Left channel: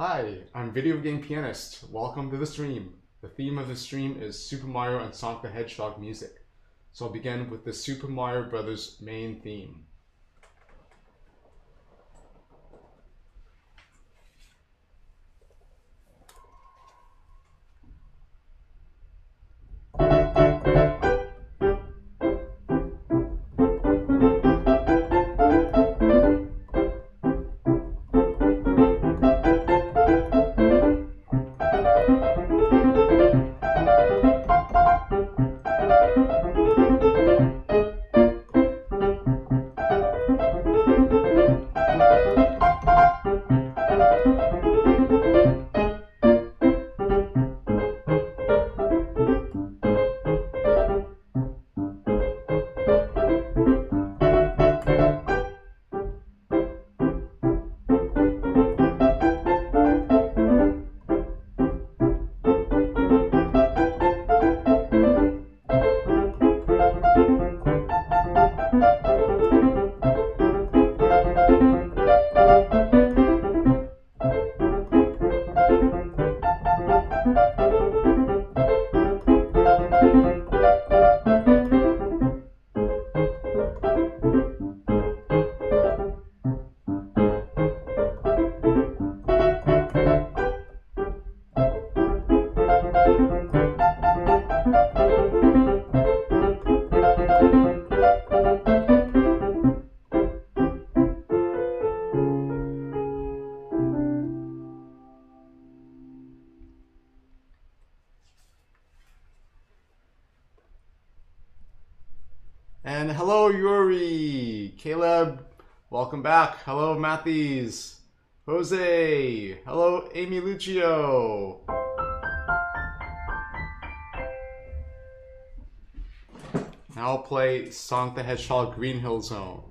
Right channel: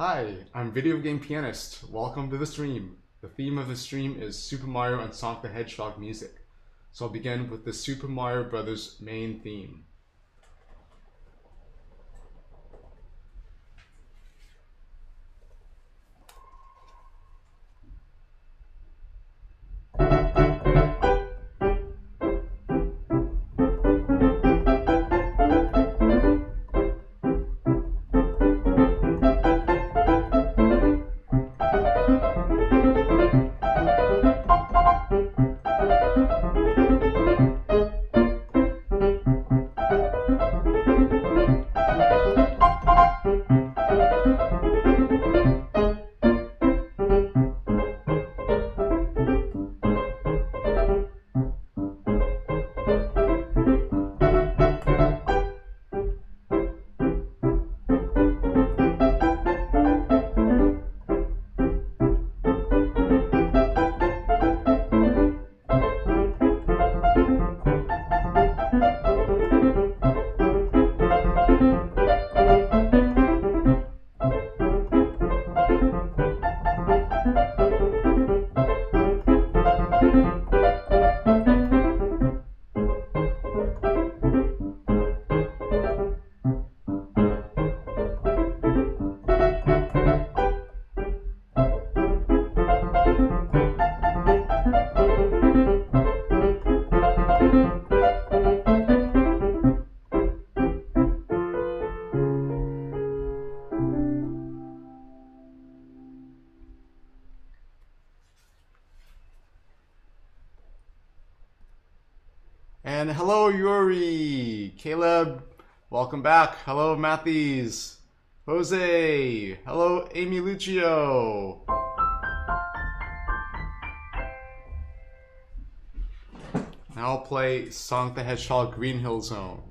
Hi, I'm Video Game Pianist. Welcome to the stream. The theme of the stream is Super Mario and Sonic the Hedgehog music. So I'll begin with the Super Mario Bros. Main theme. And hello Yuri, Caleb, welcome back. Hello Matthews, Jose, hello Amy Lucio. Now I'll play Sonic the Hedgehog Green Hill Zone.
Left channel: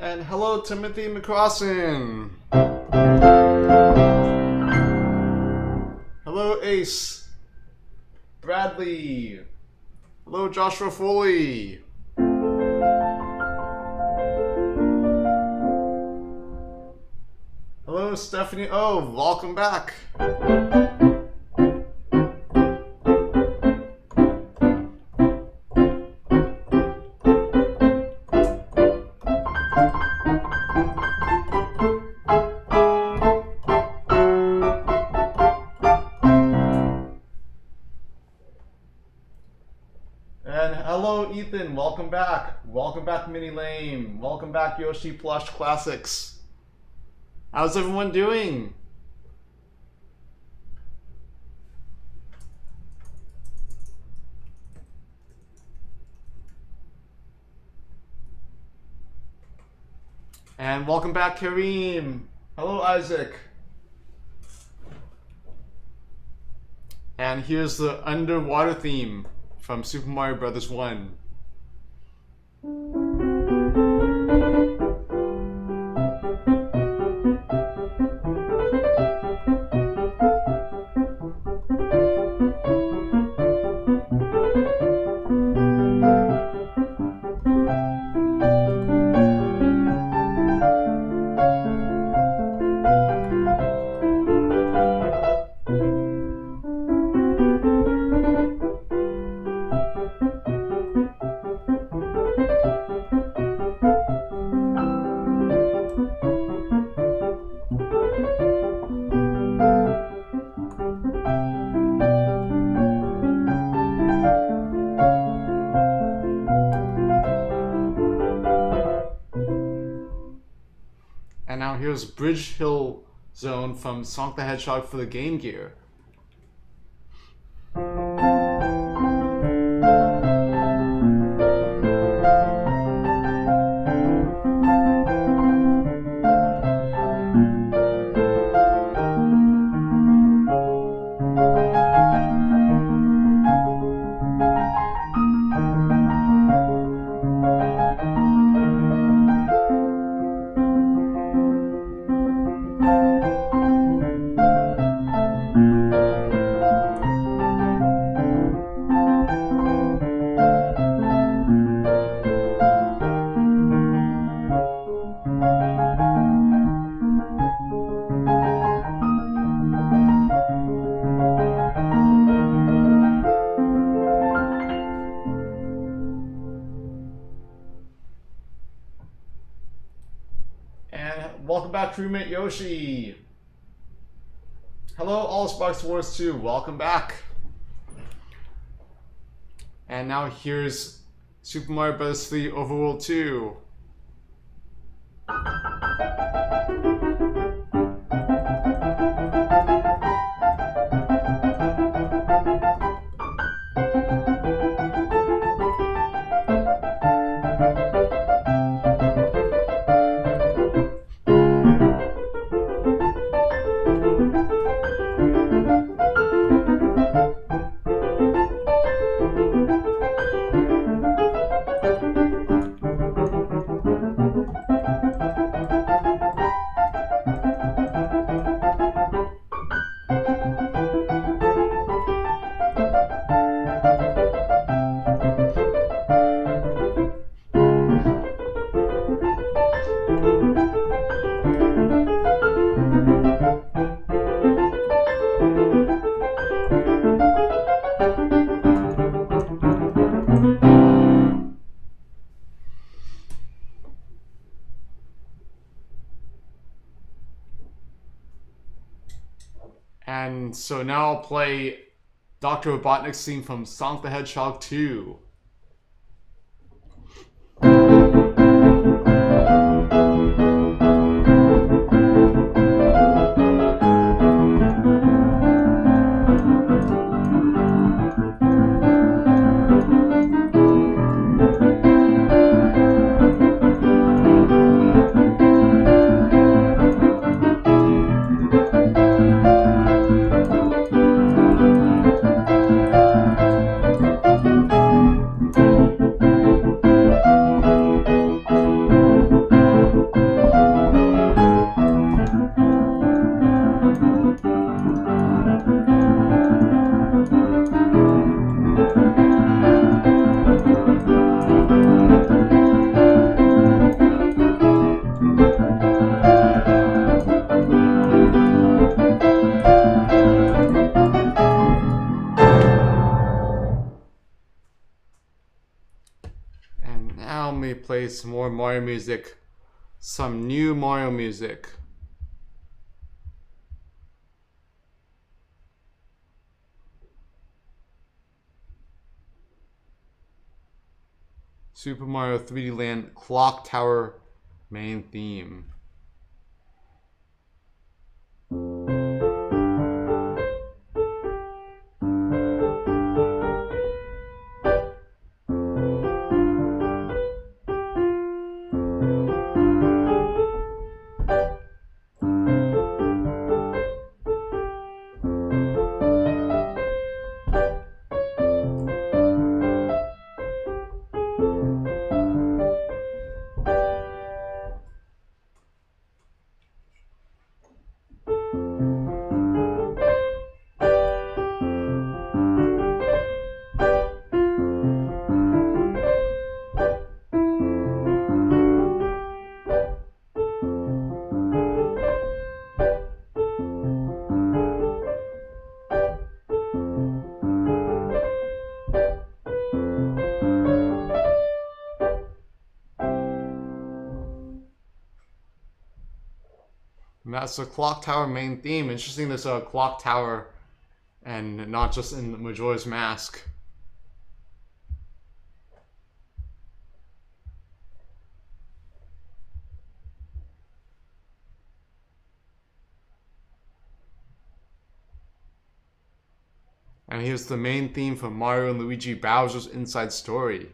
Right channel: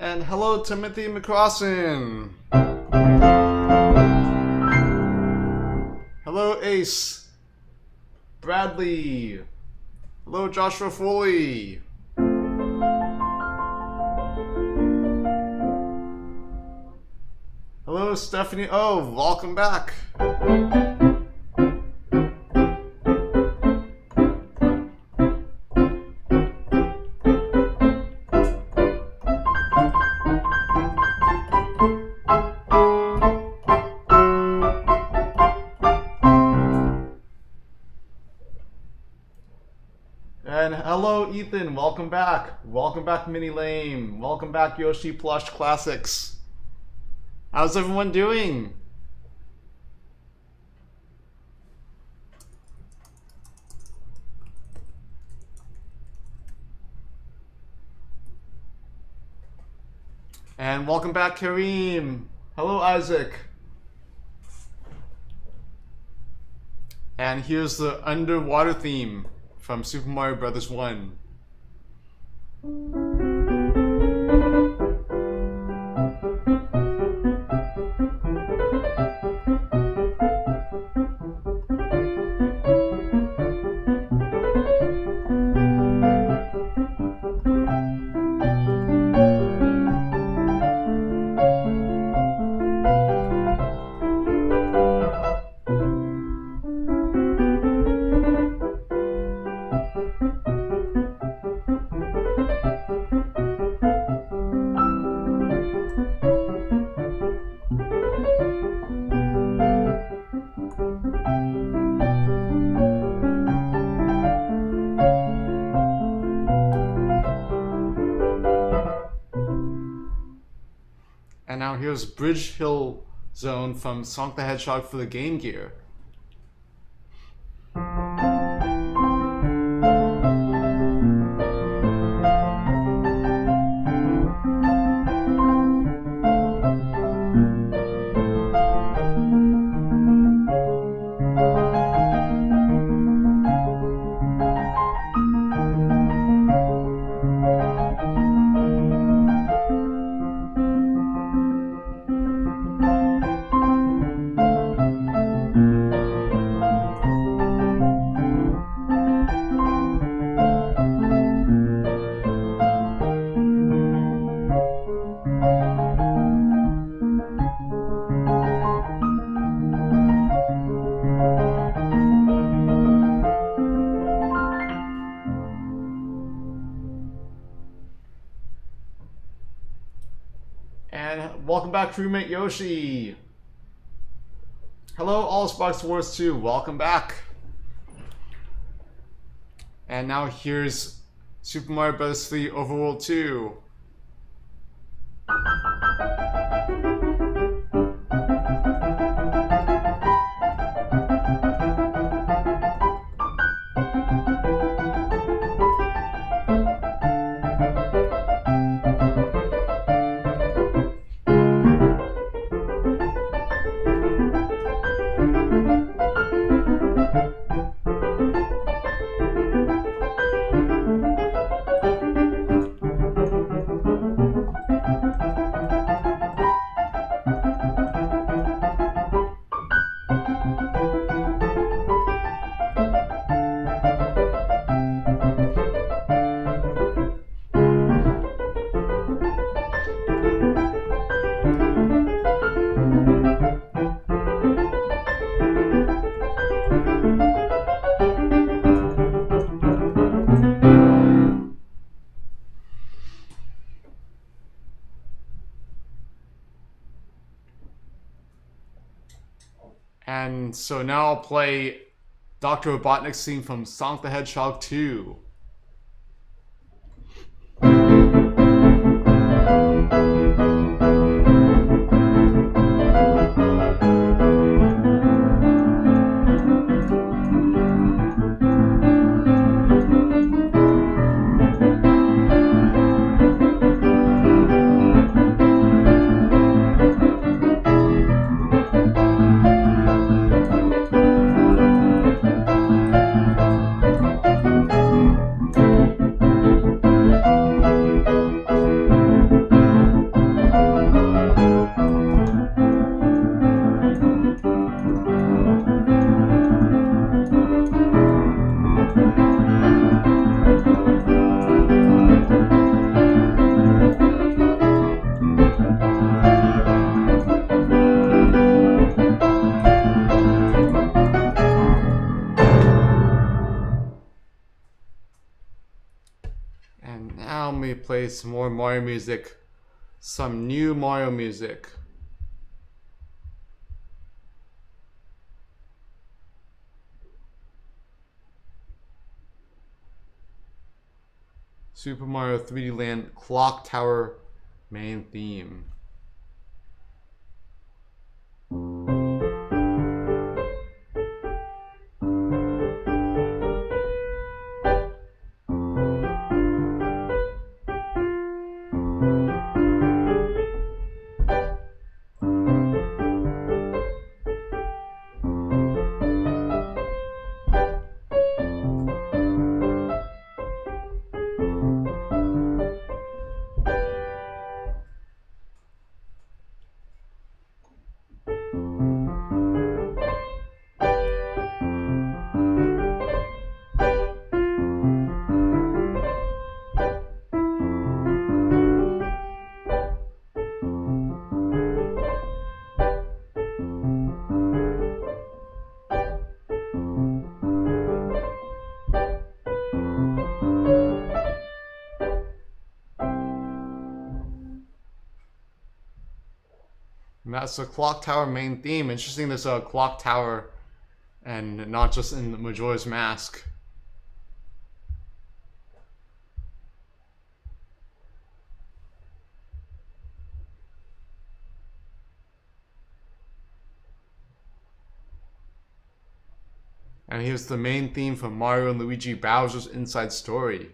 And hello, Timothy McCrossin. Hello, Ace. Bradley. Hello, Joshua Foley. Hello, Stephanie. Oh, welcome back. And hello, Ethan. Welcome back. Welcome back, Mini Lame. Welcome back, Yoshi Plush Classics. How's everyone doing? And welcome back, Kareem. Hello, Isaac. And here's the underwater theme from Super Mario Bros. 1. And now here's Bridge Hill Zone from Sonic the Hedgehog for the Game Gear. And welcome back, crewmate Yoshi. Hello, All Sparks Wars 2. Welcome back. And now here's Super Mario Bros. 3 Overworld 2. And so now I'll play Dr. Robotnik's theme from Sonic the Hedgehog 2. And now let me play some more Mario music, some new Mario music. Super Mario 3D Land Clock Tower main theme. And that's the Clock Tower main theme. Interesting, there's a clock tower and not just in Majora's Mask. And here's the main theme for Mario and Luigi Bowser's Inside Story.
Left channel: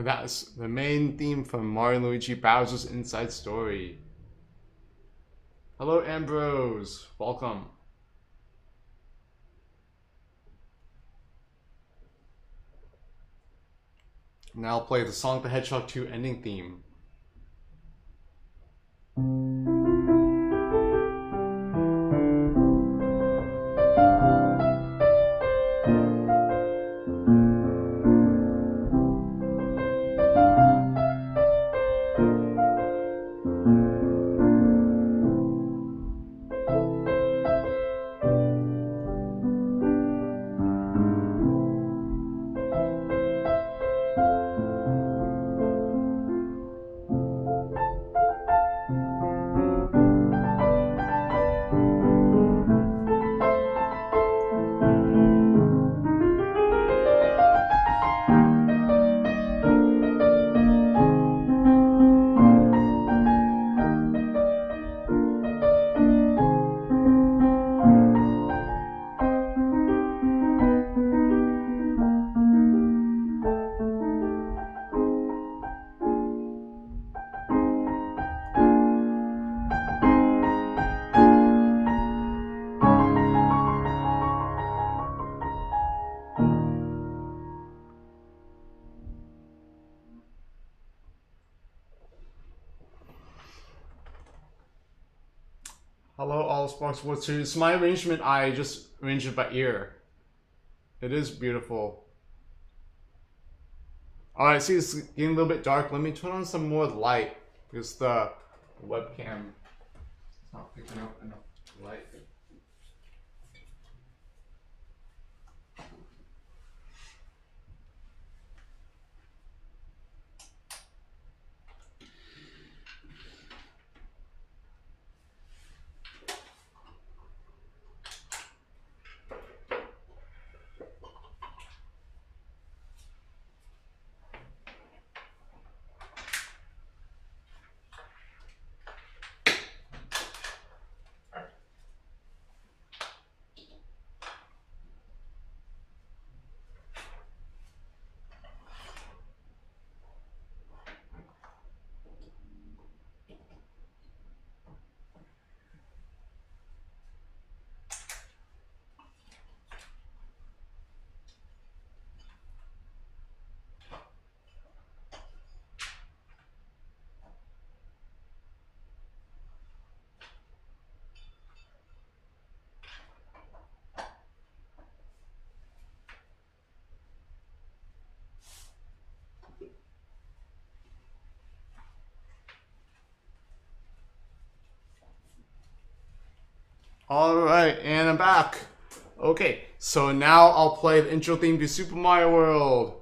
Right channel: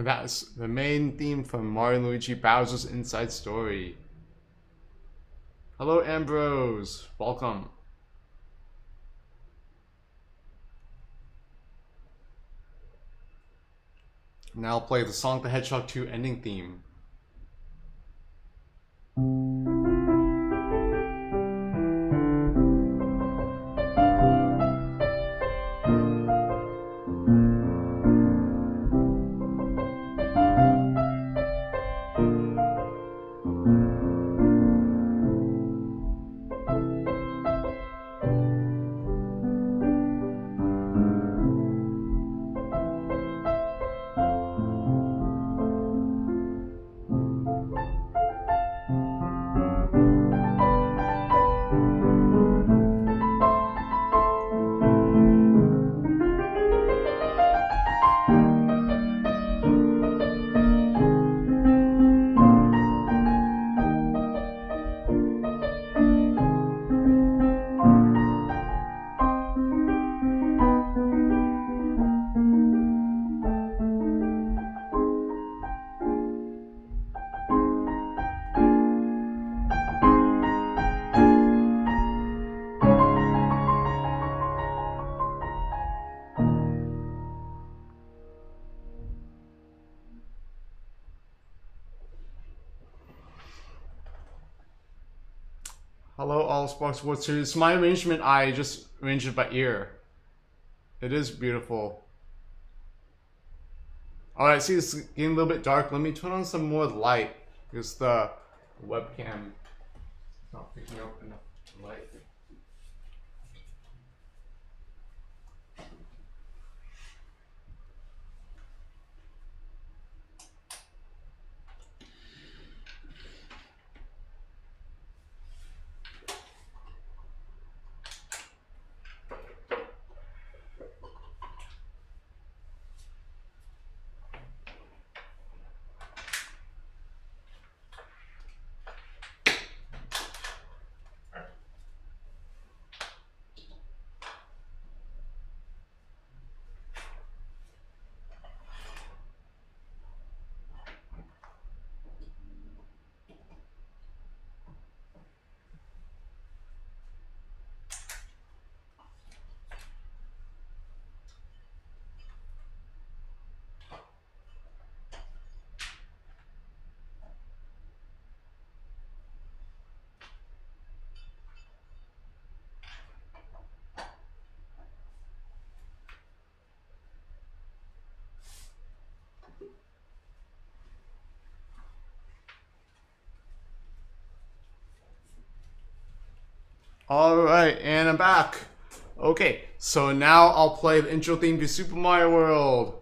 And that's the main theme from Mario and Luigi Bowser's Inside Story. Hello, Ambrose. Welcome. Now I'll play the Sonic the Hedgehog 2 ending theme. Hello, All Sparks World Series. My arrangement, I just arranged it by ear. It is beautiful. Alright, see, it's getting a little bit dark. Let me turn on some more light because the webcam is not picking up enough light. Alright, and I'm back. Okay, so now I'll play the intro theme to Super Mario World.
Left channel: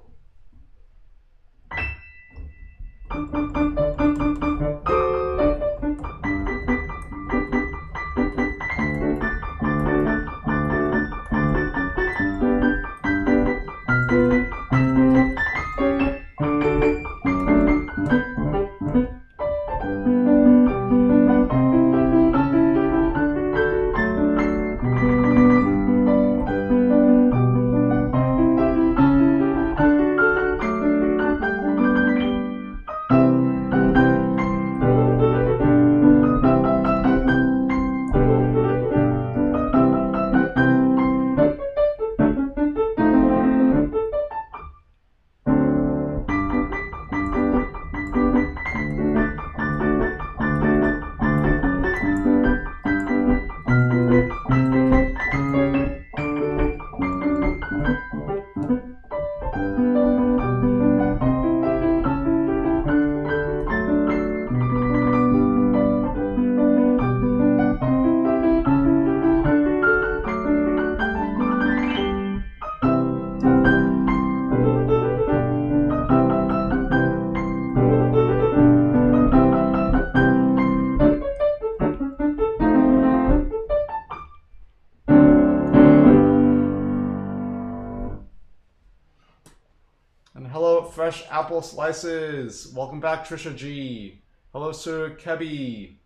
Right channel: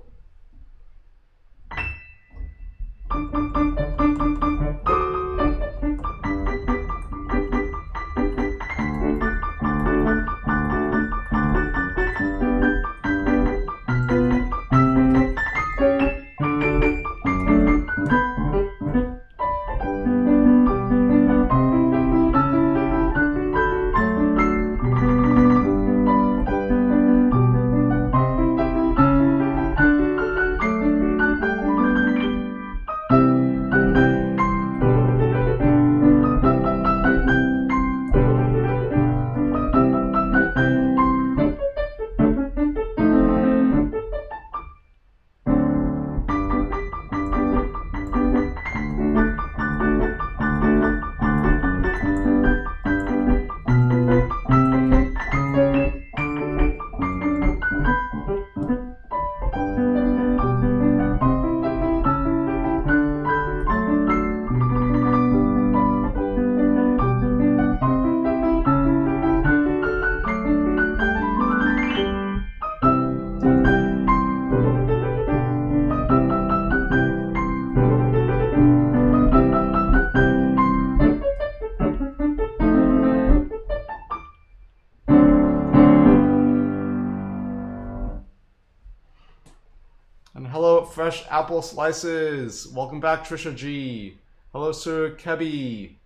And hello, Fresh Apple Slices. Welcome back, Trisha G. Hello, Sir Kebby.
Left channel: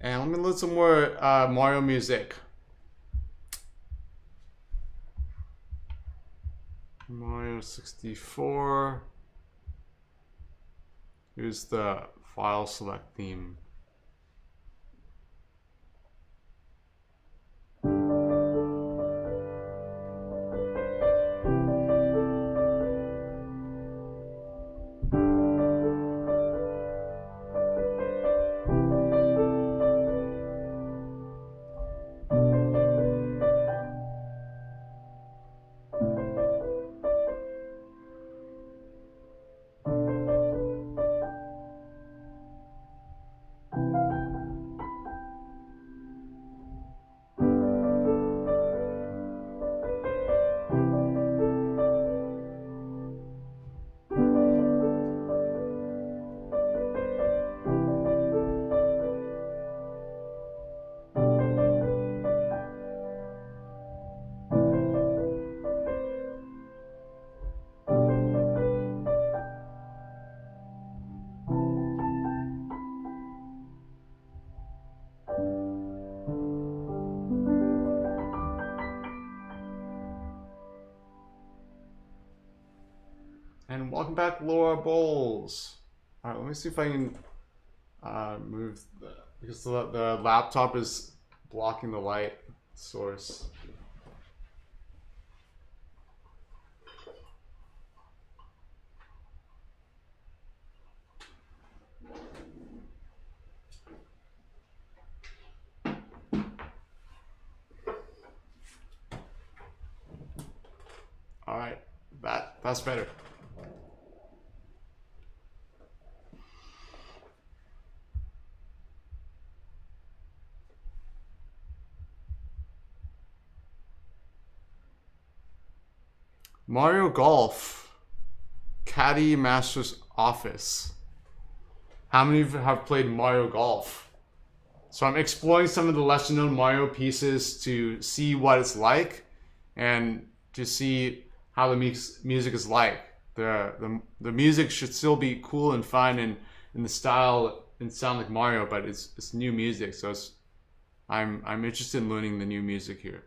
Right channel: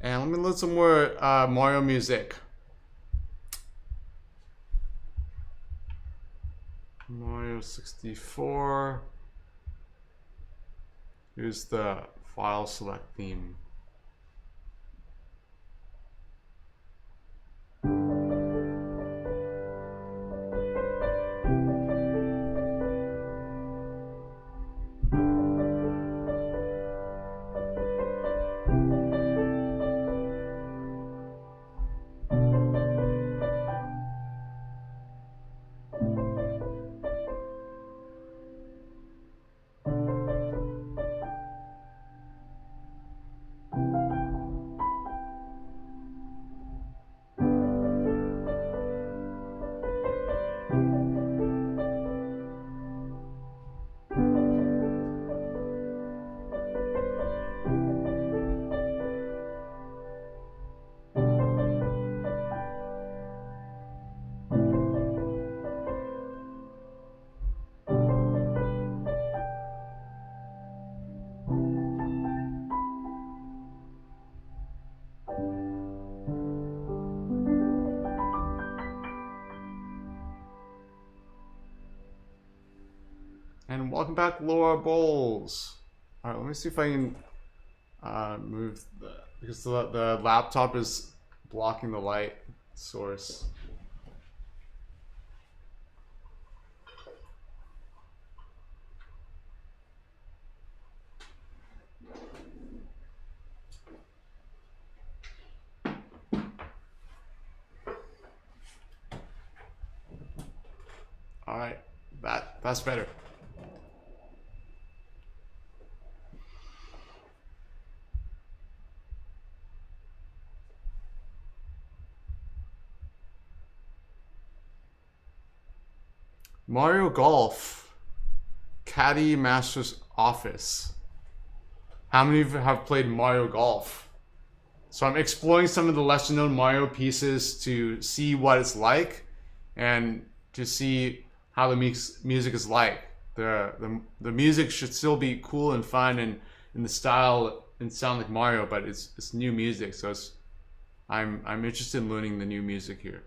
And let me load some more Mario music. Mario 64. Here's the file select theme. And welcome back, Laura Bowles. All right, let me see if I can move because the laptop is blocking the light source. All right, that's better. Mario Golf, Caddy Master's Office. How many of you have played Mario Golf? So I'm exploring some of the lesser known Mario pieces to see what it's like and to see how the music is like. The music should still be cool and fun and in the style and sound like Mario, but it's new music, so I'm interested in learning the new music here.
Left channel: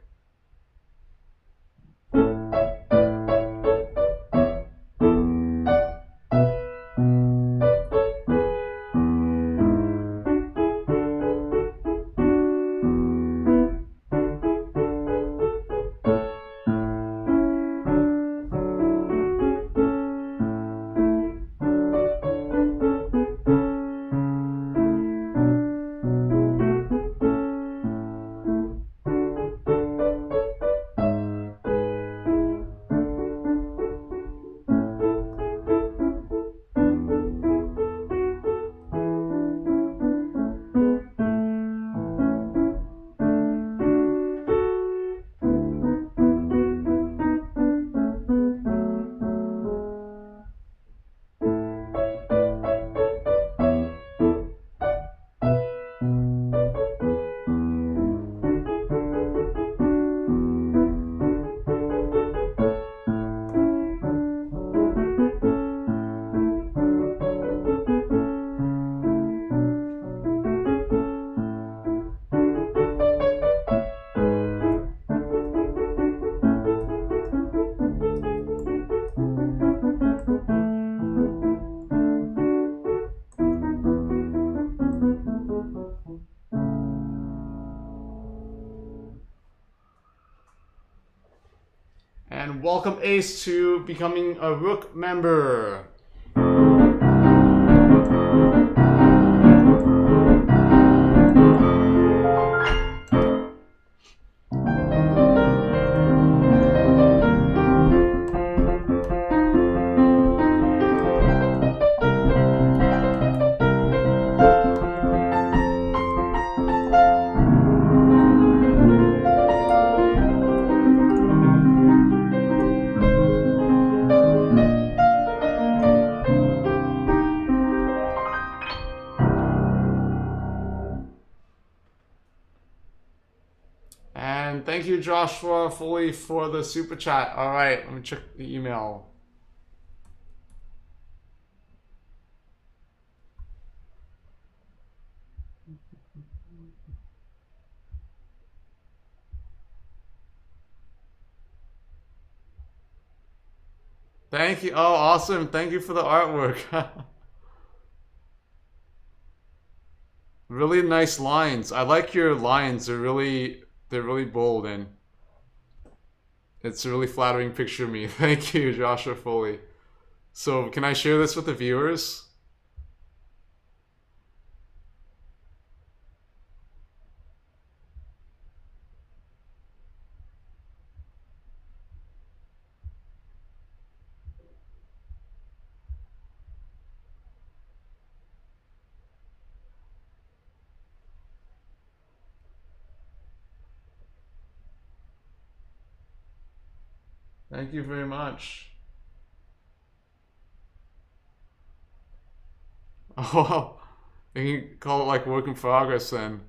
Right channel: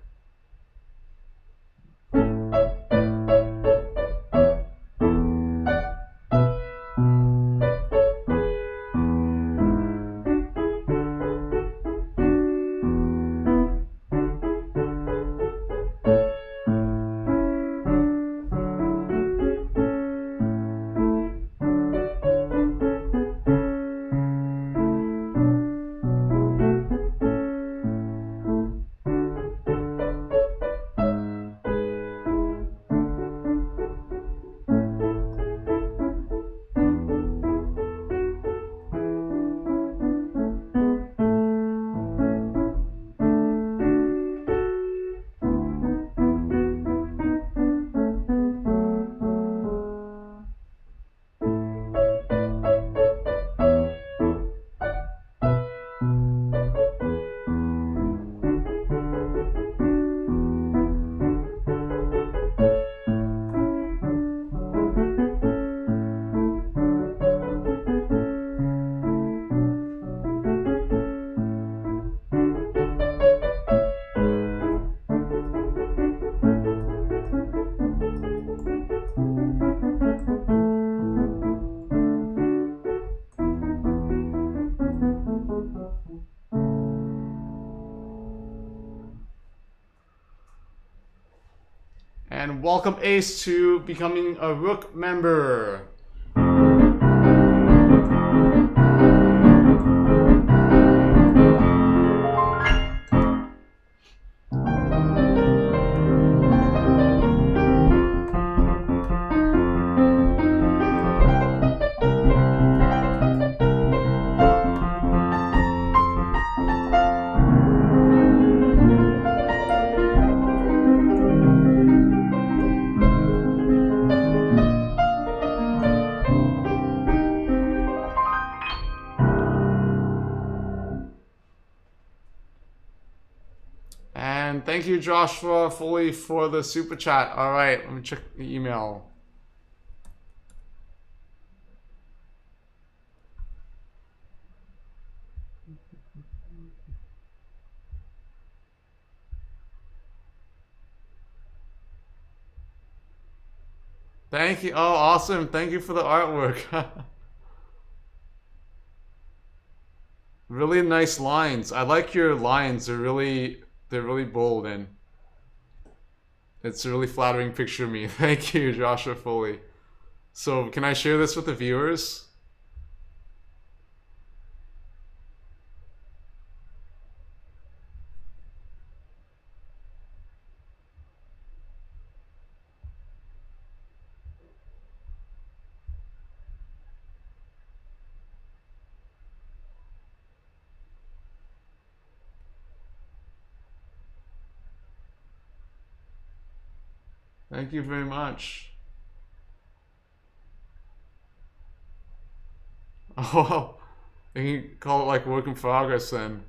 And welcome Ace to becoming a Rook member. And thank you, Joshua Foley, for the super chat. All right, let me check the email. Thank you. Oh, awesome. Thank you for the artwork. Really nice lines. I like your lines. They're really bold, and it's a really flattering picture of me. Thank you, Joshua Foley. So can I share this with the viewers? Thank you very much. Oh, well, you can call it like work in progress then.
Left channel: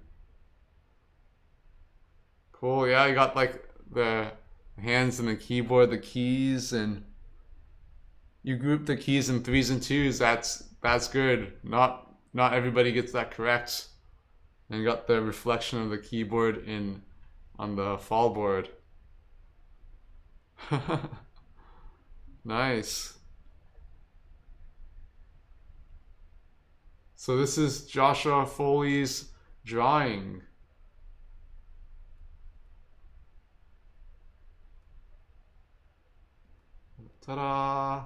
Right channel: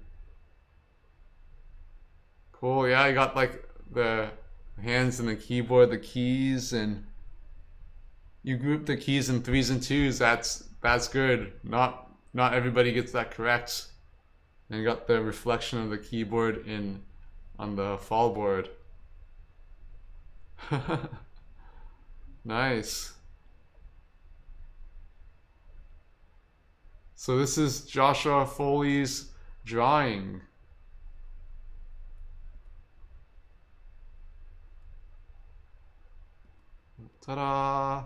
Cool. Yeah, you got like the hands and the keyboard, the keys, and you group the keys in 3s and 2s. That's good. Not everybody gets that correct. And you got the reflection of the keyboard on the fall board. Nice. So this is Joshua Foley's drawing. Ta-da!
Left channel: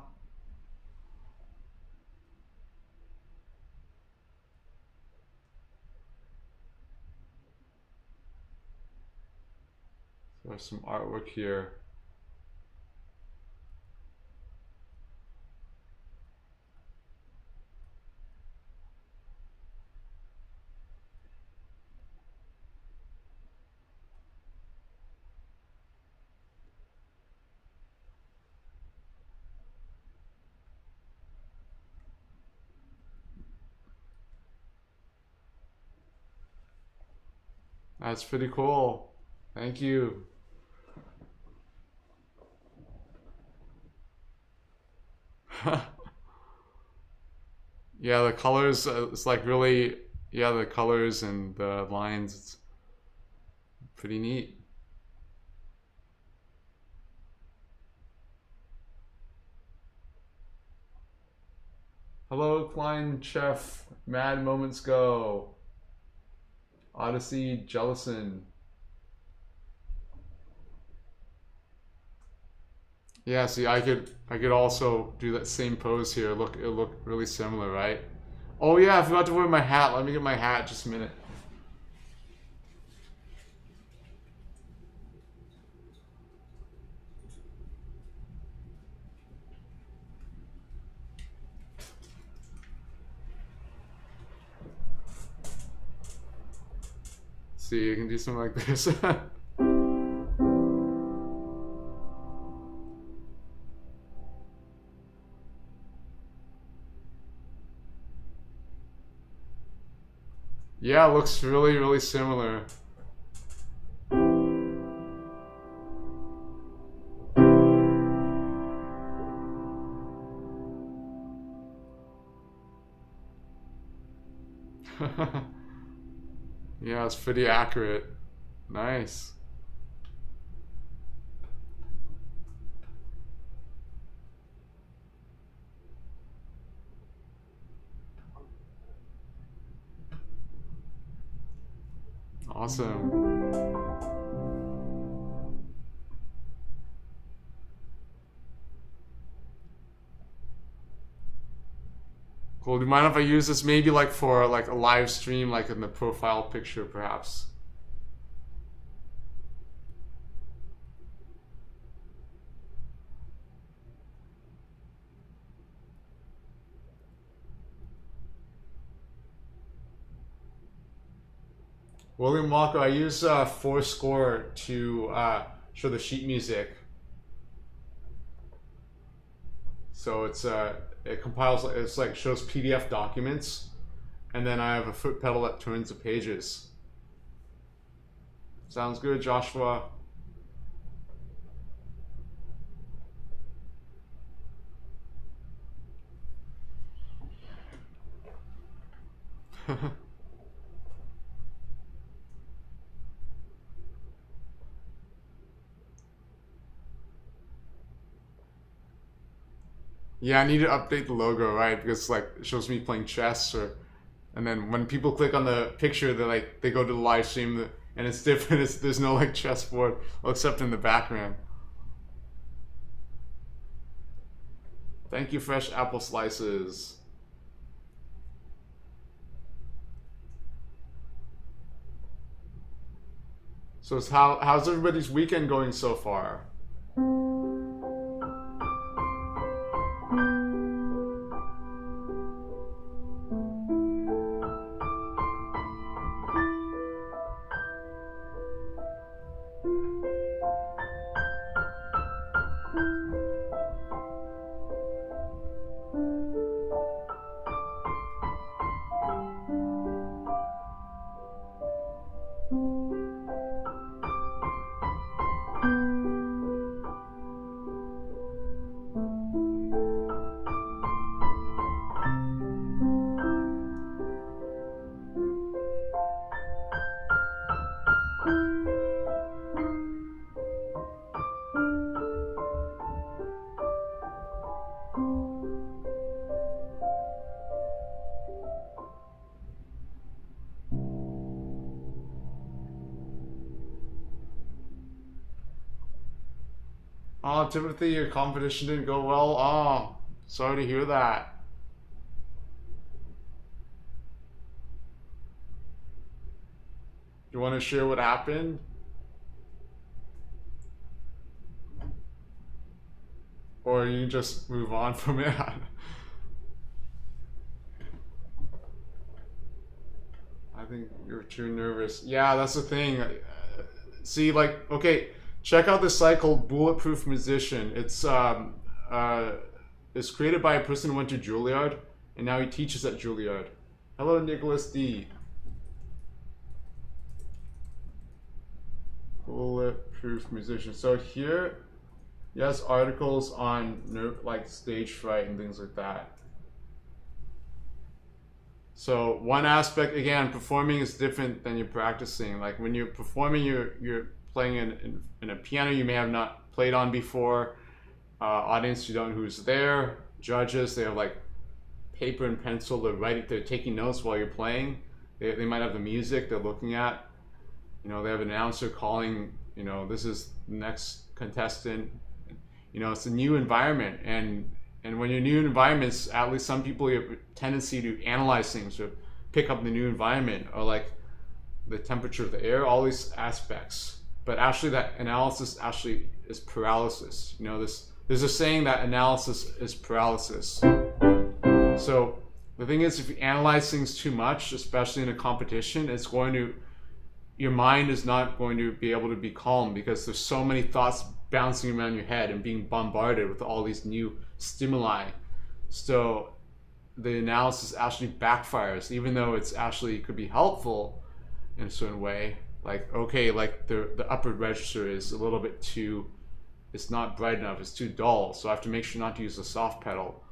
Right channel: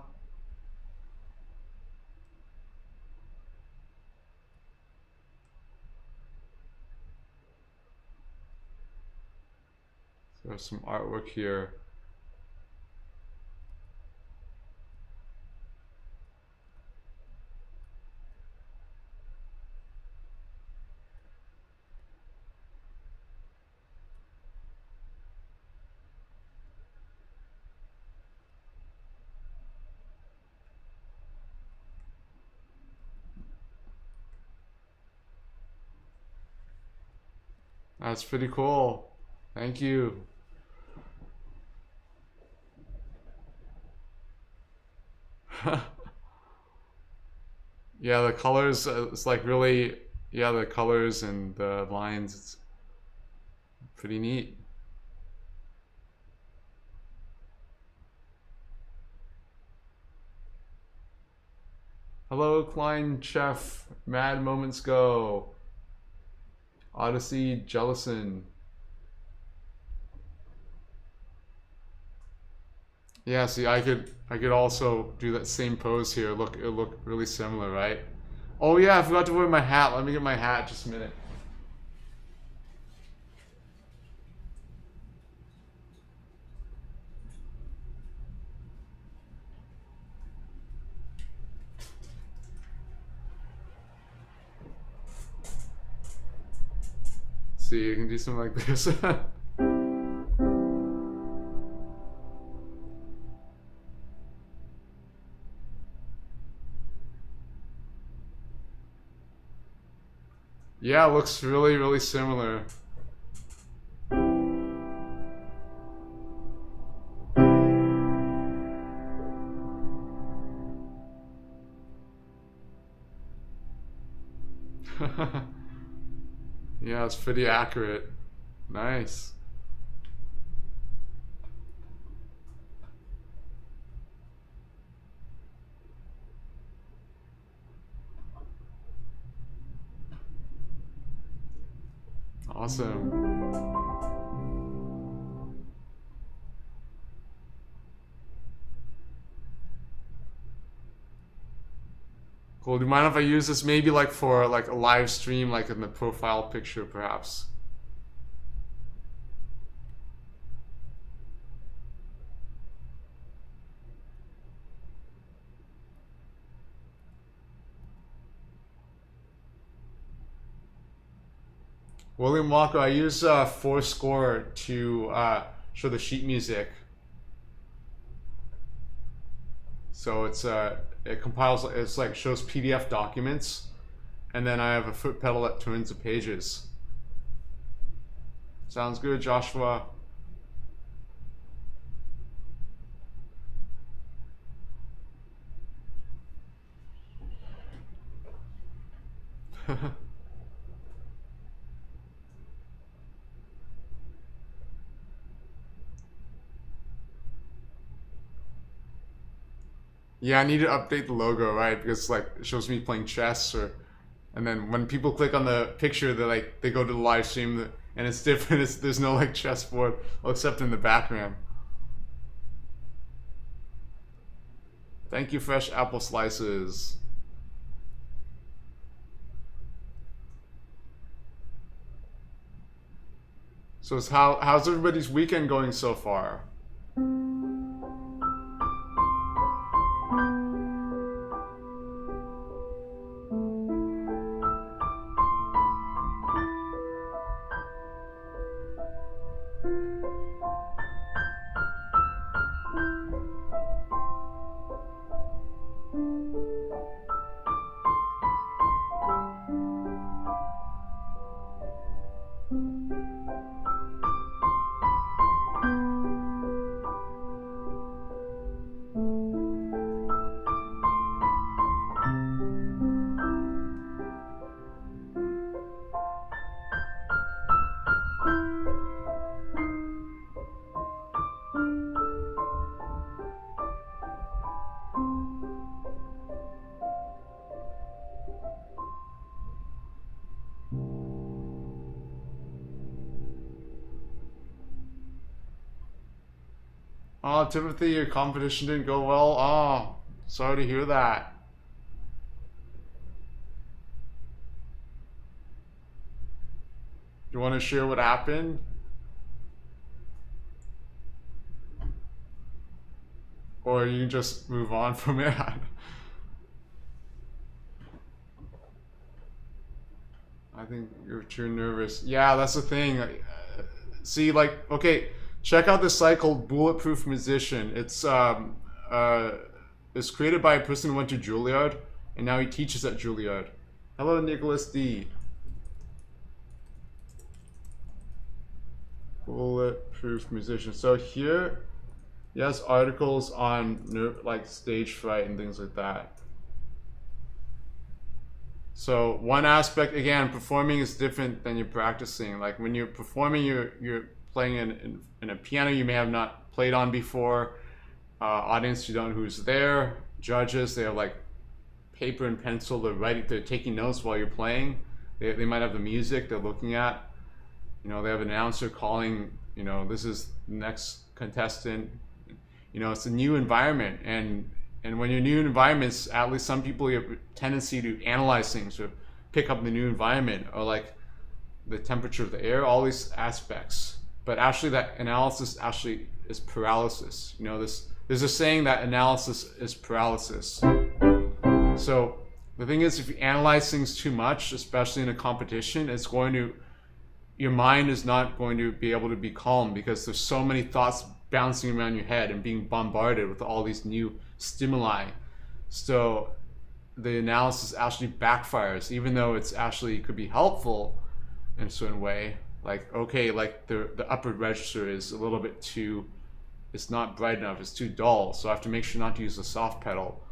There's some artwork here. That's pretty cool. Thank you. Yeah, the colors, it's like really, yeah, the colors and the lines, it's pretty neat. Hello, Klein Chef, Mad Moments Go, Odyssey Jellison. Yeah, see, I could also do that same pose here. Look, it look really similar, right? Oh yeah, I forgot to wear my hat. Let me get my hat just a minute. See, you can do something like this. Yeah, it looks really similar. Yeah, it's pretty accurate. Nice. Awesome. Well, do you mind if I use this maybe like for like a live stream, like in the profile picture, perhaps? William Walker, I use Fourscore to show the sheet music. So it compiles, it's like shows PDF documents, and then I have a foot pedal that turns the pages. Sounds good, Joshua. Yeah, I need to update the logo, right? Because like it shows me playing chess, and then when people click on the picture, they go to the live stream, and it's different. There's no like chessboard, except in the background. Thank you, fresh apple slices. So how's everybody's weekend going so far? Oh, Timothy, your competition didn't go well. Oh, sorry to hear that. You want to share what happened? Or you can just move on from it? I think you're too nervous. Yeah, that's the thing. See, like, okay, check out this site called Bulletproof Musician. It's created by a person who went to Juilliard, and now he teaches at Juilliard. Hello, Nicholas D. Bulletproof Musician. So here, he has articles on like stage fright and things like that. So one aspect, again, performing is different than you're practicing. Like when you're performing, you're playing in a piano you may have not played on before. Audience, you don't know who's there. Judges, they have like paper and pencil. They're taking notes while you're playing. They might have the music they're looking at. You know, they have an announcer calling. You know, this is the next contestant. You know, it's a new environment, and when you're new environments, at least some people have a tendency to analyze things or pick up the new environment, or like the temperature of the air, all these aspects. But actually that analysis actually is paralysis. You know, there's a saying that analysis is paralysis. So the thing is, if you analyze things too much, especially in a competition, your mind is not going to be able to be calm, because there's so many thoughts bouncing around your head and being bombarded with all these new stimuli. So the analysis actually backfires, even though it's actually could be helpful in a certain way. Like, okay, like the upper register is a little bit too, it's not bright enough, it's too dull, so I have to make sure not to use the soft pedal,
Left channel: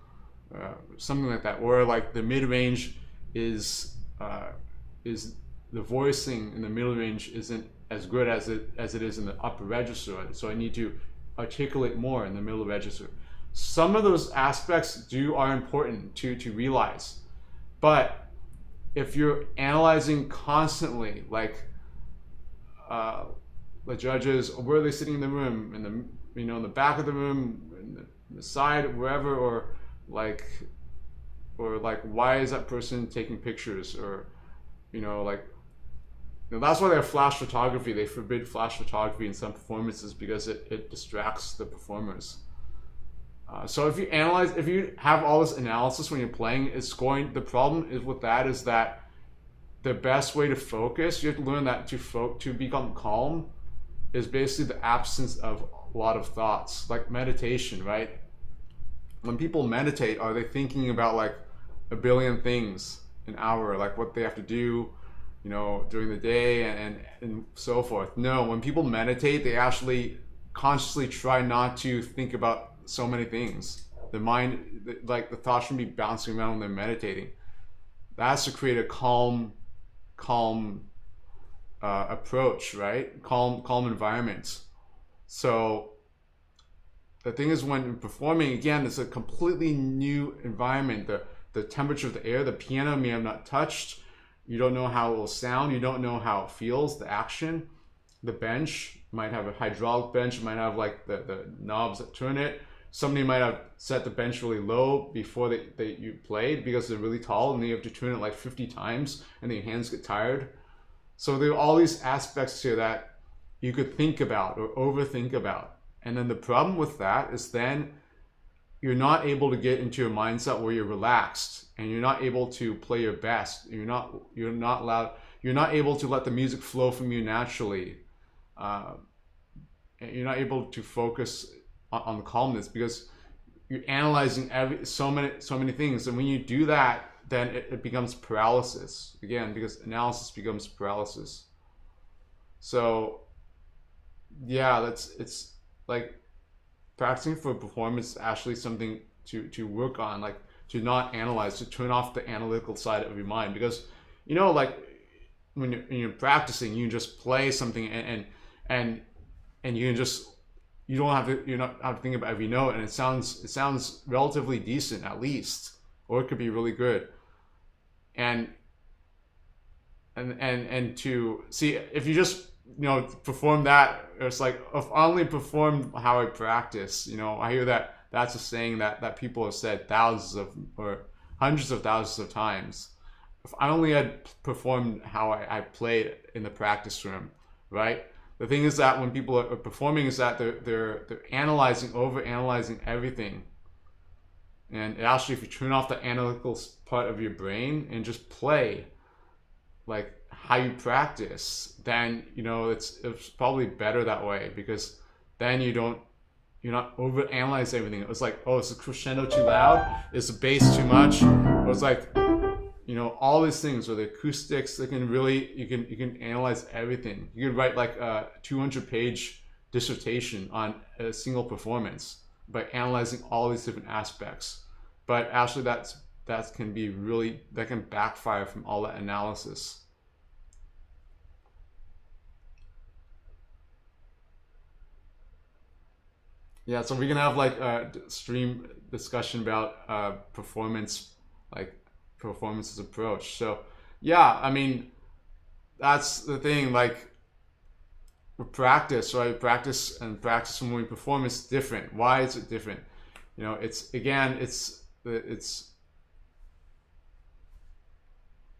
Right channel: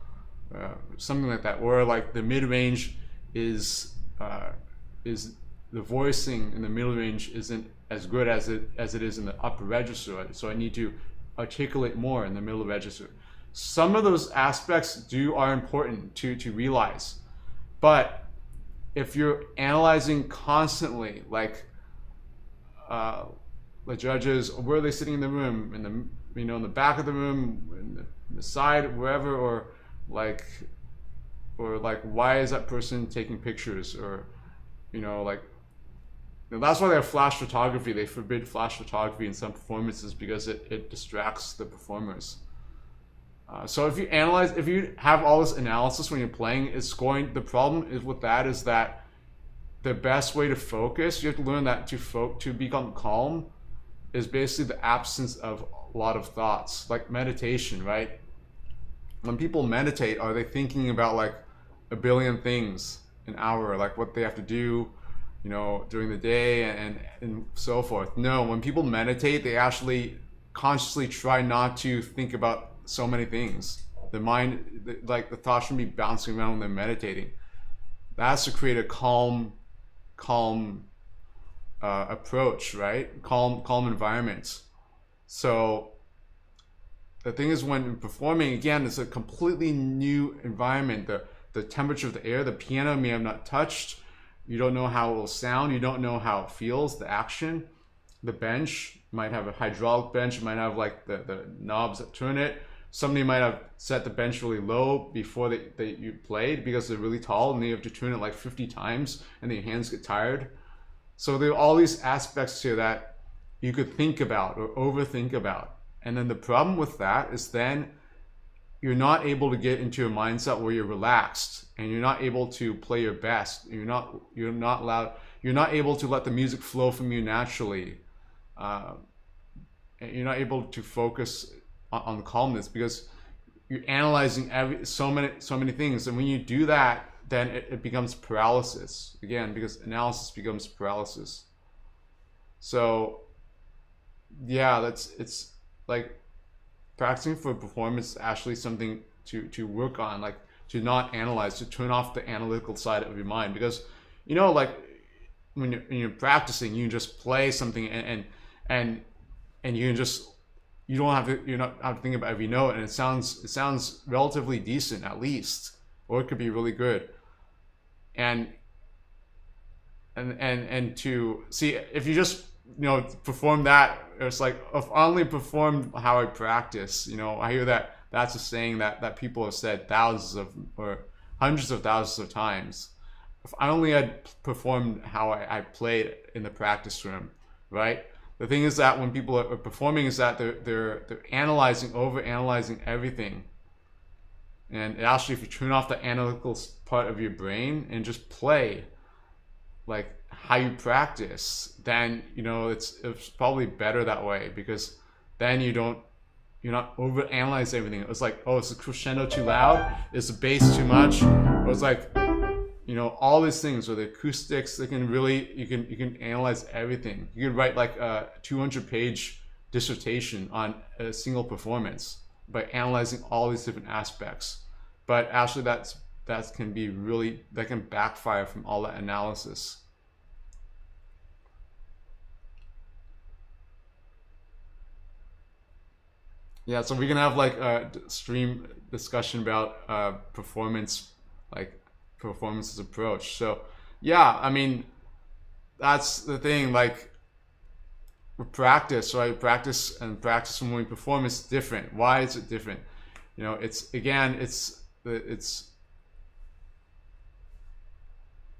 something like that. Or like the mid-range is the voicing in the middle range isn't as good as it is in the upper register, so I need to articulate more in the middle register. Some of those aspects are important to realize, but if you're analyzing constantly, like the judges, where are they sitting in the room, in the back of the room, in the side, wherever, or like or like why is that person taking pictures, or like that's why they have flash photography. They forbid flash photography in some performances because it distracts the performers. So if you have all this analysis when you're playing, the problem is with that is that the best way to focus, you have to learn that to become calm is basically the absence of a lot of thoughts, like meditation, right? When people meditate, are they thinking about like a billion things an hour, like what they have to do, during the day and so forth? No, when people meditate, they actually consciously try not to think about so many things. The mind, like the thoughts shouldn't be bouncing around when they're meditating. That's to create a calm approach, right? Calm environment. So the thing is, when performing, again, it's a completely new environment. The temperature of the air, the piano may have not touched. You don't know how it will sound. You don't know how it feels, the action. The bench might have a hydraulic bench. It might have like the knobs that turn it. Somebody might have set the bench really low before you played because they're really tall, and then you have to turn it like 50 times and then your hands get tired. So there are all these aspects here that you could think about or overthink about. And then the problem with that is then you're not able to get into a mindset where you're relaxed and you're not able to play your best. You're not able to let the music flow from you naturally. And you're not able to focus on the calmness because you're analyzing so many things. And when you do that, then it becomes paralysis again, because analysis becomes paralysis. So yeah, it's like practicing for performance is actually something to work on, like to not analyze, to turn off the analytical side of your mind. Because like when you're practicing, you just play something and you can just you don't have to think about every note, and it sounds relatively decent at least, or it could be really good. And to see if you just perform that, it's like, if I only performed how I practice. I hear that's a saying that people have said thousands of or hundreds of thousands of times. If I only had performed how I played in the practice room, right? The thing is that when people are performing is that they're overanalyzing everything. And actually, if you turn off the analytical part of your brain and just play like how you practice, then it's probably better that way, because then you're not overanalyzing everything. It was like, oh, is the crescendo too loud? Is the bass too much? Or it's like, all these things, or the acoustics, you can analyze everything. You could write like a 200-page dissertation on a single performance by analyzing all these different aspects. But actually that can backfire from all that analysis. Yeah, so we can have like a stream discussion about performance's approach. So yeah, I mean, that's the thing, like practice, right? Practice when we perform is different. Why is it different?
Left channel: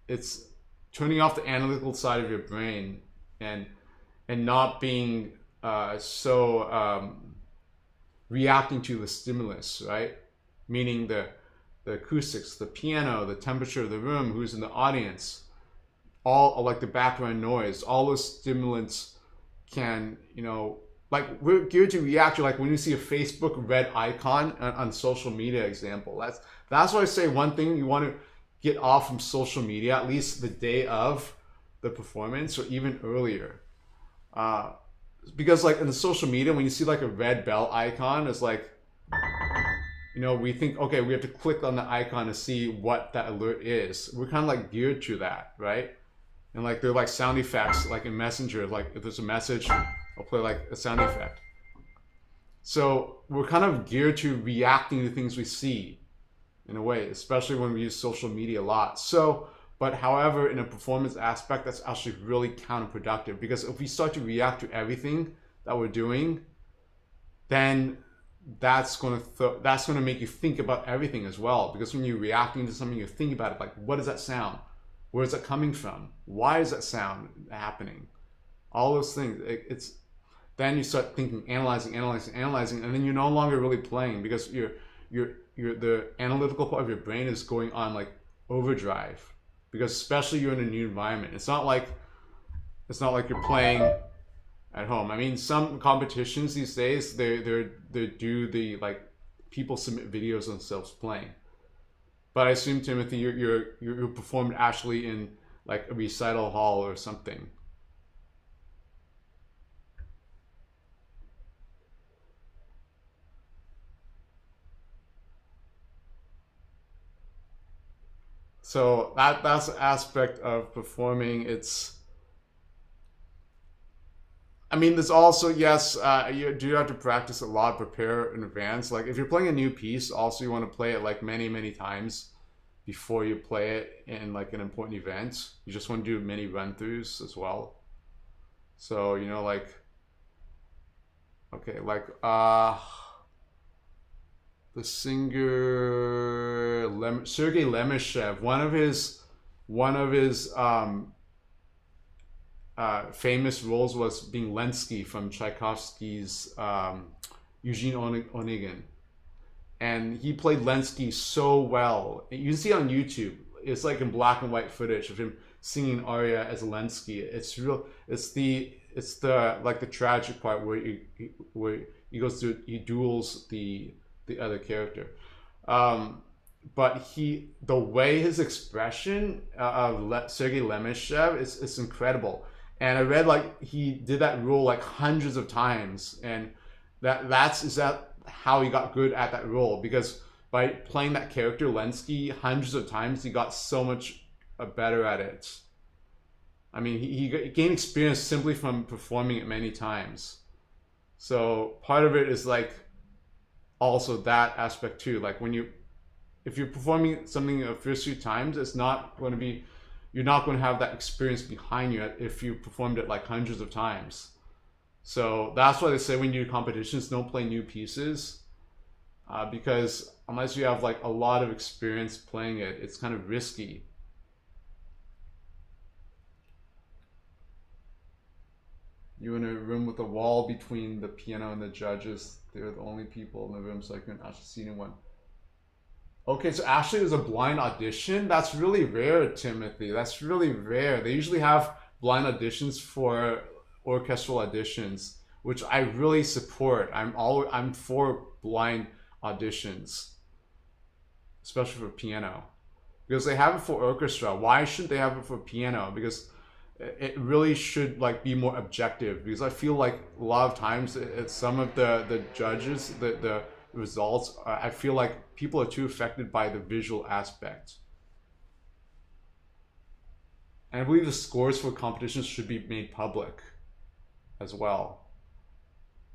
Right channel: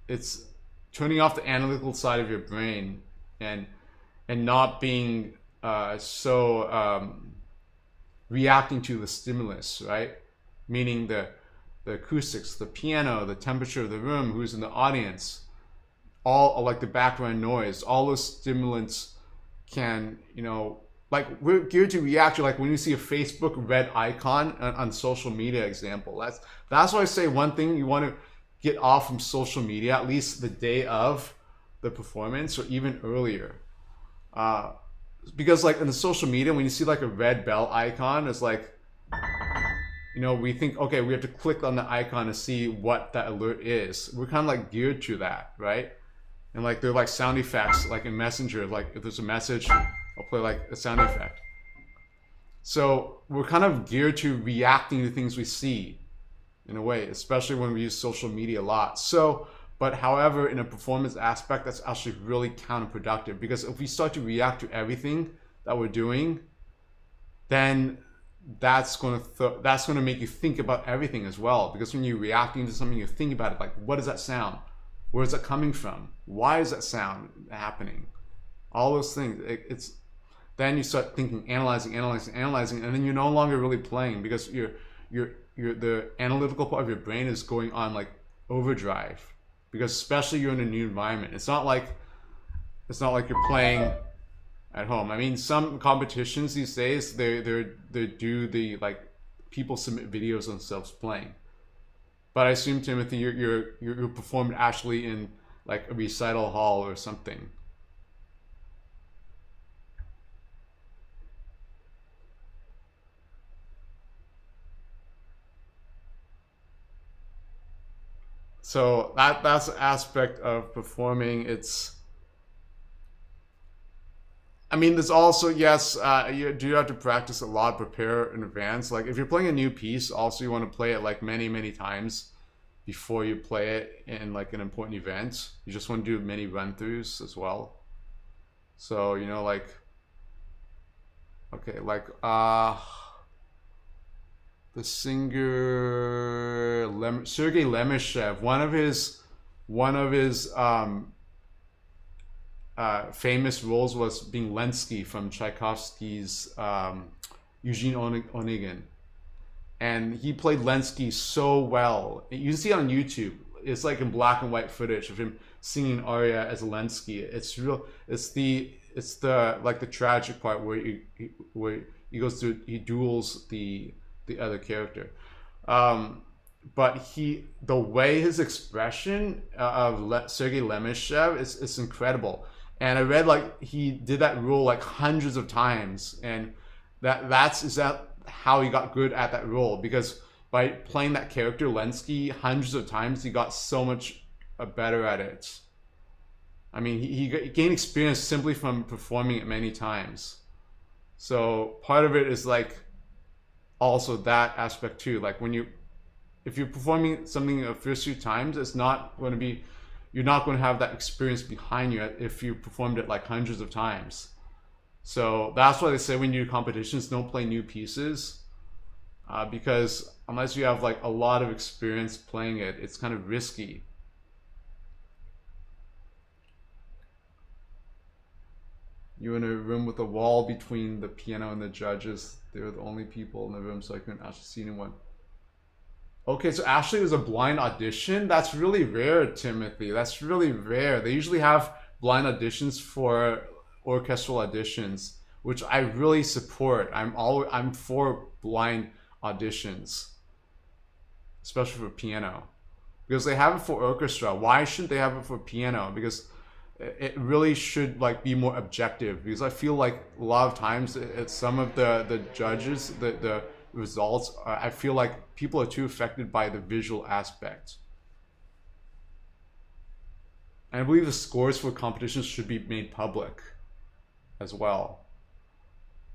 It's turning off the analytical side of your brain and not being reacting to the stimulus, right? Meaning the acoustics, the piano, the temperature of the room, who's in the audience, all like the background noise, all those stimulants can, like we're geared to react to, like when you see a Facebook red icon on social media example. That's why I say one thing, you want to get off from social media at least the day of the performance or even earlier. Because like in the social media, when you see like a red bell icon, it's like, we think, okay, we have to click on the icon to see what that alert is. We're kind of like geared to that, right? And like they're like sound effects, like in Messenger, like if there's a message, I'll play like a sound effect. So we're kind of geared to reacting to things we see in a way, especially when we use social media a lot. So, but however, in a performance aspect, that's actually really counterproductive, because if we start to react to everything that we're doing, then that's gonna make you think about everything as well. Because when you're reacting to something, you think about it like, what does that sound? Where is that coming from? Why is that sound happening? All those things. It's then you start thinking, analyzing, and then you're no longer really playing because the analytical part of your brain is going on like overdrive. Because especially you're in a new environment. It's not like you're playing at home. I mean, some competitions these days, they do the like people submit videos of themselves playing. But I assume, Timothy, you performed actually in like a recital hall or something. So that's an aspect of performing. I mean, there's also, yes, you do have to practice a lot, prepare in advance. Like if you're playing a new piece, also you want to play it like many times before you play it in like an important event. You just want to do many run-throughs as well. So, like, okay, like the singer Sergei Lemeshev, one of his famous roles was being Lenski from Tchaikovsky's Eugene Onegin. And he played Lenski so well. You can see it on YouTube. It's like in black and white footage of him singing aria as Lenski. It's real. It's the like the tragic part where he goes through, he duels the other character. But the way his expression of Sergei Lemeshev is incredible. And I read like he did that role like hundreds of times, and is that how he got good at that role? Because by playing that character Lenski hundreds of times, he got so much better at it. I mean, he gained experience simply from performing it many times. So part of it is like also that aspect too. Like if you're performing something a first few times, you're not going to have that experience behind you if you performed it like hundreds of times. So that's why they say when you do competitions, don't play new pieces, because unless you have like a lot of experience playing it, it's kind of risky. You're in a room with a wall between the piano and the judges. They're the only people in the room, so I couldn't actually see anyone. Okay, so actually it was a blind audition? That's really rare, Timothy. That's really rare. They usually have blind auditions for orchestral auditions, which I really support. I'm for blind auditions, especially for piano. Because they have it for orchestra. Why shouldn't they have it for piano? Because it really should like be more objective. Because I feel like a lot of times some of the judges, the results, I feel like people are too affected by the visual aspect. And I believe the scores for competitions should be made public as well.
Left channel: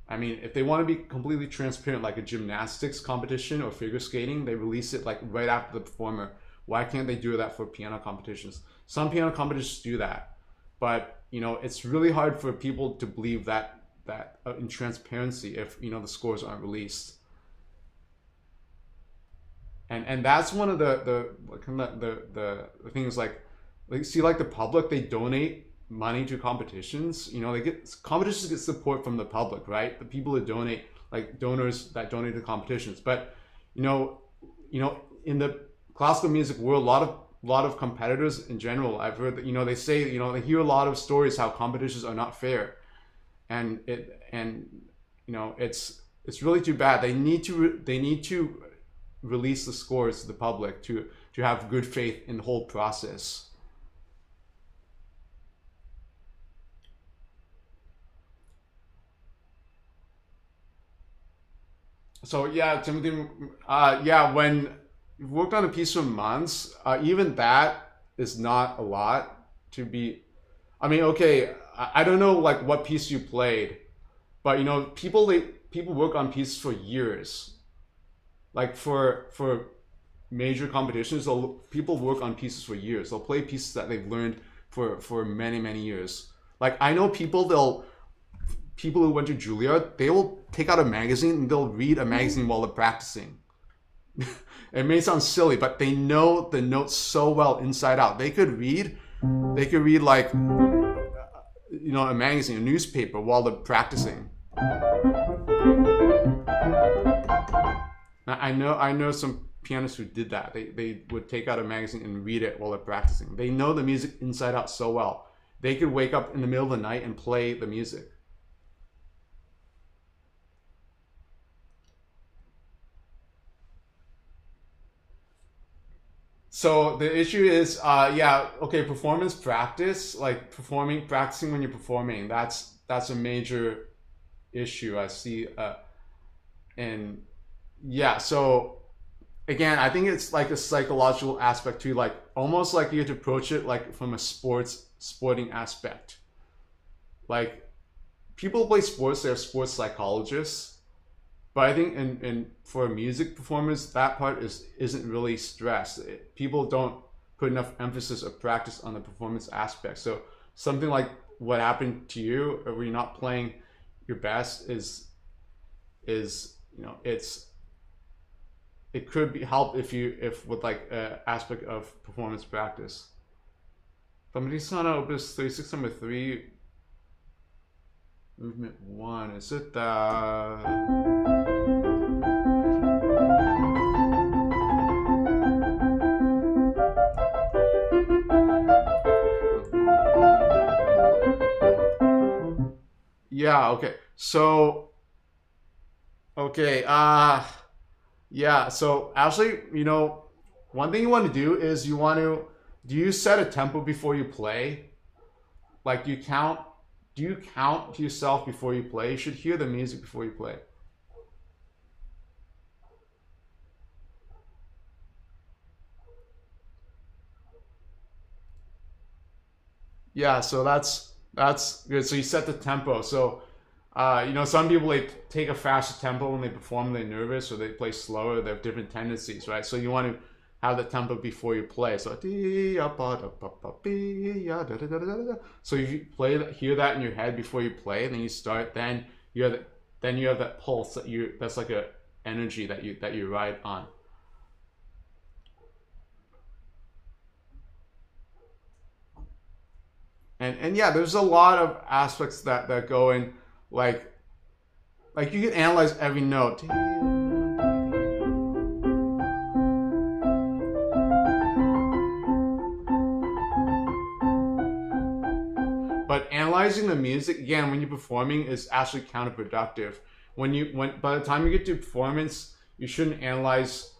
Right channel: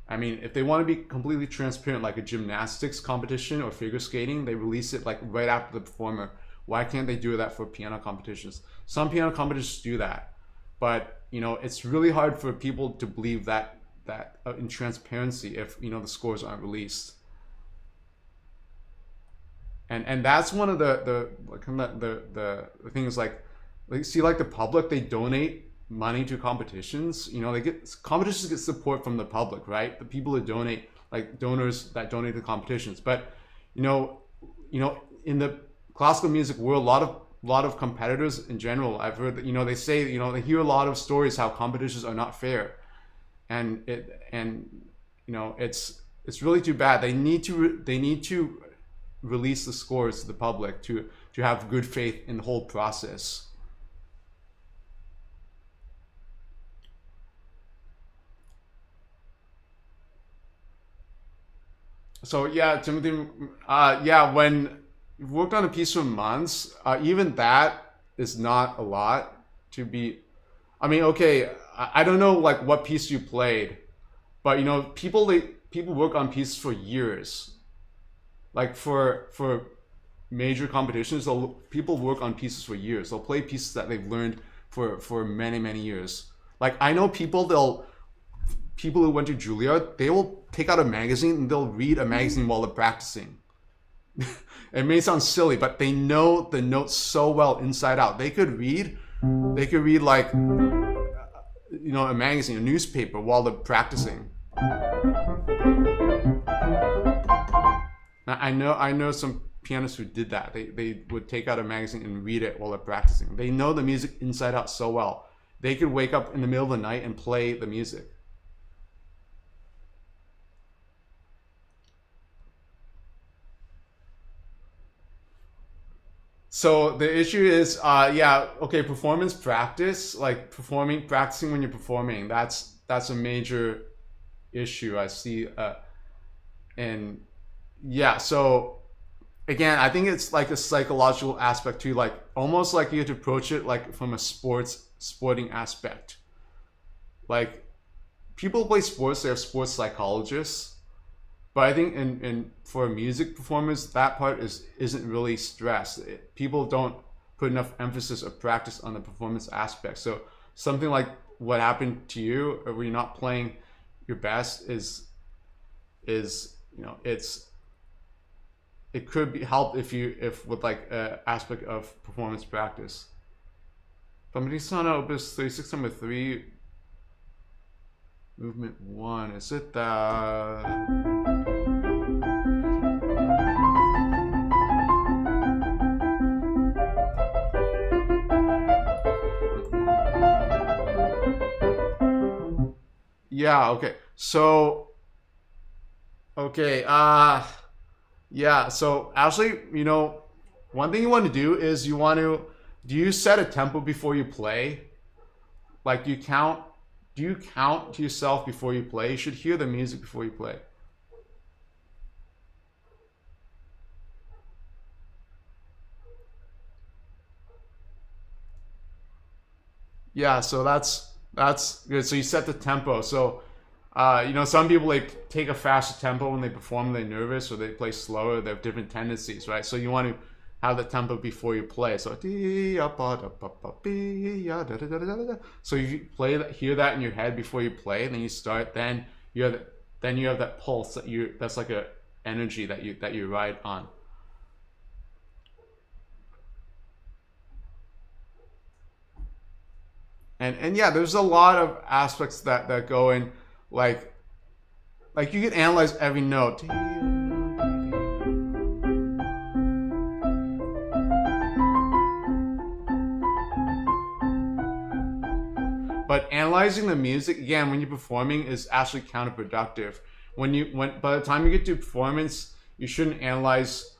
I mean, if they want to be completely transparent, like a gymnastics competition or figure skating, they release it like right after the performer. Why can't they do that for piano competitions? Some piano competitions do that, but it's really hard for people to believe that in transparency if the scores aren't released. And that's one of the things, like see, like the public, they donate money to competitions. Competitions get support from the public, right? The people that donate, like donors that donate to competitions. But in the classical music world, a lot of competitors in general, I've heard that they say they hear a lot of stories how competitions are not fair, and it's really too bad. They need to release the scores to the public to have good faith in the whole process. So yeah, Timothy, when you've worked on a piece for months, even that is not a lot to be. I mean, okay, I don't know like what piece you played, but people work on pieces for years. Like for major competitions, people work on pieces for years. They'll play pieces that they've learned for many years. Like I know people people who went to Juilliard, they will pick out a magazine and they'll read a magazine while they're practicing. It may sound silly, but they know the notes so well inside out. They could read like, you know, a magazine, a newspaper while they're practicing. Now, I know some pianists who did that. They would take out a magazine and read it while they're practicing. They know the music inside out so well. They could wake up in the middle of the night and play the music. So the issue is, performance practice, like practicing when you're performing. That's a major issue I see. And yeah, so again, I think it's like a psychological aspect too, like almost like you have to approach it like from a sporting aspect. Like people who play sports, they have sports psychologists. But I think in for music performers, that part isn't really stressed. People don't put enough emphasis or practice on the performance aspect. So something like what happened to you, or where you're not playing your best, is you know, it could be help if with like an aspect of performance practice. Pamadisana Opus 36 number 3, movement 1. Is it yeah, okay. So okay, yeah, so actually, you know, one thing you want to do is do you set a tempo before you play? Like do you count to yourself before you play? You should hear the music before you play. Yeah, so that's good. So you set the tempo. So you know, some people, they take a faster tempo when they perform, they're nervous, or they play slower, they have different tendencies, right? So you want to have the tempo before you play. So so you play that, hear that in your head before you play, and then you start, then you have that pulse that's like a energy that you ride on. And yeah, there's a lot of aspects that go in, like you can analyze every note. But analyzing the music, again, when you're performing, is actually counterproductive. By the time you get to performance, you shouldn't analyze,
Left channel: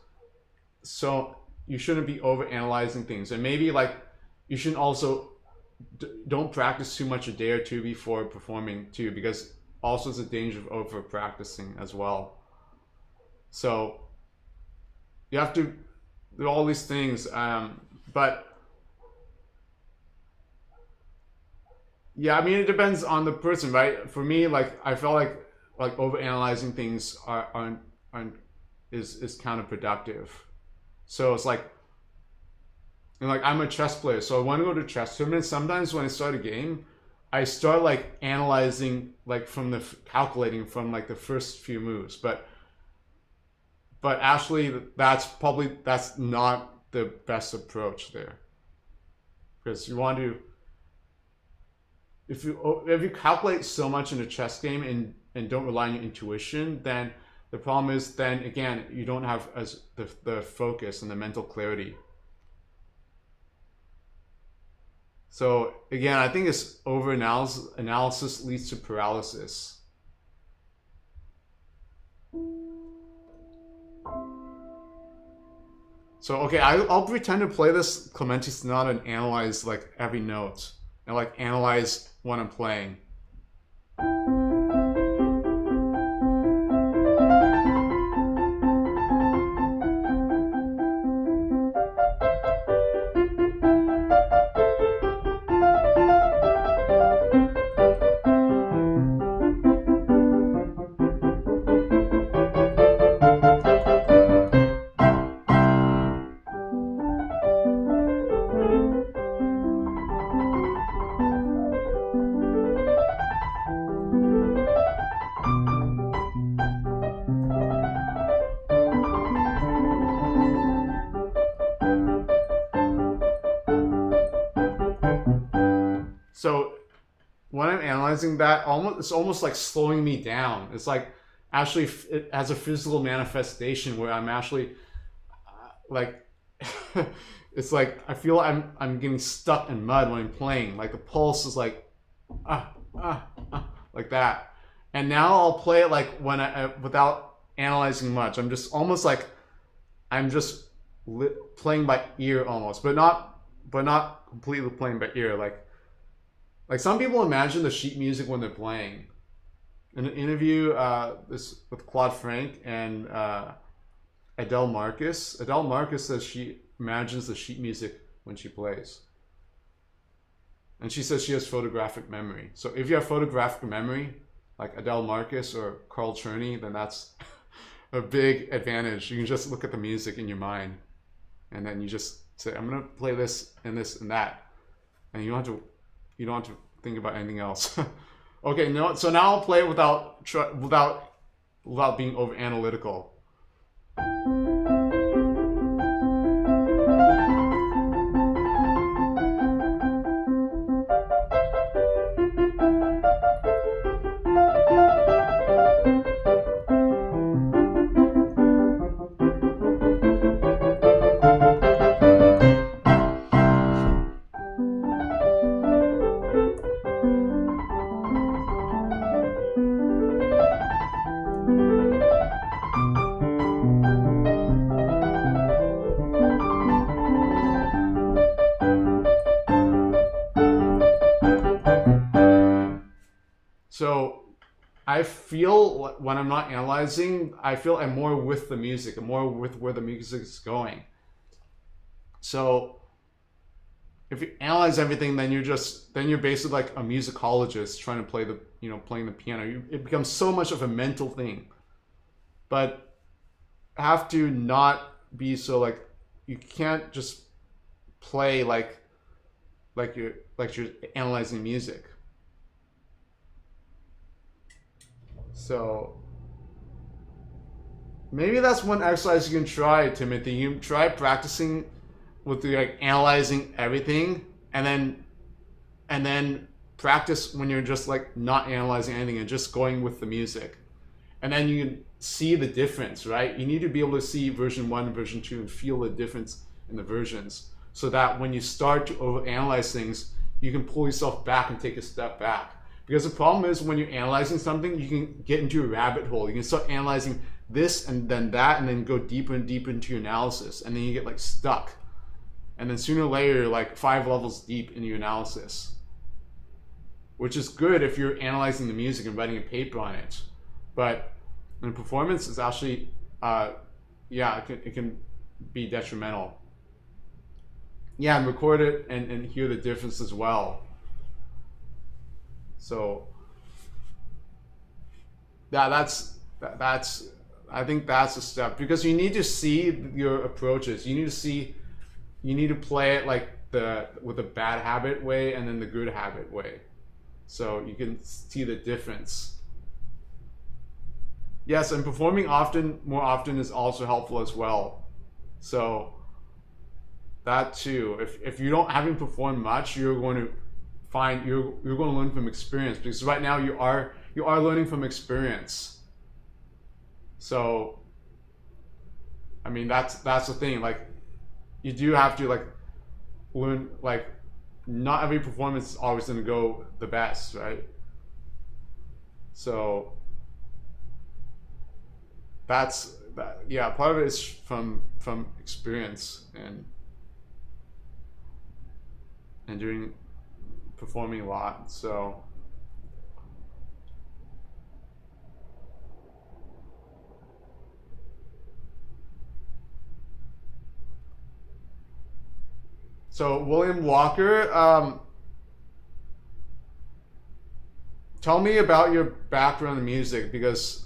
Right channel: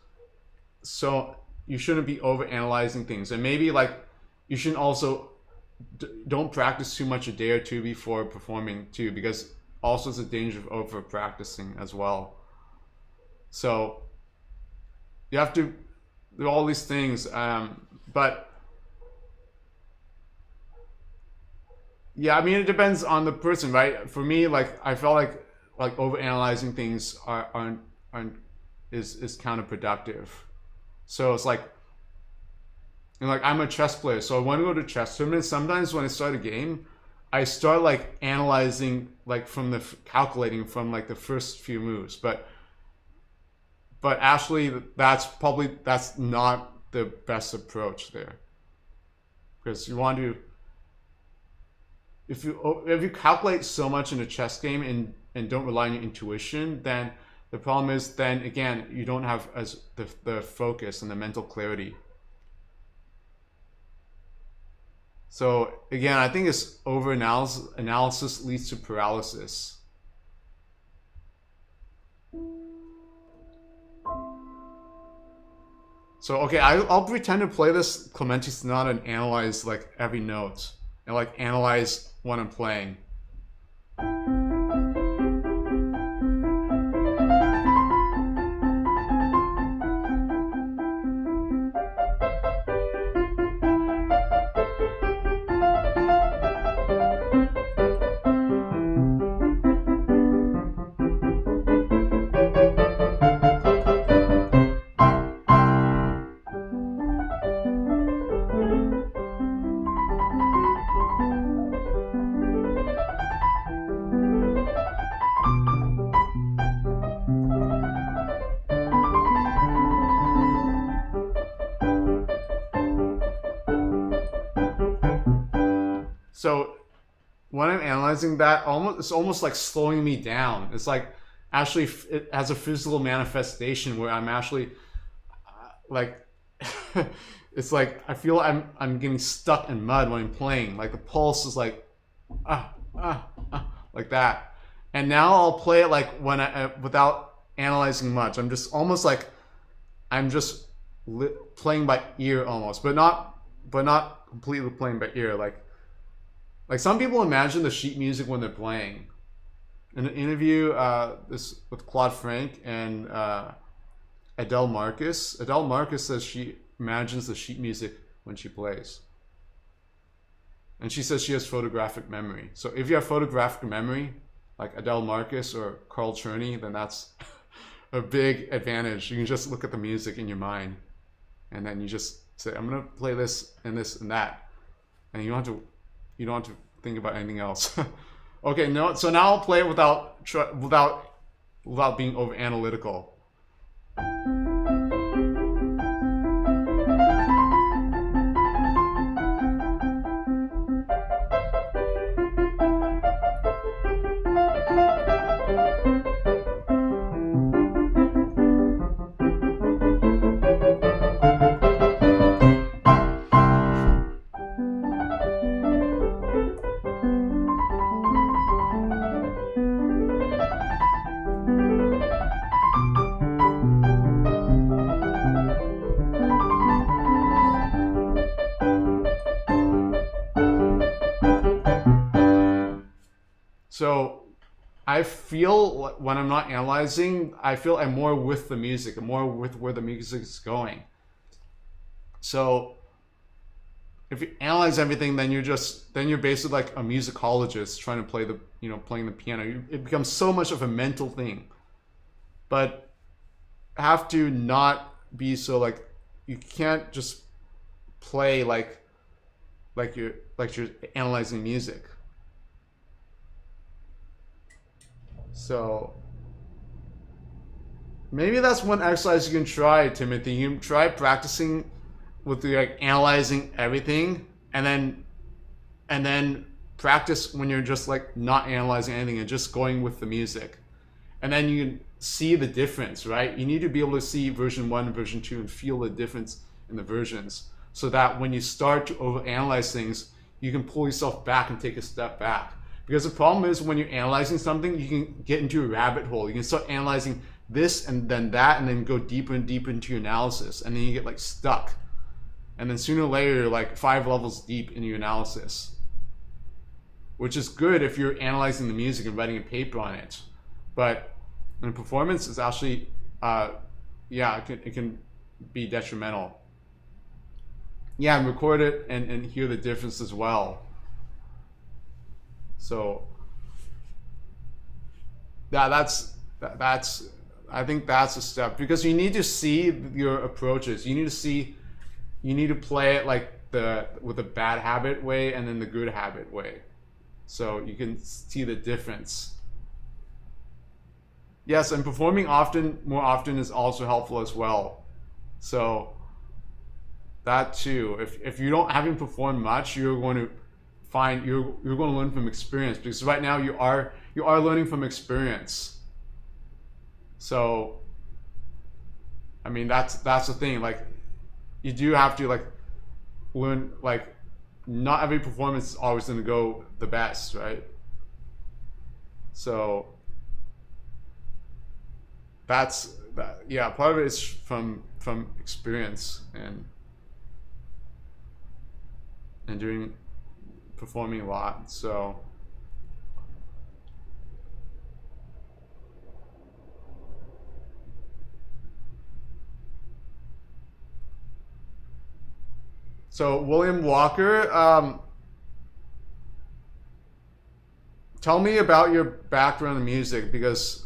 so you shouldn't be over analyzing things. And maybe like you shouldn't also don't practice too much a day or two before performing too, because also there's a danger of over practicing as well. So you have to do all these things, but yeah, I mean, it depends on the person, right? For me, like I felt like over analyzing things is counterproductive. So it's like, you know, like I'm a chess player, so I want to go to chess tournaments. Sometimes when I start a game, I start like analyzing, like calculating from like the first few moves, but actually that's not the best approach there, because you want to, if you calculate so much in a chess game and don't rely on your intuition, then the problem is, then again, you don't have as the focus and the mental clarity. So again, I think it's over analysis leads to paralysis. So okay, I'll pretend to play this Clementi Sonata and analyze like every note, and like analyze what I'm playing. So when I'm analyzing that, it's almost like slowing me down. It's like actually it has a physical manifestation where I'm actually like it's like I feel I'm getting stuck in mud when I'm playing. Like the pulse is like like that. And now I'll play it like when without analyzing much. I'm just almost like I'm just playing by ear almost, but not completely playing by ear. Like some people imagine the sheet music when they're playing. In an interview this with Claude Frank and Adele Marcus says she imagines the sheet music when she plays. And she says she has photographic memory. So if you have photographic memory, like Adele Marcus or Carl Cherney, then that's a big advantage. You can just look at the music in your mind, and then you just say, "I'm gonna play this and this and that," and you don't have to think about anything else. Okay, no. So now I'll play it without being over analytical. So I feel when I'm not analyzing, I feel I'm more with the music, I'm more with where the music is going. So if you analyze everything, then you're basically like a musicologist trying to play playing the piano. It becomes so much of a mental thing. But have to not be so like you can't just play like you're analyzing music. So maybe that's one exercise you can try, Timothy. You can try practicing with analyzing everything, and then practice when you're just like not analyzing anything and just going with the music. And then you can see the difference, right? You need to be able to see version 1 and version 2 and feel the difference in the versions, so that when you start to overanalyze things, you can pull yourself back and take a step back. Because the problem is when you're analyzing something, you can get into a rabbit hole. You can start analyzing this and then that, and then go deeper and deeper into your analysis. And then you get like stuck. And then sooner or later, you're like 5 levels deep in your analysis. Which is good if you're analyzing the music and writing a paper on it. But in performance, it's actually, it can be detrimental. Yeah, and record it and hear the difference as well. So that's I think that's a step, because you need to see your approaches. You need to play it like with a bad habit way and then the good habit way, so you can see the difference. Yes, and performing more often is also helpful as well. So that too. If you don't haven't performed much, you're going to learn from experience, because right now you are learning from experience. So I mean that's the thing, like you do have to like learn, like not every performance is always going to go the best, right? So part of it is from experience and doing performing a lot. So William Walker, tell me about your background in music, because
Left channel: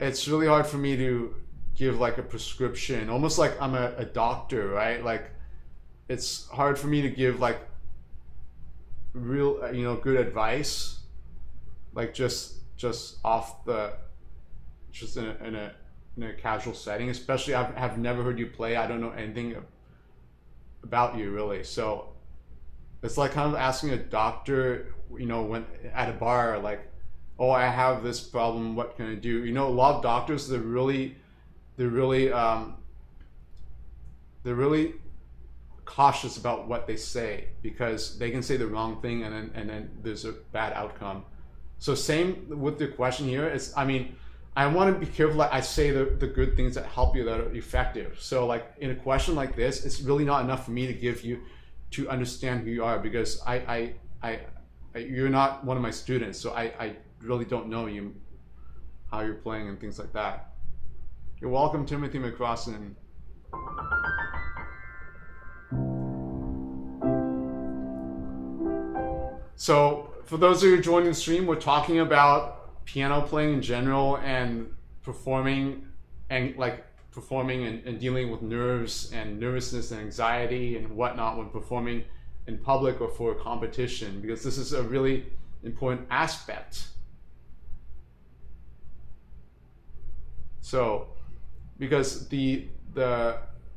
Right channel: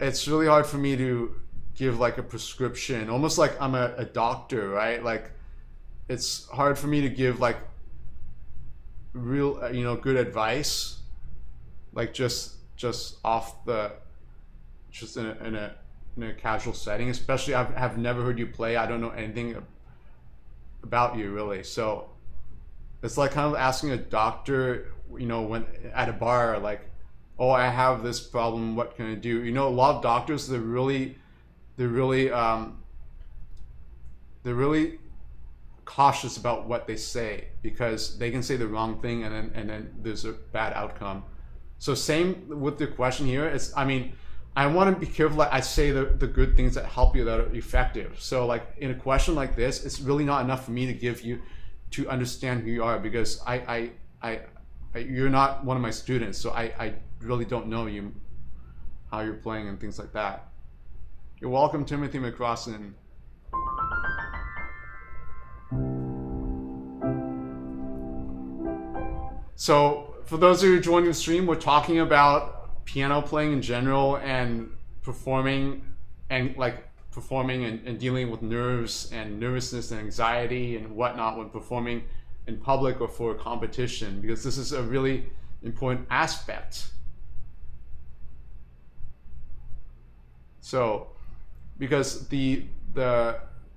it's really hard for me to give like a prescription, almost like I'm a doctor, right? Like it's hard for me to give like real good advice, like just off the just in a casual setting. Especially I've never heard you play. I don't know anything about you really, so It's like kind of asking a doctor, when at a bar, like, oh, I have this problem, what can I do? A lot of doctors, they're really they're really cautious about what they say, because they can say the wrong thing and then there's a bad outcome. So same with the question here. I want to be careful that I say the good things that help you, that are effective. So like in a question like this, it's really not enough for me to give you to understand who you are, because you're not one of my students, so I really don't know you, how you're playing and things like that. You're welcome, Timothy McCrossan. So for those of you joining the stream, we're talking about piano playing in general, and performing and dealing with nerves and nervousness and anxiety and whatnot when performing in public or for a competition, because this is a really important aspect. So because the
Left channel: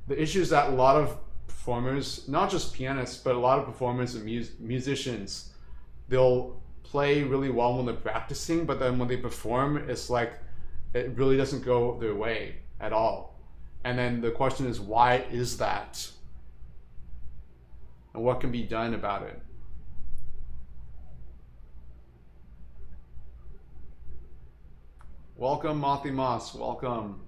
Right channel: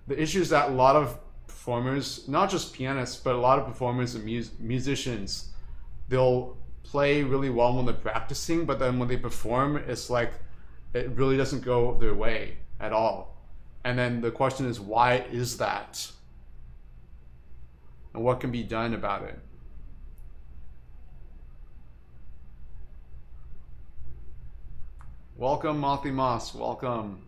issues that a lot of performers, not just pianists, but a lot of performers and musicians, they'll play really well when they're practicing, but then when they perform, it's like it really doesn't go their way at all. And then the question is, why is that? And what can be done about it? Welcome, Mothy Moss. Welcome.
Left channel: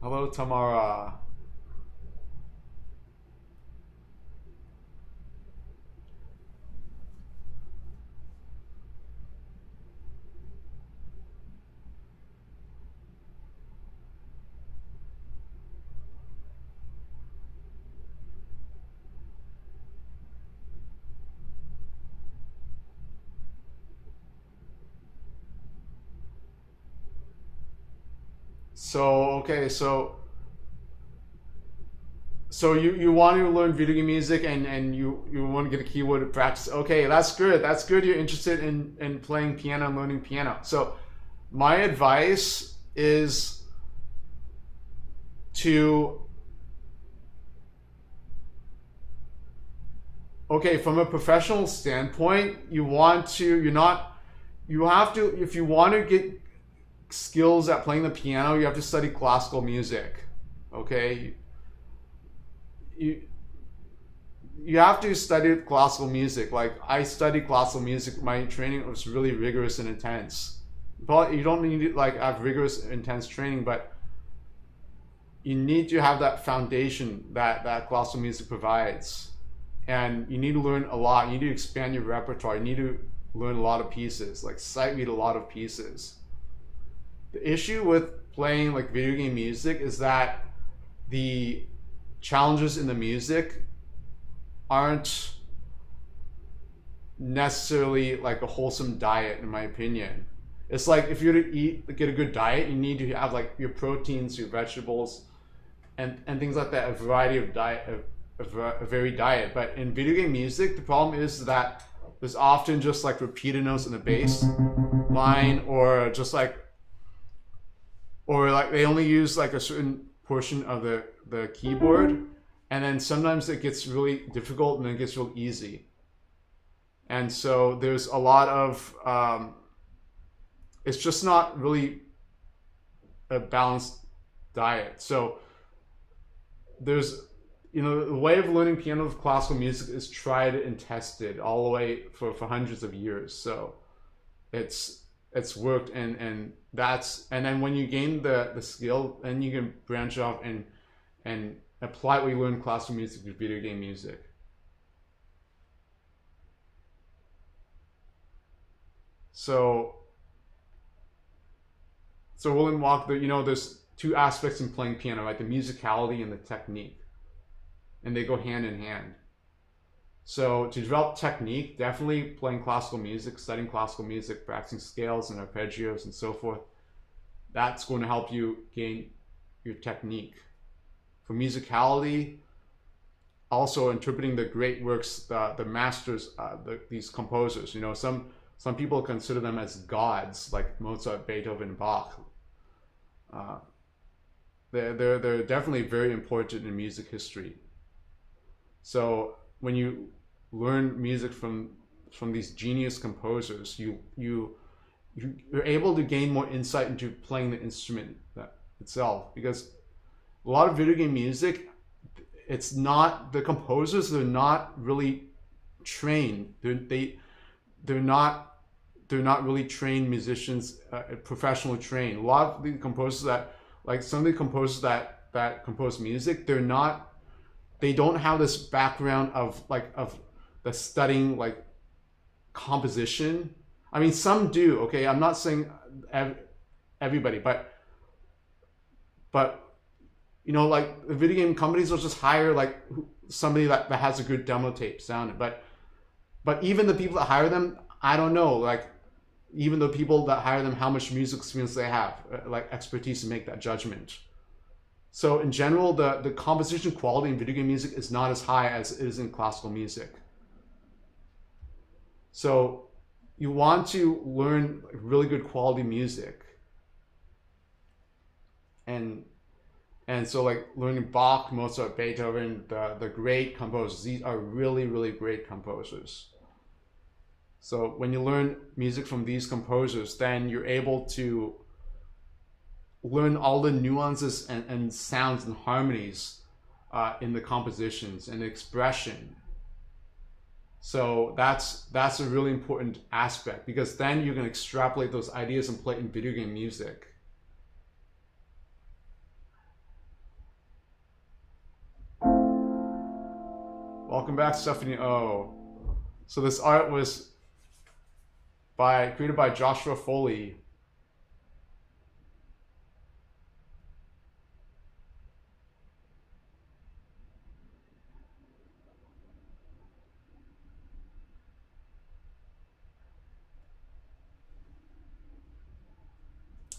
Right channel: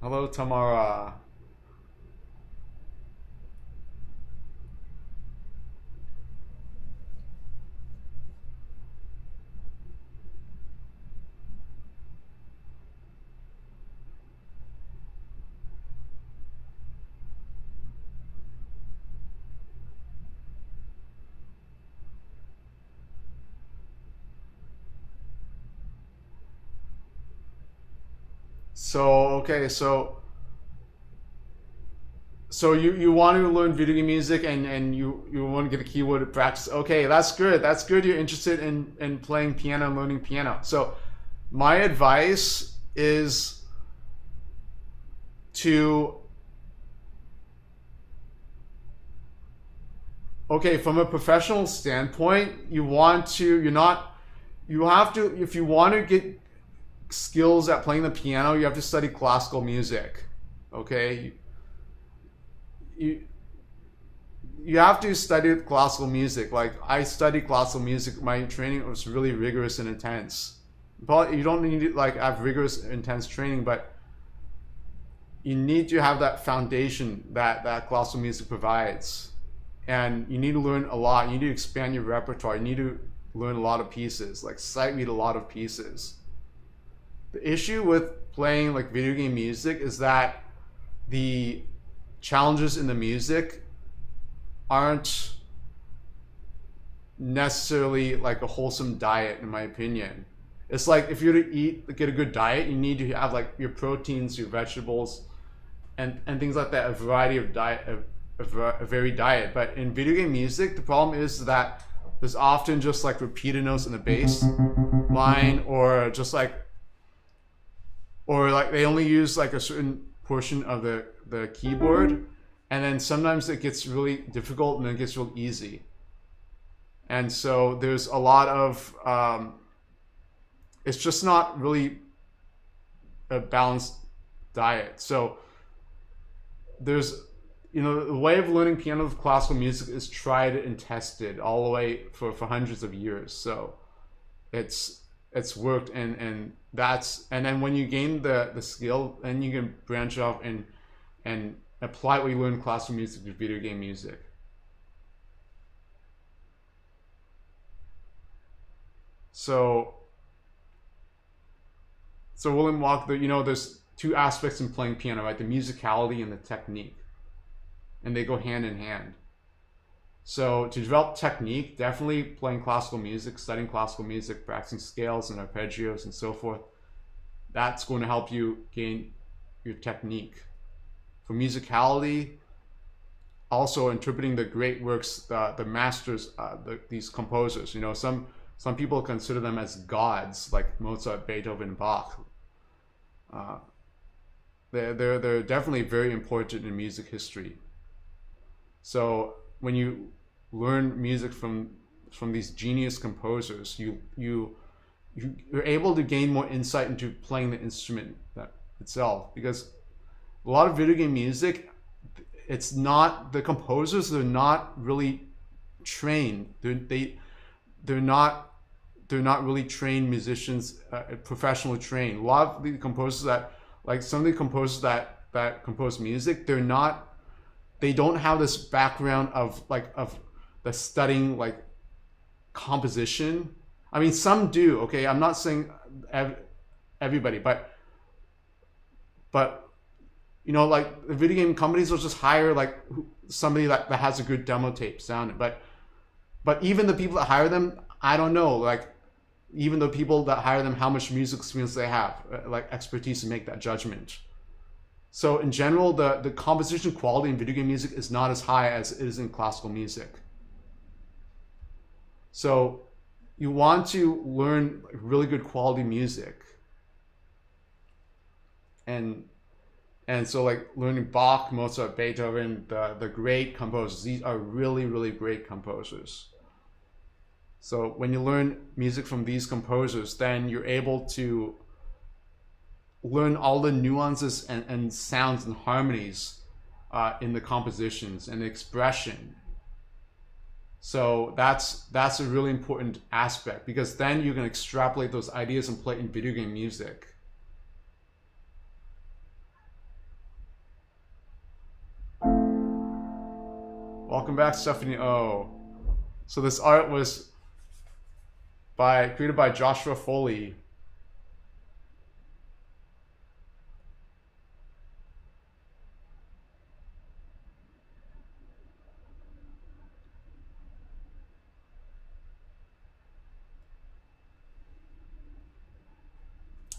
Hello, Tamara. Okay, so you want to learn video game music, and you want to get a keyboard to practice. Okay, that's good. That's good. You're interested in playing piano and learning piano. So my advice is to, okay, from a professional standpoint, if you want to get skills at playing the piano, you have to study classical music. Okay, you have to study classical music. Like, I studied classical music. My training was really rigorous and intense. But you don't need to have rigorous, intense training, but you need to have that foundation that classical music provides. And you need to learn a lot. You need to expand your repertoire. You need to learn a lot of pieces, like sight read a lot of pieces. The issue with playing video game music is that the challenges in the music aren't necessarily like a wholesome diet, in my opinion. It's like, if you're to get a good diet, you need to have your proteins, your vegetables, and things like that, a variety of diet, a varied diet. But in video game music, the problem is that there's often just repeated notes in the bass line, or just they only use a certain portion of the keyboard, and then sometimes it gets really difficult and then it gets real easy. And so there's a lot of it's just not really a balanced diet. So there's the way of learning piano with classical music is tried and tested all the way for hundreds of years. So it's worked, and then when you gain the skill, then you can branch off and apply what you learn in classical music to video game music. So William Walker, there's two aspects in playing piano, right? The musicality and the technique, and they go hand in hand. So to develop technique, definitely playing classical music, studying classical music, practicing scales and arpeggios and so forth, that's going to help you gain your technique. For musicality, also interpreting the great works, the masters, these composers. Some people consider them as gods, like Mozart, Beethoven, Bach. Uh, they're definitely very important in music history. So when you learn music from these genius composers, you're able to gain more insight into playing the instrument itself. Because a lot of video game music, it's not, the composers, they're not really trained. They're not really trained musicians, professionally trained. A lot of the composers that, like some of the composers that compose music, they don't have this background of the studying like composition. I mean, some do. Okay, I'm not saying everybody, but you know, like the video game companies will just hire like somebody that has a good demo tape sound. But even the people that hire them, I don't know, like even the people that hire them, how much music experience they have, like expertise to make that judgment. So in general, the composition quality in video game music is not as high as it is in classical music. So you want to learn really good quality music. And so like learning Bach, Mozart, Beethoven, the great composers, these are really, really great composers. So when you learn music from these composers, then you're able to learn all the nuances and sounds and harmonies in the compositions and the expression. So that's a really important aspect, because then you can extrapolate those ideas and play in video game music. Welcome back, Stephanie O. So this art was created by Joshua Foley.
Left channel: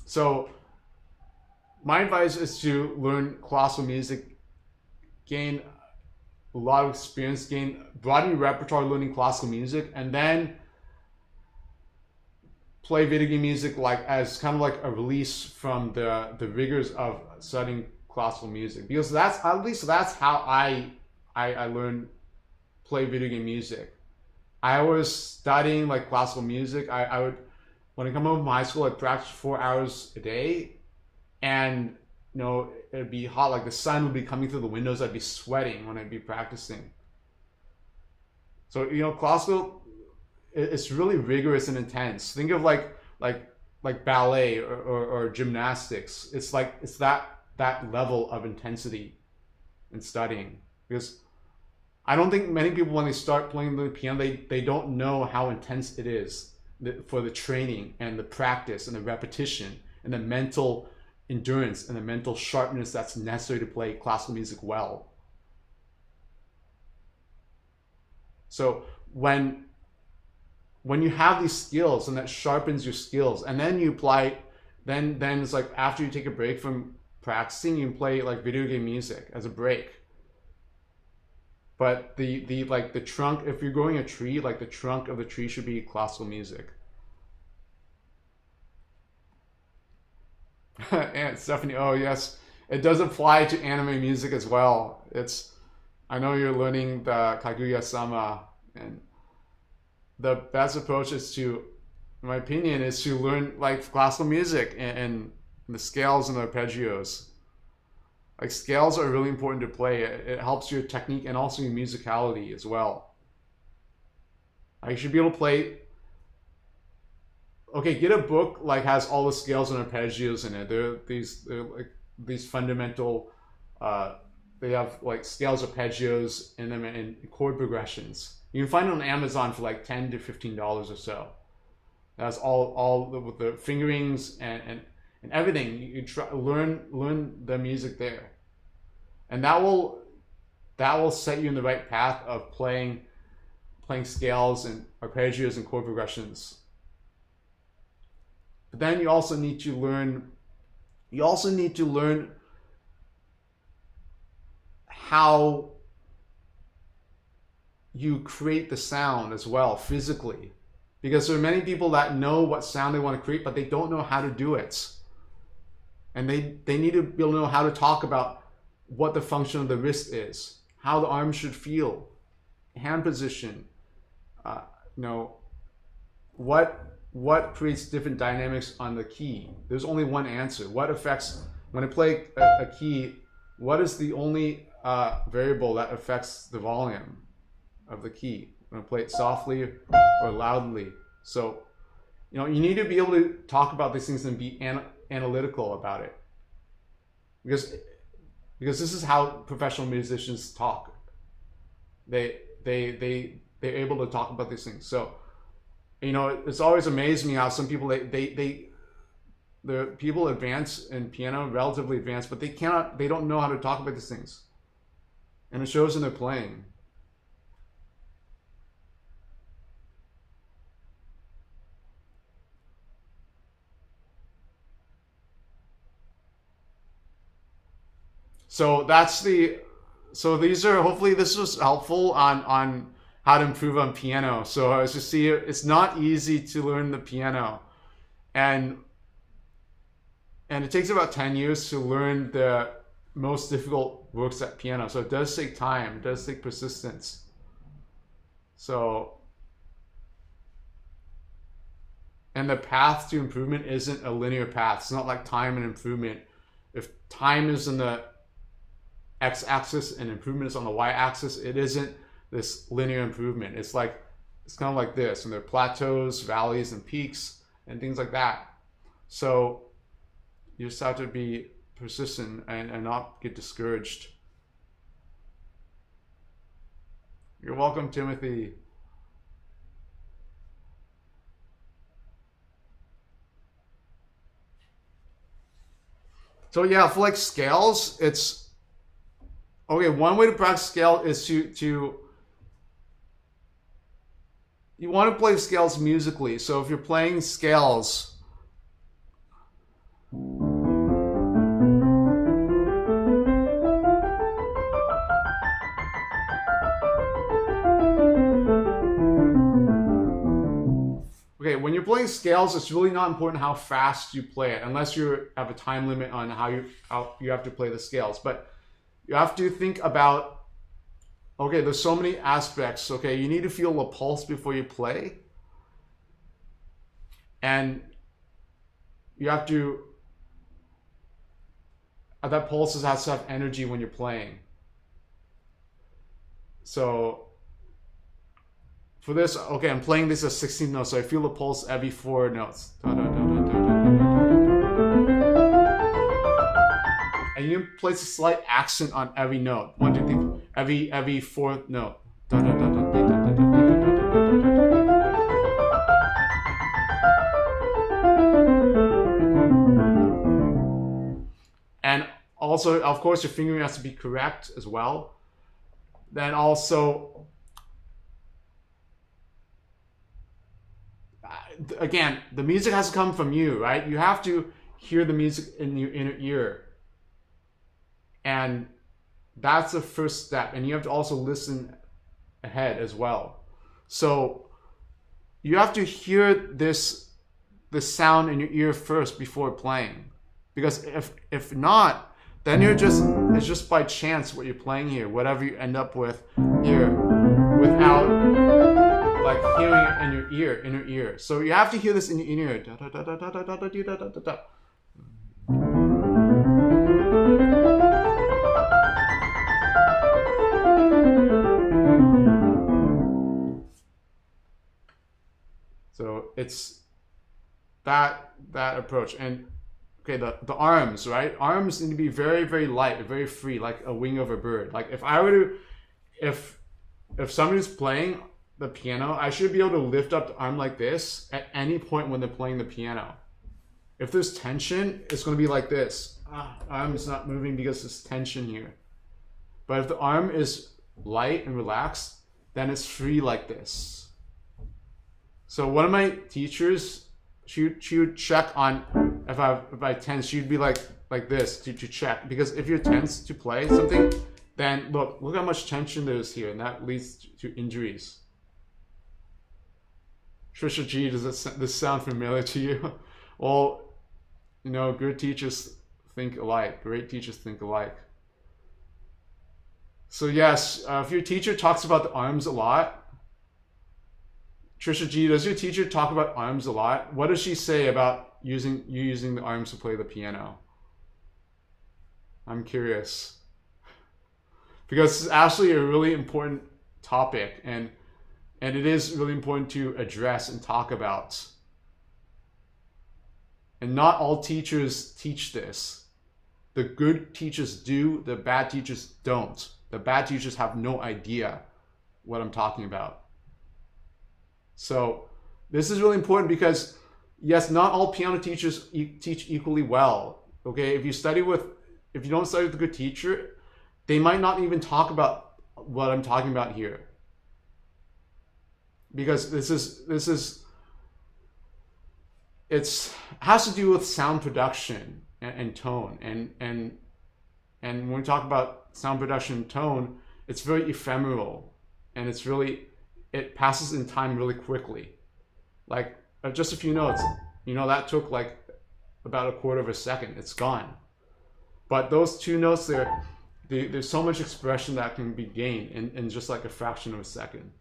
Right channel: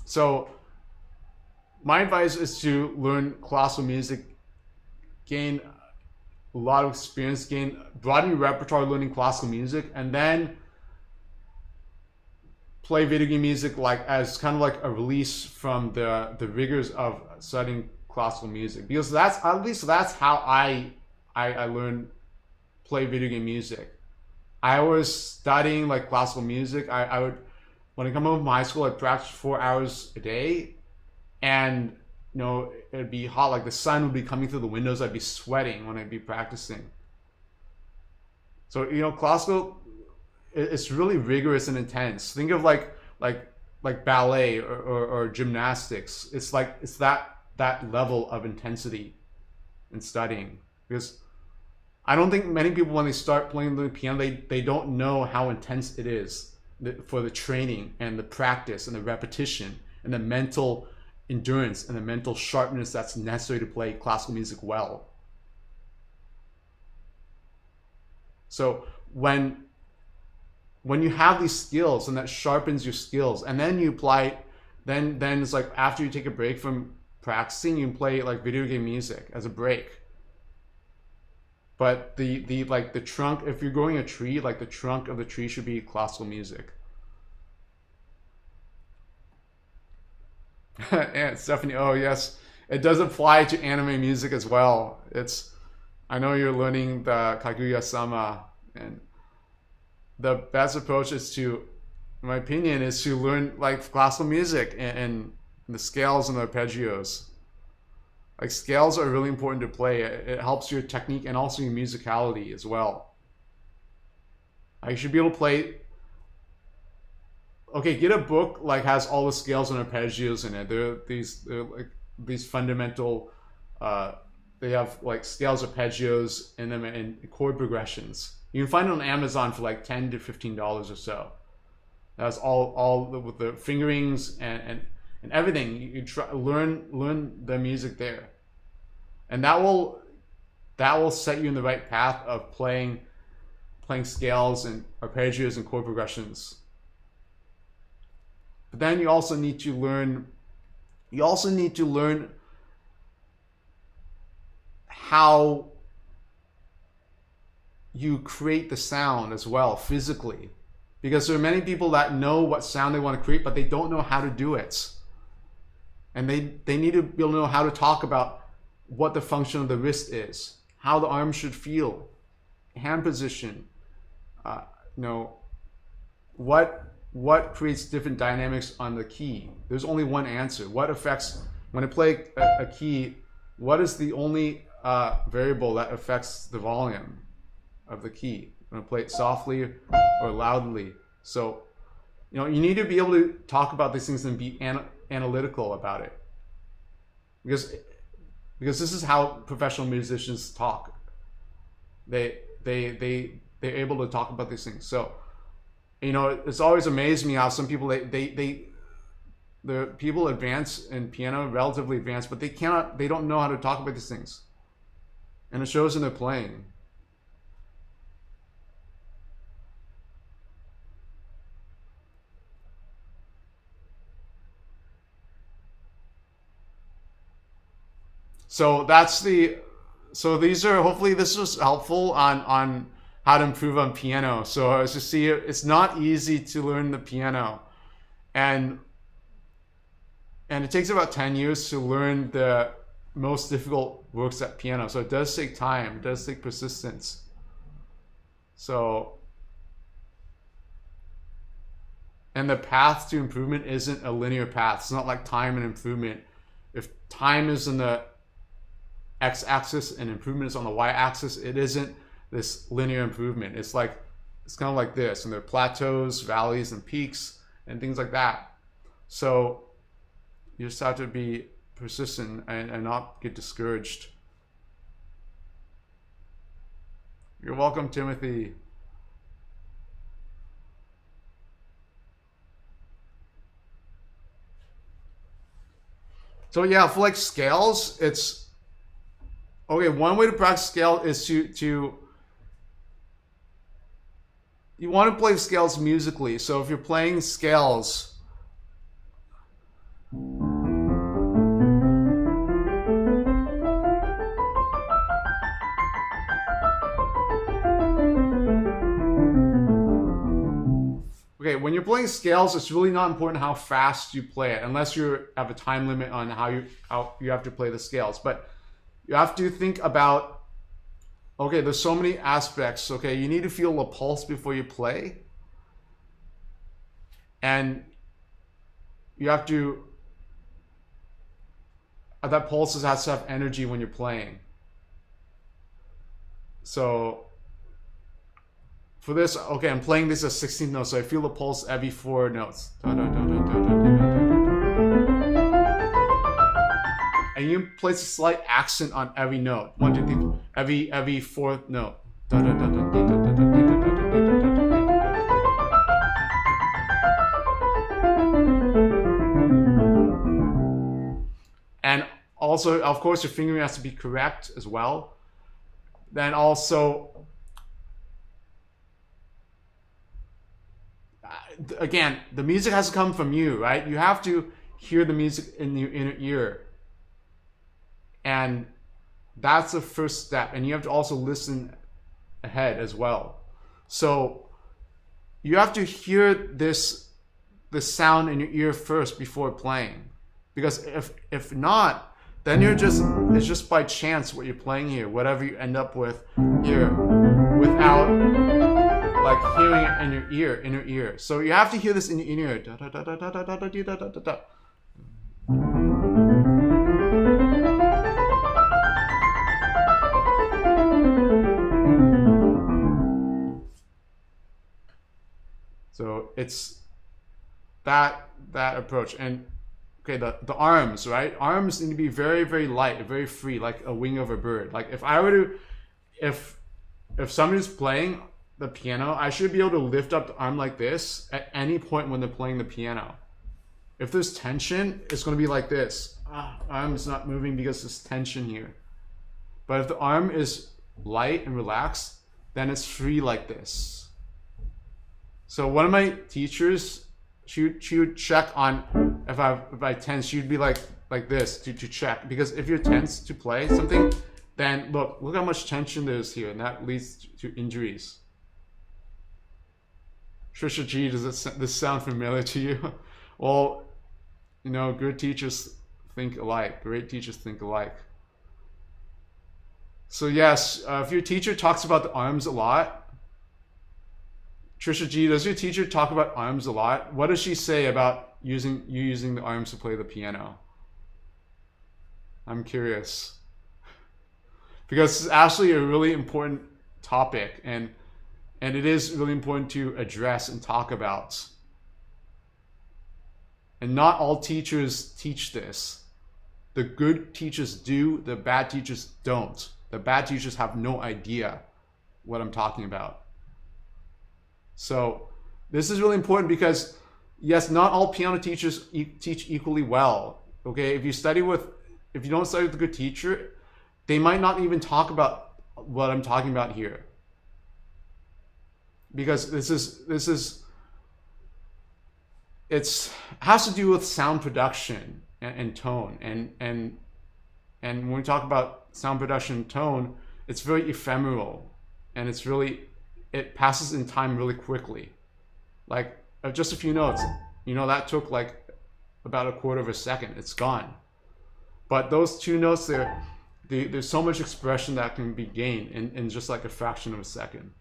So my advice is to learn classical music, gain a lot of experience, broaden your repertoire learning classical music, and then play video game music like as kind of like a release from the rigors of studying classical music. Because that's how I learned play video game music. I was studying like classical music. I would, when I come home from high school, I'd practice 4 hours a day, and you know, it'd be hot, like the sun would be coming through the windows. I'd be sweating when I'd be practicing. So, you know, classical, it's really rigorous and intense. Think of like ballet or gymnastics. It's that level of intensity in studying. Because I don't think many people, when they start playing the piano, they don't know how intense it is for the training and the practice and the repetition and the mental endurance and the mental sharpness that's necessary to play classical music well. So when you have these skills and that sharpens your skills, and then you apply, then it's like after you take a break from practicing, you can play like video game music as a break. But the trunk, if you're growing a tree, like the trunk of the tree should be classical music. And Stephanie, oh yes, it does apply to anime music as well. I know you're learning the Kaguya-sama, and the best approach is to, in my opinion, is to learn like classical music and the scales and the arpeggios. Like scales are really important to play. It helps your technique and also your musicality as well. You should be able to play. Okay, get a book like has all the scales and arpeggios in it. They're like these fundamental. They have like scales, arpeggios in them, and chord progressions. You can find it on Amazon for like $10 to $15 or so. That's all with the fingerings and everything. You try learn the music there, and that will set you in the right path of playing scales and arpeggios and chord progressions. But then you also need to learn how you create the sound as well physically, because there are many people that know what sound they want to create, but they don't know how to do it. And they need to be able to know how to talk about what the function of the wrist is, how the arm should feel, hand position, what creates different dynamics on the key. There's only one answer. What affects, when I play a key, what is the only variable that affects the volume of the key? When I play it softly or loudly. So, you need to be able to talk about these things and be analytical about it. Because this is how professional musicians talk. They're able to talk about these things. So, it's always amazed me how some people the people advance in piano, relatively advanced, but they don't know how to talk about these things. And it shows in their playing. So these are, hopefully this was helpful on how to improve on piano. So as you see, it's not easy to learn the piano. And it takes about 10 years to learn the most difficult works at piano. So it does take time, it does take persistence. So, and the path to improvement isn't a linear path. It's not like time and improvement. If time is in the x-axis and improvement is on the y-axis, it isn't this linear improvement. It's kind of like this, and there are plateaus, valleys, and peaks, and things like that. So you just have to be persistent and not get discouraged. You're welcome, Timothy. So yeah, for like scales, it's okay. One way to practice scale is to you want to play scales musically. So if you're playing scales, okay, when you're playing scales, it's really not important how fast you play it, unless you have a time limit on how you have to play the scales. But you have to think about, okay, there's so many aspects. Okay, you need to feel a pulse before you play. And you have to, that pulse has to have energy when you're playing. So for this, okay, I'm playing this as 16th notes, so I feel the pulse every 4 notes. And you place a slight accent on every note. 1, 2, 3, every 4th note. And also, of course, your fingering has to be correct as well. Then also, again, the music has to come from you, right? You have to hear the music in your inner ear. And that's the first step. And you have to also listen ahead as well. So you have to hear the sound in your ear first before playing. Because if not, then it's just by chance what you're playing here, whatever you end up with here, without like hearing it in your inner ear. So you have to hear this in your inner ear. Da, da, da, da, da, da, da, da, da, da, da. So it's that approach. And okay, the arms, right? Arms need to be very, very light, very free, like a wing of a bird. Like if I were to, if somebody's playing the piano, I should be able to lift up the arm like this at any point when they're playing the piano. If there's tension, it's going to be like this. Arm's not moving because there's tension here. But if the arm is light and relaxed, then it's free like this. So one of my teachers, she would check on if I tense, she'd be like this to check, because if you're tense to play something, then look how much tension there is here, and that leads to injuries. Trisha G, does this sound familiar to you? Well, good teachers think alike. Great teachers think alike. So yes, if your teacher talks about the arms a lot, Trisha G, does your teacher talk about arms a lot? What does she say about using the arms to play the piano? I'm curious. Because it's actually a really important topic, and it is really important to address and talk about. And not all teachers teach this. The good teachers do, the bad teachers don't. The bad teachers have no idea what I'm talking about. So this is really important because, yes, not all piano teachers teach equally well. Okay, if you don't study with a good teacher, they might not even talk about what I'm talking about here. Because it has to do with sound production and tone. And when we talk about sound production and tone, it's very ephemeral, and it passes in time really quickly. Like just a few notes, that took like about a quarter of a second. It's gone. But those two notes there, there's so much expression that can be gained in just like a fraction of a second.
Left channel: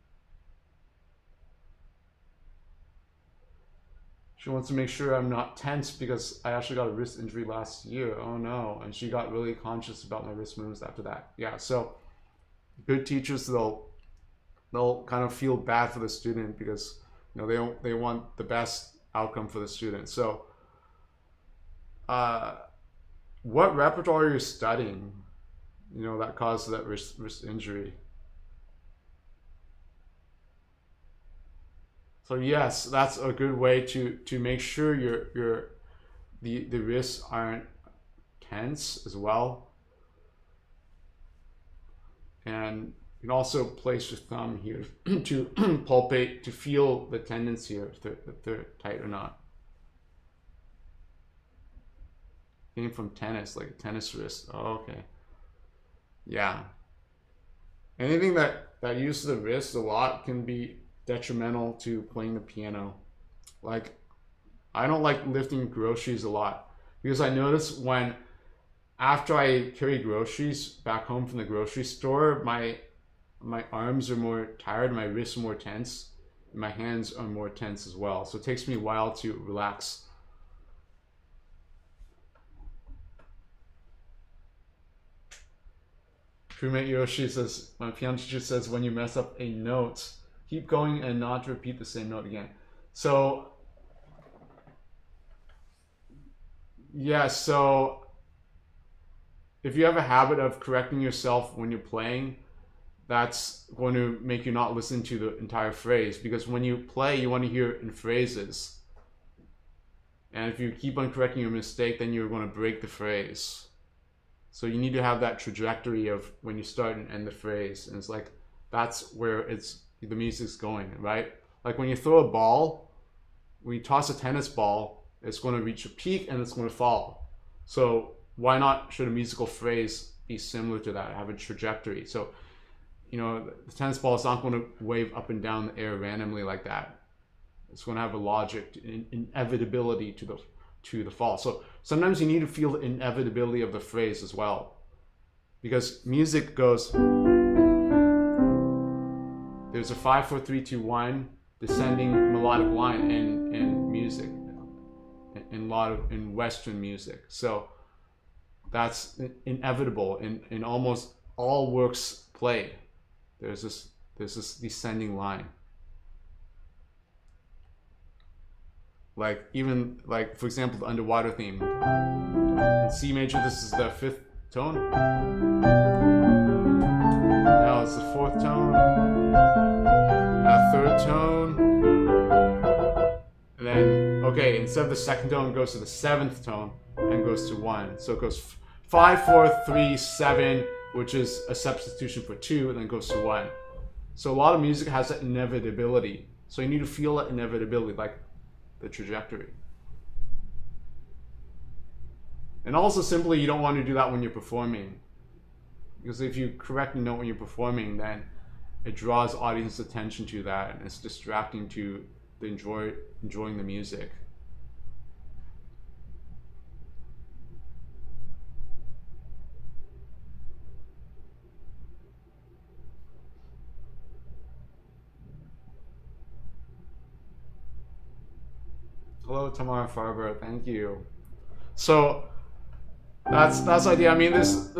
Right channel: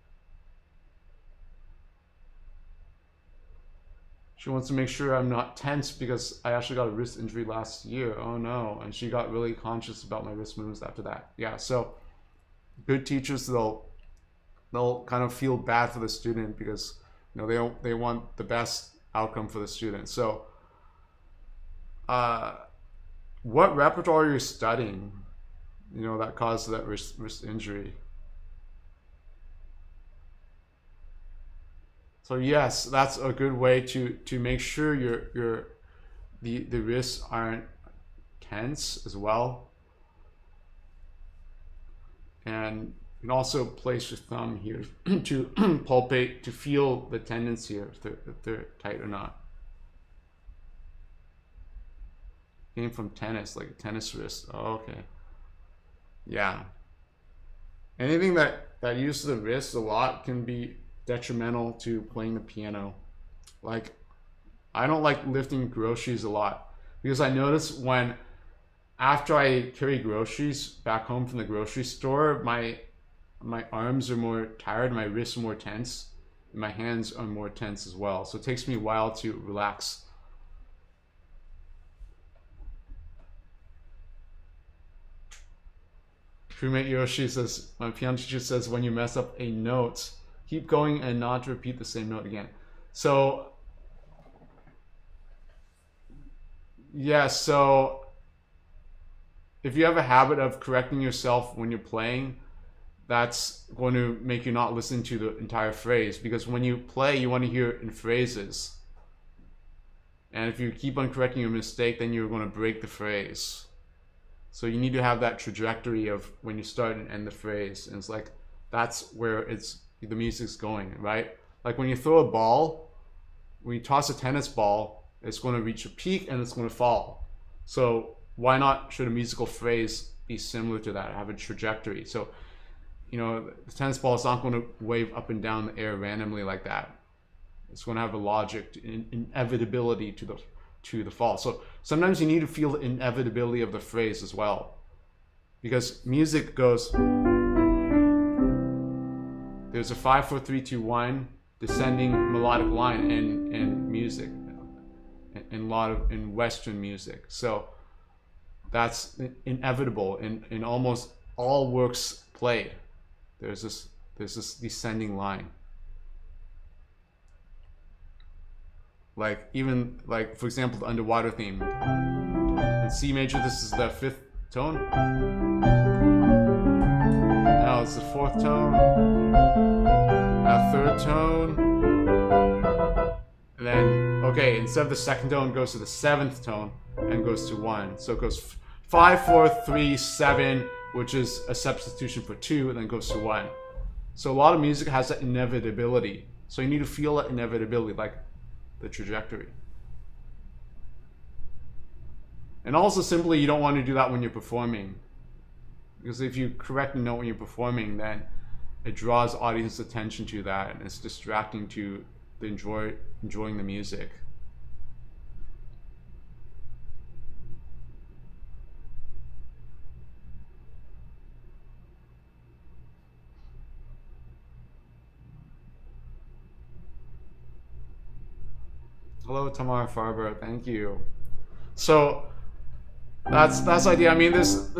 She wants to make sure I'm not tense because I actually got a wrist injury last year. Oh no. And she got really conscious about my wrist moves after that. Yeah, so good teachers, they'll kind of feel bad for the student because they want the best outcome for the student. So what repertoire are you studying, that caused that wrist injury? So yes, that's a good way to make sure the wrists aren't tense as well. And you can also place your thumb here to palpate, to feel the tendons here, if they're tight or not. Came from tennis, like a tennis wrist. Oh, okay. Yeah. Anything that uses the wrist a lot can be detrimental to playing the piano. Like, I don't like lifting groceries a lot because I notice after I carry groceries back home from the grocery store, my arms are more tired, my wrists are more tense, and my hands are more tense as well. So it takes me a while to relax. Crewmate Yoshi says, my piano teacher says, when you mess up a note, keep going and not repeat the same note again. So, yeah, so if you have a habit of correcting yourself when you're playing, that's going to make you not listen to the entire phrase, because when you play, you want to hear it in phrases. And if you keep on correcting your mistake, then you're going to break the phrase. So you need to have that trajectory of when you start and end the phrase. And it's like, that's where the music's going, right? Like when you throw a ball, when you toss a tennis ball, it's going to reach a peak and it's going to fall. So why not should a musical phrase be similar to that, have a trajectory? So, the tennis ball is not going to wave up and down the air randomly like that. It's going to have a logic, inevitability to the fall. So sometimes you need to feel the inevitability of the phrase as well, because music goes, there's a 5, 4, 3, 2, 1 descending melodic line in music, in Western music. So that's inevitable in almost all works played. There's this descending line. Like even like, for example, the underwater theme. In C major, this is the 5th tone. Now it's the 4th tone. Now 3rd tone. And then, okay, instead of the 2nd tone, it goes to the 7th tone and goes to 1. So it goes 5, 4, 3, 7, which is a substitution for 2, and then goes to 1. So a lot of music has that inevitability. So you need to feel that inevitability, like the trajectory. And also simply, you don't want to do that when you're performing, because if you correctly note when you're performing, then it draws audience attention to that, and it's distracting to enjoying the music. Hello, Tamara Farber. Thank you. So that's the idea. I mean, this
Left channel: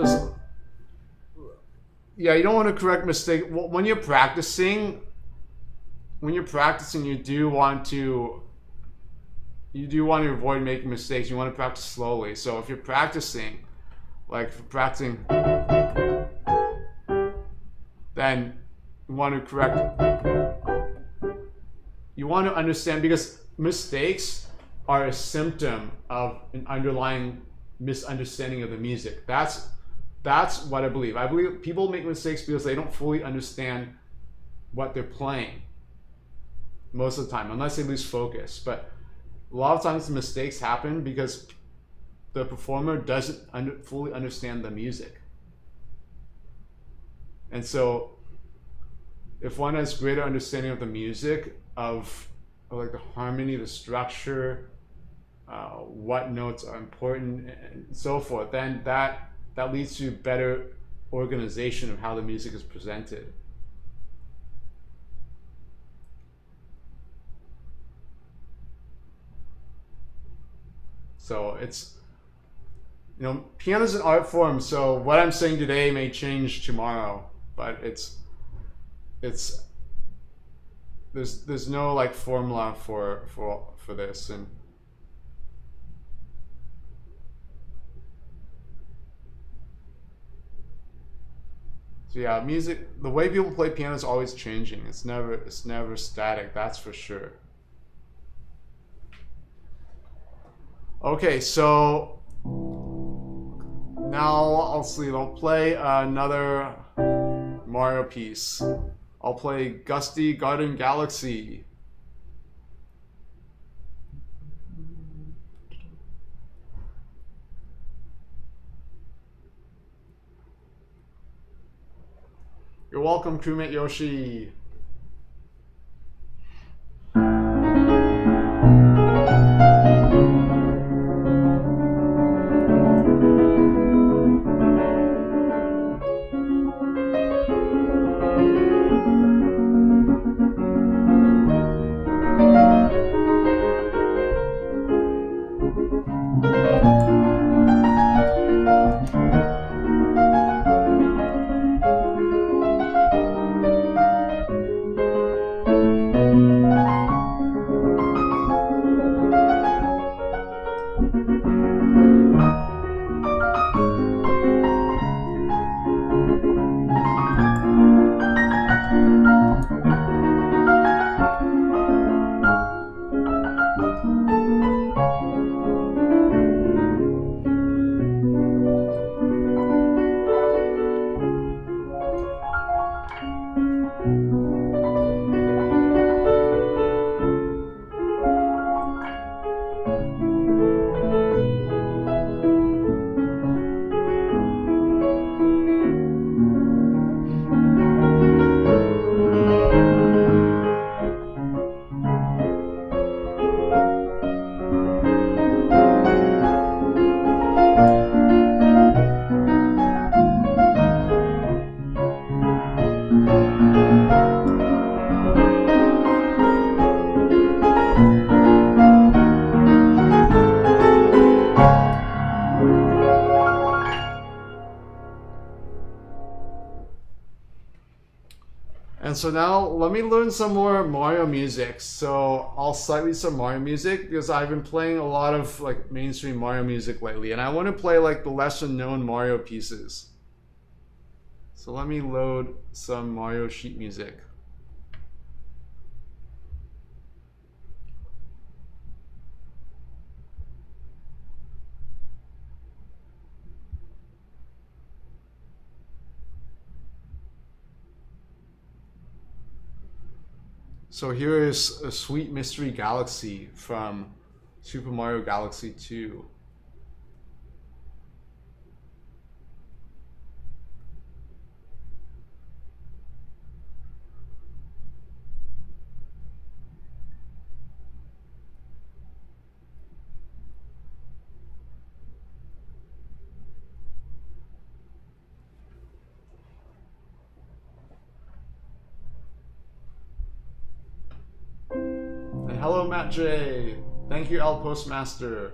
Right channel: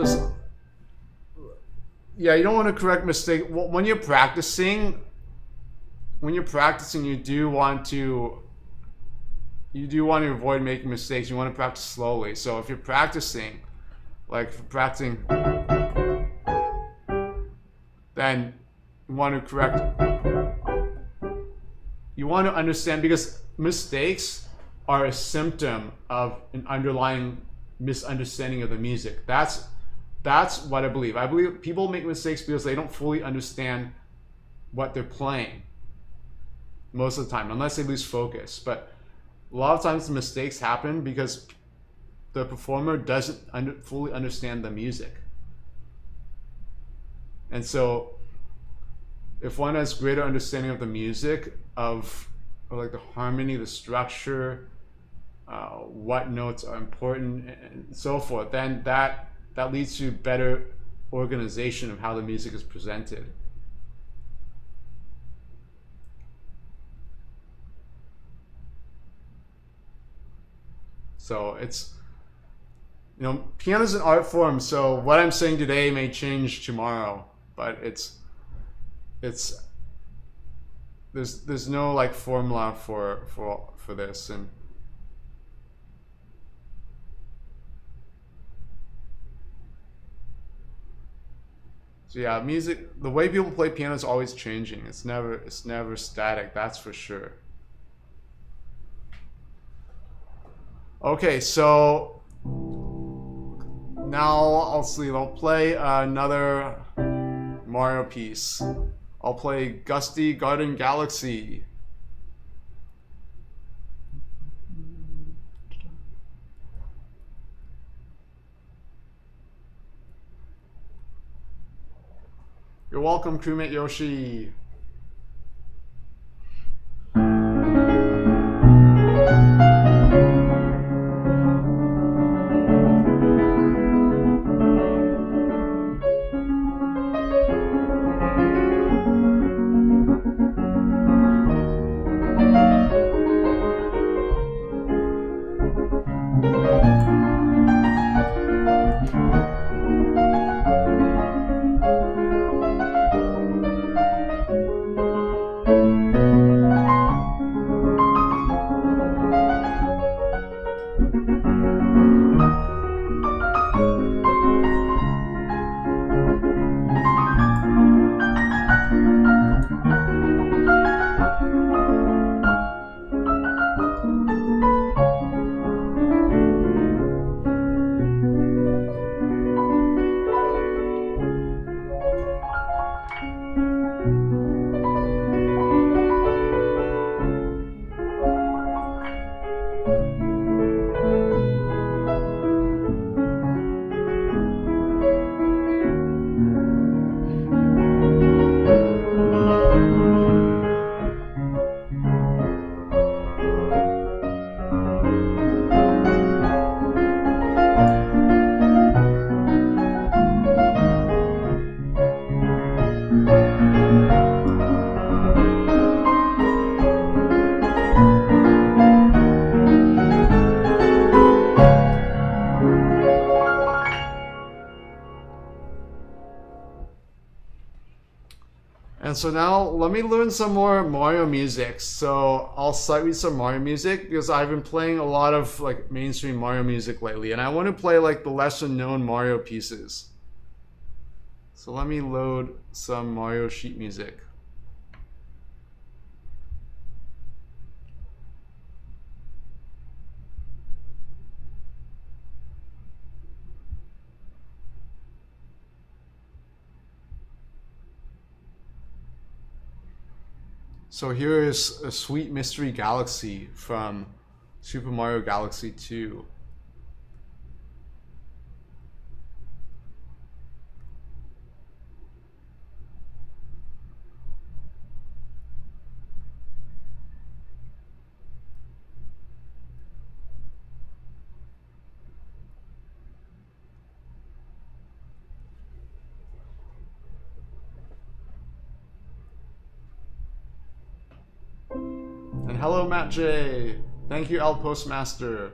yeah, you don't want to correct mistake when you're practicing. When you're practicing, you do want to avoid making mistakes. You want to practice slowly. So if you're practicing, like if you're practicing, then you want to correct. You want to understand, because mistakes are a symptom of an underlying misunderstanding of the music. That's what I believe. I believe people make mistakes because they don't fully understand what they're playing most of the time, unless they lose focus. But a lot of times the mistakes happen because the performer doesn't fully understand the music. And so if one has greater understanding of the music, of like the harmony, the structure, what notes are important, and so forth, then that leads to better organization of how the music is presented. So it's, piano is an art form, so what I'm saying today may change tomorrow, but there's no like formula for this. And so yeah, music, the way people play piano is always changing. It's never static, that's for sure. Okay, so now I'll play another Mario piece. I'll play Gusty Garden Galaxy. You're welcome, crewmate Yoshi. And so now let me learn some more Mario music. So I'll cite with some Mario music because I've been playing a lot of like mainstream Mario music lately, and I want to play like the lesser known Mario pieces. So let me load some Mario sheet music. So here is a Sweet Mystery Galaxy from Super Mario Galaxy 2. And hello, Matt J. Thank you, L Postmaster.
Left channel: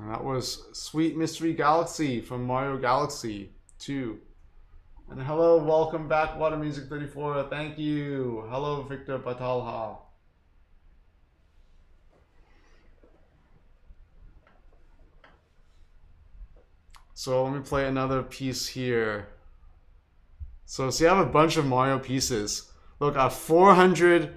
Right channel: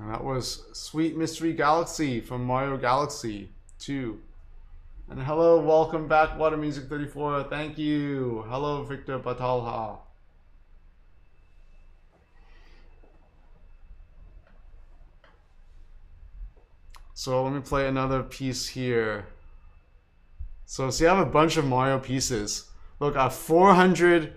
And that was Sweet Mystery Galaxy from Mario Galaxy 2. And hello, welcome back, Water Music 34. Thank you. Hello, Victor Batalha. So let me play another piece here. So see, I have a bunch of Mario pieces. Look, I have 400.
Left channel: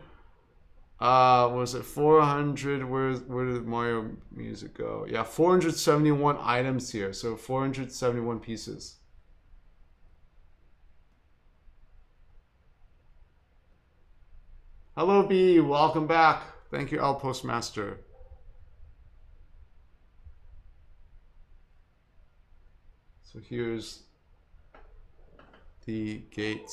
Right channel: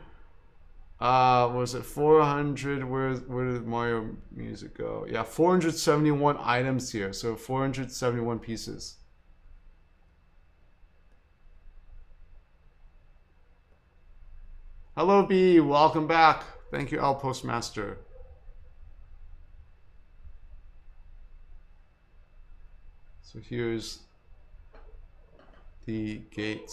Was it 400? Where did Mario music go? Yeah, 471 items here. So 471 pieces. Hello, B. Welcome back. Thank you, L Postmaster. So here's the gate.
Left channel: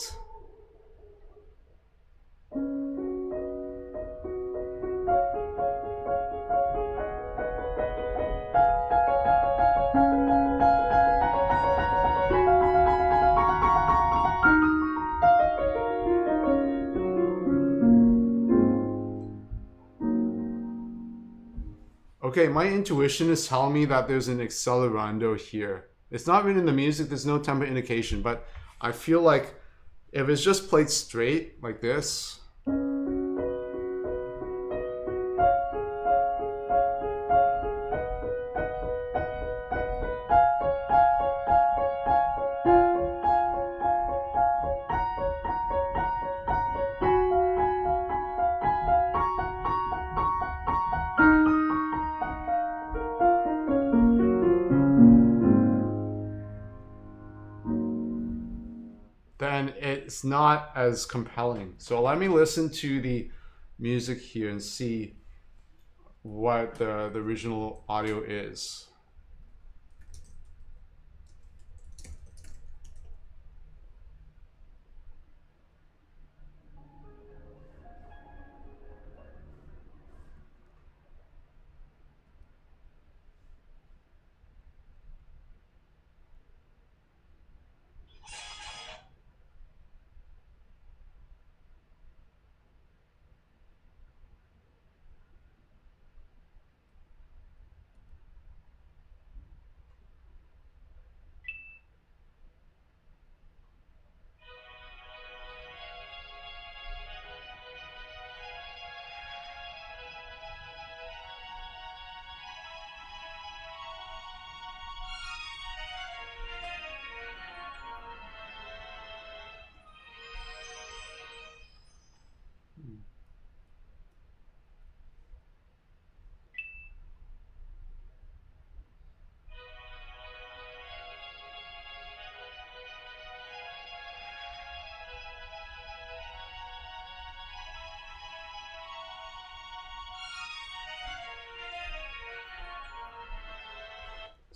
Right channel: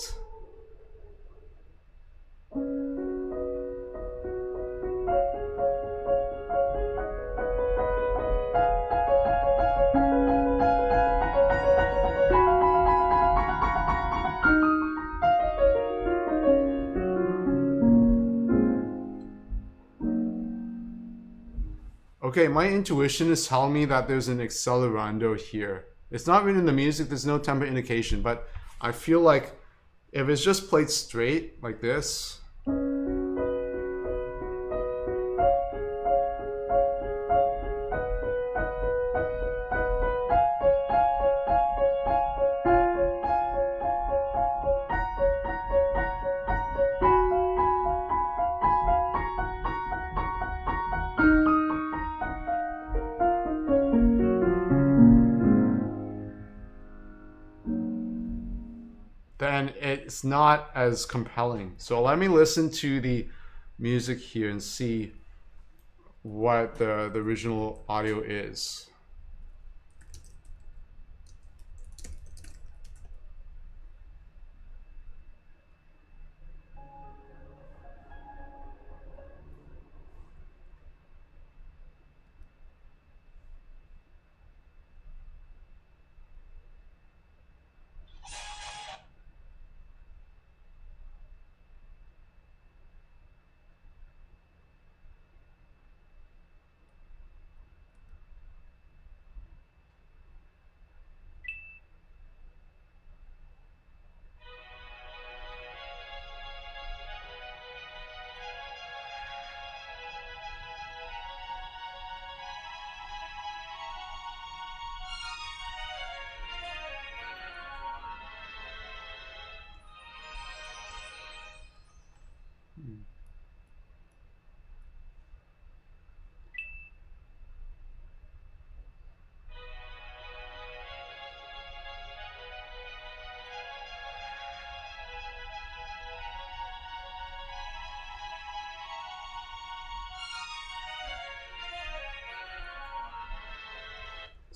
Okay, my intuition is telling me that there's an accelerando here. It's not written in the music, there's no tempo indication, but I feel like if it's just played straight like this, then it's not as compelling. So let me listen to the music here and see what the original audio is.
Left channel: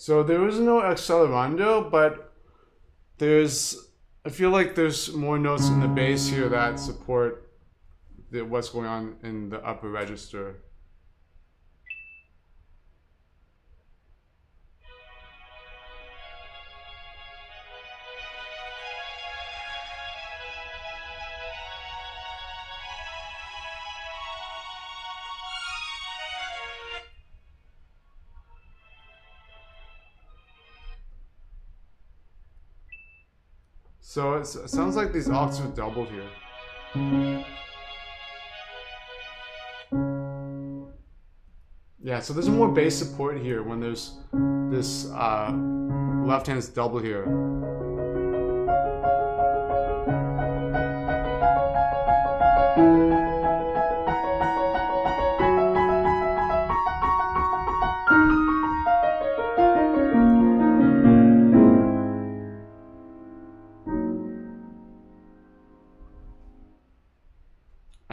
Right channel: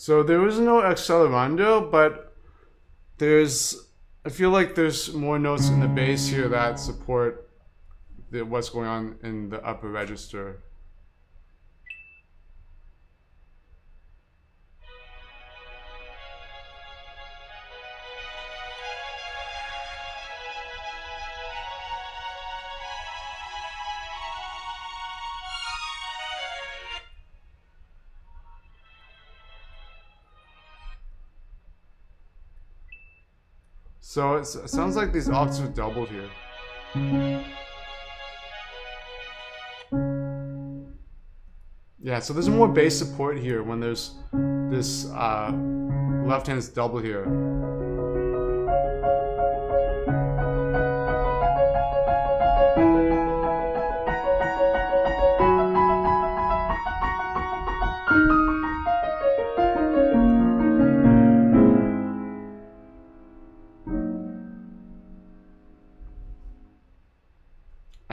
So there is no accelerando, but I feel like there's more notes in the bass here that support what's going on in the upper register. So it sounds like these octaves are doubled here. Yeah, so there's more bass support here when there's this left hand is double here.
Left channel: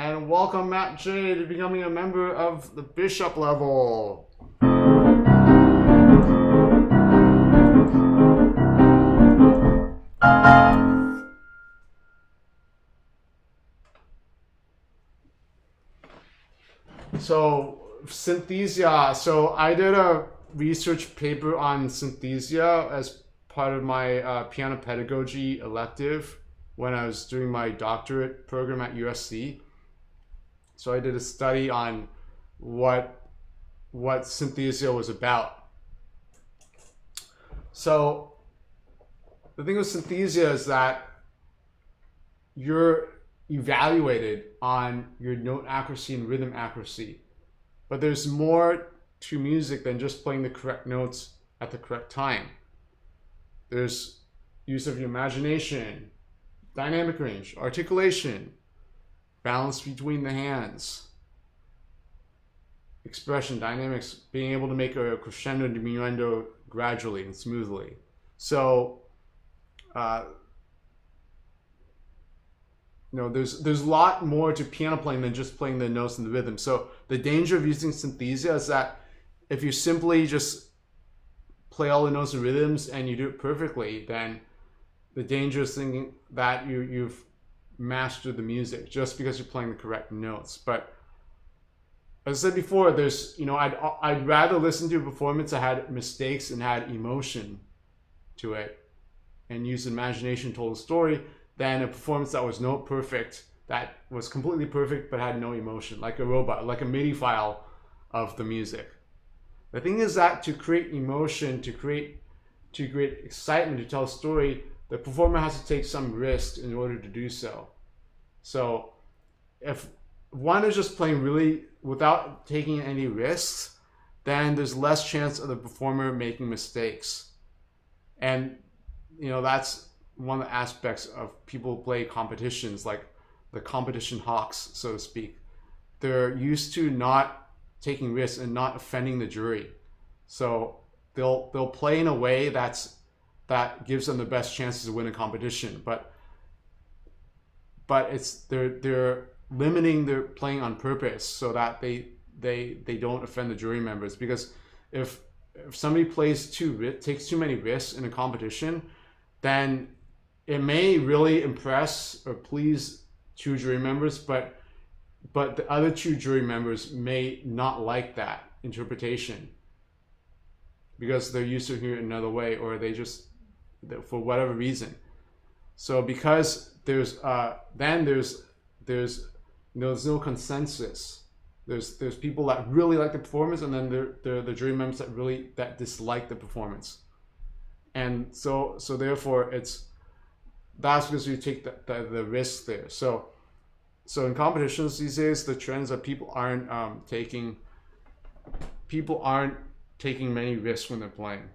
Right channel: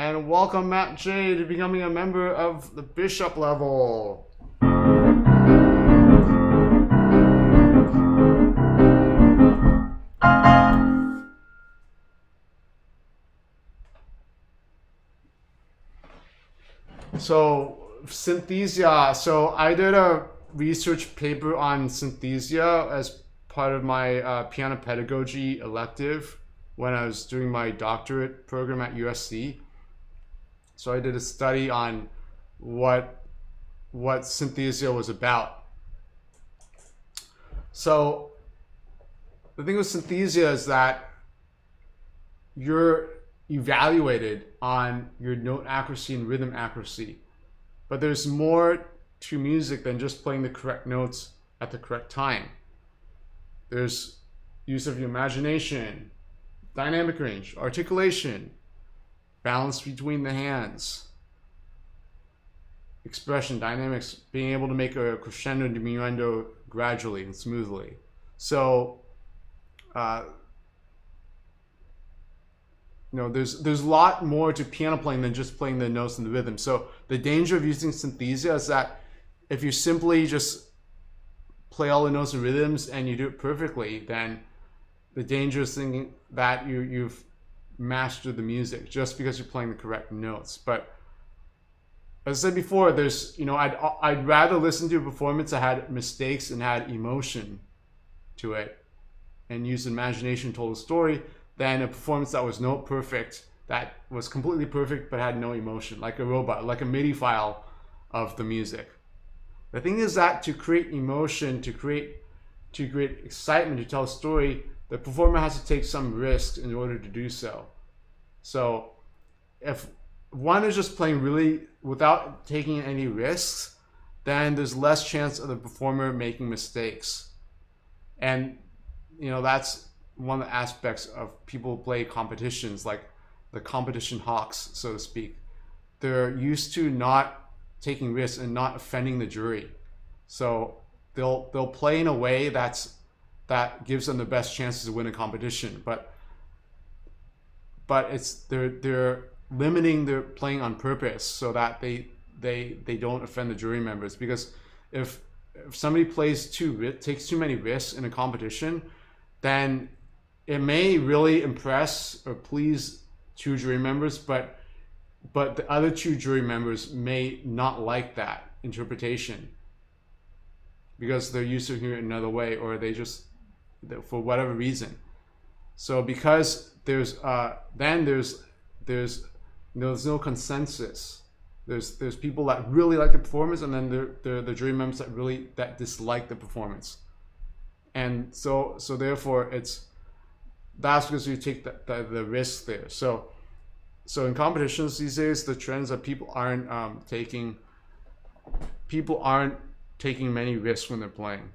And welcome Matt J to becoming a member of the Bishop level. So synesthesia. So I did a research paper on synesthesia as part of my piano pedagogy elective when I was doing my doctorate program at USC. So I did a study on what synesthesia was about. So the thing with synesthesia is that you're evaluated on your note accuracy and rhythm accuracy. But there's more to music than just playing the correct notes at the correct time. There's use of your imagination, dynamic range, articulation, balance between the hands, expression, dynamics, being able to make a crescendo and diminuendo gradually and smoothly. So, there's a lot more to piano playing than just playing the notes and the rhythm. So the danger of using synesthesia is that if you simply just play all the notes and rhythms and you do it perfectly, then the danger is thinking that you've mastered the music just because you're playing the correct notes. But as I said before, there's I'd rather listen to a performance that had mistakes and had emotion to it and used imagination, told a story, than a performance that was note perfect, that was completely perfect but had no emotion, like a robot, like a MIDI file of the music. The thing is that to create emotion, to create excitement, to tell a story, the performer has to take some risks in order to do so. So if one is just playing really without taking any risks, then there's less chance of the performer making mistakes. And that's one of the aspects of people who play competitions, like the competition hawks, so to speak. They're used to not taking risks and not offending the jury. So they'll play in a way that gives them the best chances to win a competition. But they're limiting their playing on purpose so that they don't offend the jury members. Because if somebody takes too many risks in a competition, then it may really impress or please two jury members, but the other two jury members may not like that interpretation because they're used to hearing it another way, or they just, for whatever reason. So because there's no consensus. There's people that really like the performance, and then there are the jury members that dislike the performance. And so therefore that's because you take the risk there. So in competitions these days, the trends that people aren't taking many risks when they're playing.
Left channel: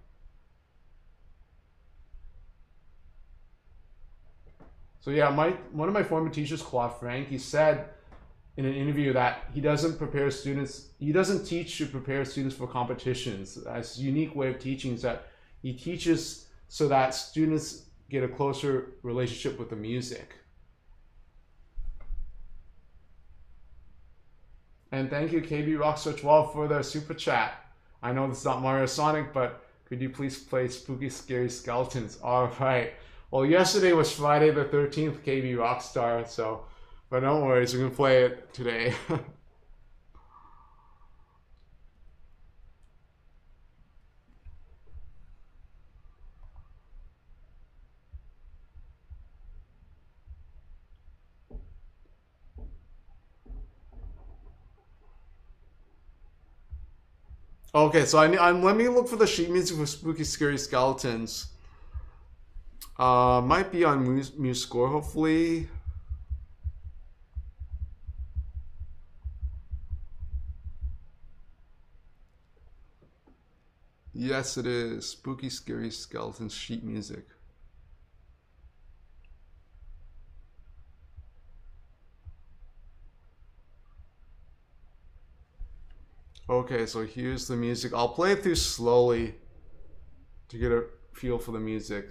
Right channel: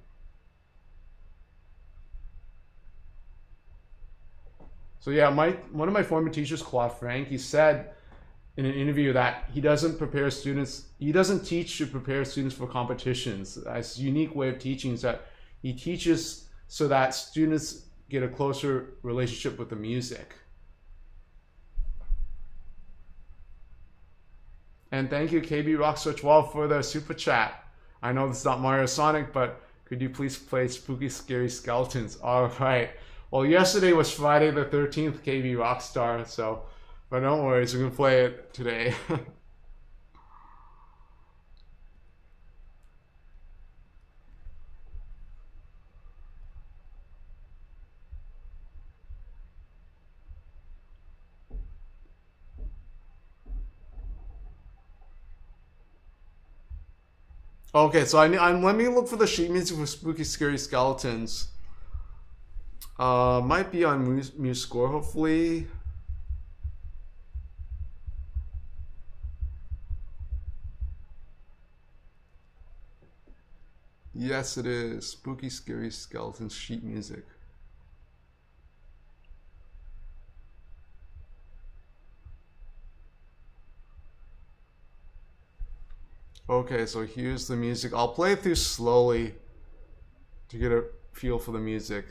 So yeah, one of my former teachers, Claude Frank, he said in an interview that he doesn't teach to prepare students for competitions. His unique way of teaching is that he teaches so that students get a closer relationship with the music. And thank you, KB Rockstar 12, for the super chat. I know this is not Mario Sonic, but Could you please play Spooky Scary Skeletons? Alright. Well, yesterday was Friday the 13th, KB Rockstar, so, but don't worry, so we can play it today. Okay, so let me look for the sheet music for Spooky Scary Skeletons. Might be on MuseScore, hopefully. Yes, it is. Spooky Scary Skeletons sheet music. Okay, so here's the music. I'll play it through slowly to get a feel for the music.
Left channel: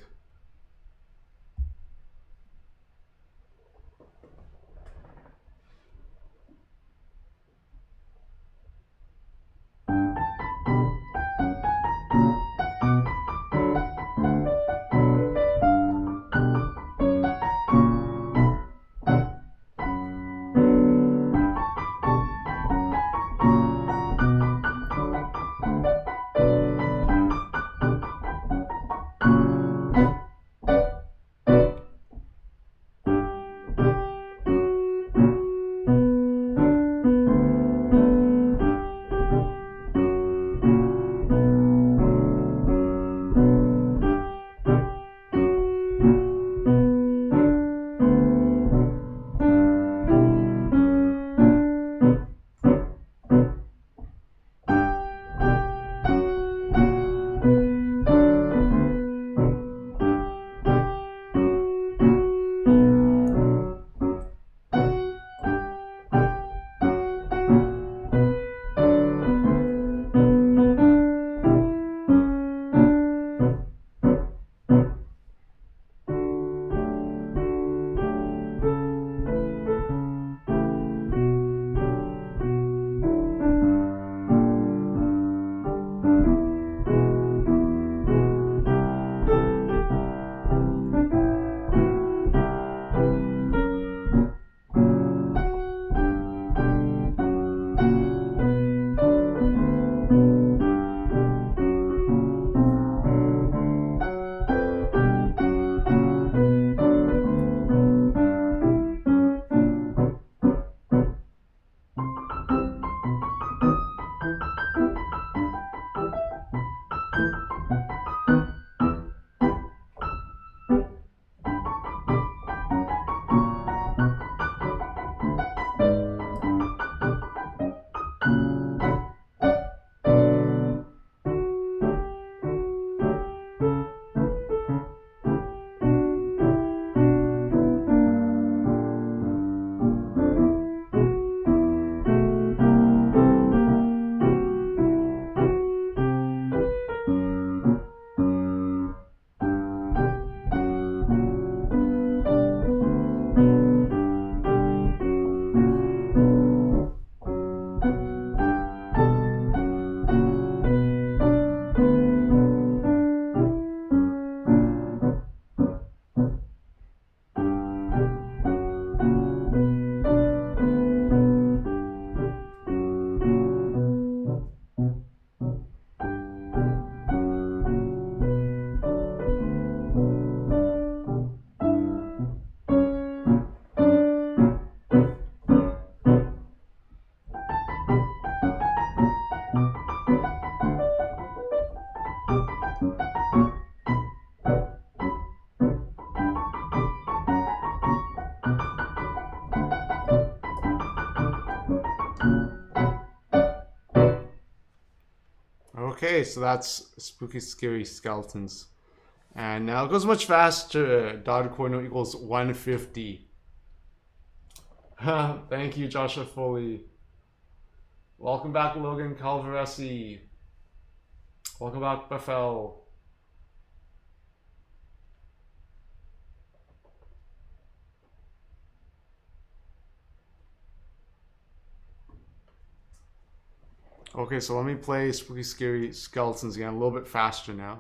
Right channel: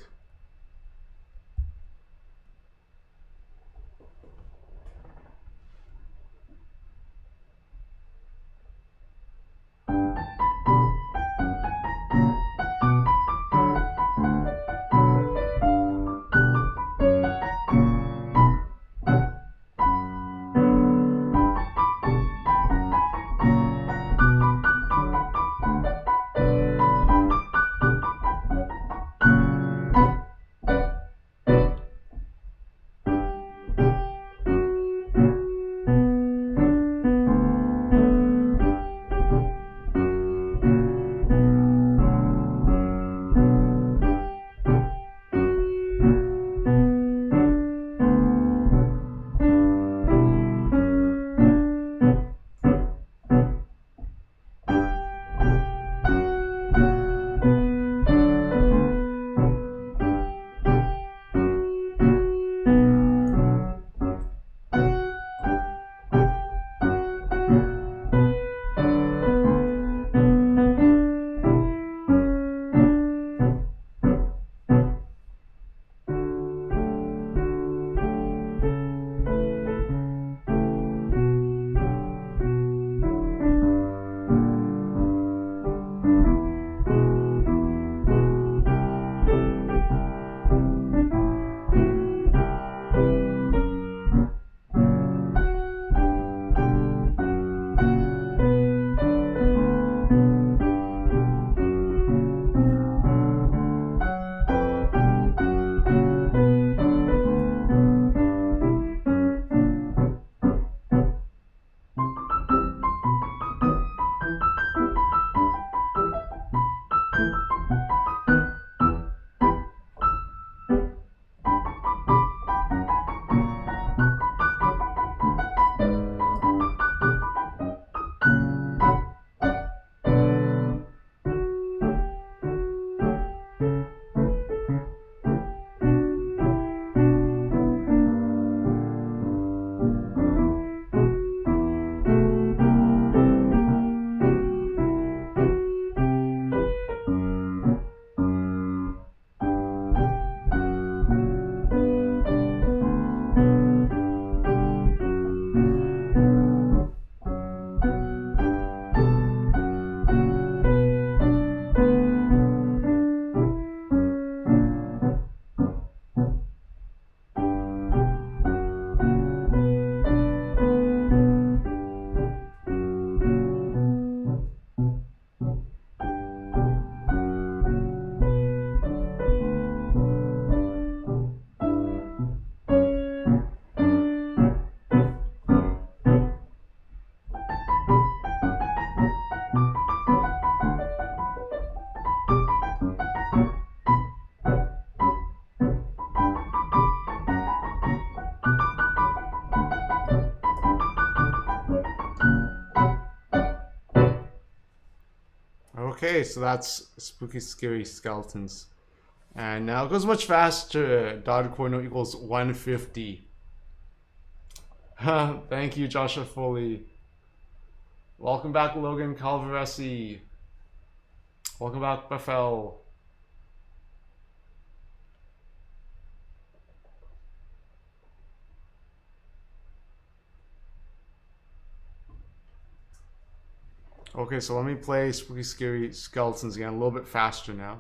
Okay, so that's Spooky Scary Skeletons. And now it goes much faster. Dot coordinate equals 150. Thank you, Joshua Foley. Welcome back, Logan Calvaresi. Welcome back, Bethel. Okay, so let me play Spooky Scary Skeletons again a little bit faster now.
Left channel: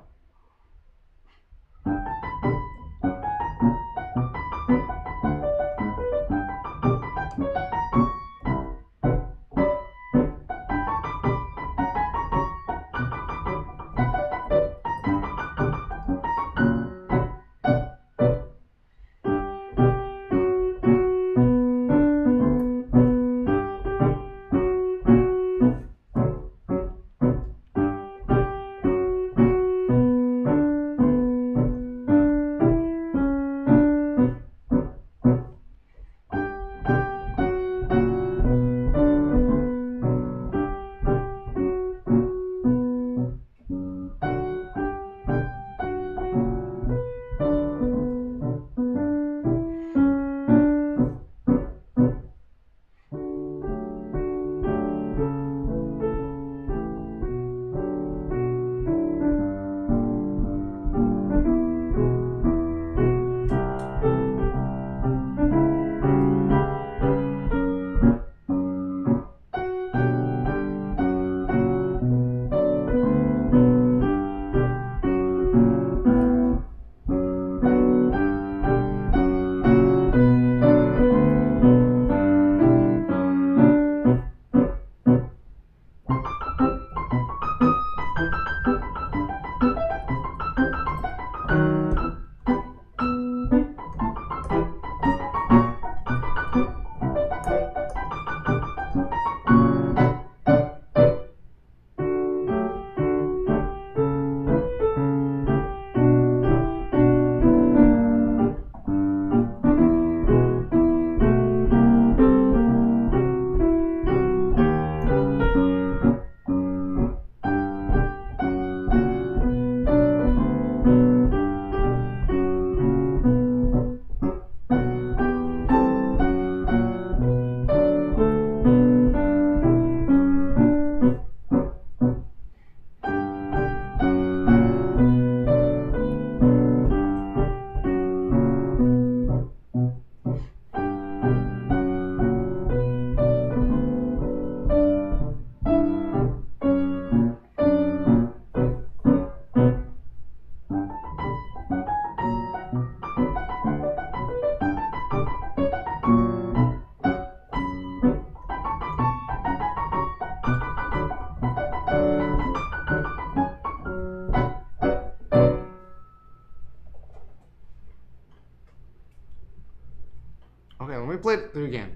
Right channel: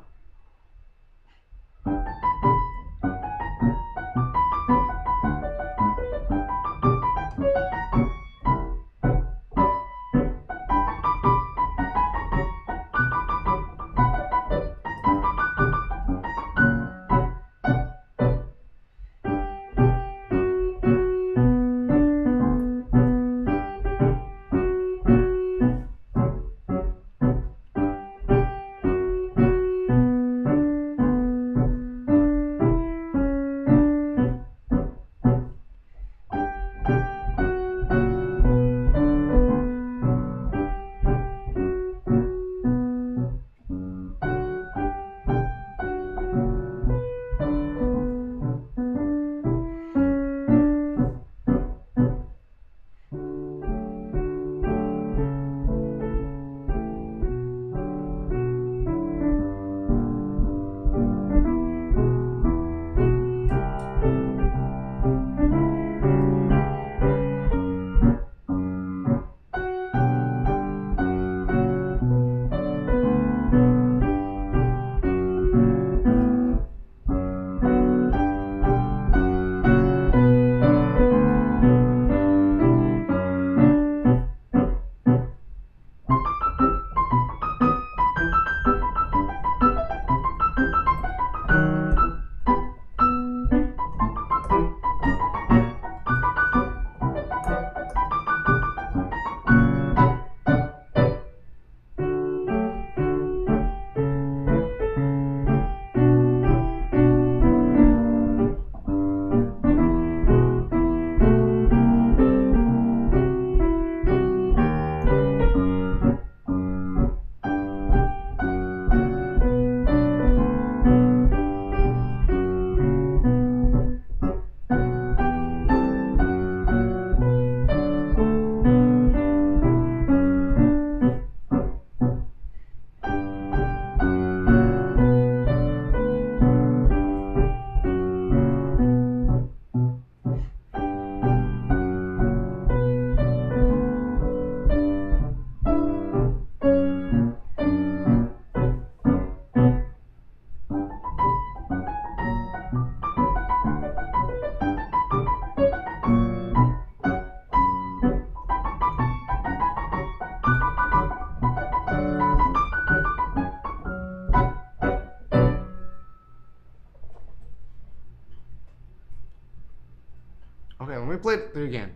Okay, let me play it through again.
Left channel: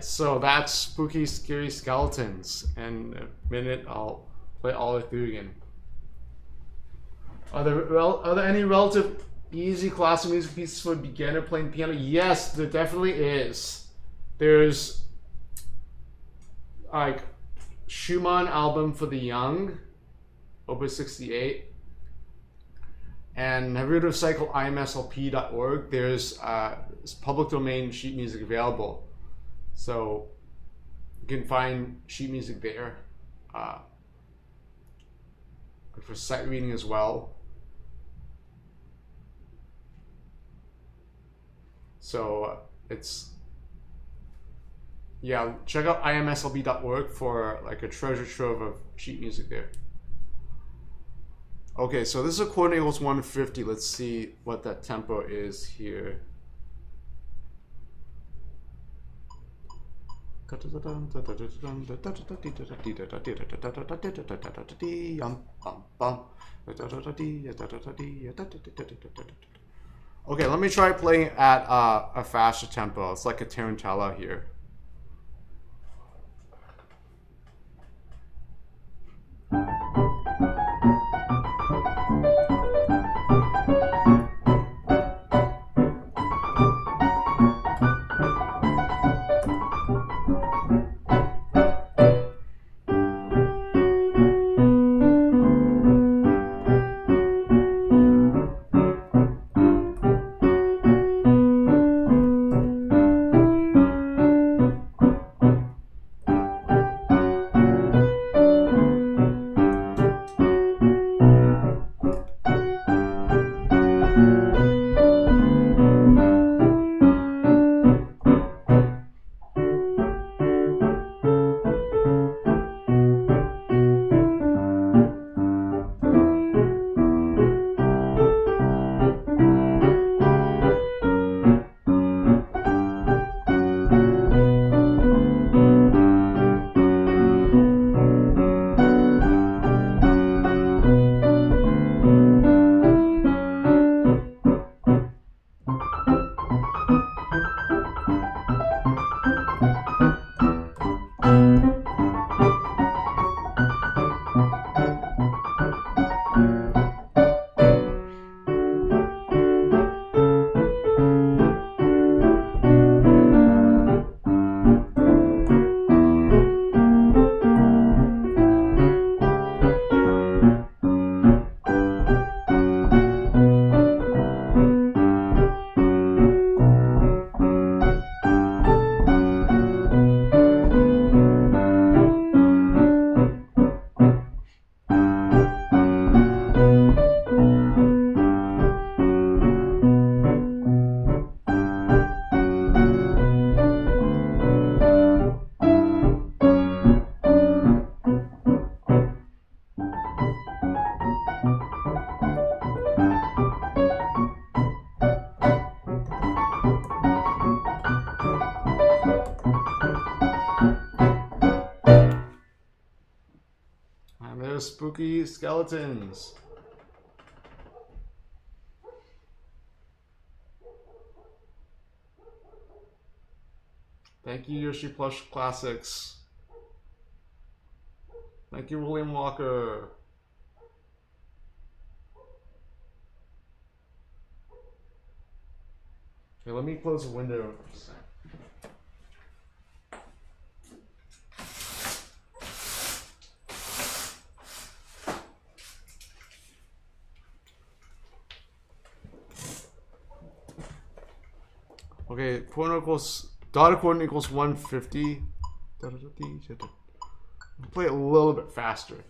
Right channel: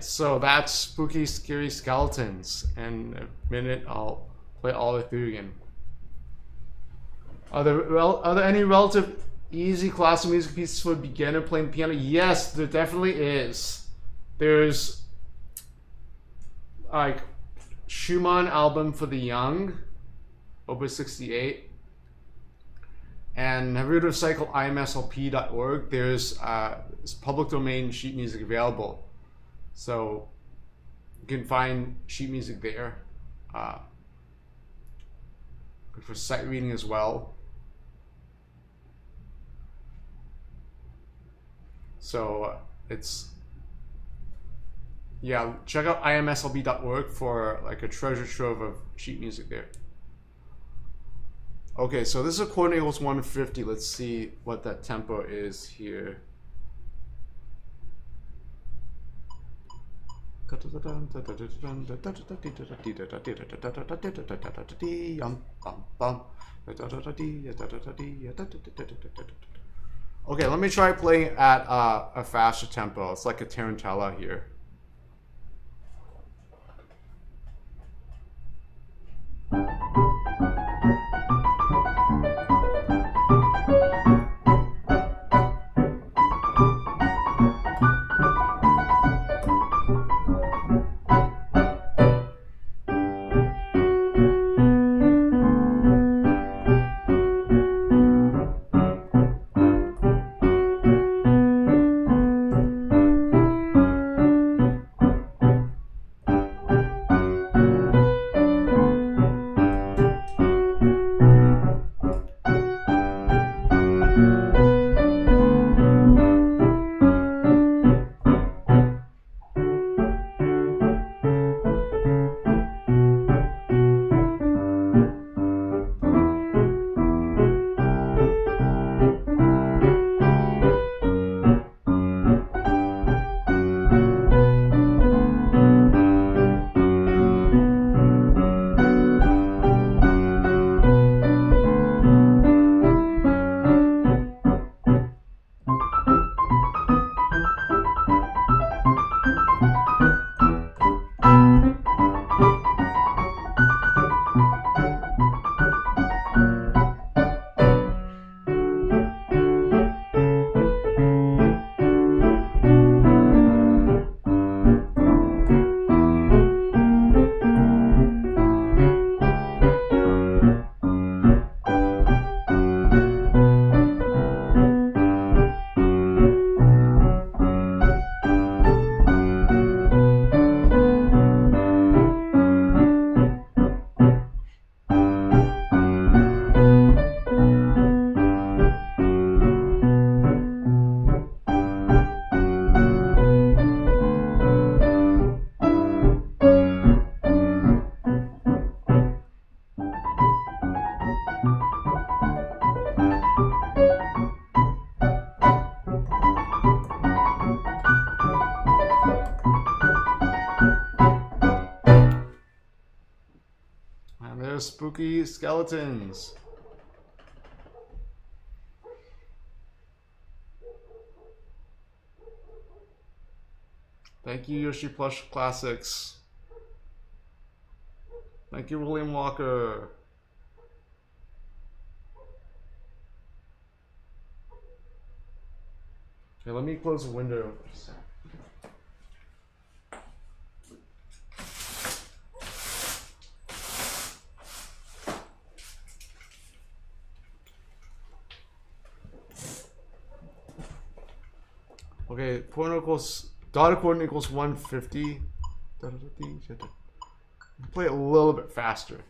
right, so that's Spooky Scary Skeletons. In a minute, I'll play all the way through again. Are there any relative easy classical music pieces for a beginner playing piano? Yes, there definitely is. There's like Schumann album for the young, Opus 68. And have you heard of a site called imslp.org? There's public domain sheet music available. So you can find sheet music there. For sight reading as well. So yeah, check out imslb.org for like a treasure trove of sheet music there. Okay, so this is a chord equals 150. Let's see what that tempo is here. Okay, let me try playing at a faster tempo. It's like a tarantella here. Spooky Skeletons. Thank you, Yoshi Plush Classics. Thank you, William Walker. Okay, let me close the window. Okay, dot coordinate equals 150. Play it a little bit faster.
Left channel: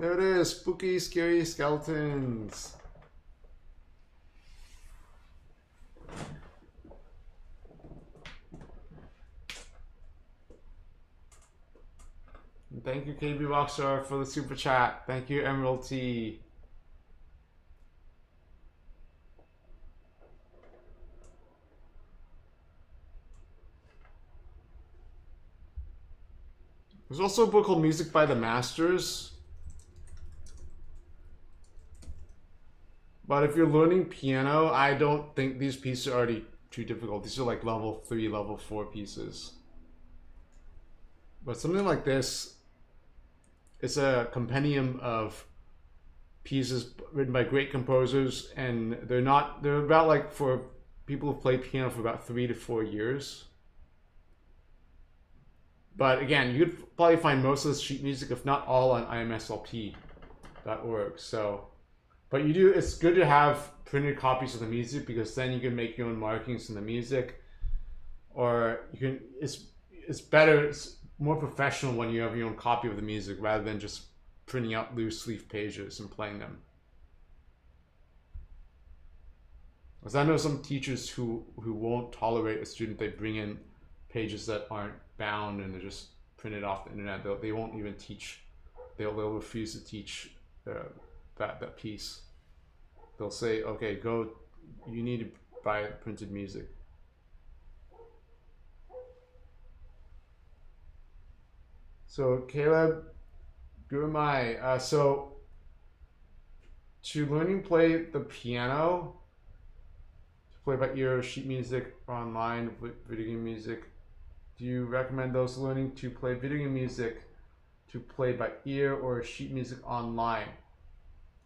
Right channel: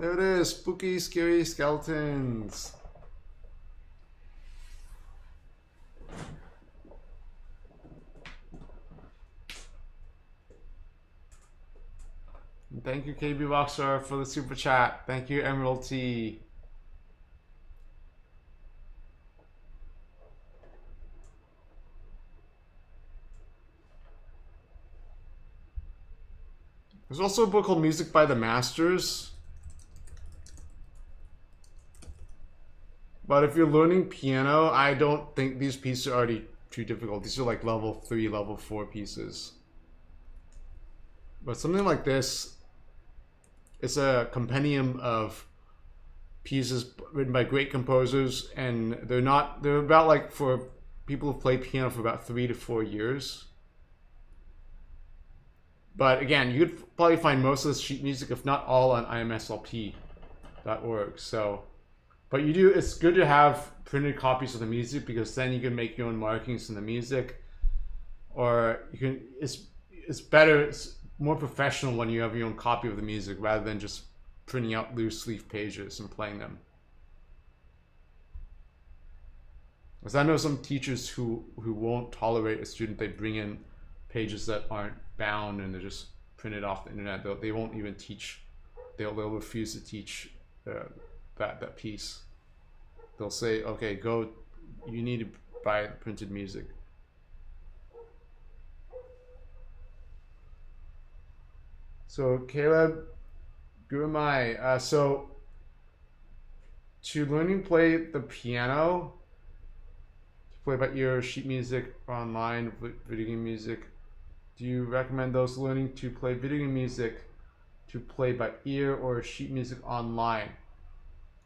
There it is, spooky, scary skeletons. Thank you, KB Rockstar, for the super chat. Thank you, Emerald T. There's also a book called Music by the Masters. But if you're learning piano, I don't think these pieces are already too difficult. These are like level 3, level 4 pieces. But something like this, it's a compendium of pieces written by great composers, and they're about like for people who play piano for about 3 to 4 years. But again, you could probably find most of the sheet music, if not all, on imslp.org. So, but it's good to have printed copies of the music, because then you can make your own markings in the music, or you can. It's better. It's more professional when you have your own copy of the music rather than just printing out loose leaf pages and playing them. Because I know some teachers who won't tolerate a student, they bring in pages that aren't bound and they're just printed off the internet. They won't even teach. They'll refuse to teach that piece. They'll say, okay, go, you need to buy printed music. So Caleb Gurumai, so to learning play the piano, to play by ear, sheet music, online, video game music, do you recommend those learning to play video game music to play by ear or sheet music online?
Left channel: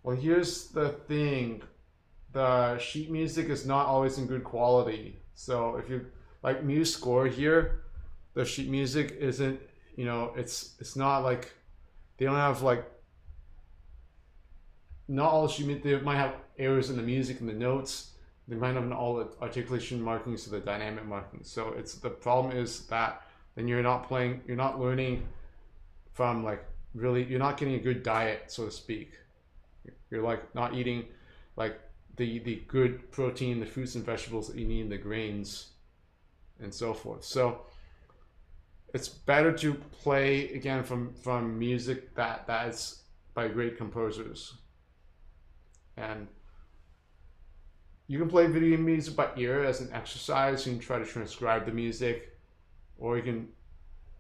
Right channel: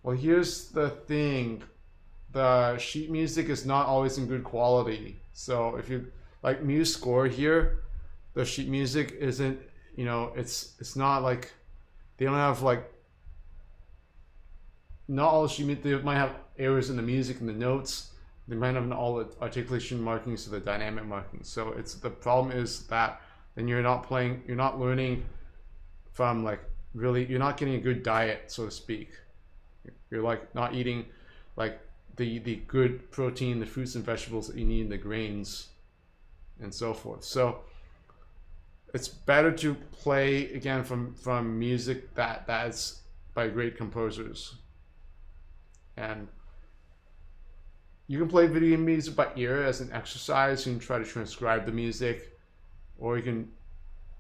Well, here's the thing. The sheet music is not always in good quality. So if you like Muse Score here, the sheet music isn't, it's not like, they don't have like, not all sheet music, they might have errors in the music and the notes. They might have all the articulation markings or the dynamic markings. So the problem is that then you're not learning from like really, you're not getting a good diet, so to speak. You're like not eating like the good protein, the fruits and vegetables that you need, the grains and so forth. So it's better to play again from music that is by great composers. And you can play video game music by ear as an exercise. You can try to transcribe the music, or you can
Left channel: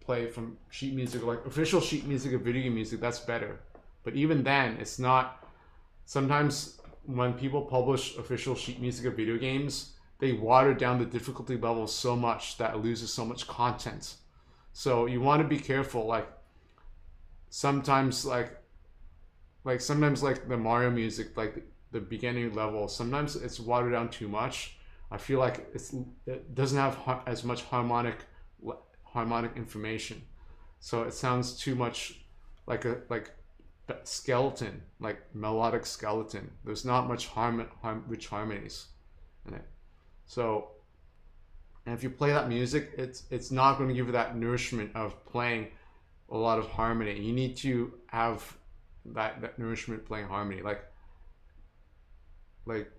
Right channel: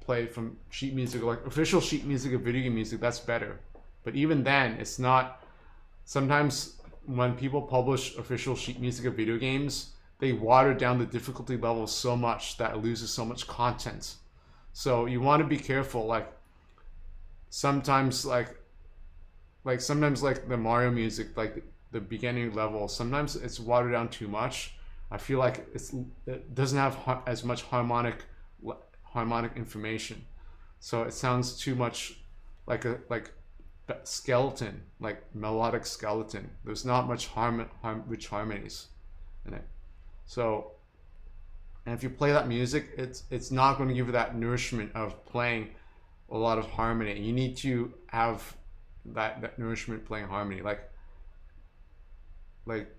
play from sheet music, like official sheet music of video game music. That's better. But even then, it's not. Sometimes when people publish official sheet music of video games, they water down the difficulty level so much that it loses so much content. So you want to be careful. Like sometimes like the Mario music, like the beginning level, sometimes it's watered down too much. I feel like it doesn't have as much harmonic information, so it sounds too much like a skeleton, like melodic skeleton. There's not much rich harmonies in it. So, and if you play that music, it's not going to give you that nourishment of playing a lot of harmony. You need to have that nourishment playing harmony, like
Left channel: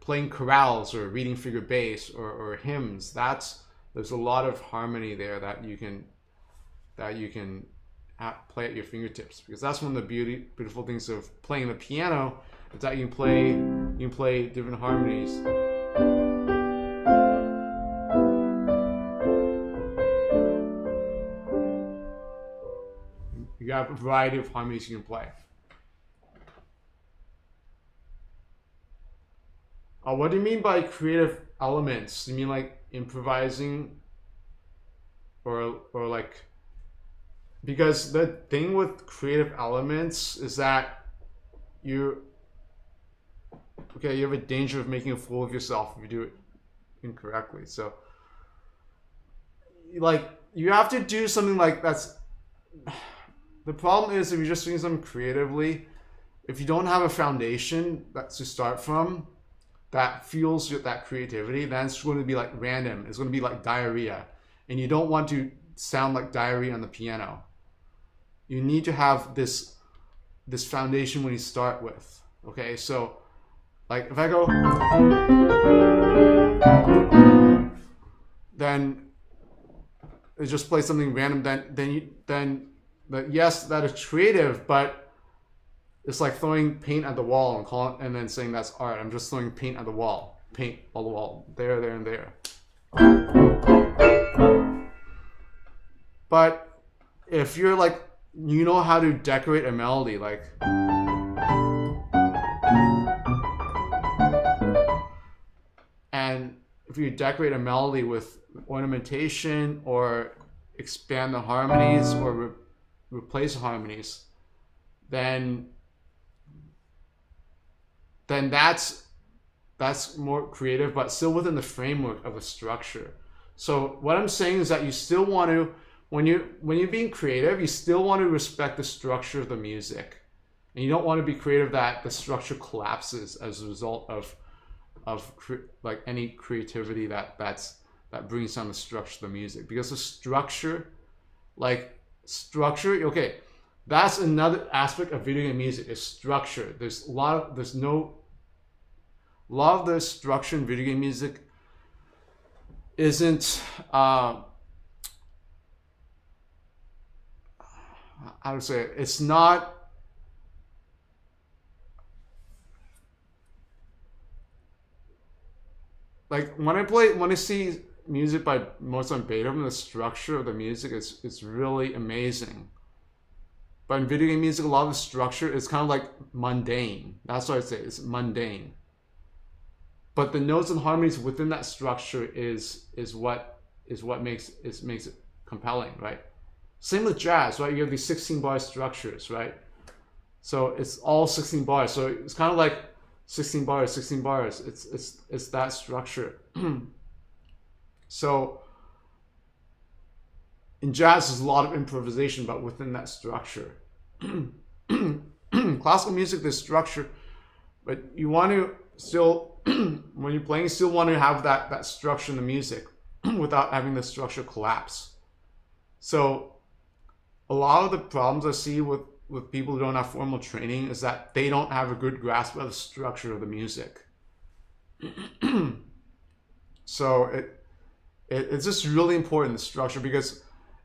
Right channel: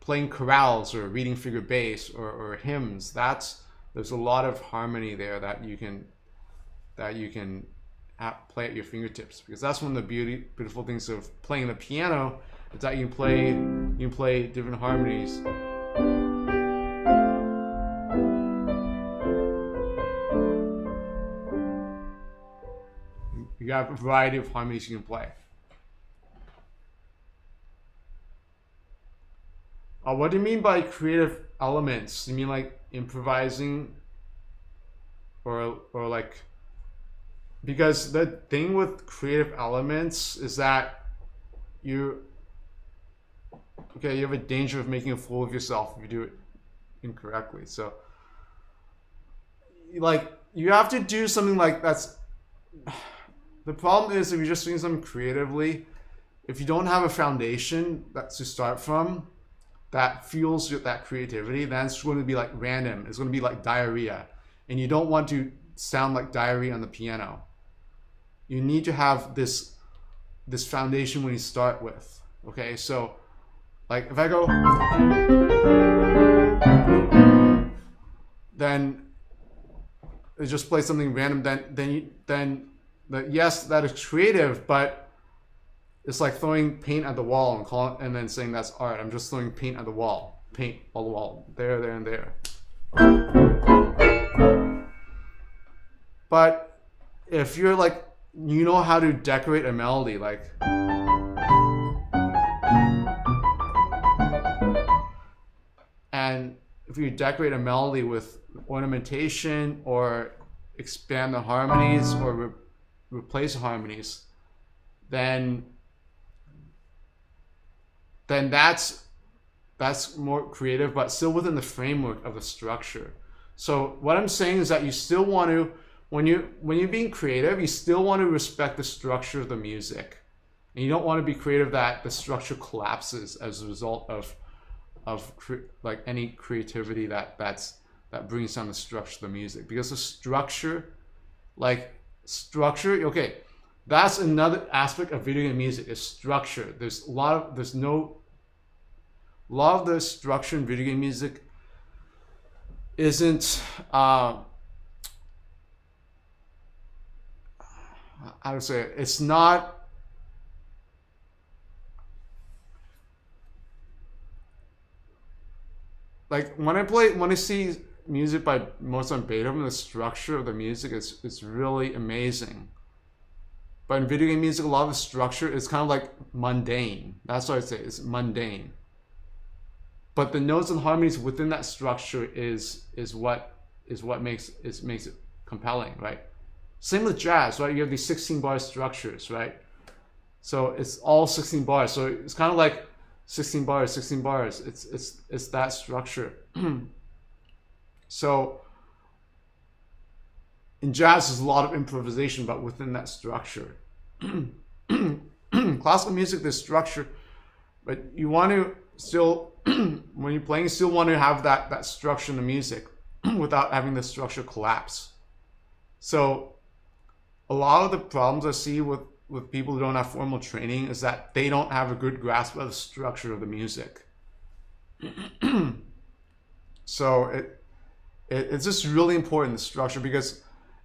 playing chorales or reading figure bass or hymns. There's a lot of harmony there that you can play at your fingertips, because that's one of the beautiful things of playing the piano, is that you can play different harmonies. You have a variety of harmonies you can play. What do you mean by creative elements? Do you mean like improvising, or like, because the thing with creative elements is that you have a danger of making a fool of yourself if you do it incorrectly. So like you have to do something like that's. The problem is, if you're just doing something creatively, if you don't have a foundation that's to start from that fuels that creativity, then it's going to be like random. It's going to be like diarrhea, and you don't want to sound like diarrhea on the piano. You need to have this this foundation when you start with. Okay, so like if I go, then it just plays something random. Then yes, that is creative, but it's like throwing paint at the wall and then saying that's art. I'm just throwing paint at the wall, paint on the wall, there, and there. But if you're like, you know how to decorate a melody, like and if you decorate a melody with ornamentation or expand the harmonies or replace harmonies, then that's more creative, but still within the framework of the structure. So what I'm saying is that you still want to, when you're being creative, you still want to respect the structure of the music, and you don't want to be creative that the structure collapses as a result of like any creativity that brings down the structure of the music, because the structure, okay, that's another aspect of video game music is structure. There's a lot of the structure in video game music isn't how to say it. It's not like when I see music by Mozart and Beethoven, the structure of the music is really amazing. But in video game music, a lot of the structure is kind of like mundane. That's what I'd say. It's mundane. But the notes and harmonies within that structure is what makes it compelling, right? Same with jazz, right? You have these 16-bar structures, right? So it's all 16 bars. So it's kind of like 16 bars. It's that structure. So in jazz, there's a lot of improvisation, but within that structure. Classical music, there's structure, but you want to still, when you're playing, you still want to have that structure in the music without having the structure collapse. So a lot of the problems I see with people who don't have formal training is that they don't have a good grasp of the structure of the music. So it's just really important, the structure, because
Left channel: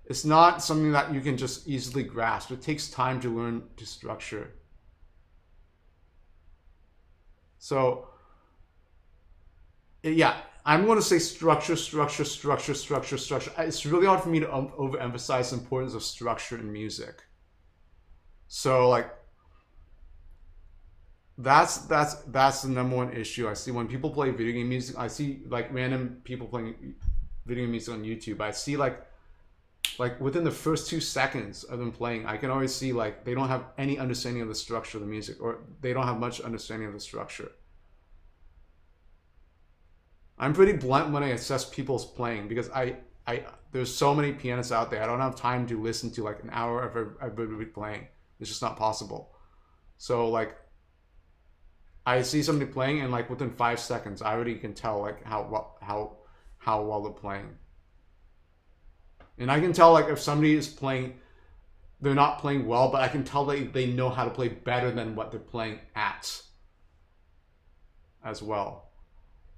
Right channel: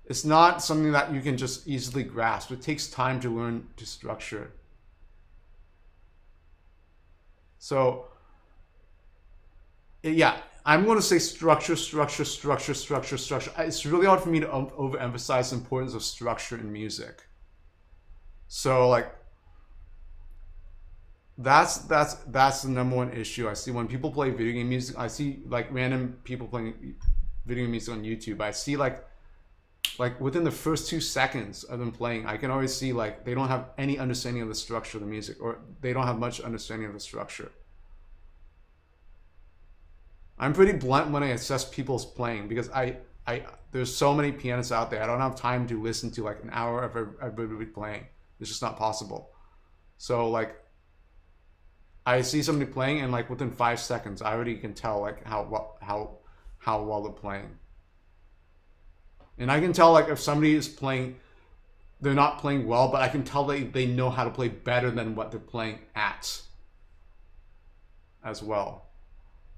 it's not something that you can just easily grasp. It takes time to learn to structure. So yeah, I'm going to say structure. It's really hard for me to overemphasize the importance of structure in music. So like that's the number one issue I see when people play video game music. I see like random people playing video game music on YouTube. I see like within the first 2 seconds of them playing, I can already see like they don't have any understanding of the structure of the music, or they don't have much understanding of the structure. I'm pretty blunt when I assess people's playing, because there's so many pianists out there. I don't have time to listen to like an hour of everybody playing. It's just not possible. So like I see somebody playing, and like within 5 seconds, I already can tell like how well they're playing. And I can tell like if somebody is playing, they're not playing well, but I can tell they know how to play better than what they're playing at as well.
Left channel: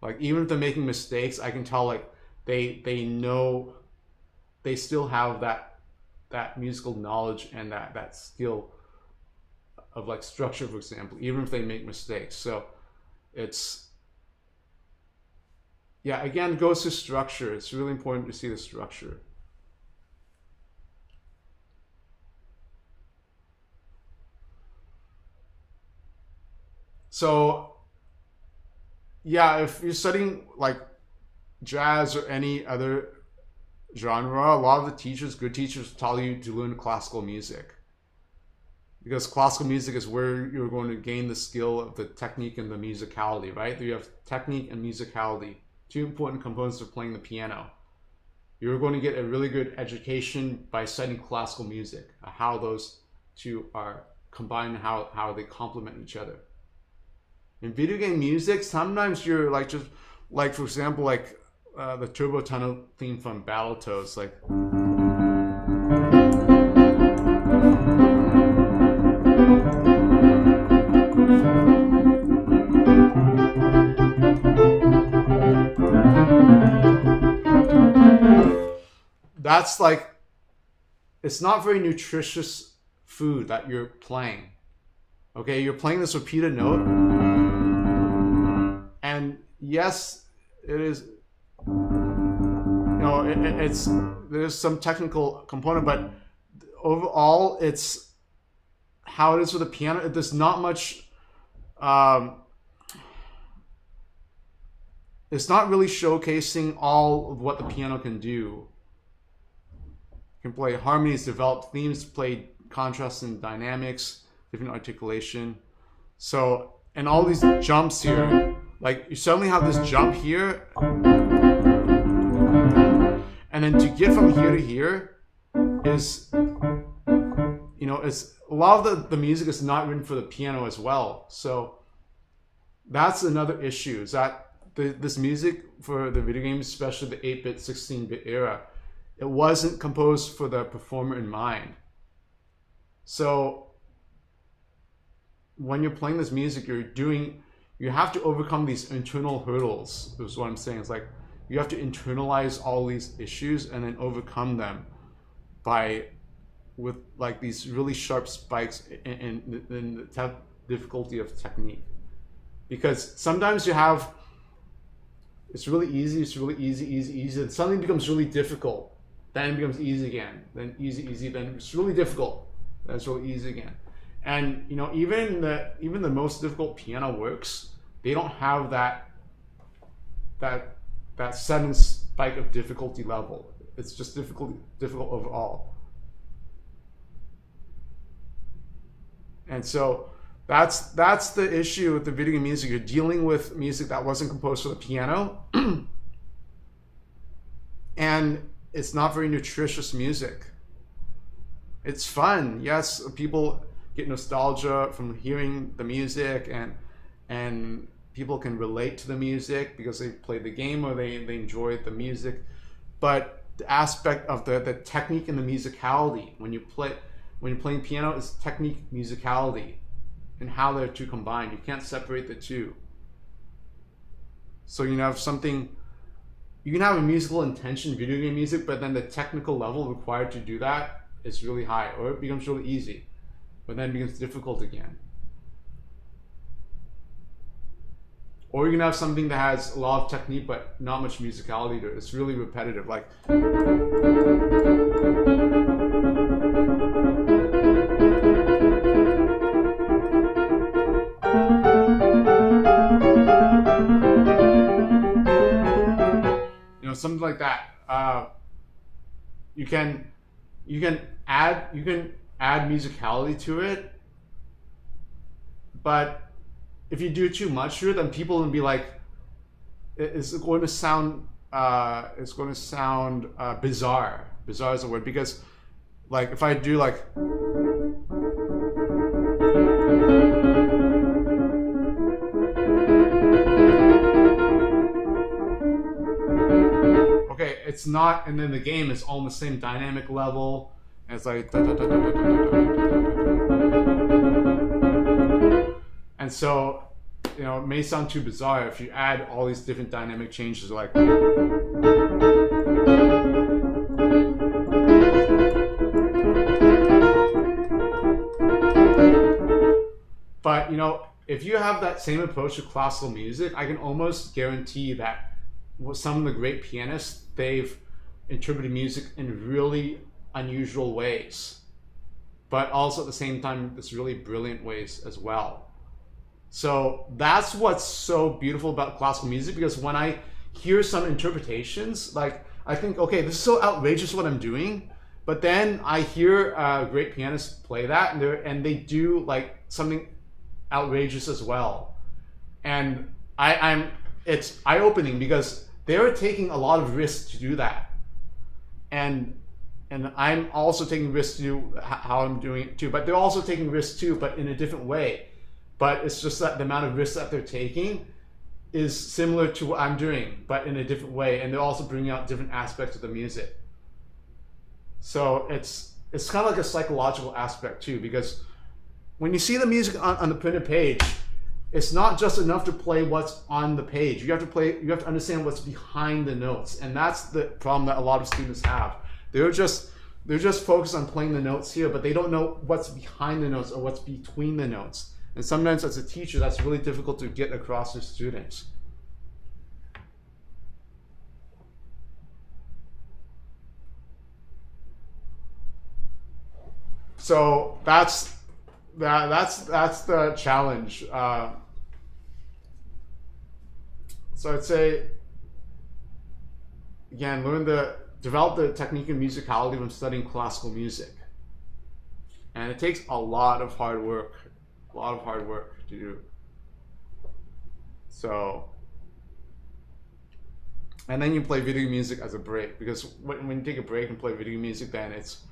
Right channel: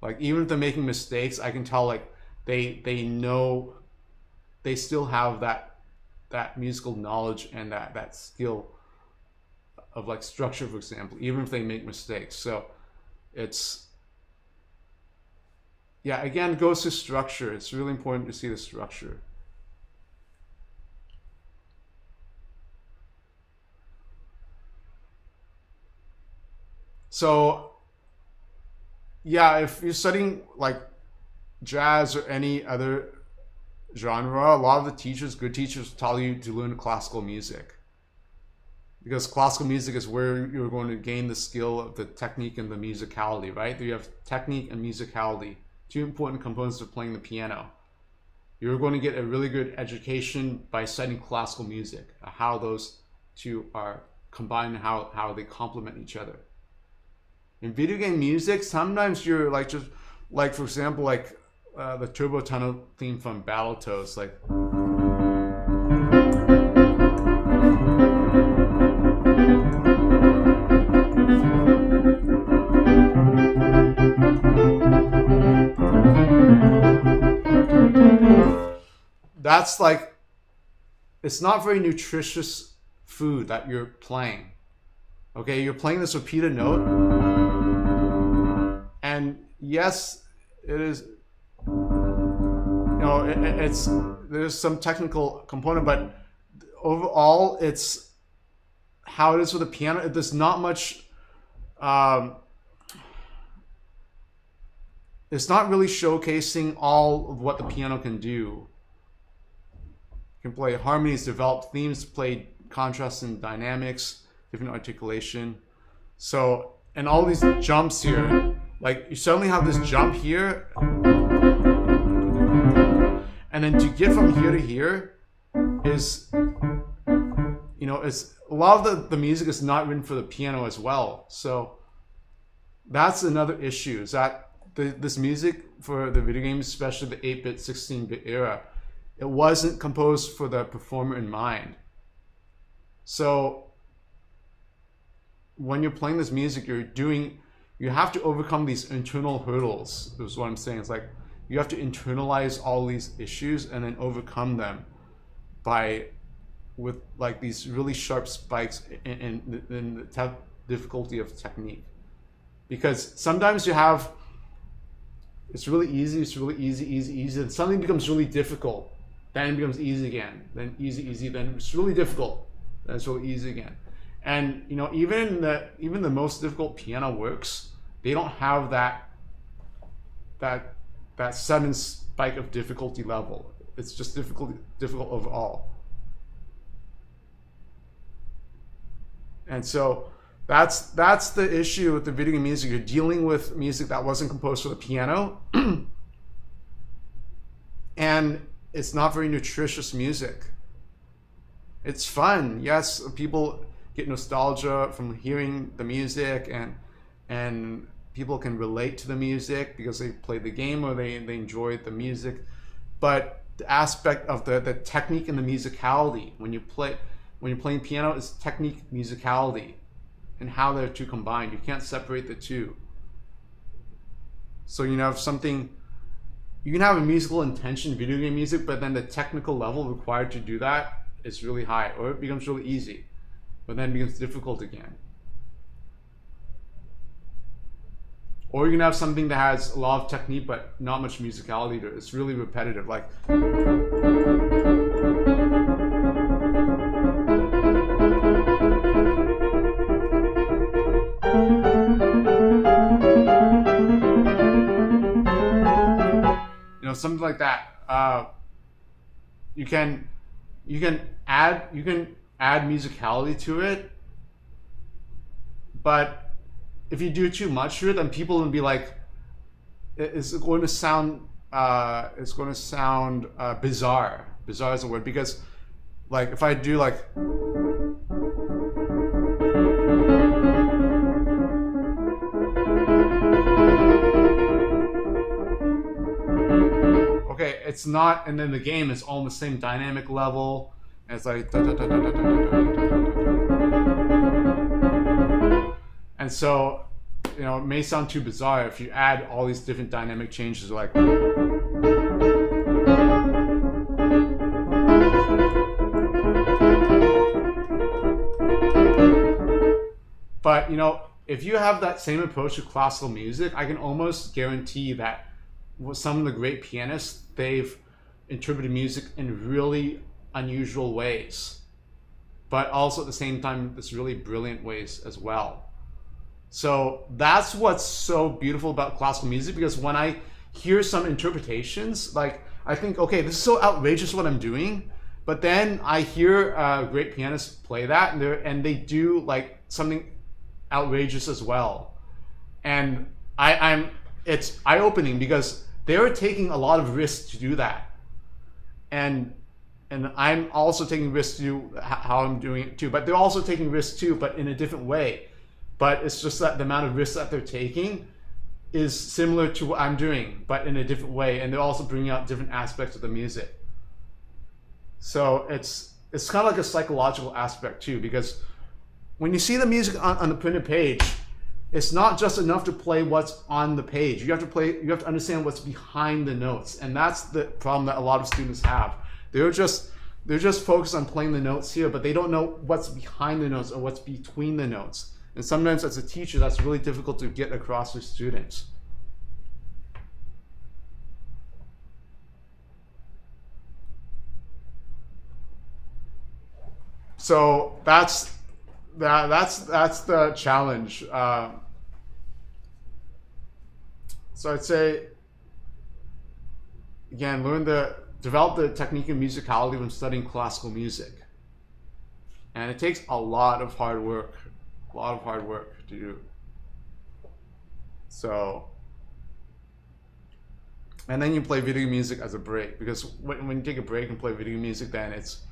Like even if they're making mistakes, I can tell like they know, they still have that musical knowledge and that skill of like structure, for example, even if they make mistakes. So it's, yeah, again, it goes to structure. It's really important to see the structure. So yeah, if you're studying like jazz or any other genre, a lot of the teachers, good teachers, tell you to learn classical music, because classical music is where you're going to gain the skill of the technique and the musicality, right? You have technique and musicality, two important components of playing the piano. You're going to get a really good education by studying classical music, how those two are combined, how they complement each other. In video game music, sometimes you're like, just like, for example, like the Turbo Tunnel theme from Battletoads, like that's like, it's not very nutritious food that you're playing. Okay, you're playing this repeated note, and yes, it is, it's, there's some technical component, but overall, it's how it is with the piano. There's not much, it's not really showcasing all of what the piano can do. You can play harmonies, develop themes, play contrasts and dynamics, different articulation. So, and all these jumps here, like you suddenly have this jump here, and then to get from here to here is, it's a lot of the music is not written for the piano as well. So that's another issue, is that this music for the video games, especially the 8-bit, 16-bit era, it wasn't composed for the performer in mind. So when you're playing this music, you have to overcome these internal hurdles, is what I'm saying. It's like you have to internalize all these issues and then overcome them with like these really sharp spikes in the difficulty of technique. Because sometimes it's really easy, and suddenly it becomes really difficult. Then it becomes easy again, then easy, then it's really difficult, then it's really easy again. And even the most difficult piano works, they don't have that sudden spike of difficulty level. It's just difficult overall. And so that's the issue with the video game music. You're dealing with music that wasn't composed for the piano, and it's not very nutritious music. It's fun, yes, people get nostalgia from hearing the music, and people can relate to the music because they played the game or they enjoyed the music. But the aspect of the technique and the musicality when you're playing piano is technique, musicality, and how they're two combined. You can't separate the two. So you can have a musical intention, video game music, but then the technical level required to do that is really high, or it becomes really easy, but then it becomes difficult again. Or you can have something that has a lot of technique but not much musicality to it. It's really repetitive, like something like that. You can add musicality to it, but if you do too much to it, then people will be like, it's going to sound bizarre. Bizarre is a word, because like if I do like it's not, and then the game is all on the same dynamic level, and it's like and so it may sound too bizarre if you add all these different dynamic changes, like but if you have that same approach to classical music, I can almost guarantee that some of the great pianists, they've interpreted music in really unusual ways, but also at the same time, this really brilliant ways as well. So that's what's so beautiful about classical music, because when I hear some interpretations, like I think, okay, this is so outrageous what I'm doing, but then I hear a great pianist play that, and they do like something outrageous as well, and it's eye-opening because they're taking a lot of risks to do that, and I'm also taking risks to do how I'm doing it too. But they're also taking risks too, but in a different way. But it's just that the amount of risks that they're taking is similar to what I'm doing, but in a different way, and they're also bringing out different aspects of the music. So it's kind of like a psychological aspect too, because when you see the music on the printed page, it's not just enough to play what's on the page. You have to understand what's behind the notes. And that's the problem that a lot of students have. they're just focused on playing the notes here, but they don't know what's behind the notes or what's between the notes. And sometimes as a teacher, that's really difficult to get across to students. So that's the challenge. So I'd say, again, develop the technique of musicality from studying classical music. And it takes a lot of hard work to do. So, and then you play video music as a break, because when you take a break and play video music, then it's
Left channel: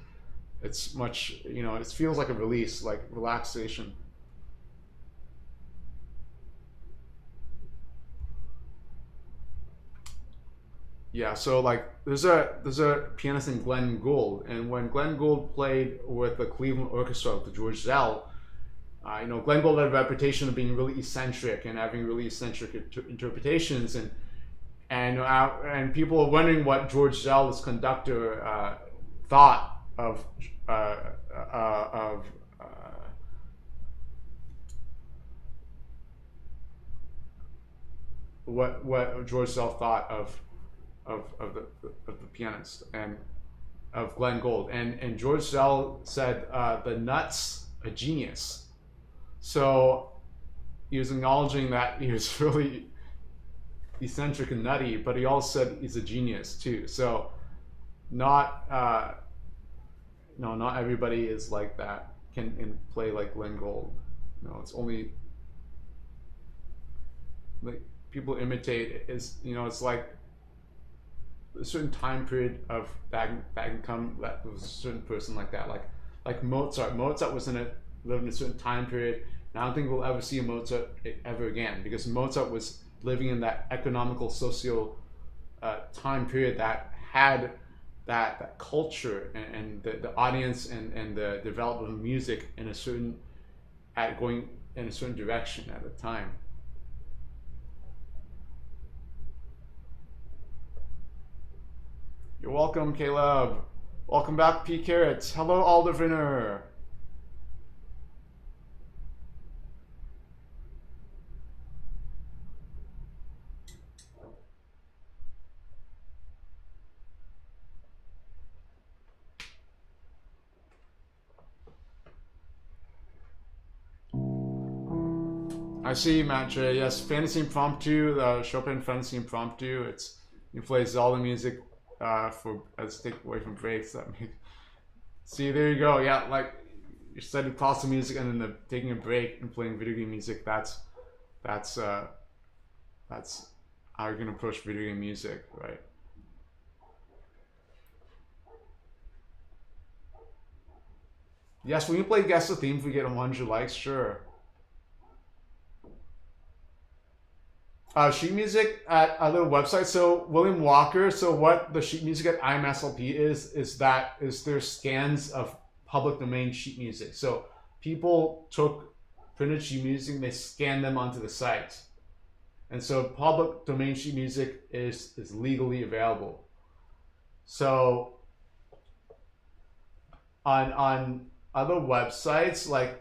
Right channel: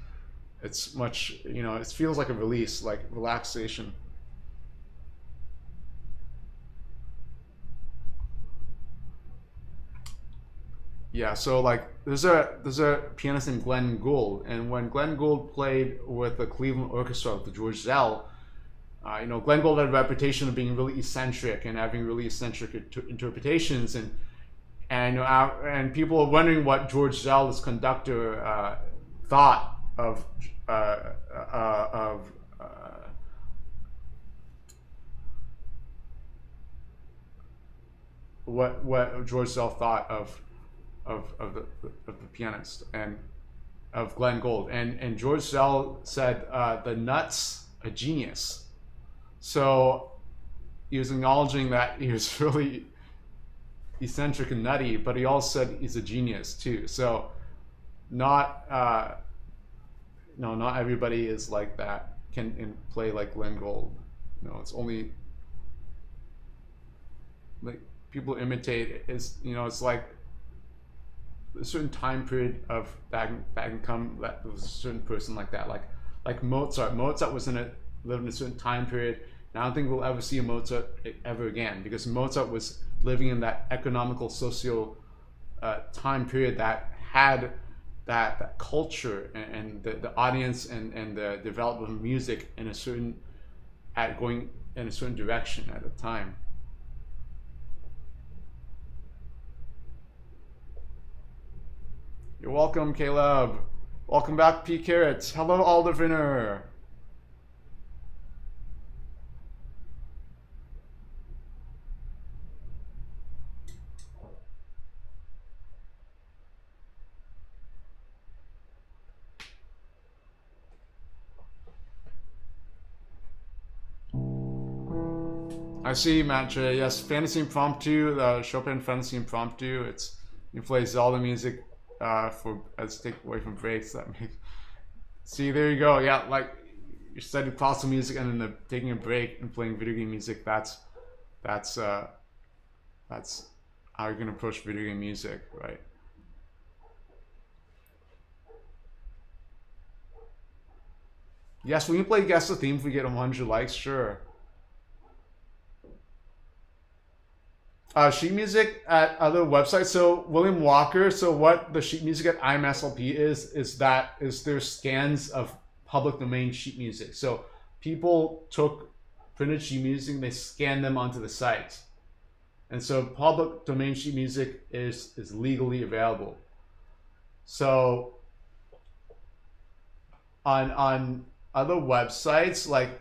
much, it feels like a release, like relaxation. Yeah, so like there's a pianist named Glenn Gould, and when Glenn Gould played with the Cleveland Orchestra with George Zell, Glenn Gould had a reputation of being really eccentric and having really eccentric interpretations, and people are wondering what George Zell, this conductor, thought of what George Zell thought of the pianist and of Glenn Gould, and George Zell said the nut's a genius. So he was acknowledging that he was really eccentric and nutty, but he also said he's a genius too. So not everybody is like that, can play like Glenn Gould. It's only like people imitate. It's like a certain time period of that can come, that there was a certain person like that, like Mozart. Mozart lived in a certain time period, and I don't think we'll ever see a Mozart ever again, because Mozart was living in that economical, socio time period that had that culture and the audience and the development of music going in a certain direction at the time. You're welcome, Caleb. Welcome back, P. Carrots. Hello, Aldervinner. I see, Matt J. Yes, Fantasy Impromptu, Chopin Fantasy Impromptu. You play Zelda music as take away from breaks. See, there you go. Yeah, like you studied classical music and then taking a break and playing video game music. That's how you're gonna approach video game music, right? Yes, when you play Guess the Theme, if we get 100 likes, sure. Sheet music at other websites. So William Walker. So what the sheet music at IMSLP is their scans of public domain sheet music. So people took printed sheet music and they scanned them onto the site, and so public domain sheet music is legally available. So on other websites, like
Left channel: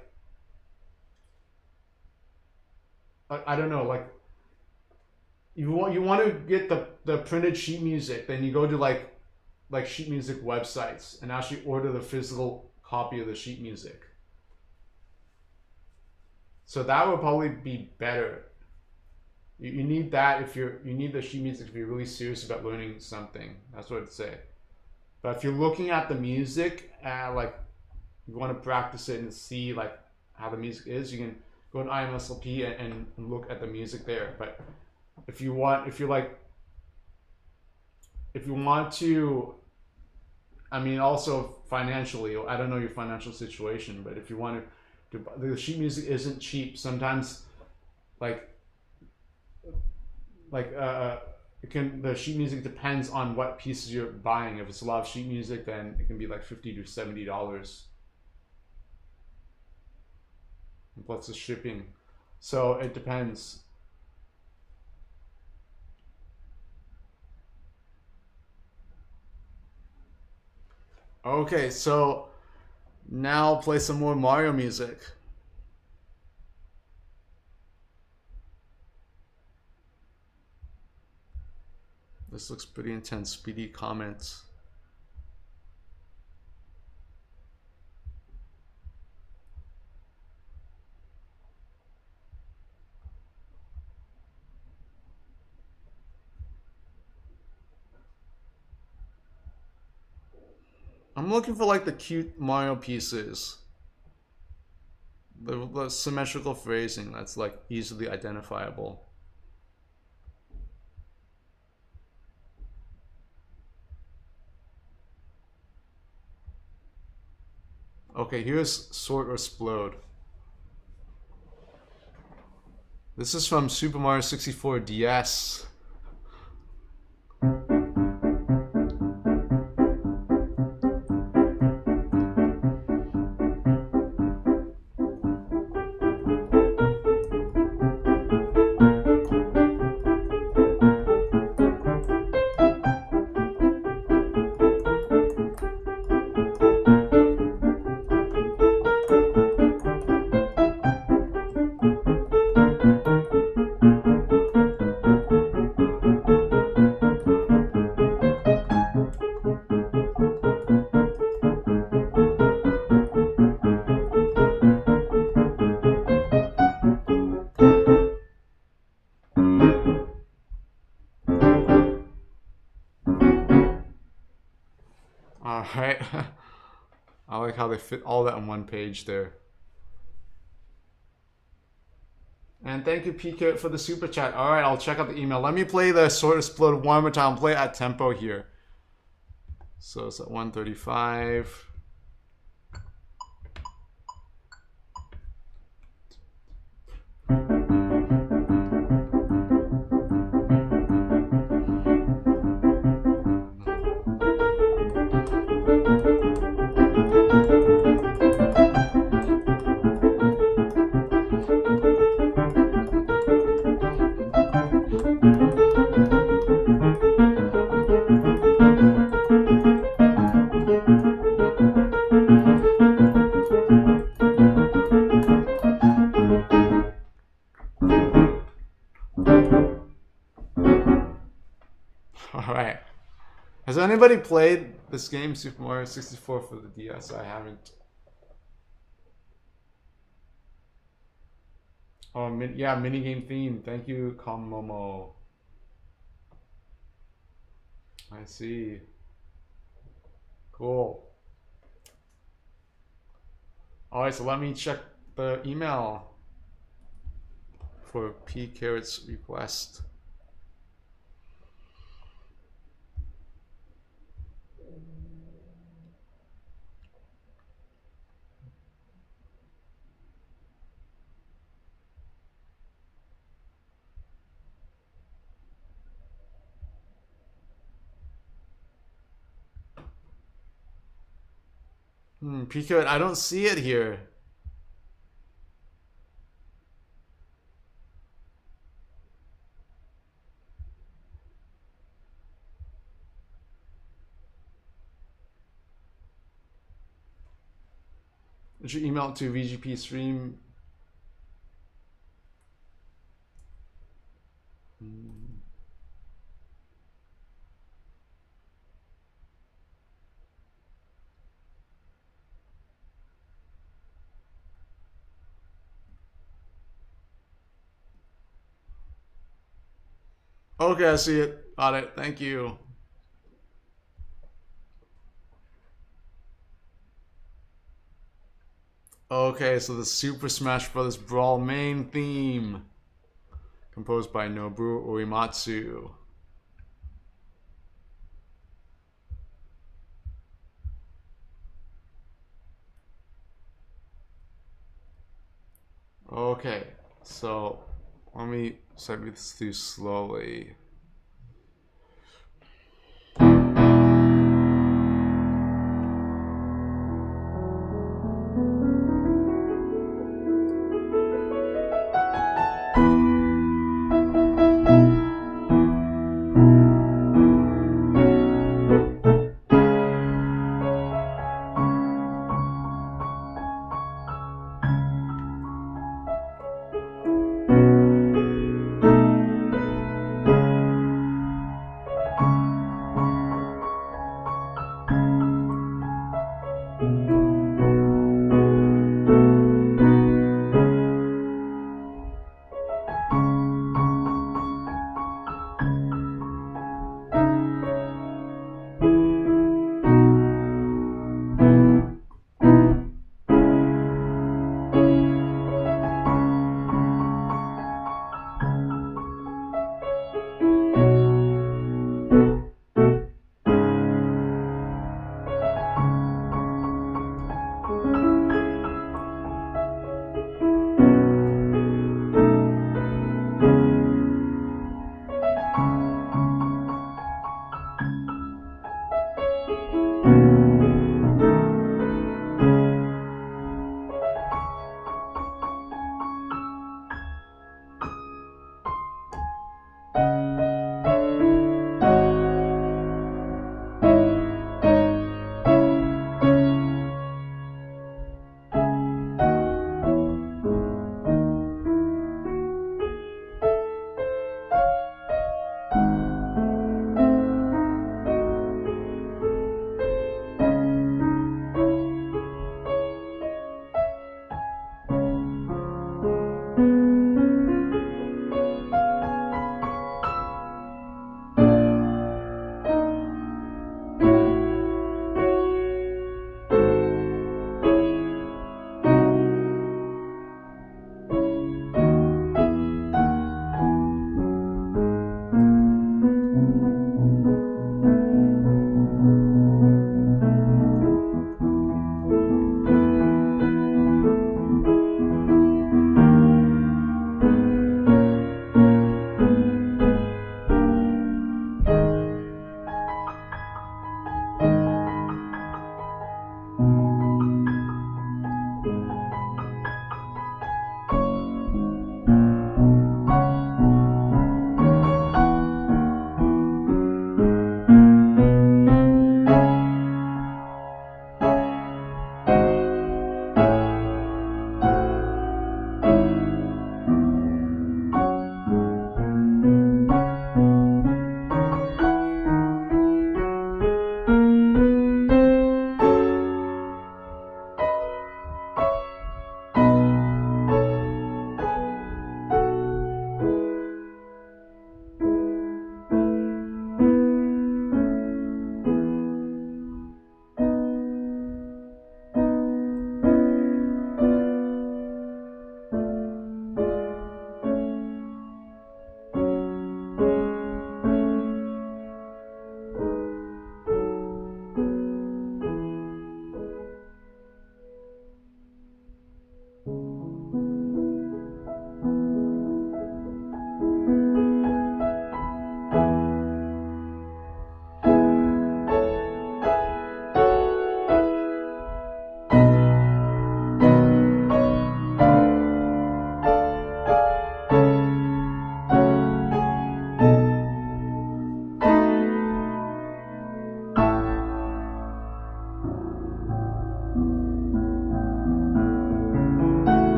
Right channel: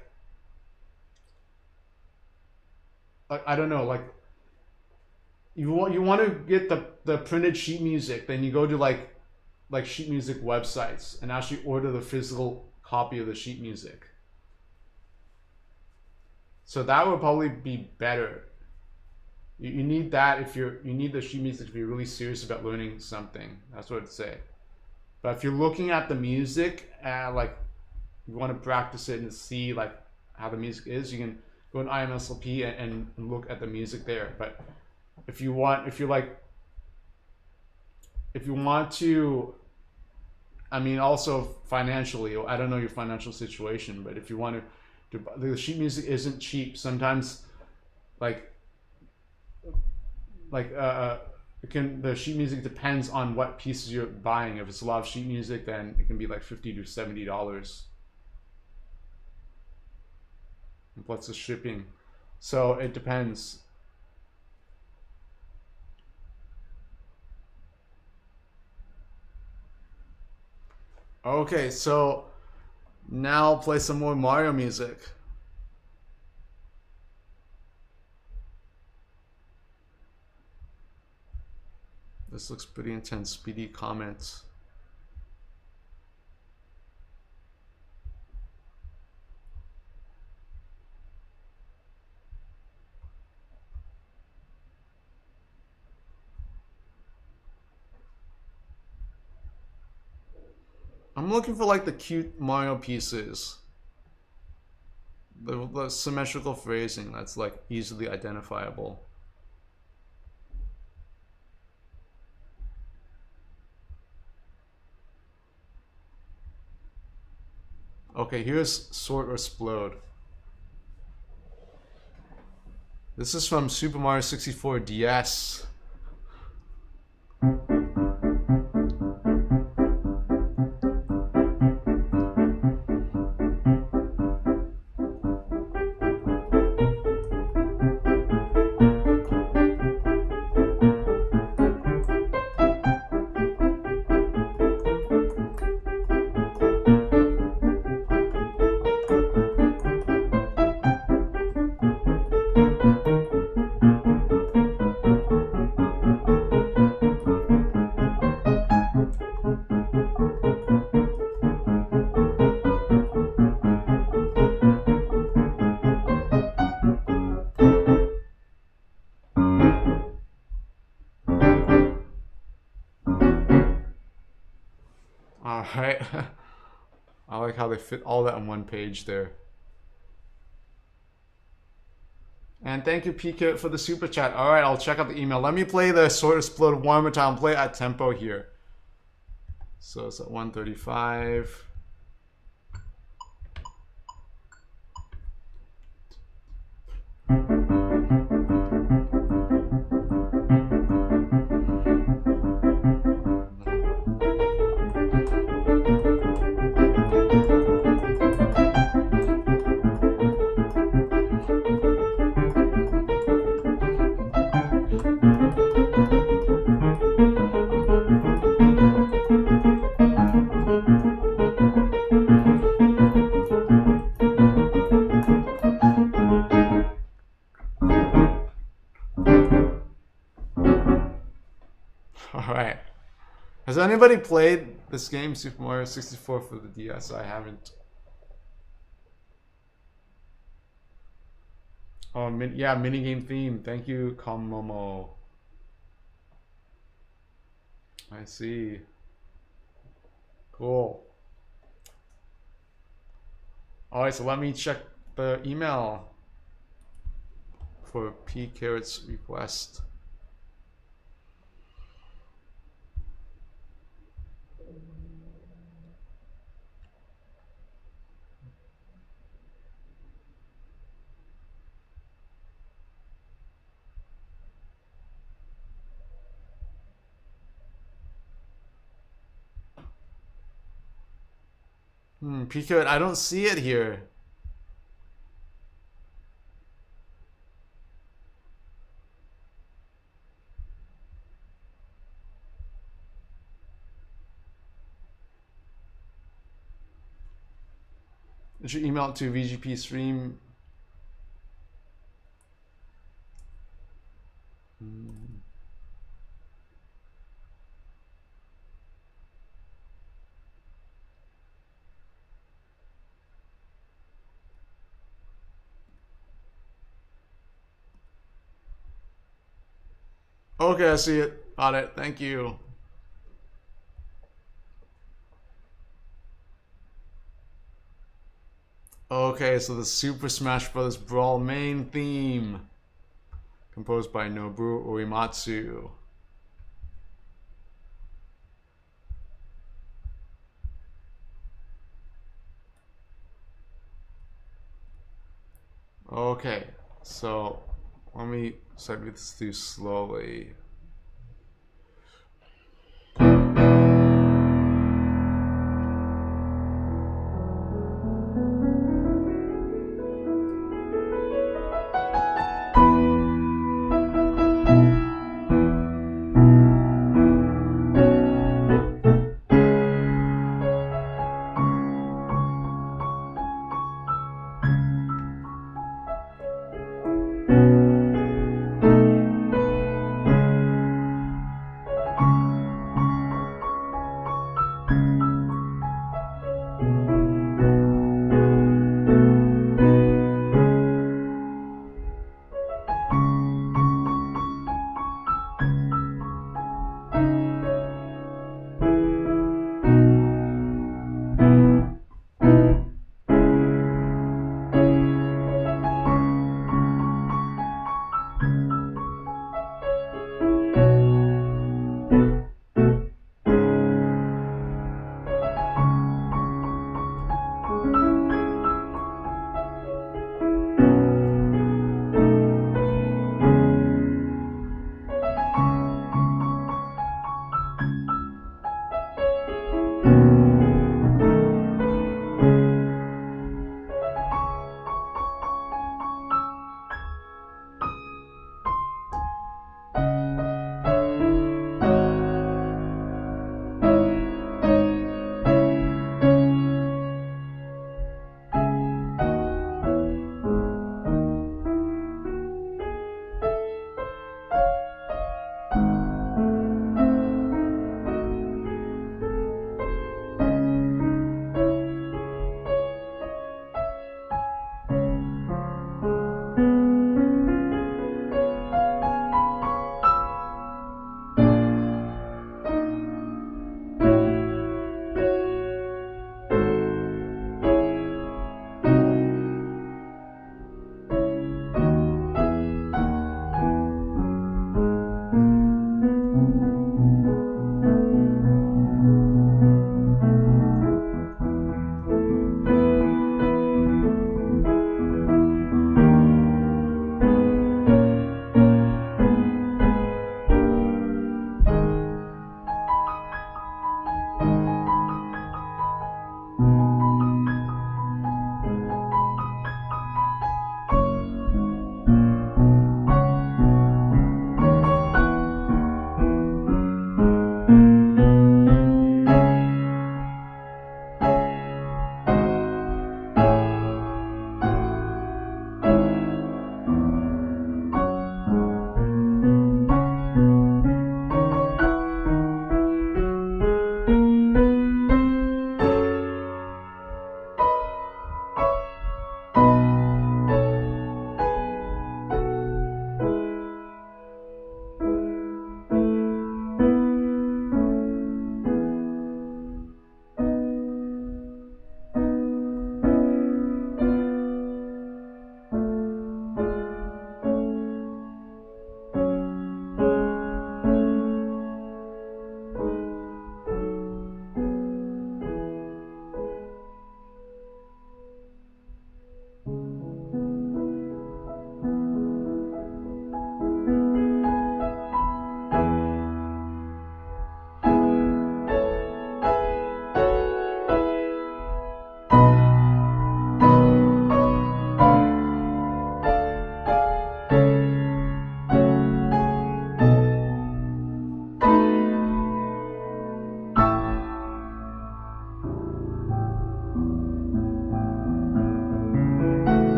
I don't know, like you want to get the printed sheet music, then you go to like sheet music websites and actually order the physical copy of the sheet music. So that would probably be better. You need that you need the sheet music if you're really serious about learning something. That's what I'd say. But if you're looking at the music, like you want to practice it and see like how the music is, you can go to IMSLP and look at the music there. But if you want to, I mean, also financially, I don't know your financial situation, but if you want to, the sheet music isn't cheap. Sometimes, the sheet music depends on what pieces you're buying. If it's a lot of sheet music, then it can be like $50 to $70, plus the shipping. So it depends. Okay, so now play some more Mario music. This looks pretty intense. Speedy comments. I'm looking for like the cute Mario pieces. The symmetrical phrasing that's like easily identifiable. Okay, here's Sort or Explode. This is from Super Mario 64 DS. Alright. I like how they fit all that on one page there. And thank you, PK, for the super chat. Alright, I'll check out the email. Let me play the Sword Explode one more time. I'll play it at tempo here. So it's at 135. Alright. Has anybody played this game, Super Mario 64 for the DS? I haven't. Oh, yeah, minigame theme. Thank you, Komomo. I see. Cool. Alright, so let me check the email for P Carrot's request. P-Carrot, I don't see it here. Did you email it to vgpstream? Okay, I see it. Got it. Thank you. Okay, so the Super Smash Bros. Brawl main theme, composed by Nobuo Uematsu. Okay, so let me start this through slowly.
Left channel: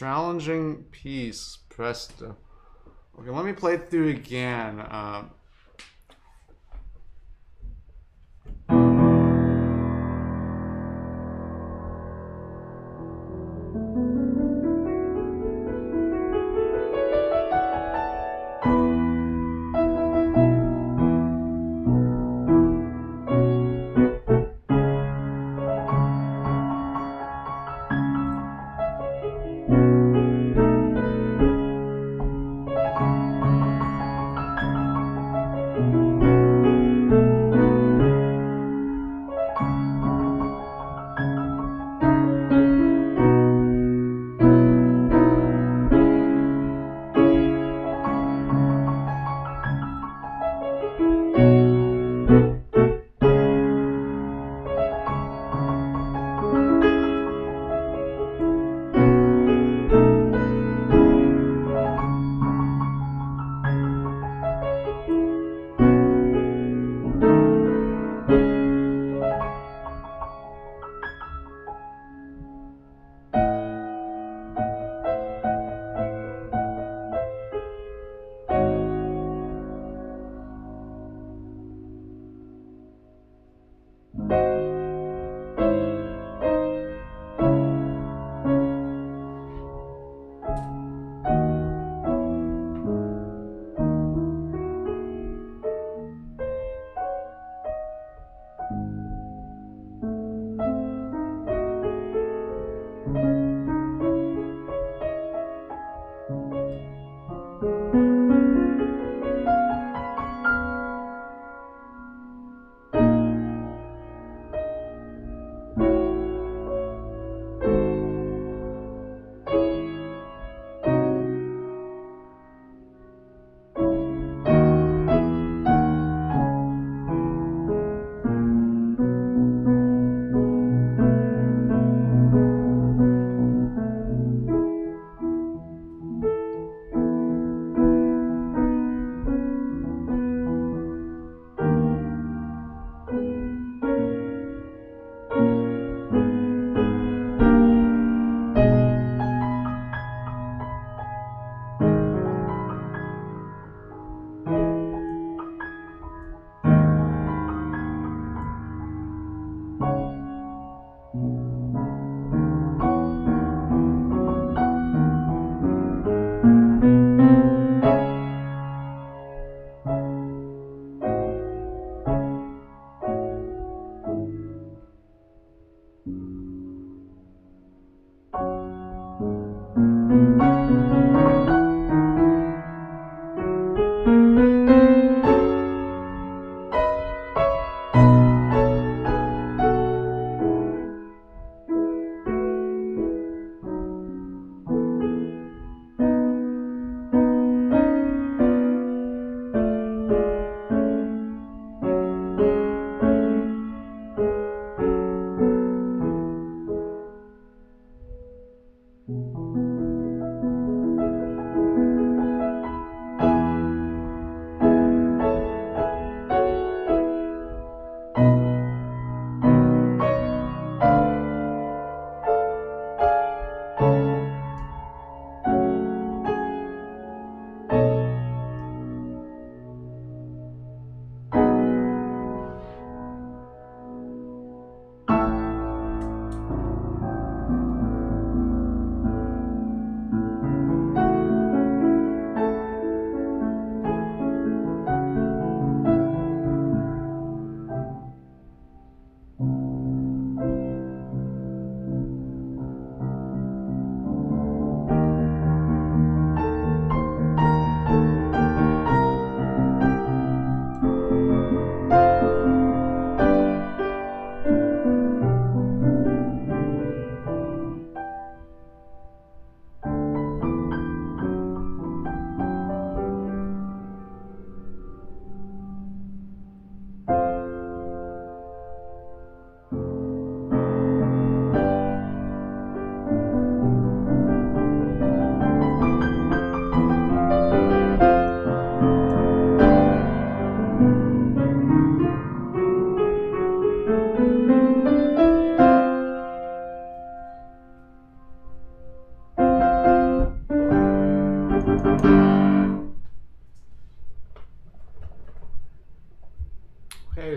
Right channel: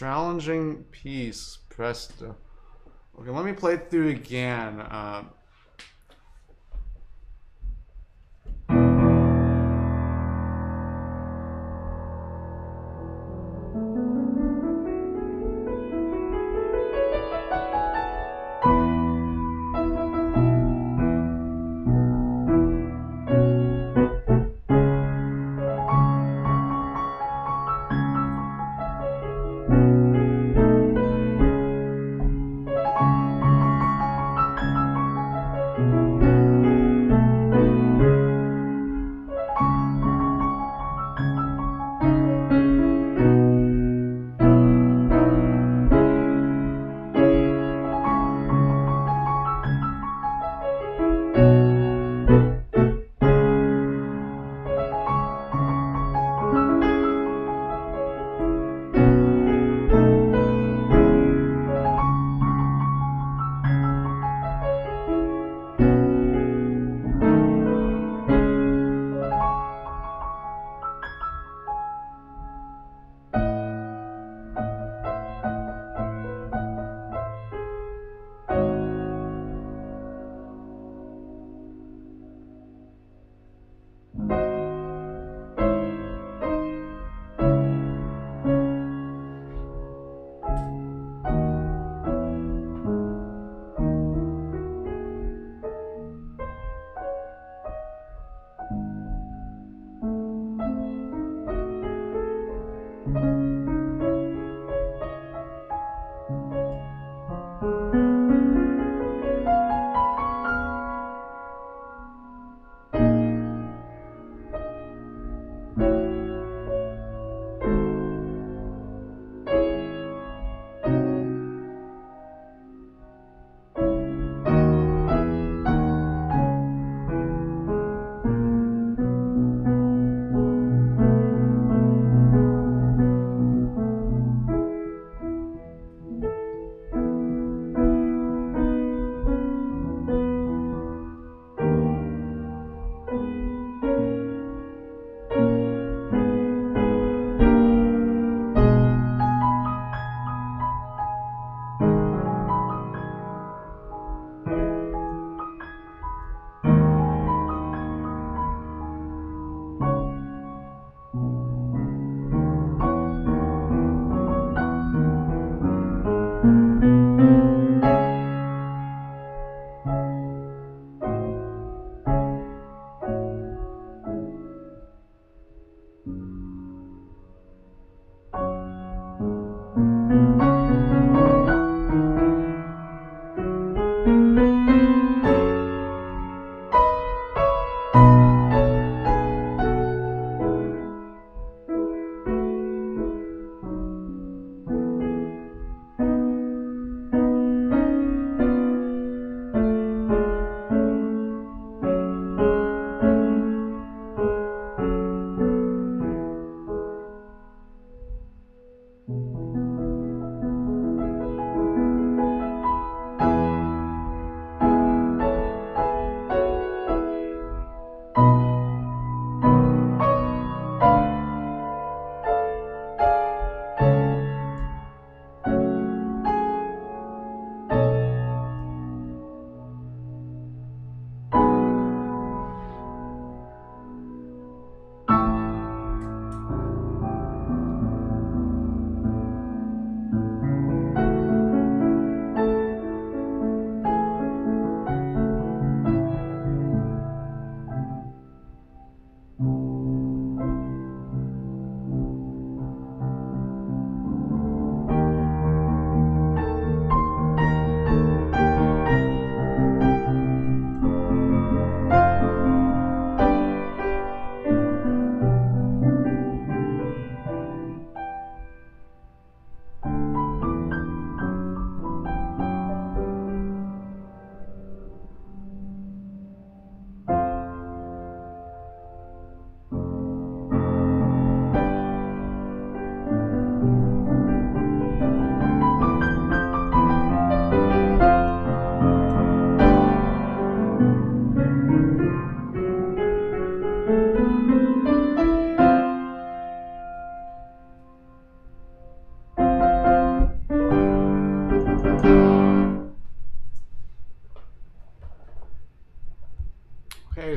challenging piece. Press the... Okay, let me play it through again.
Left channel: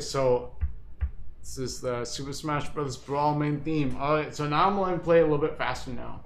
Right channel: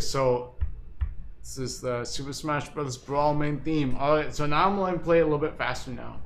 so this is the Super Smash Bros. Brawl main theme. Alright, so now I'm going to play it a little bit faster now.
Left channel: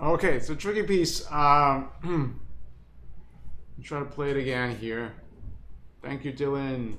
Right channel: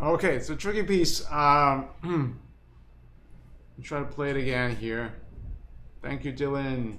Okay, it's a tricky piece. Try to play it again here. Thank you, Dylan.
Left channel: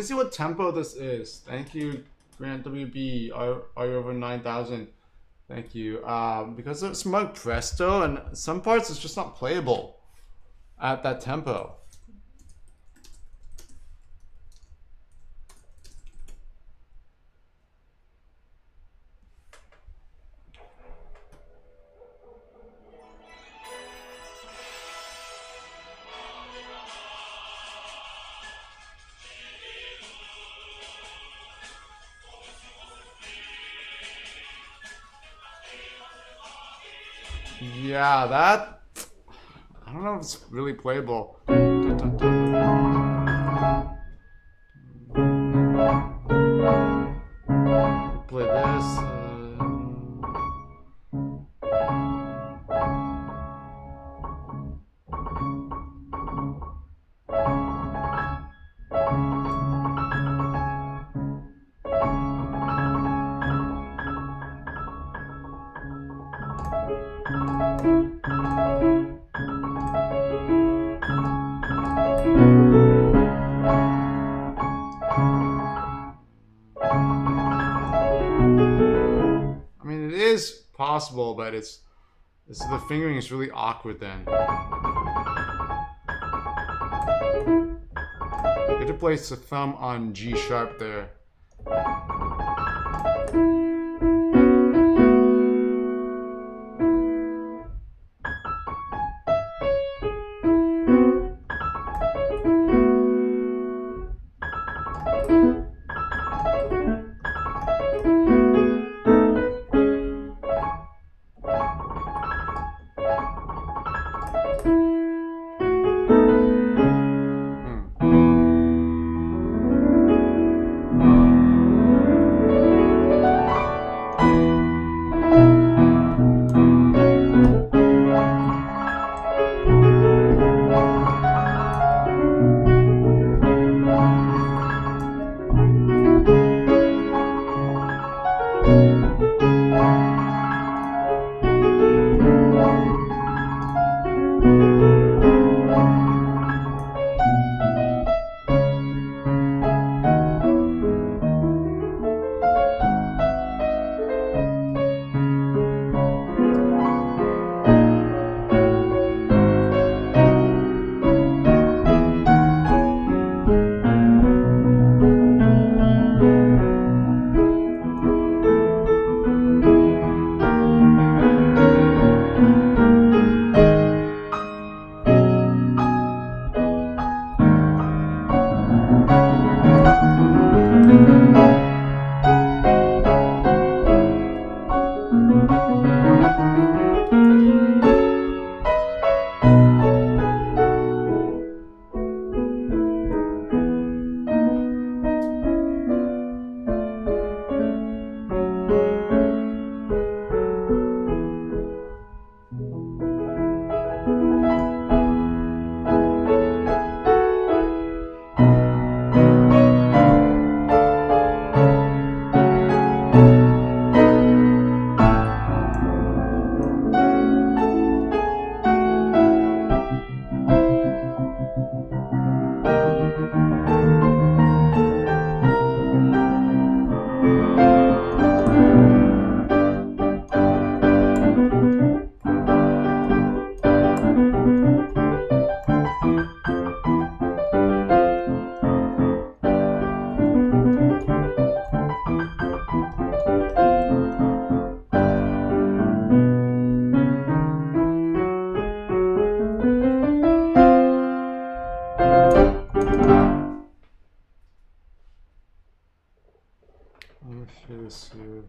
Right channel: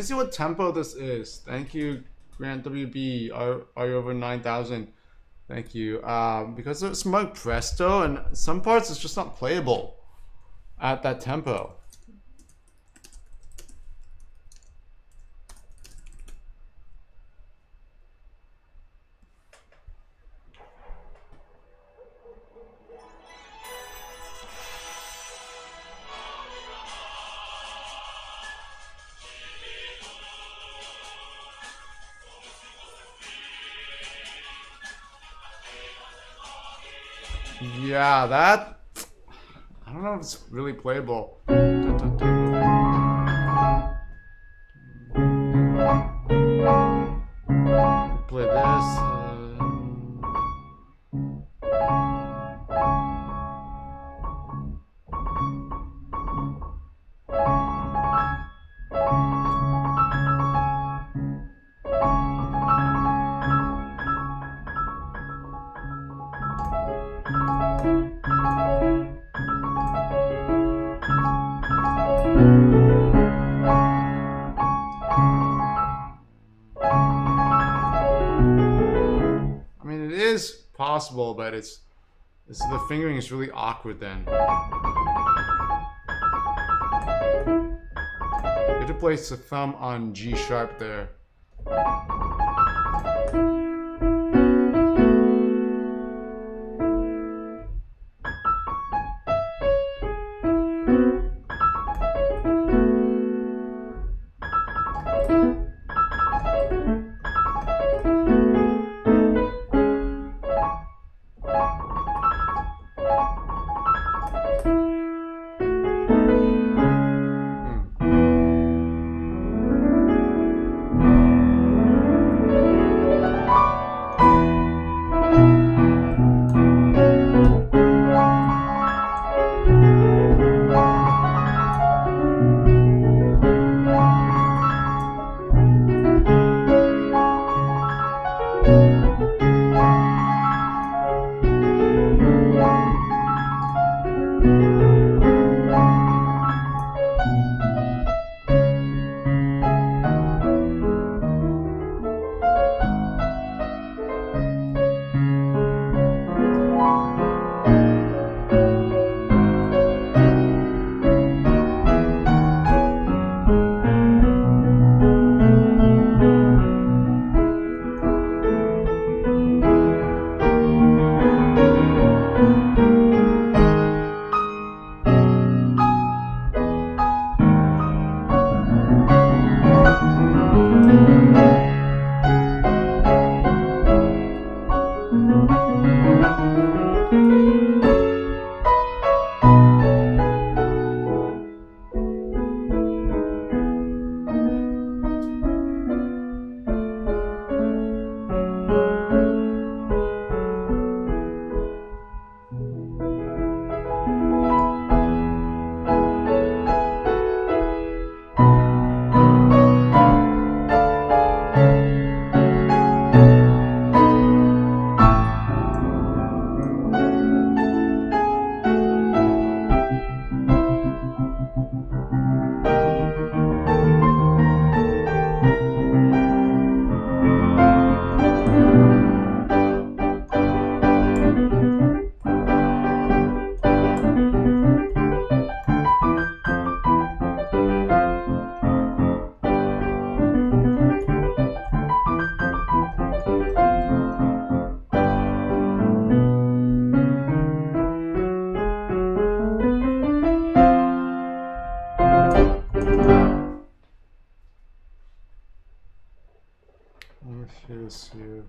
me see what tempo this is. Thank you, Grant WB. Are you over 9,000? Thank you. Because of Smug Presto, and some parts it's just not playable at that tempo. Yeah, that, I don't know if it's really playable. Play this. I mean, it is possible, but it's the fingering is really awkward then. You have to place the thumb on G sharp there. Let me see this here.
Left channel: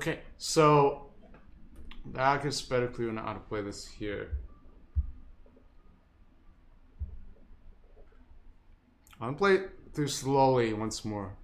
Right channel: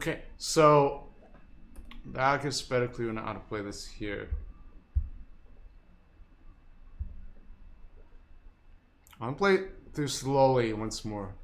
Okay, so that gives better clue on how to play this here. I'm gonna play it through slowly once more.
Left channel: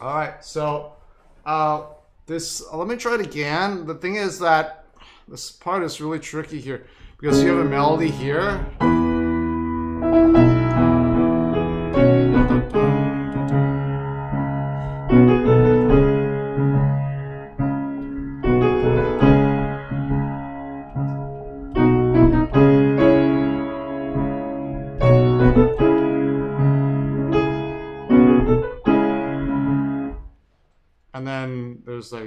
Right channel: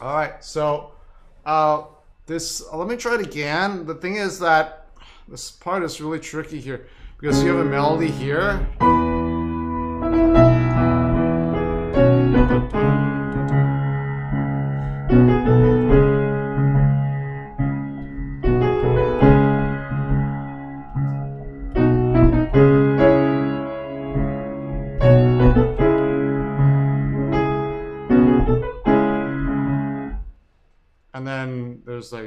All right, so let me try it again. The thing is that this part is really tricky here because you have a melody here. And then there's like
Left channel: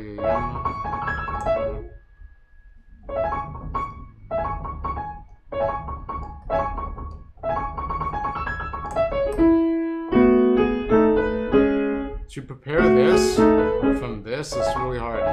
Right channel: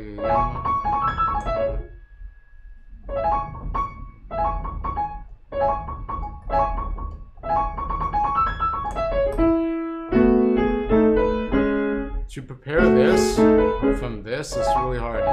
to prepare this from this is really hard.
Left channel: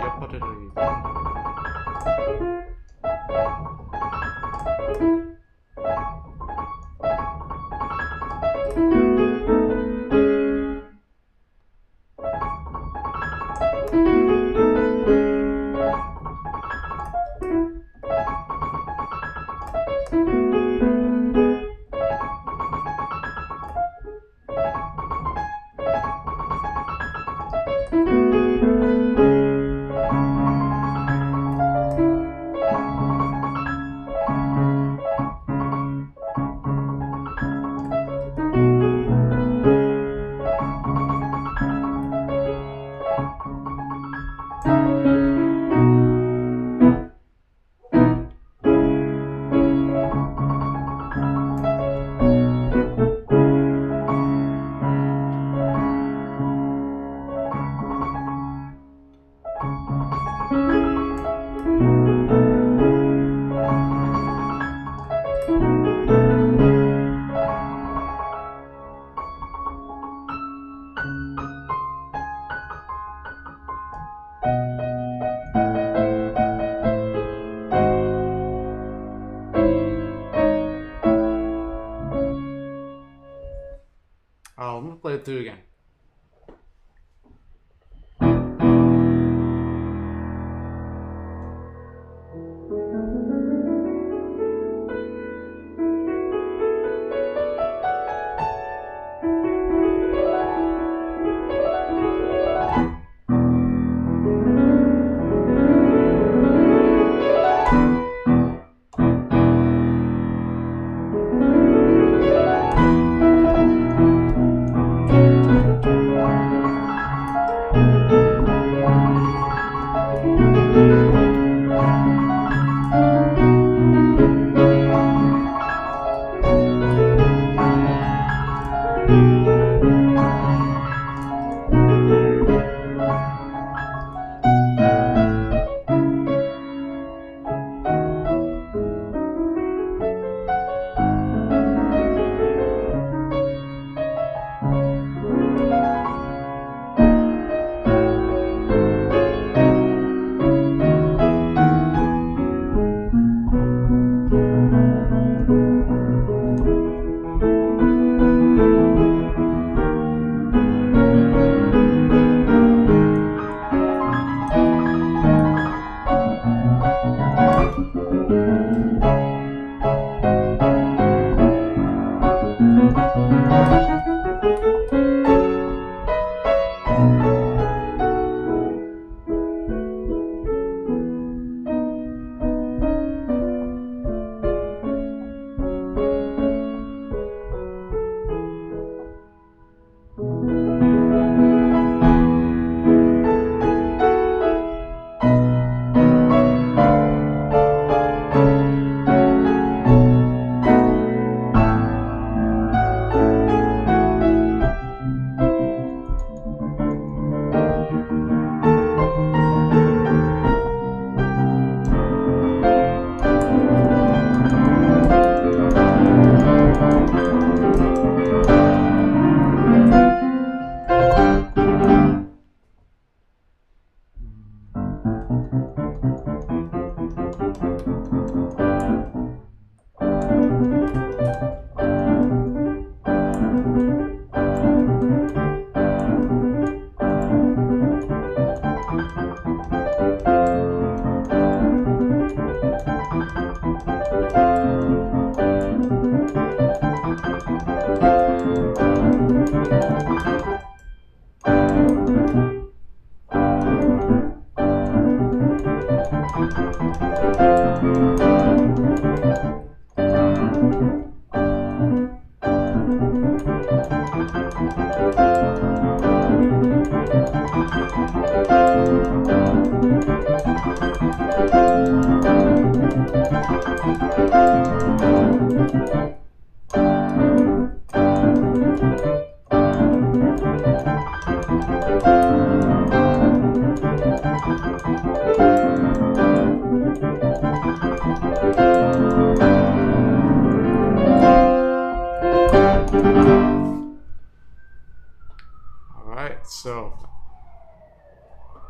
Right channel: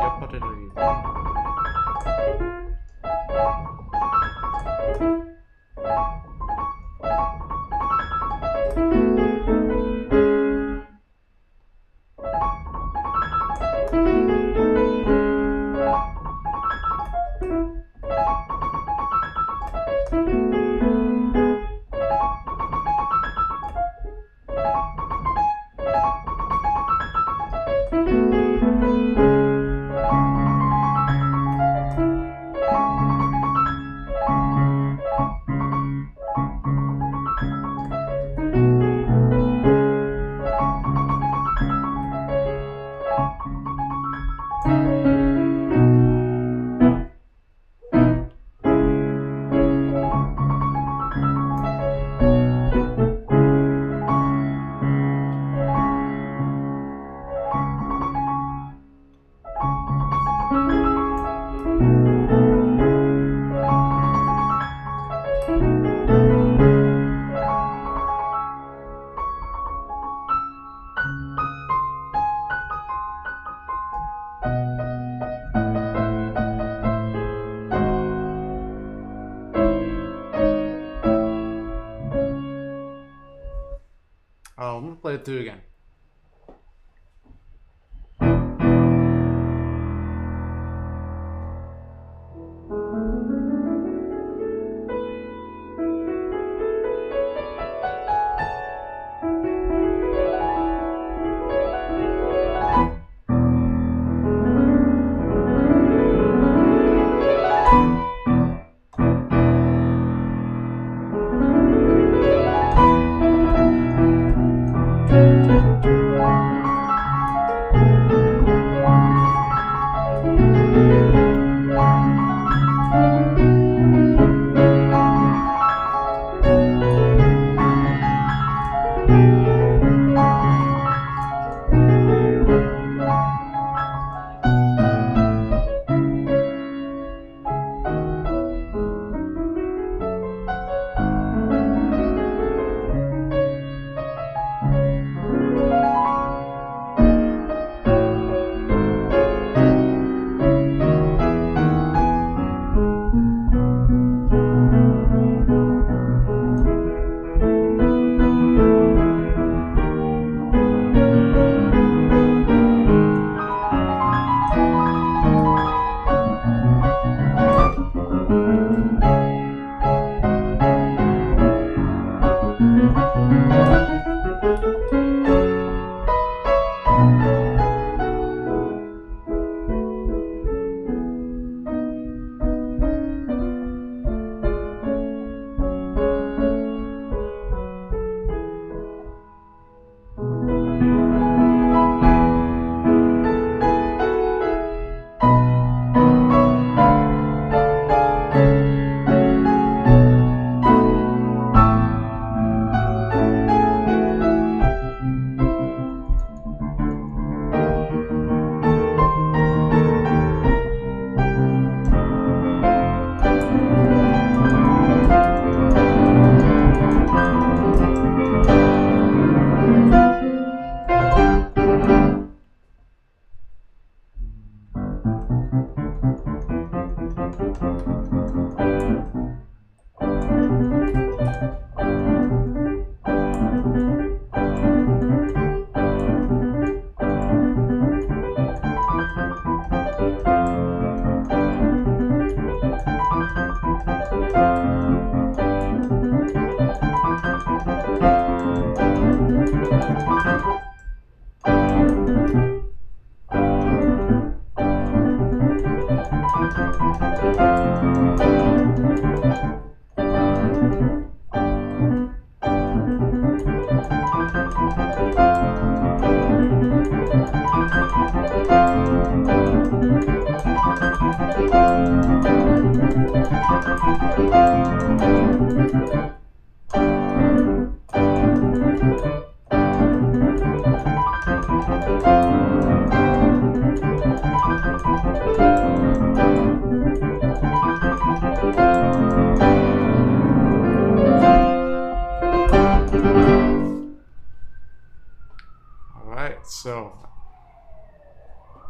I'm gonna play it through again.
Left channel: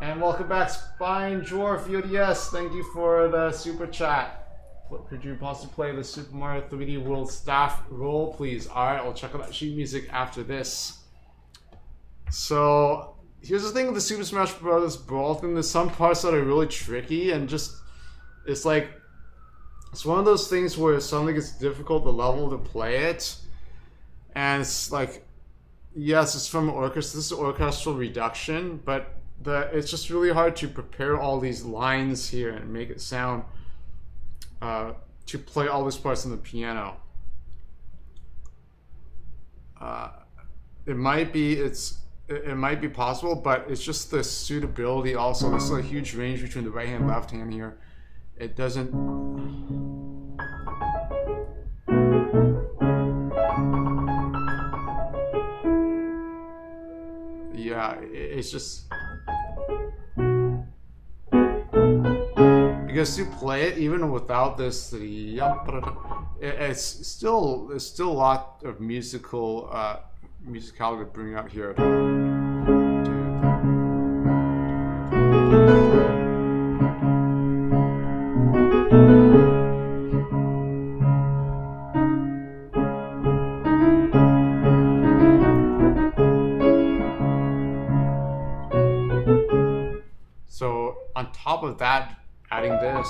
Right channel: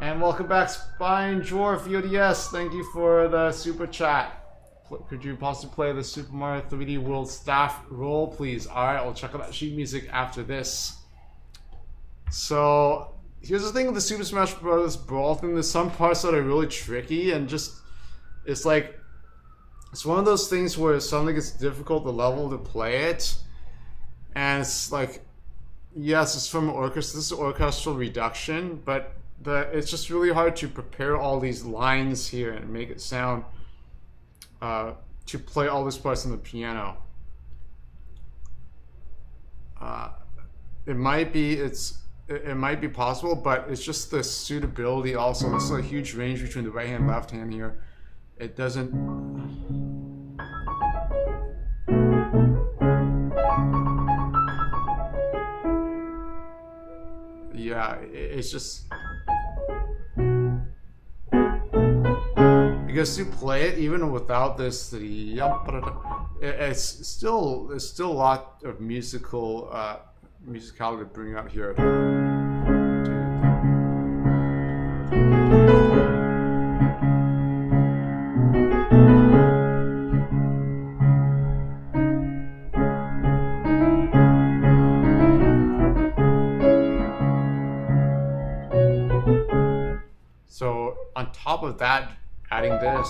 And welcome back, Spine Dwarf UDS. Thank you for the super chat. Could you possibly play the Super Mario 3D World staff role, please? Alright, I'll check out that sheet music after this. So, here's the thing with the Super Smash Bros. Brawl thing. There's some parts that are really tricky and just, it's like, it's one of those things where suddenly it's difficult, the level to play it. And it's like, yes, it's from orchestra. This is orchestral reduction, but it's just really hard to prepare all these lines here and make it sound to play all these parts on the piano. It might be possible, but it's just the suitability also. There's a huge range between the right hand and left hand here. It doesn't. Yeah, it's just because to play it even without this, it's still a lot of musicality to bring out here. top of that, adding this.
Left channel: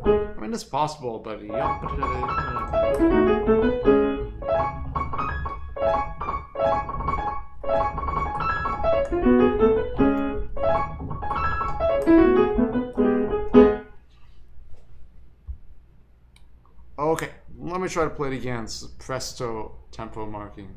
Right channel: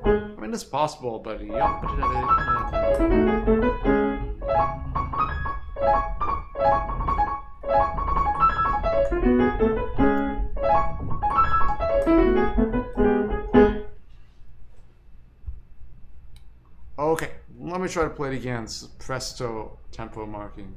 I mean, it's possible, but yeah. Okay, let me try to play it again. It's presto tempo marking.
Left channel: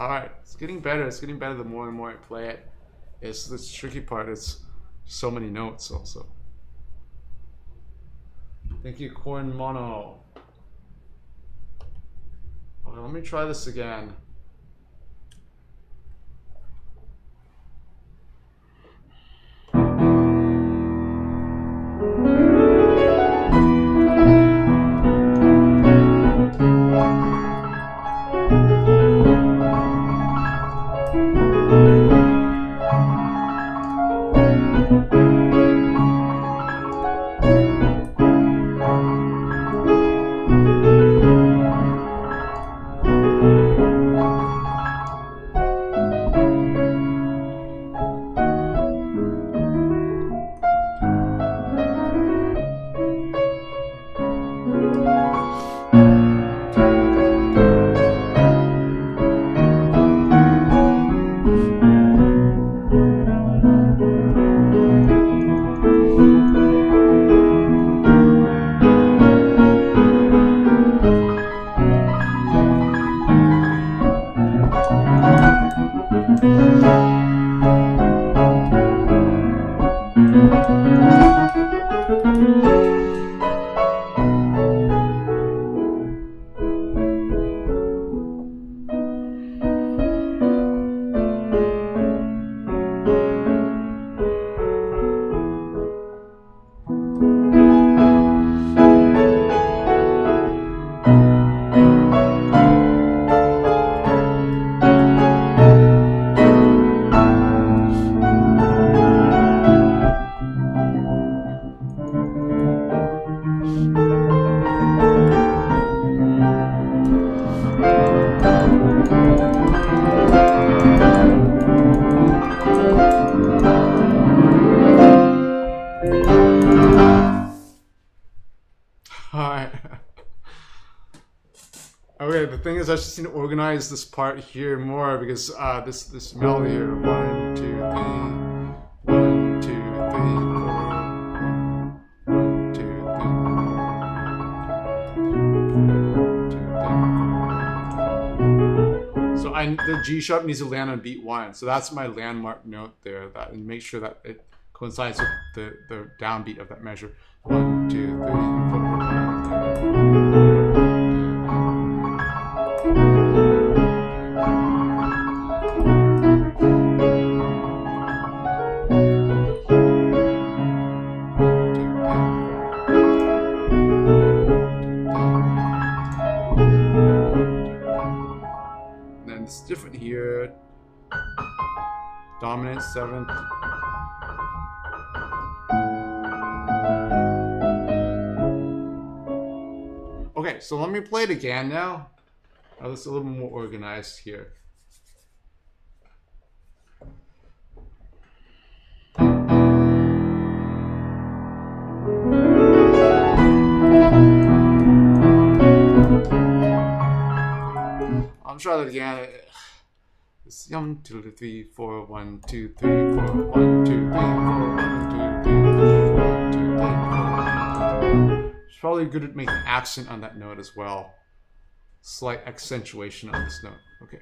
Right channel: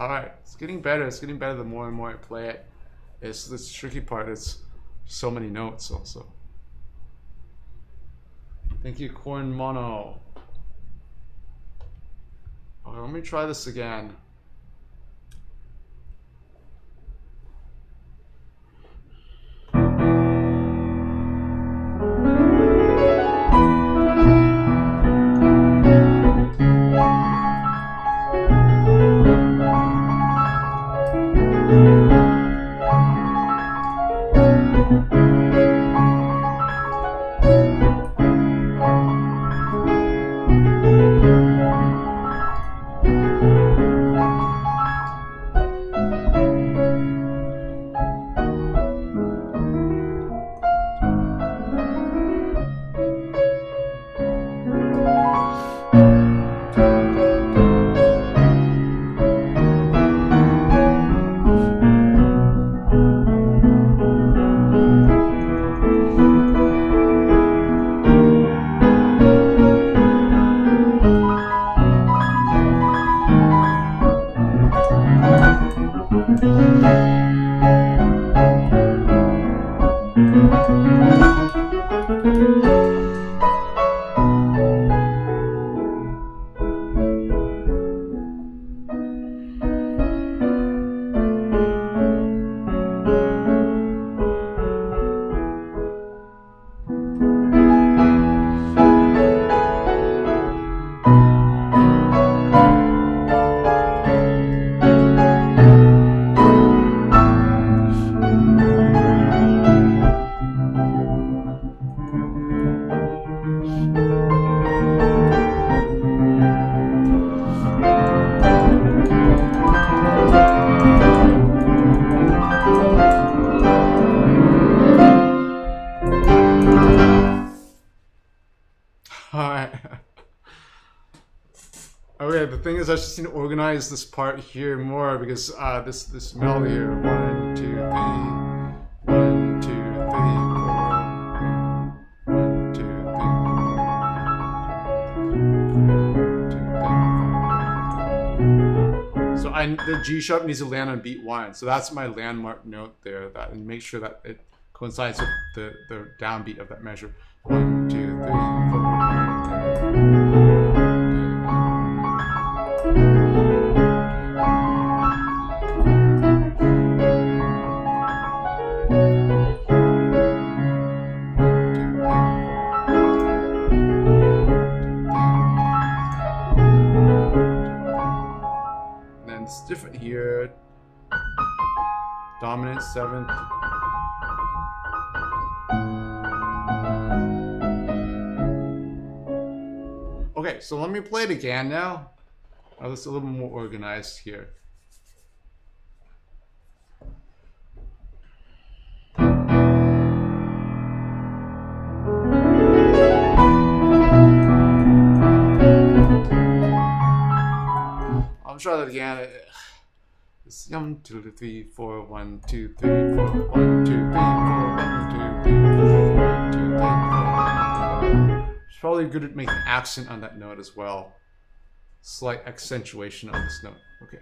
Alright, it's getting better. It's getting better the more and more I play it. It's this tricky part. It's so many notes also. Thank you, Corn Mono. Okay, let me try this again. Okay, the thing is, I just need to organize this part here more because this melody here, 1, 2, 3, 1, 2, 3, 4, 1, 2, 3, 4, 2, 3, 4. So I the G sharp needs to land on beat 1. So that's my landmark note there. That, and make sure that it coincides with the downbeat of that measure. 1, 2, 3, 4. Then it's different here. Dominant 7th. Okay, so let me play it again now. Oh, it's a little more organized here. I'll try that again. It's 1, 2, 3, 4, 1, 2, 3, 4, 1, 2, 3, 4, 1, 2, 3, 4, 1, 2, 3, 4. It's probably good at making accent on that note as well. Slight accentuation on this note. Okay.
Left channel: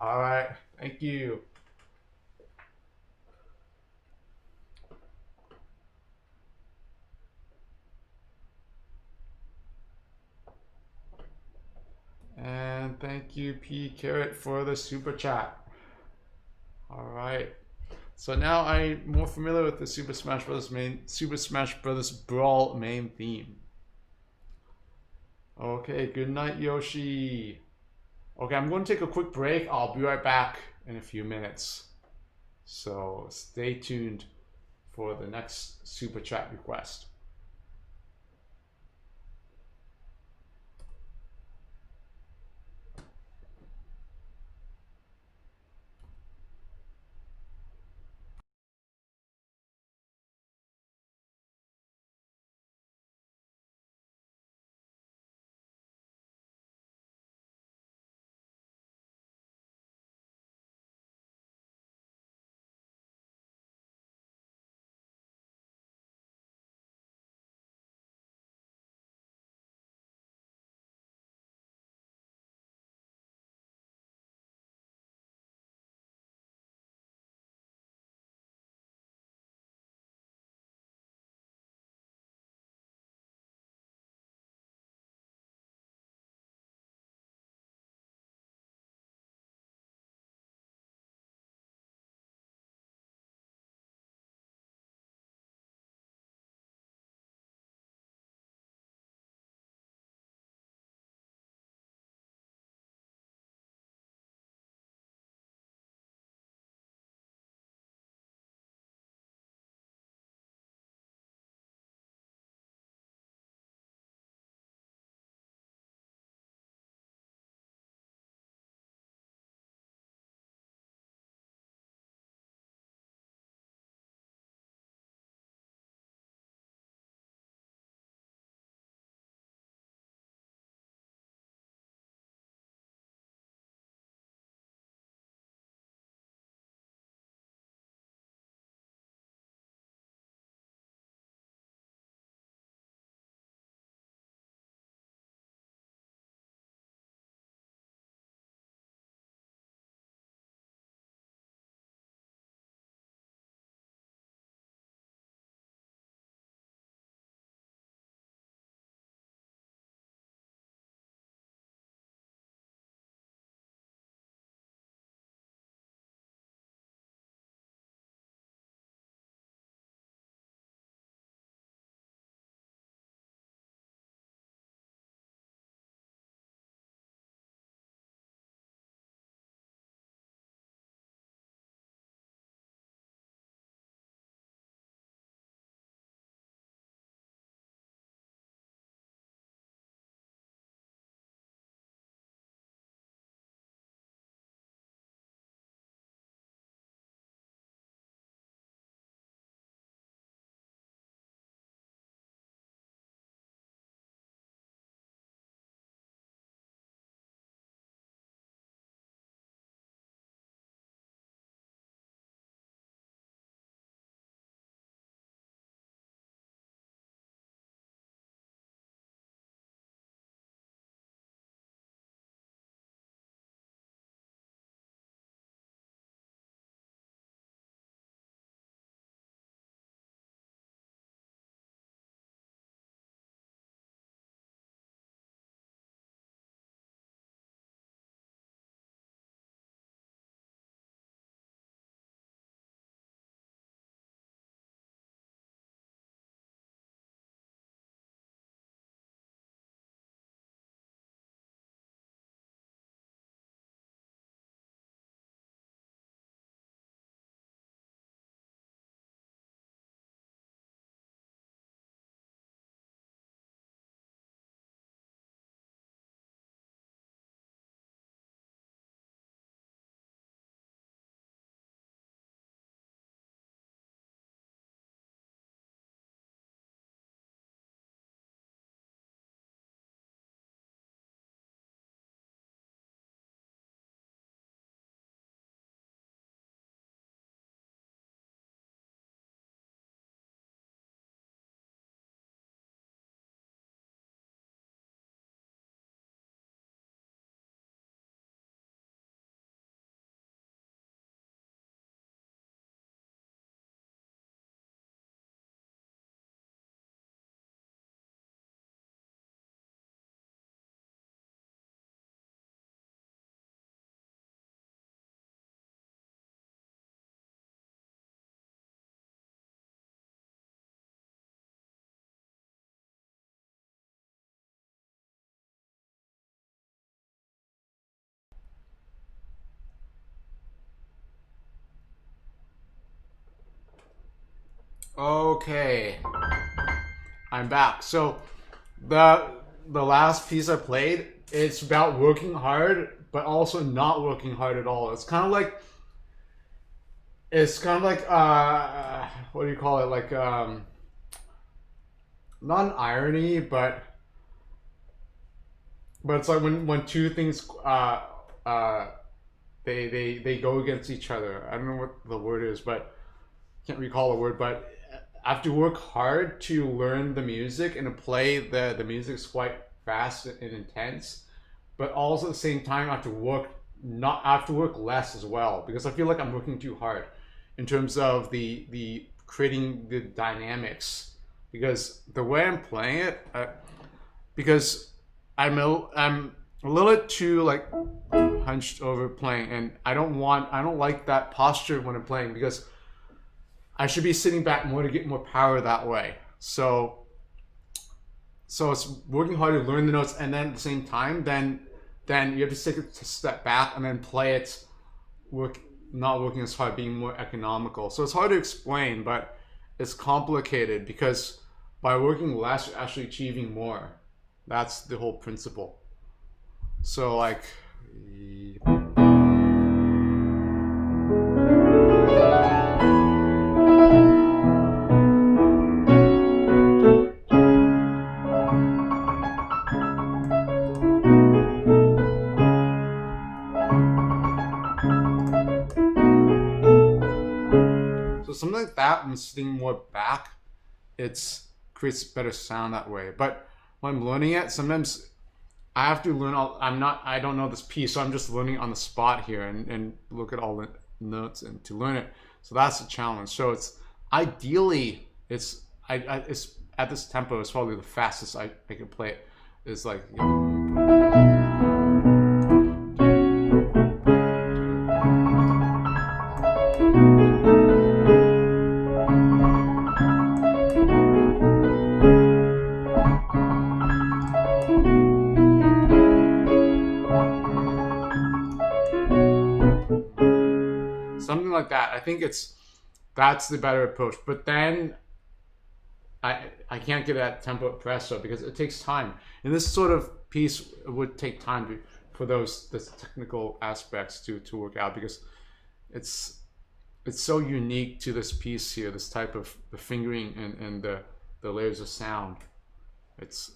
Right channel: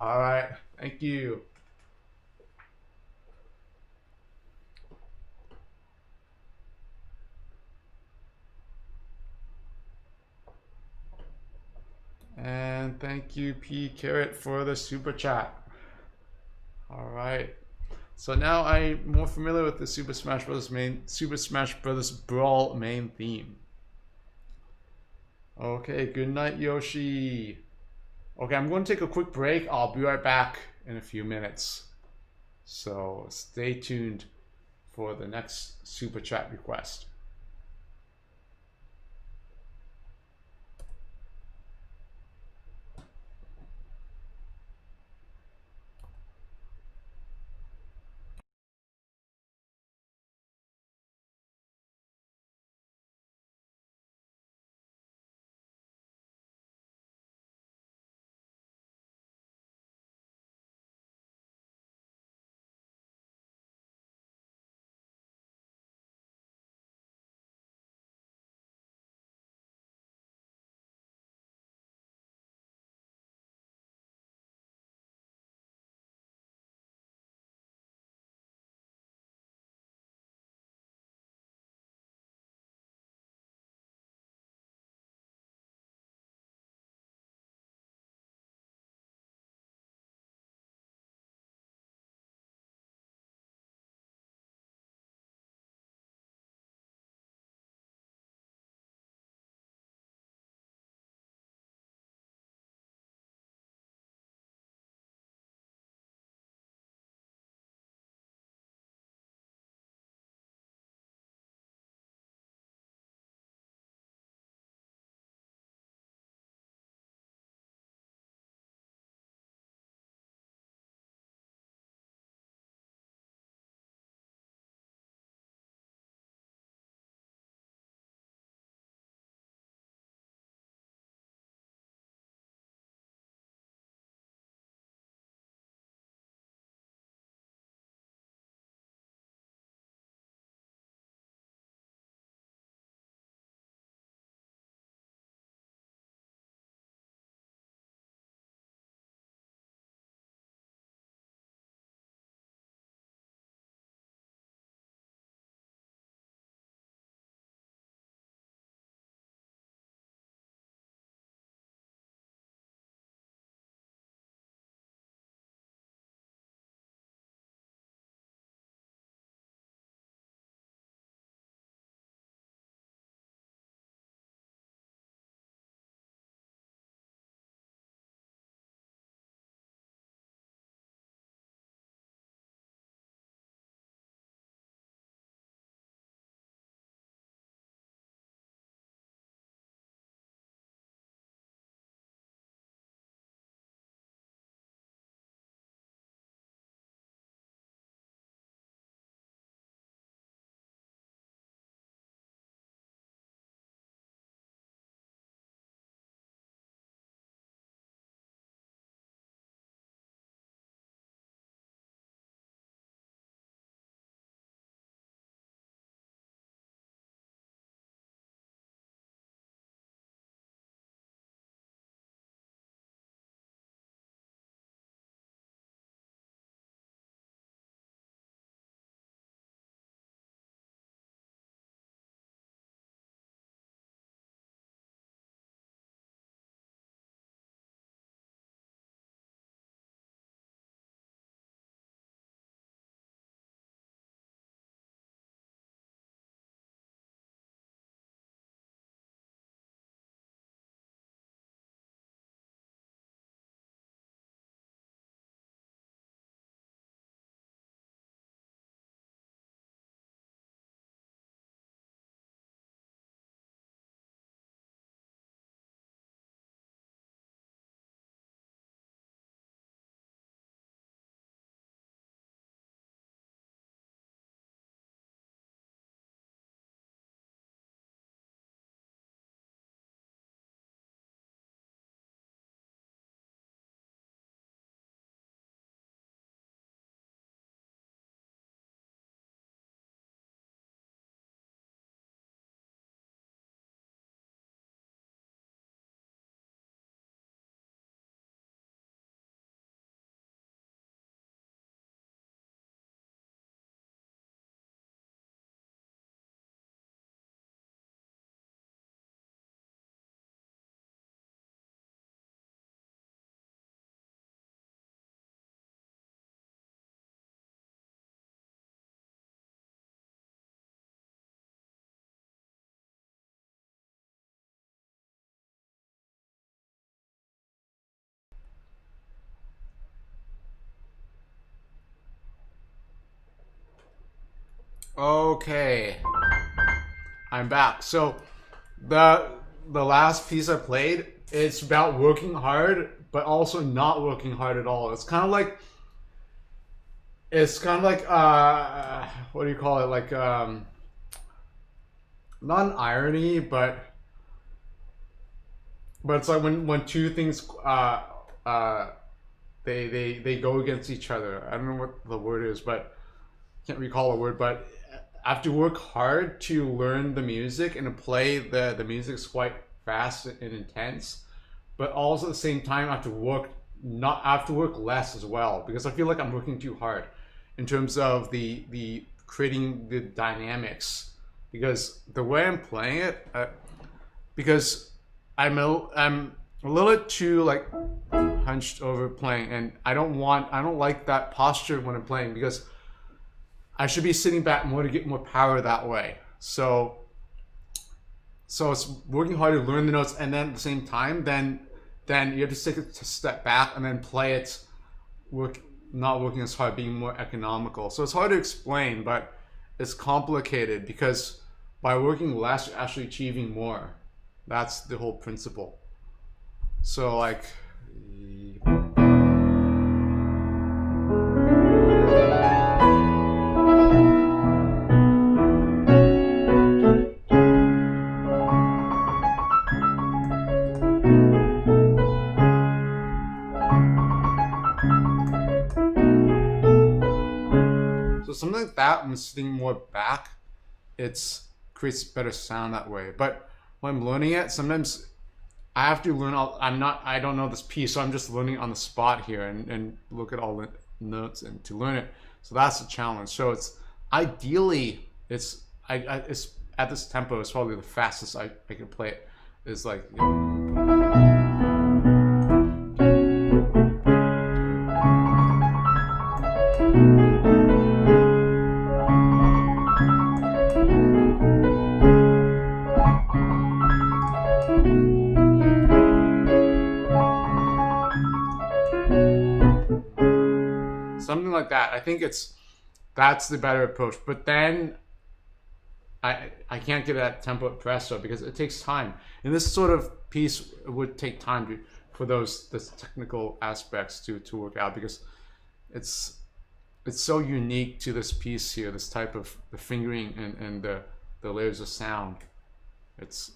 All right, thank you. And thank you, P Carrot, for the super chat. All right. So now I'm more familiar with the Super Smash Bros. Brawl main theme. Okay, good night, Yoshi. Okay, I'm going to take a quick break. I'll be right back in a few minutes. So stay tuned for the next super chat request. Okay, I'm back. So the last piece I played, it's about working hard, but also not working hard at all. It's kind of like what do you call it? Like not an irony, but it's like when two things they go against each other. I don't know what the word is, but can't recall a word. But I have to work hard to learn the music and to play the music's quite fast and intense. But also at the same time, I have to work less as well, because I feel like I'm working too hard in terms of the creating the dynamics. Because the way I'm playing it, because I'm a little bit too like hunched over playing, and I don't like that posture when I'm playing, because I should be sitting back more to get more power that way. So it's working hard to learn the notes, and then at the same time, then you have to take a step back and then play it, not working as hard, being more economical. So it's hard to explain, but it's complicated, because by working less, you're actually achieving more. That's the whole principle. So like, something like that, I'm sitting more back, it creates better sound that way. But when I'm learning it, sometimes I have to learn I don't know this piece, so I'm just learning on the spot here and look at all the notes and to learn it. So that's the challenge. So it's ideally, it's at this tempo, it's probably the fastest I can play it. It's like, something like that. I think that's the better approach. But then I can't get that tempo presto, because it takes time. And this sort of piece would take time for this technical aspects to work out, because it's so unique to this piece here, this type of the fingering and the layers of sound. There's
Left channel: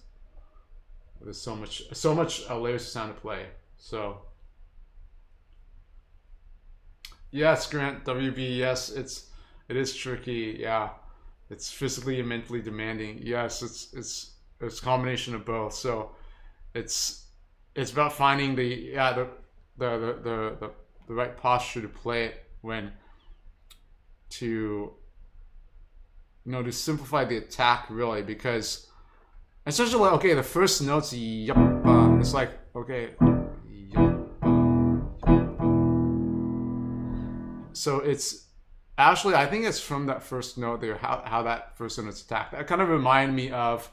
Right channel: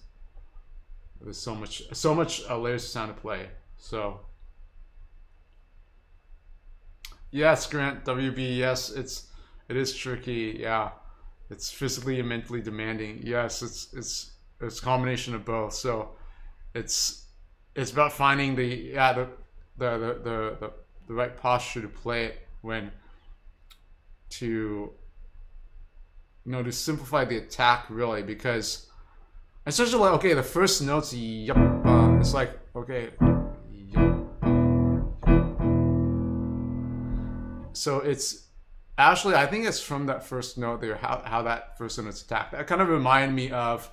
so much layers of sound to play. So yes, Grant WB, yes, it is tricky. Yeah, it's physically and mentally demanding. Yes, it's a combination of both. So it's about finding the right posture to play it, to simplify the attack, really, because essentially, okay, the first notes, yup, it's like, okay, so it's actually, I think it's from that first note there, how that first note is attacked. That kind of reminded me of,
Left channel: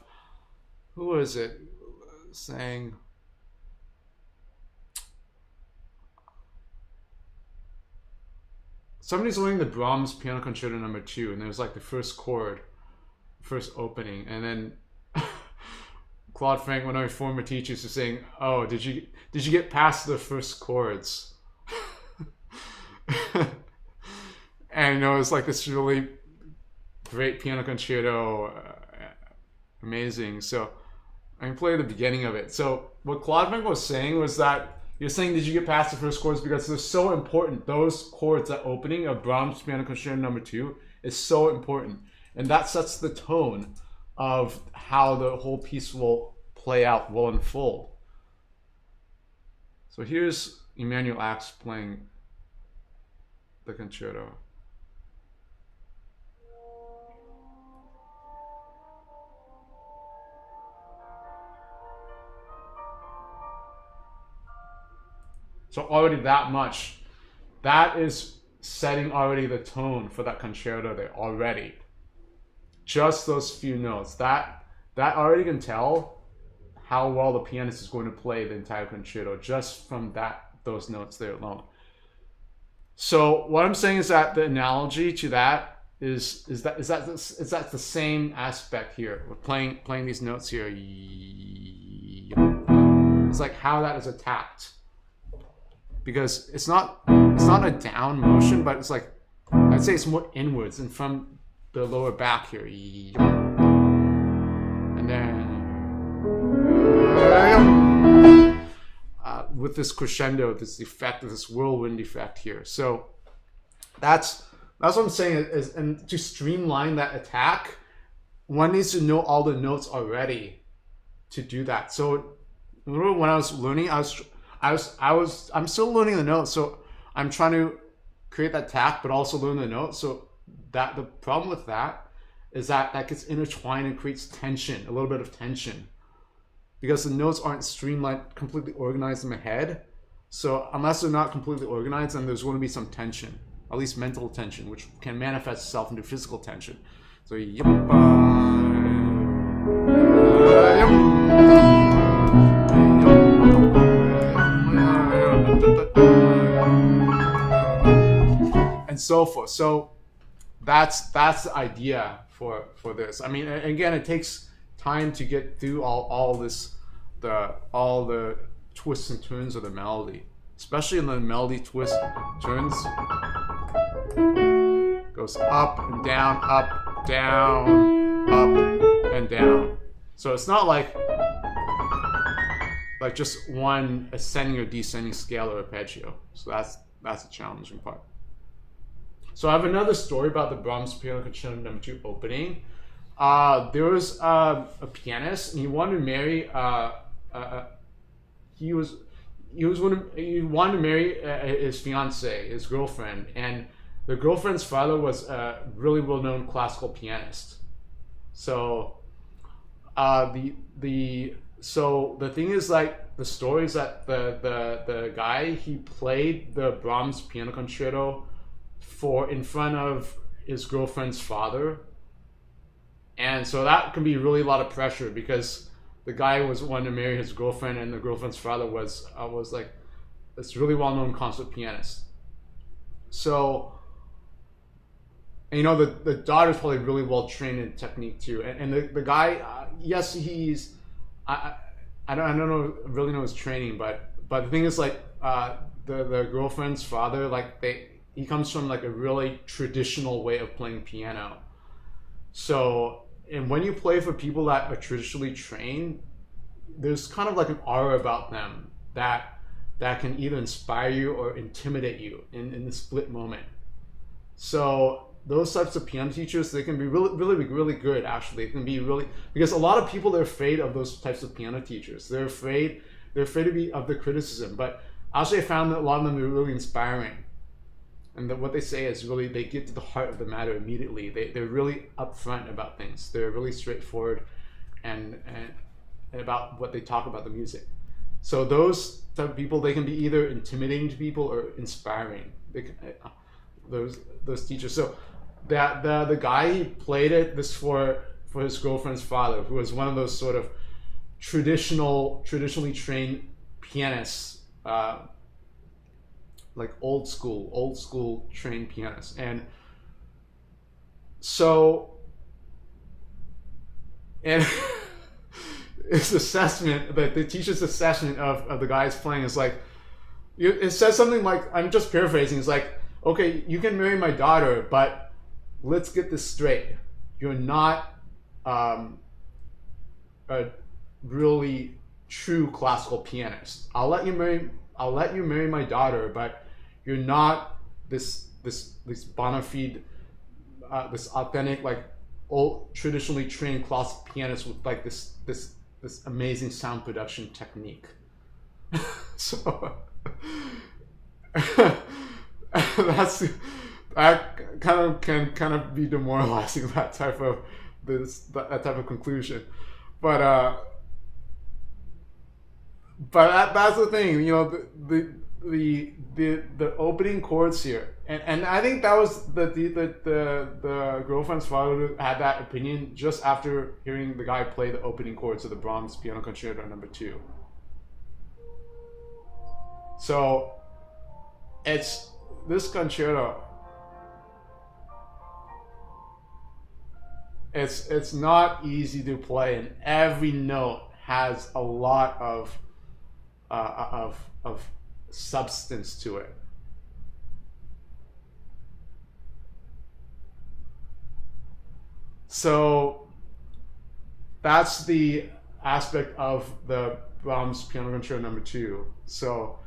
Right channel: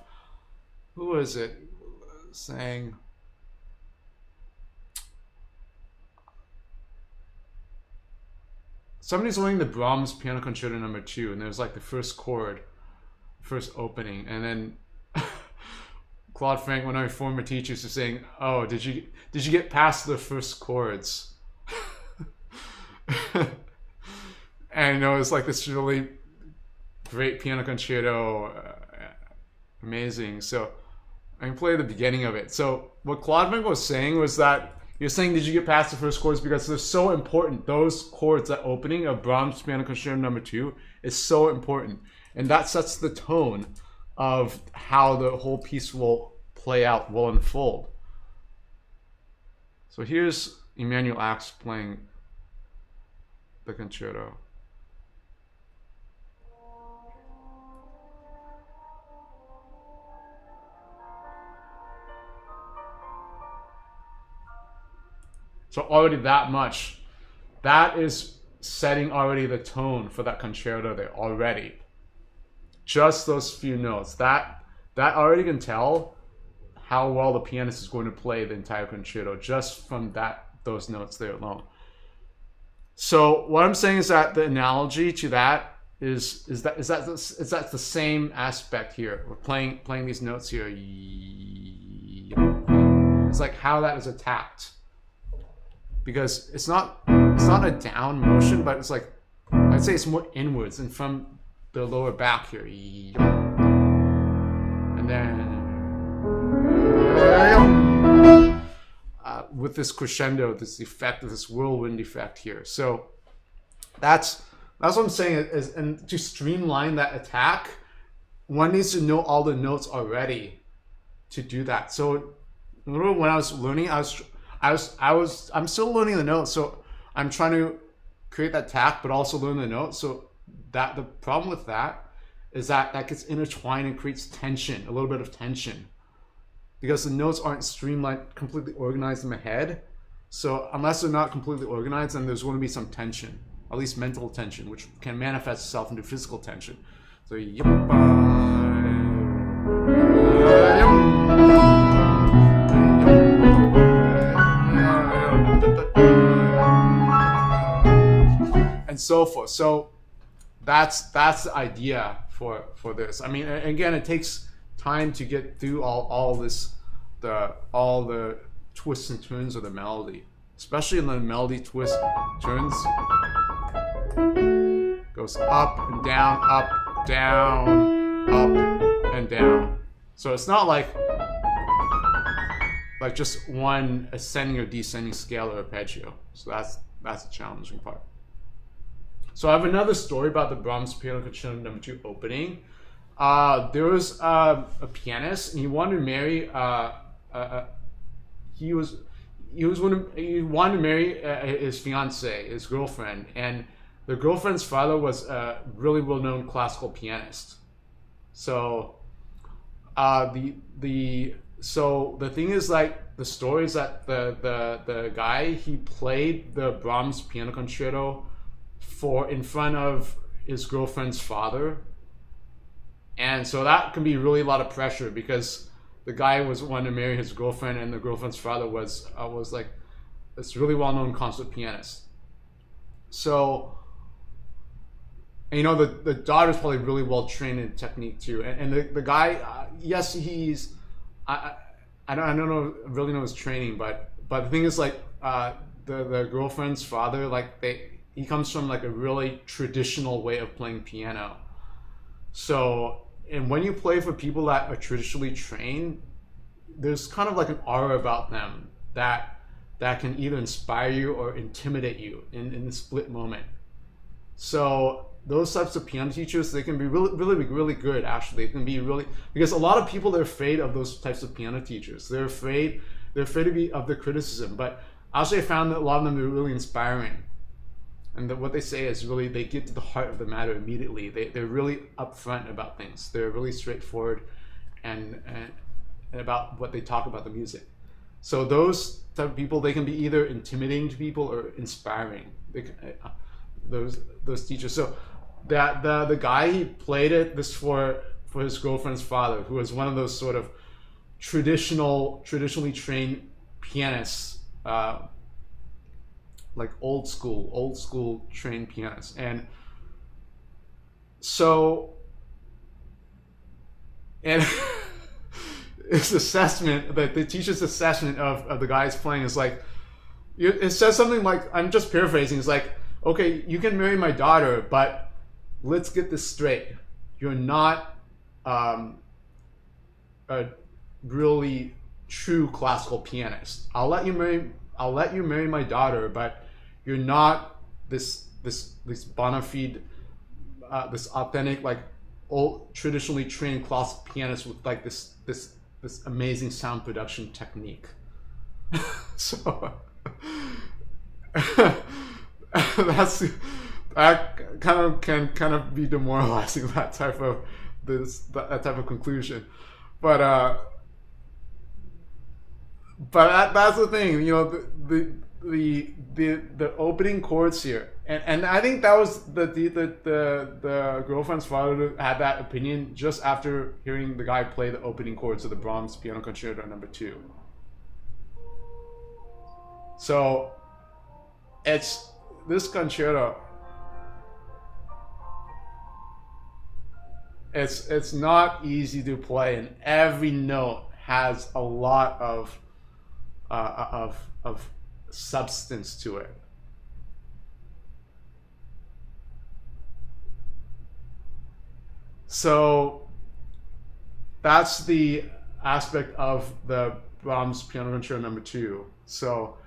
who is it saying? Somebody's learning the Brahms Piano Concerto No. 2, and there's like the first chord, first opening, and then Claude Frank, one of my former teachers, is saying, "Oh, did you get past the first chords?" And it's like this really great piano concerto, amazing. So I can play the beginning of it. So what Claude Frank was saying was that you're saying, did you get past the first chords? Because they're so important. Those chords, that opening of Brahms Piano Concerto No. 2 is so important. And that sets the tone of how the whole piece will play out, will unfold. So here's Emmanuel Axe playing the concerto. So already that is setting already the tone for that concerto there already. Just those few notes, that already can tell how well the pianist is going to play the entire concerto, just from those notes there alone. So what I'm saying is that the analogy to that is that the same aspect here. We're playing these notes here. It's like how that is attacked, because it's not a down motion, but it's like, I'd say it's more inwards and from the lower back here, and then with this crescendo, this effect, this whirlwind effect here. So that's what I'm saying is, and to streamline that attack, one needs to know all the notes already to do that. So remember when I was learning, I'm still learning the notes, so I'm trying to create that attack but also learn the notes. So that the problem with that is that gets intertwined and creates tension, a little bit of tension, because the notes aren't streamlined, completely organized in my head. So unless they're not completely organized, then there's going to be some tension, at least mental tension, which can manifest itself into physical tension. So and so forth. So that's the idea for this. I mean, again, it takes time to get through all the twists and turns of the melody, especially in the melody twist turns. Goes up and down, up, down, up and down. So it's not like just one ascending or descending scale or arpeggio. So that's the challenging part. So I have another story about the Brahms Piano Concerto No. 2 opening. There was a pianist, and he wanted to marry. He wanted to marry his fiancée, his girlfriend, and the girlfriend's father was a really well-known classical pianist. So the thing is, like, the story is that the guy, he played the Brahms Piano Concerto in front of his girlfriend's father, and so that can be really a lot of pressure, because the guy was wanting to marry his girlfriend, and the girlfriend's father was like this really well-known concert pianist. So, and, you know, the daughter's probably really well trained in technique too, and the guy, yes, he's I don't really know his training, but the thing is, like, the girlfriend's father, like, he comes from like a really traditional way of playing piano. So, and when you play for people that are traditionally trained, there's kind of like an aura about them that can either inspire you or intimidate you in the split moment. So those types of piano teachers, they can be really good, actually. It can be really, because a lot of people are afraid of those types of piano teachers. They're afraid to be of the criticism, but actually I found that a lot of them are really inspiring. And what they say is really, they get to the heart of the matter immediately. They're really upfront about things. They're really straightforward and about what they talk about the music. So those type of people, they can be either intimidating to people or inspiring. Those teachers. So that the guy, he played this for his girlfriend's father, who was one of those sort of traditionally trained pianists. Like old school trained pianists. And so, and his assessment, the teacher's assessment of the guys playing is like, it says something like, I'm just paraphrasing, it's like, okay, you can marry my daughter, but let's get this straight. You're not a really true classical pianist. I'll let you marry my daughter, but you're not this bona fide, this authentic, like, old traditionally trained classical pianist with like this amazing sound production technique. So that can kind of be demoralizing, that type of conclusion, but that's the thing, you know, the opening chords here, and I think that was the girlfriend's father had that opinion just after hearing the guy play the opening chords of the Brahms Piano Concerto No. 2. So it's this concerto. it's not easy to play, and every note has a lot of substance to it. So that's the aspect of the Brahms Piano Concerto Number 2. So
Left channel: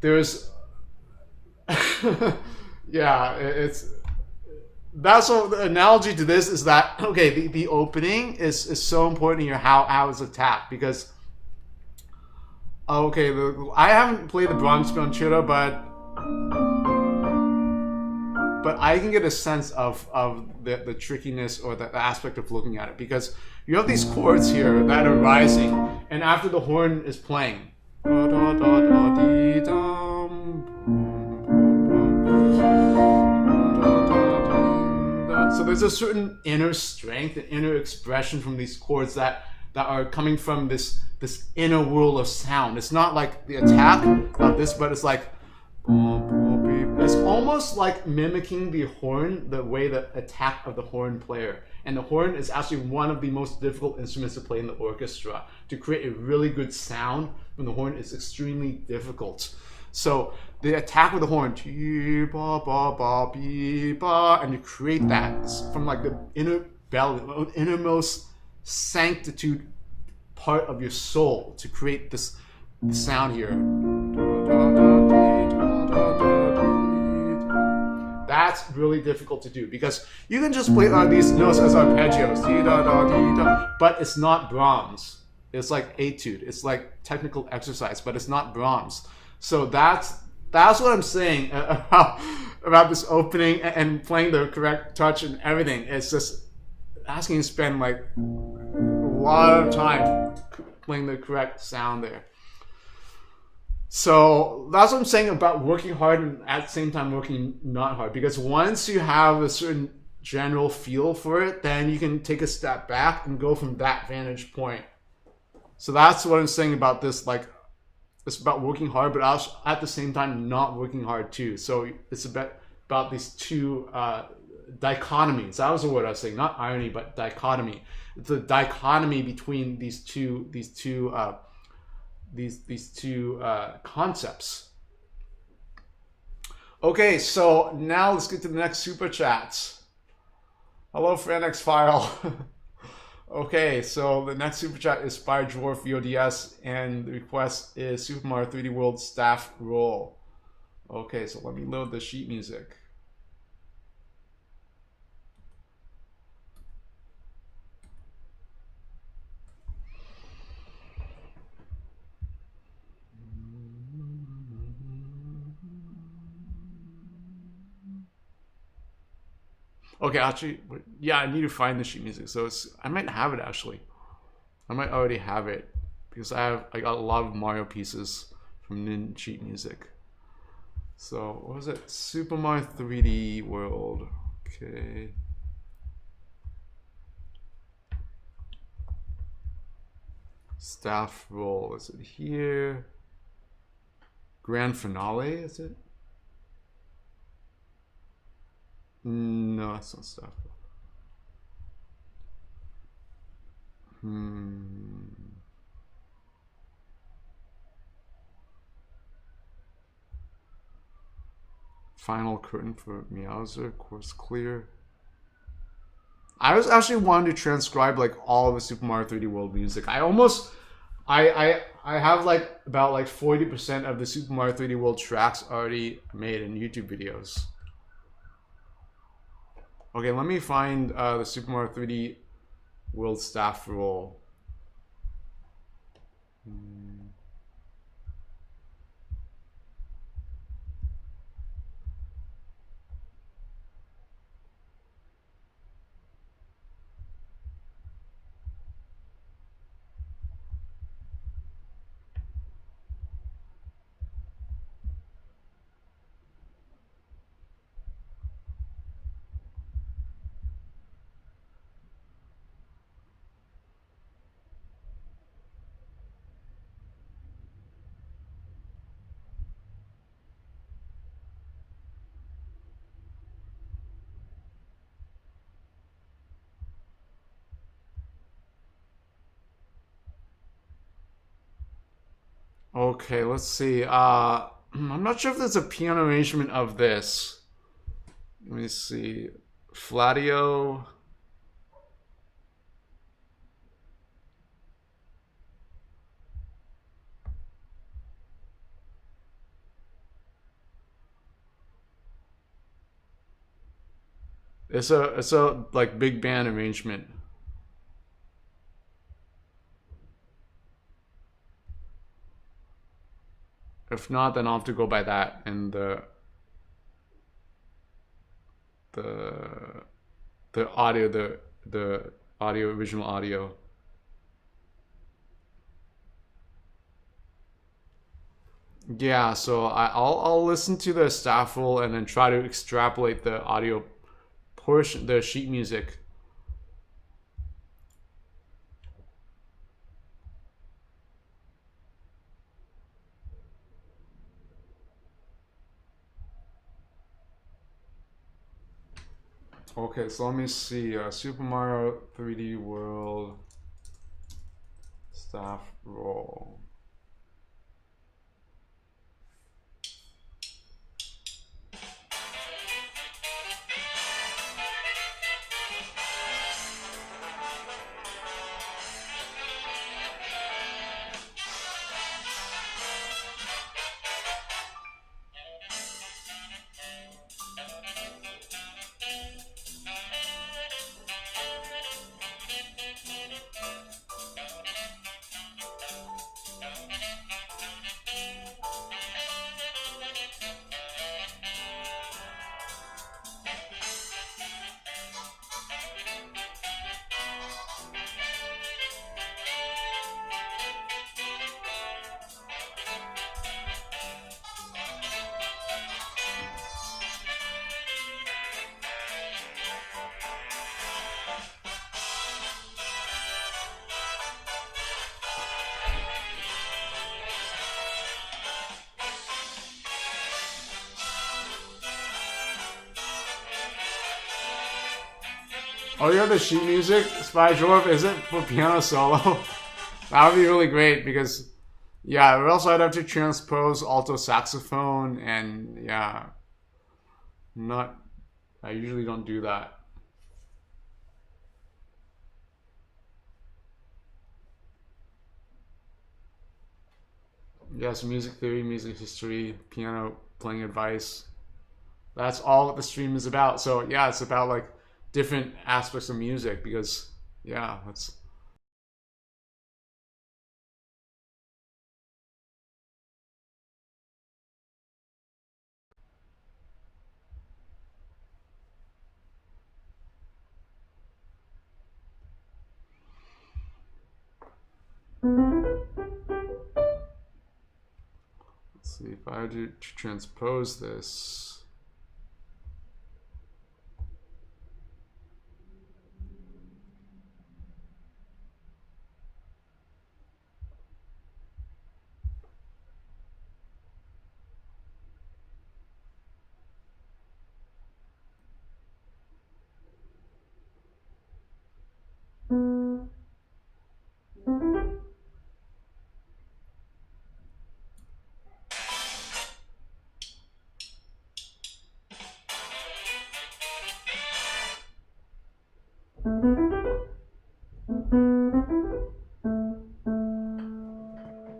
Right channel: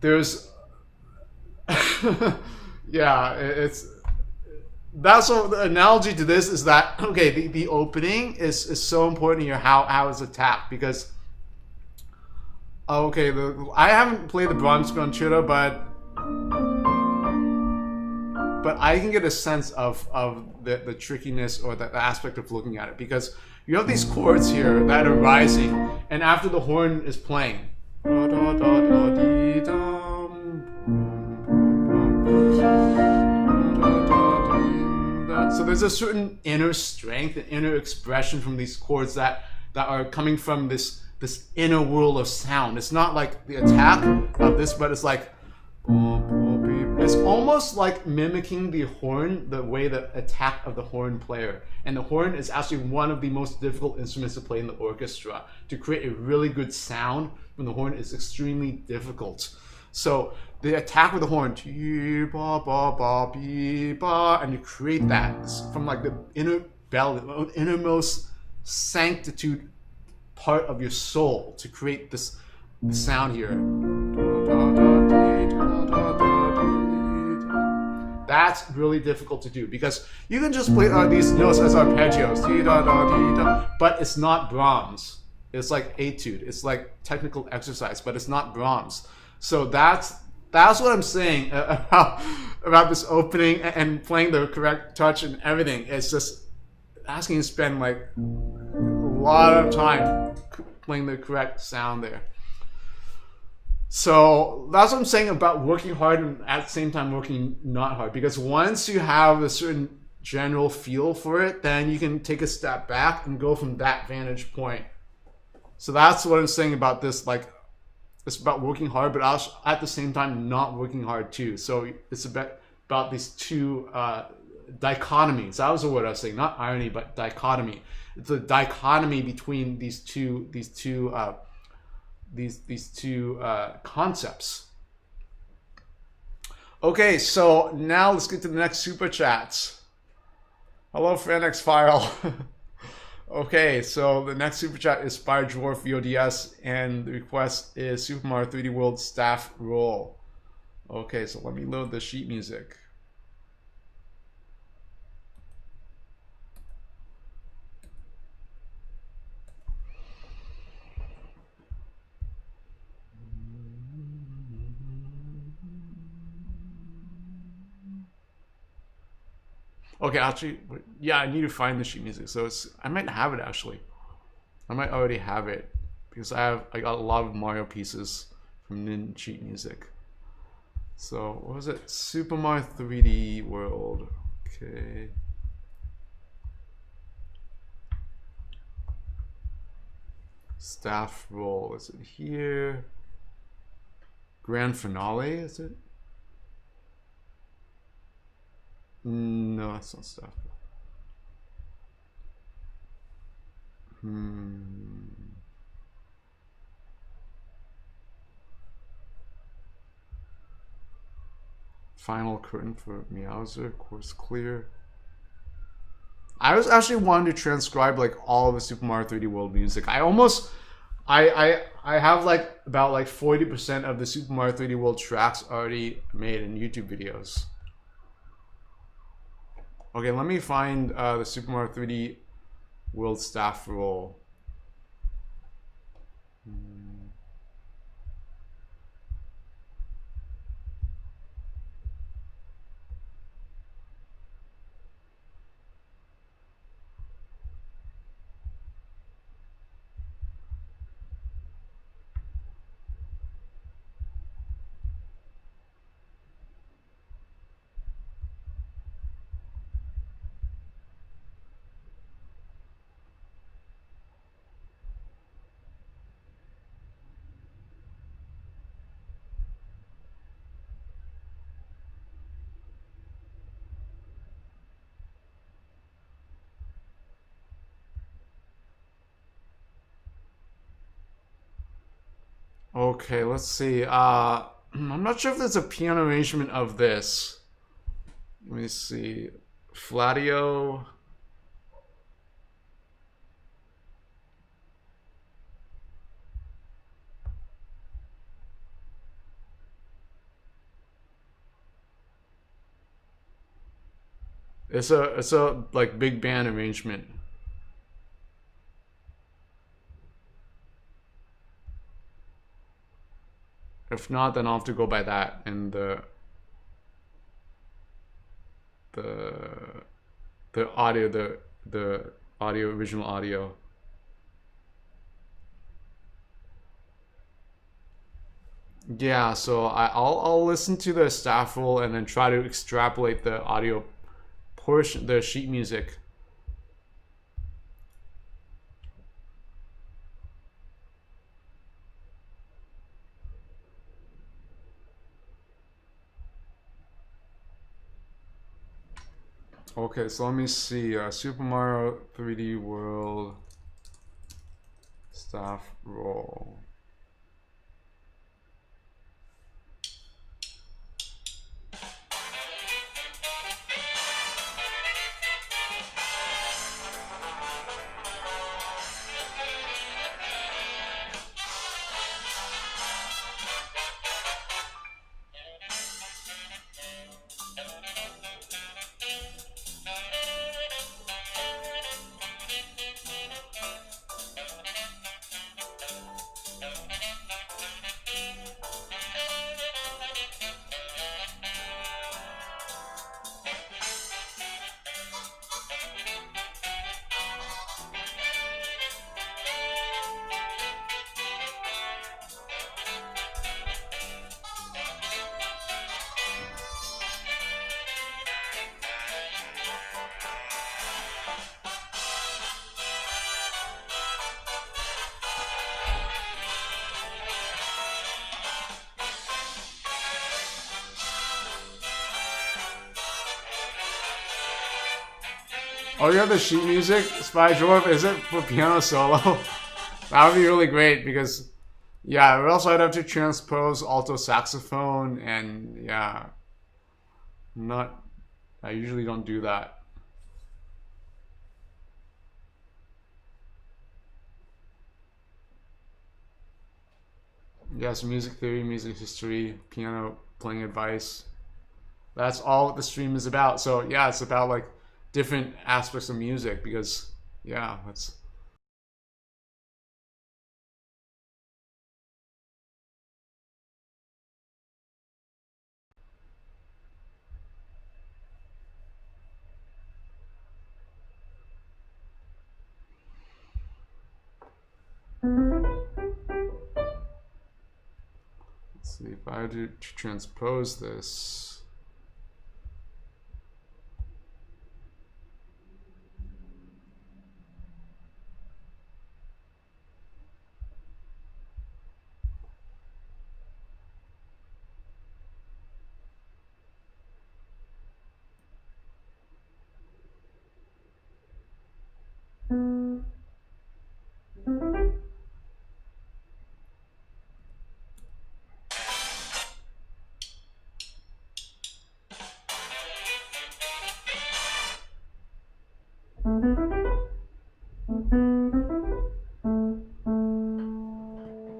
there's yeah, it's that's what the analogy to this is that okay, the opening is so important here, how it's attacked, because okay, I haven't played the Brahms Concerto, but I can get a sense of the trickiness or the aspect of looking at it, because you have these chords here that are rising, and after the horn is playing, so there's a certain inner strength and inner expression from these chords that are coming from this inner world of sound. It's not like the attack of this, but it's like it's almost like mimicking the horn, the way the attack of the horn player. And the horn is actually one of the most difficult instruments to play in the orchestra. To create a really good sound from the horn is extremely difficult. So the attack with the horn, and you create that from like the inner belly, the innermost sanctitude part of your soul, to create this sound here. That's really difficult to do, because you can just play these notes as arpeggios, but it's not Brahms. It's like etude. It's like technical exercise, but it's not Brahms. So that's what I'm saying about this opening and playing the correct touch and everything. It's just asking you to spend like a lot of time playing the correct sound there. So that's what I'm saying about working hard and at the same time working not hard. Because once you have a certain general feel for it, then you can take a step back and go from that vantage point. So that's what I'm saying about this. Like, it's about working hard, but also at the same time not working hard too. So it's about these two dichotomies. That was the word I was saying, not irony, but dichotomy. It's a dichotomy between these two concepts. Okay, so now let's get to the next super chats. Hello, FranX File. Okay, so the next super chat is Fire Dwarf VODS, and the request is Super Mario 3D World staff roll. Okay, so let me load the sheet music. Okay, actually, yeah, I need to find the sheet music. So I might have it actually. I might already have it, because I got a lot of Mario pieces from Nin sheet music. So what was it? Super Mario 3D World. Okay. Staff roll. Is it here? Grand finale, is it? No, that's not staff roll. Final curtain for Meowser, course clear. I was actually wanting to transcribe like all of the Super Mario 3D World music. I have like about like 40% of the Super Mario 3D World tracks already made in YouTube videos. Okay, let me find the Super Mario 3D World staff roll. Okay, let's see. I'm not sure if there's a piano arrangement of this. Let me see. Flatio. It's a like big band arrangement. If not, then I'll have to go by that and the the audio the audio original audio. Yeah, so I'll listen to the staff roll and then try to extrapolate the audio portion, the sheet music. Okay, so let me see. Super Mario 3D World staff roll. Oh, you have the sheet music, Spy Dwarf? Is it for piano solo? That would be really great because, yeah, or else I'd have to transpose alto saxophone, and yeah, not. I usually don't do that. Yes, music theory, music history, piano playing advice. That's all what the stream is about. So yeah, it's about like different aspects of music because yeah, that's let's see if I do to transpose this.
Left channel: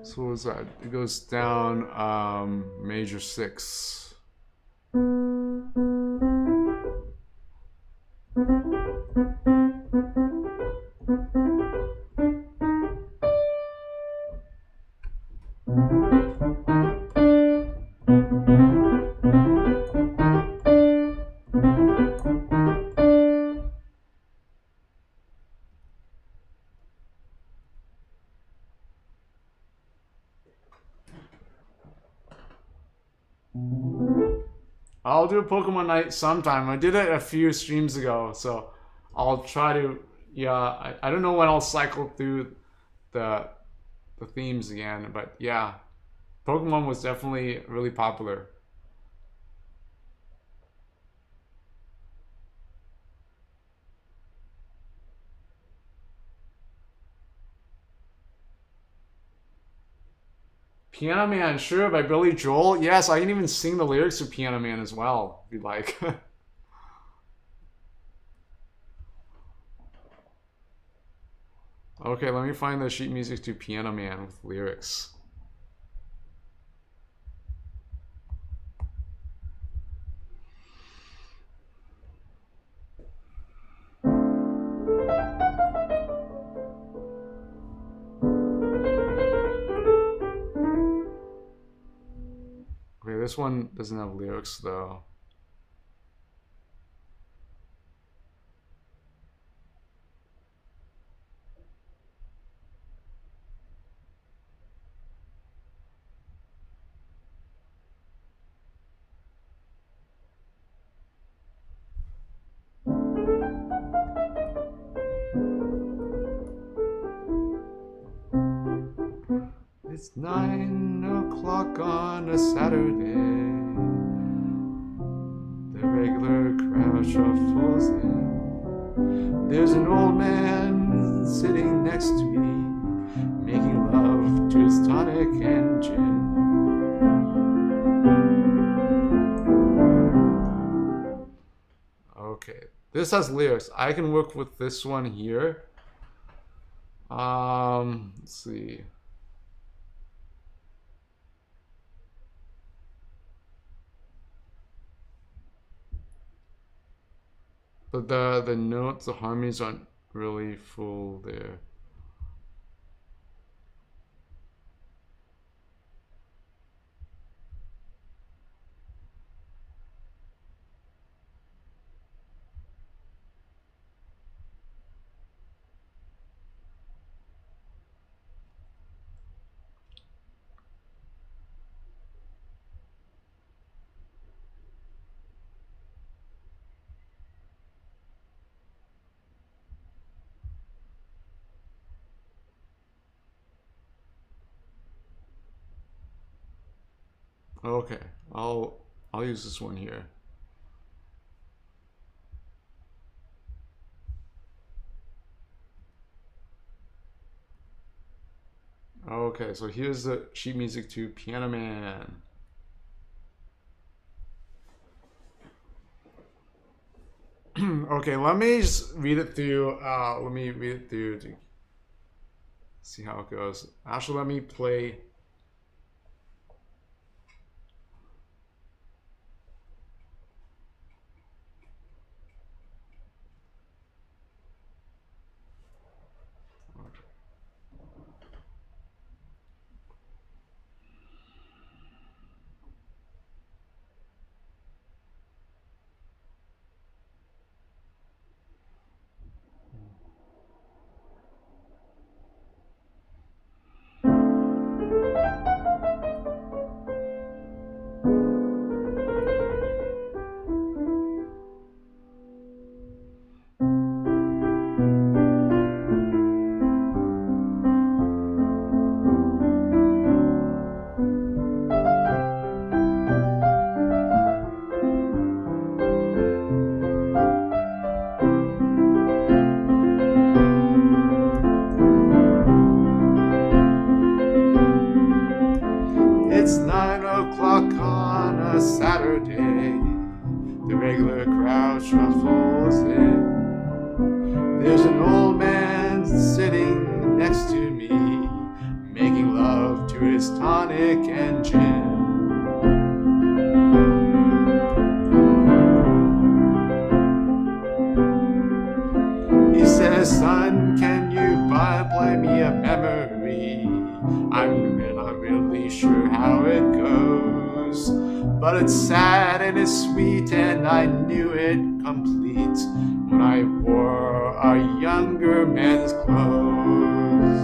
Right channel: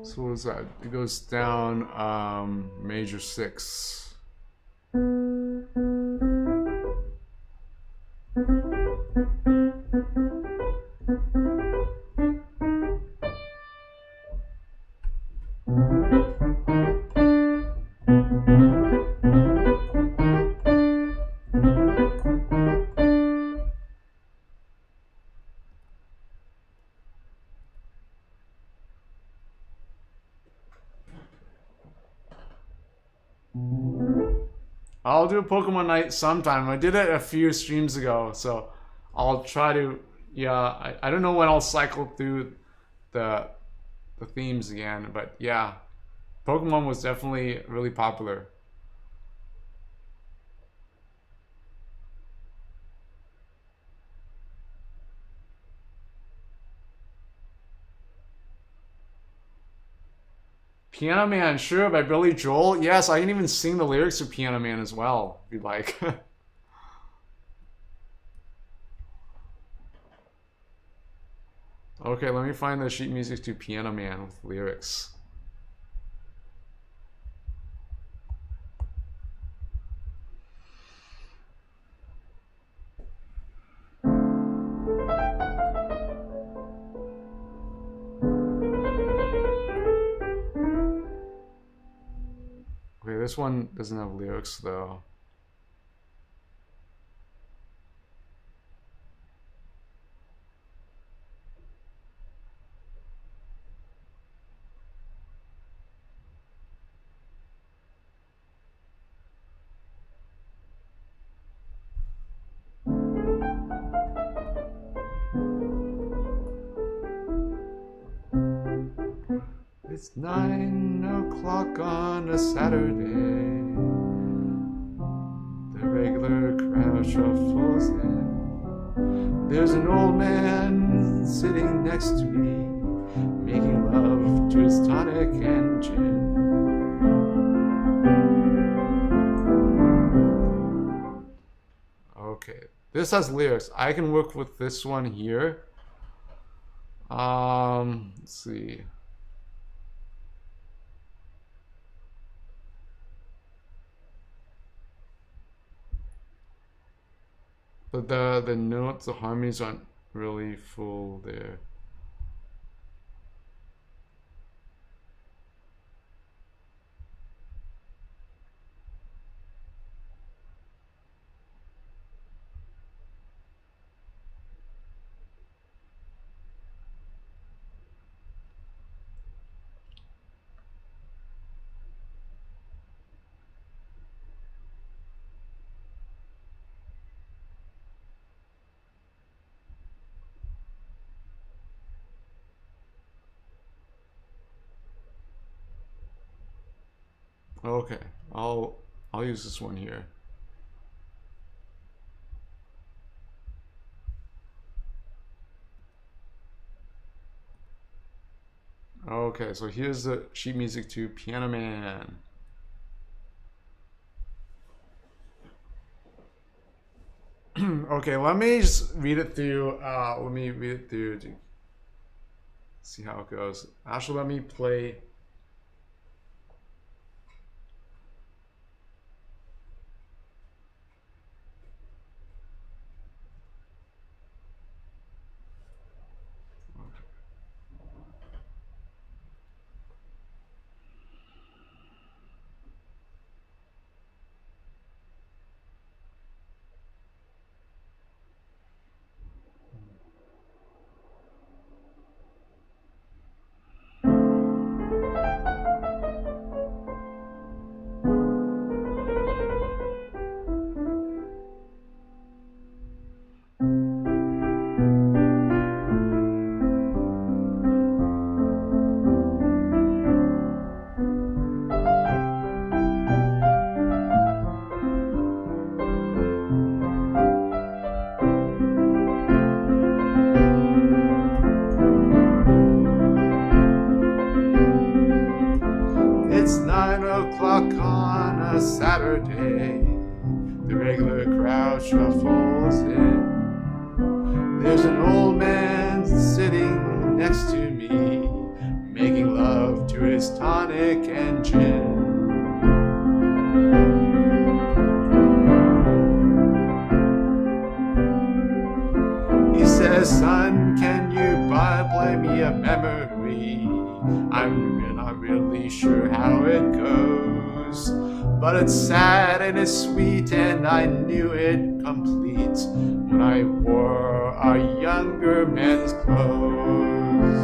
So what is that? It goes down major six. I'll do a Pokemon night sometime. I did it a few streams ago, so I'll try to. Yeah, I don't know when I'll cycle through the the themes again, but yeah, Pokemon was definitely really popular. Piano Man, sure, by Billy Joel. Yes, I can even sing the lyrics of Piano Man as well, if you'd like. Okay, let me find the sheet music to Piano Man with lyrics. Okay, this one doesn't have lyrics though. It's 9 o'clock on a Saturday. The regular crowd shuffles in. There's an old man sitting next to me, making love to his tonic and gin. Okay, this has lyrics. I can work with this one here. Let's see. But the notes, the harmonies aren't really full there. Okay, I'll use this one here. Okay, so here's the sheet music to Piano Man. Okay, let me just read it through. Let me read it through to see how it goes. Actually, let me play. It's 9 o'clock on a Saturday. The regular crowd shuffles in. There's an old man sitting next to me, making love to his tonic and gin. He says, son, can you play me a memory? I'm not really sure how it goes, but it's sad and it's sweet, and I knew it complete when I wore a younger man's clothes.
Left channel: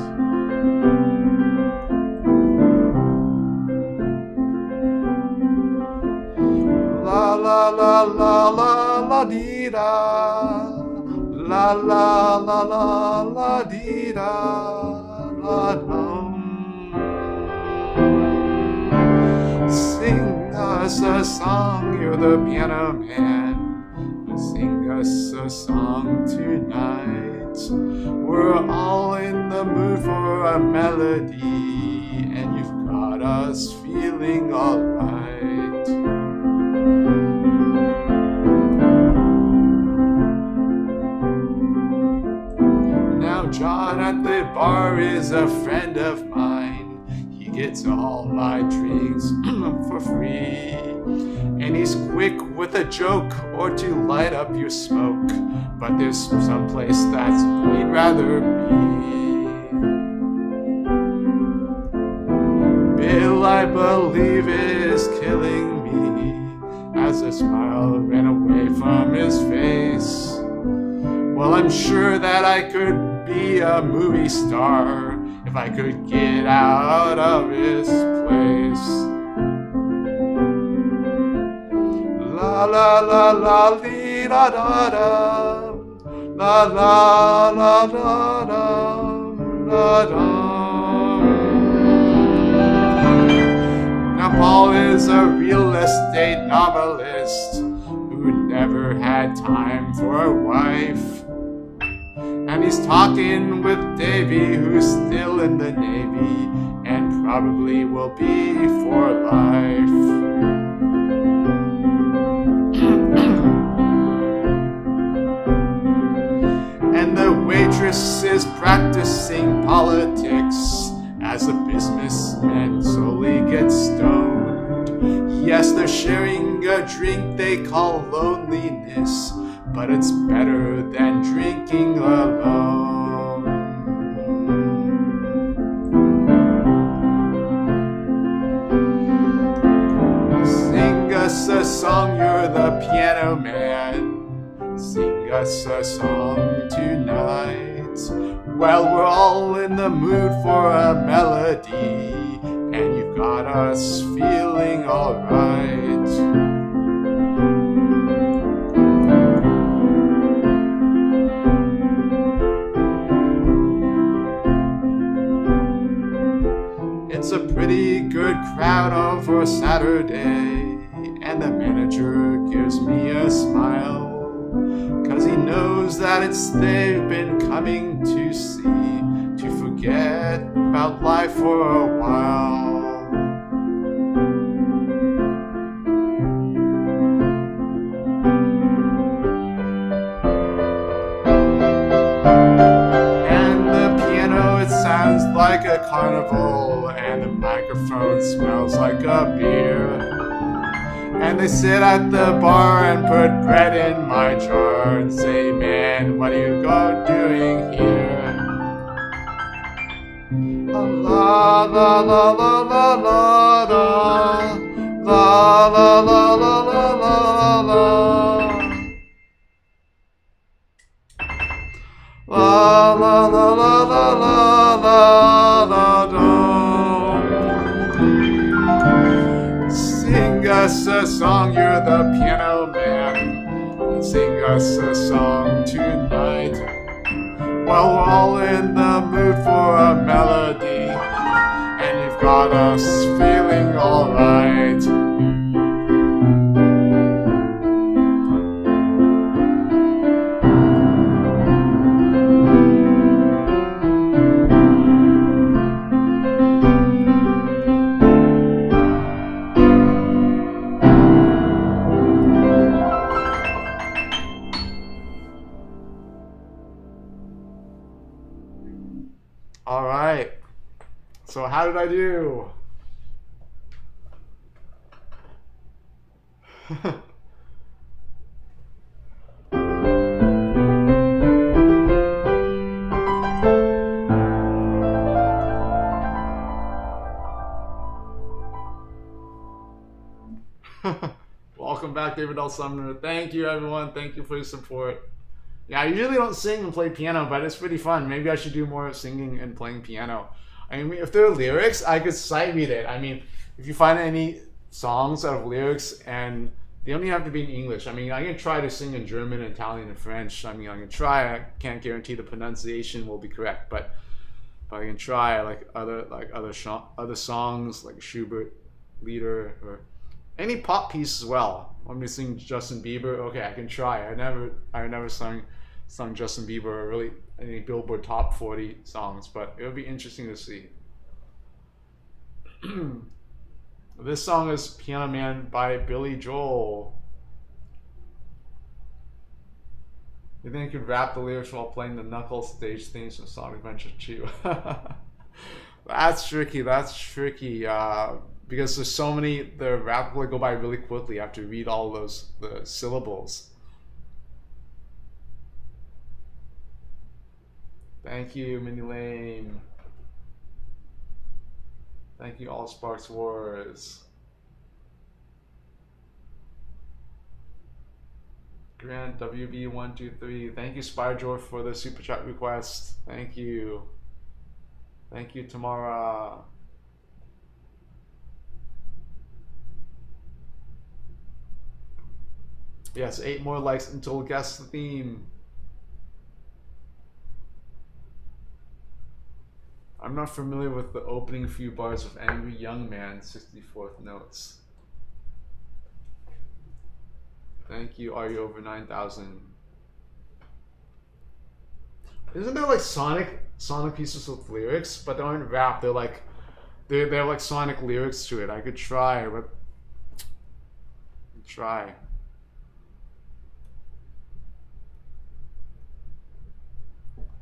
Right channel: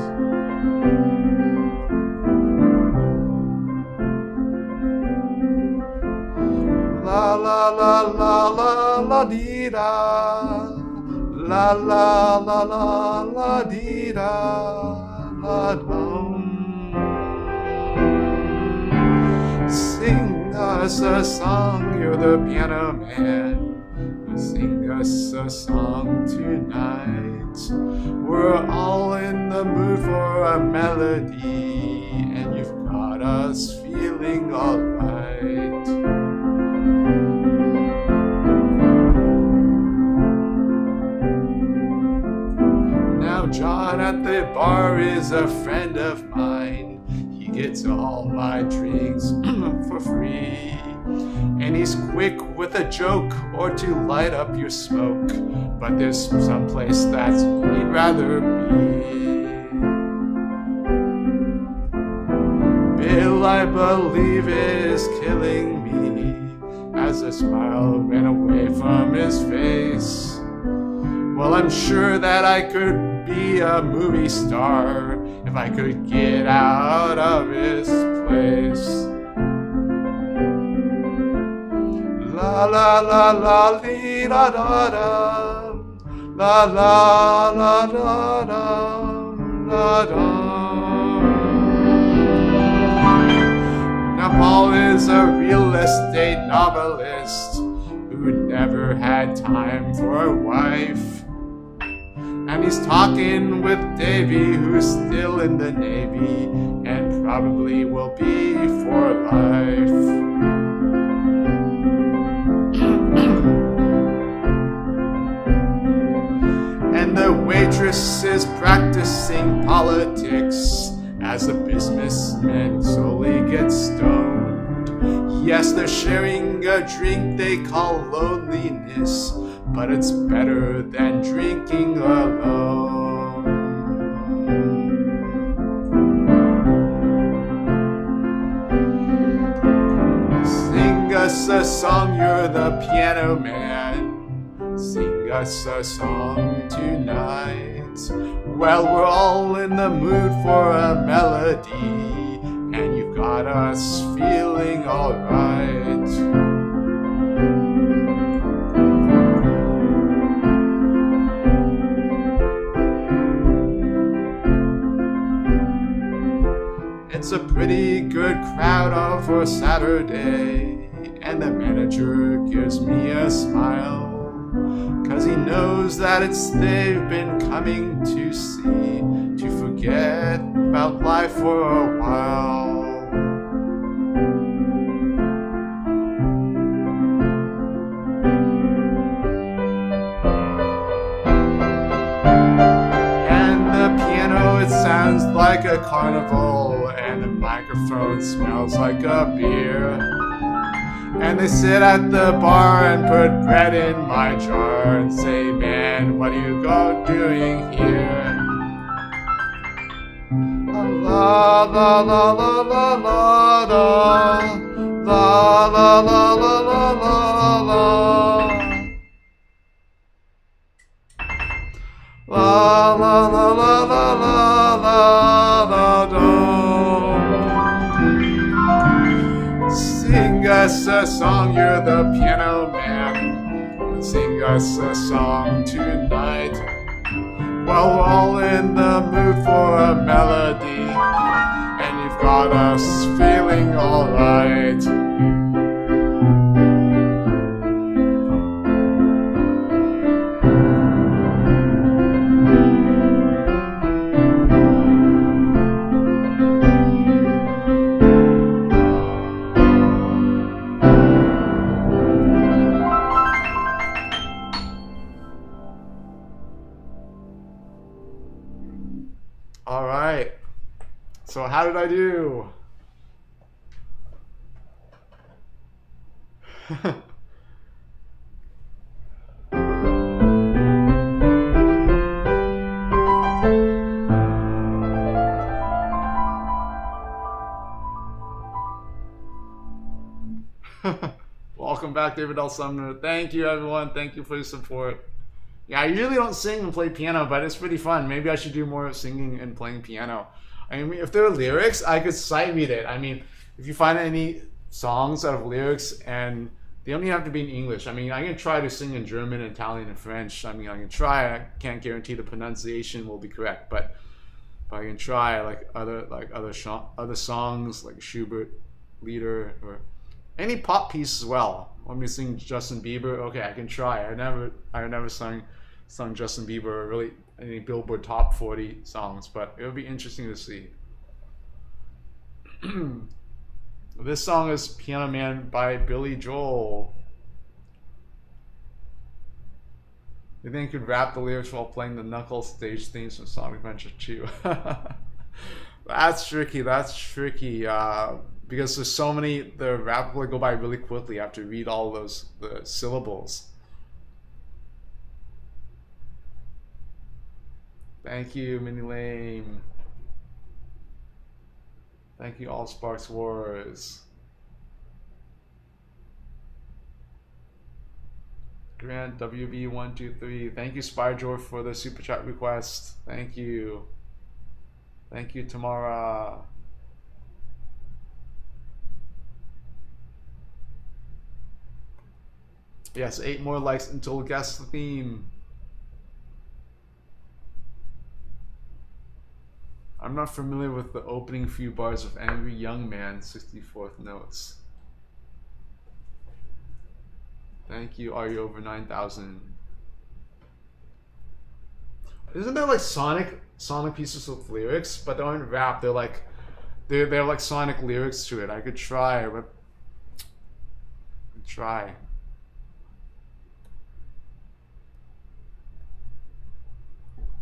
La la la la la la dee da, la la la la la dee da, la la. Sing us a song, you're the piano man. Sing us a song tonight. We're all in the mood for a melody, and you've got got us feeling alright. Now John at the bar is a friend of mine. He gets all my drinks for free. And he's quick with a joke or to light up your smoke. But there's some place that we'd rather be. Bill, I believe, is killing me, as a smile ran away from his face. Well, I'm sure that I could be a movie star if I could get out of his place. La la la la dee da da da, la la la da da da da. Now Paul is a real estate novelist who never had time for a wife. And he's talking with Davy, who's still in the Navy and probably will be for life. And the waitress is practicing politics as a businessman slowly gets stoned. Yes, they're sharing a drink they call loneliness, but it's better than drinking alone. Sing us a song, you're the piano man. Sing us a song tonight. Well, we're all in the mood for a melody, and you've got us feeling alright. It's a pretty good crowd over Saturday, and the manager gives me a smile, 'cause he knows that it's they've been coming to see, to forget about life for a while. And the piano, it sounds like a carnival, and the microphone smells like a beer. And they sit at the bar and put bread in my jar and say, man, what are you doing here? La la la la la la la la la la la la la. La la la la la la la la. Sing us a song, you're the piano man. Sing us a song tonight. Well, we're all in the mood for a melody, and you've got us feeling alright. All right. So how did I do? Welcome back, David L. Sumner. Thank you, everyone. Thank you for your support. Yeah, I usually don't sing and play piano, but it's pretty fun. Maybe I should do more singing and playing piano. I mean, if there are lyrics, I could sight read it. I mean, if you find any songs that have lyrics, and they don't even have to be in English. I mean, I can try to sing in German, Italian, and French. I mean, I can try. I can't guarantee the pronunciation will be correct, but I can try. Like other songs, like Schubert, Lieder, or any pop piece as well. Want me to sing Justin Bieber? Okay, I can try. I never sung Justin Bieber or really any Billboard Top 40 songs, but it would be interesting to see. This song is Piano Man by Billy Joel. You think you could rap the lyrics while playing the Knuckles stage themes from Sonic Adventure 2? That's tricky. That's tricky. Because there's so many, the rap will go by really quickly. You have to read all those the syllables. Thank you, Mini Lame. Thank you, All Sparks Wars. Grant WB123. Thank you, Spyjor, for the super chat request. Thank you. Thank you, Tamara. Yes, 8 more likes until we guess the theme. I'm not familiar with the opening few bars of Angry Young Man, 64th Notes. Thank you, Are You Over 9,000? Isn't there like Sonic pieces with lyrics, but they aren't rap? They're like Sonic lyrics to it. I could try, but try.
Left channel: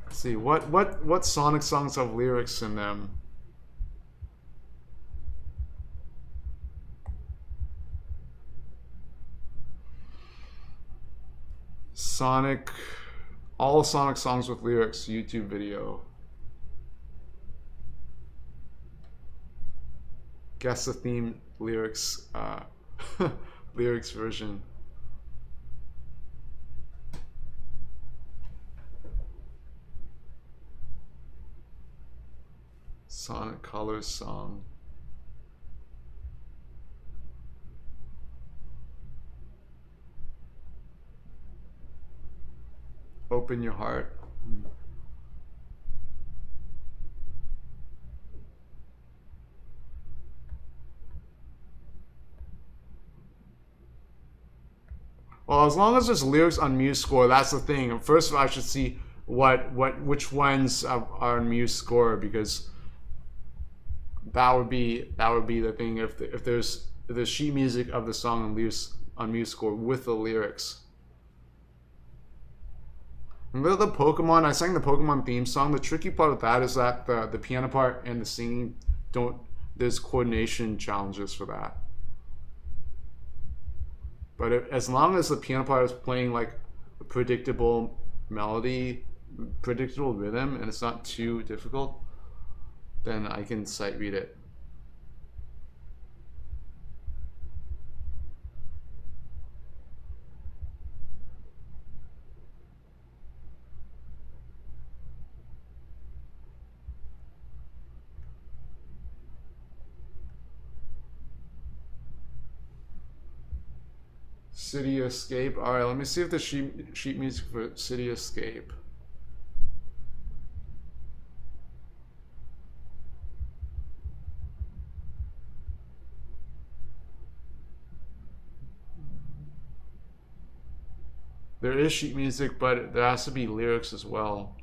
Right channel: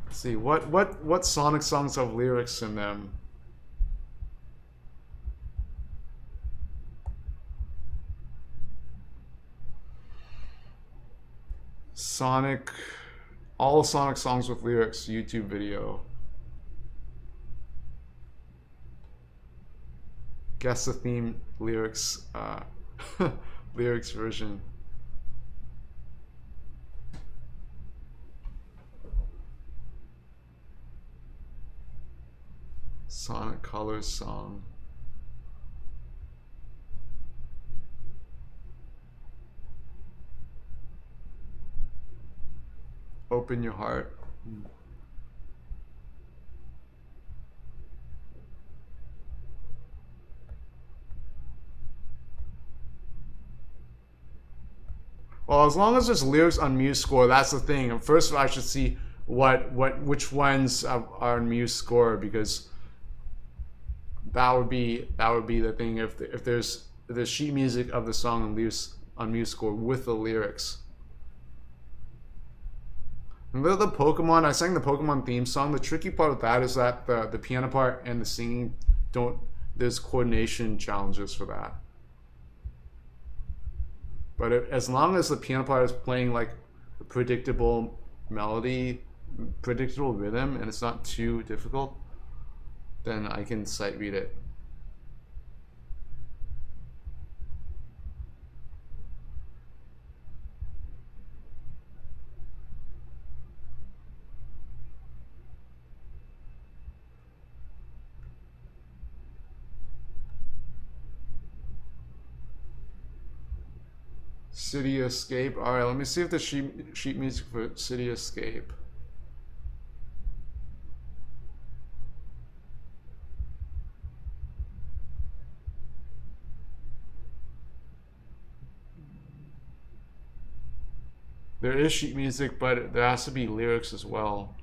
Let's see what Sonic songs have lyrics in them. All Sonic songs with lyrics, YouTube video. Guess the theme lyrics, lyrics version. Sonic Colors song. Open Your Heart. Well, as long as there's lyrics on MuseScore, that's the thing. First, I should see which ones are on MuseScore, because that would be the thing. If there's sheet music of the song on MuseScore with the lyrics. Remember the Pokemon? I sang the Pokemon theme song. The tricky part with that is that the piano part and the singing there's coordination challenges for that. But as long as the piano part is playing like a predictable melody, predictable rhythm, and it's not too difficult, then I can sight read it. City Escape. All right, let me see if the sheet music for City Escape. There is sheet music, but there has to be lyrics as well.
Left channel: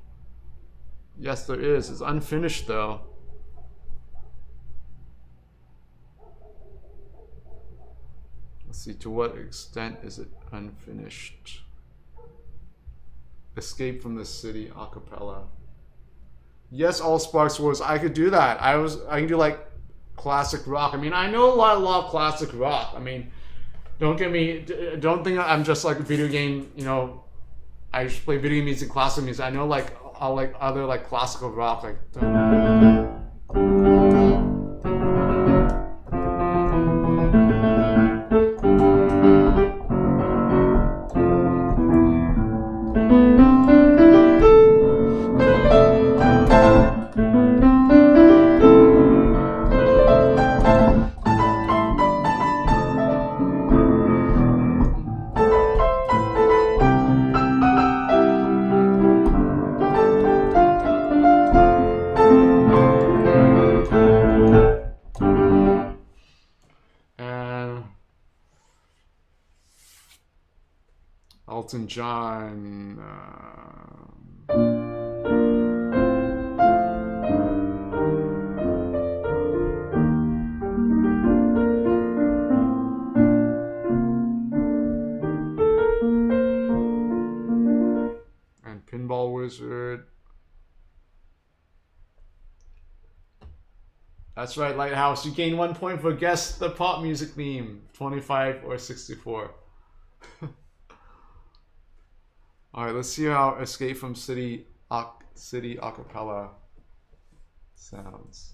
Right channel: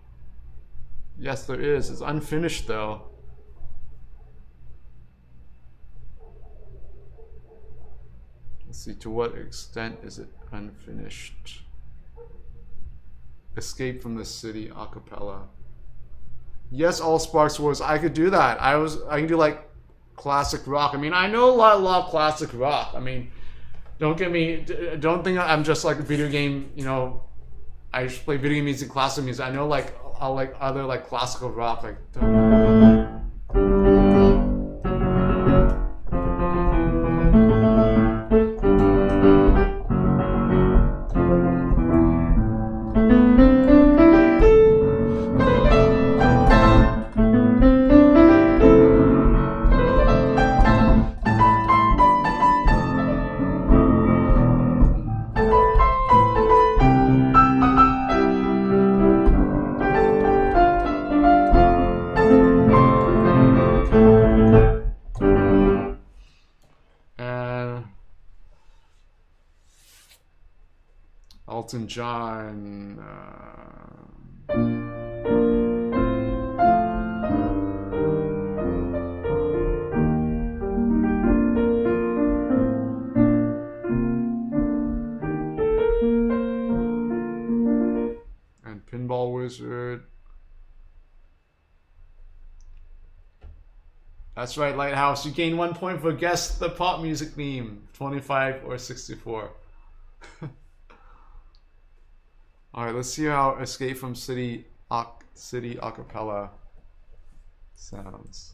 Yes, there is. It's unfinished though. Let's see, to what extent is it unfinished? Escape from the City a cappella. Yes, All Sparks Wars. I could do that. I can do like classic rock. I mean, I know a lot of classic rock. I mean, don't think I'm just like a video game, I just play video game music, classical music. I know like I'll like other like classical rock, like Elton John. word. That's right, Lighthouse. You gain 1 point for guess the pop music theme. 25 or 64. Alright, let's see how Escape from City Acapella sounds.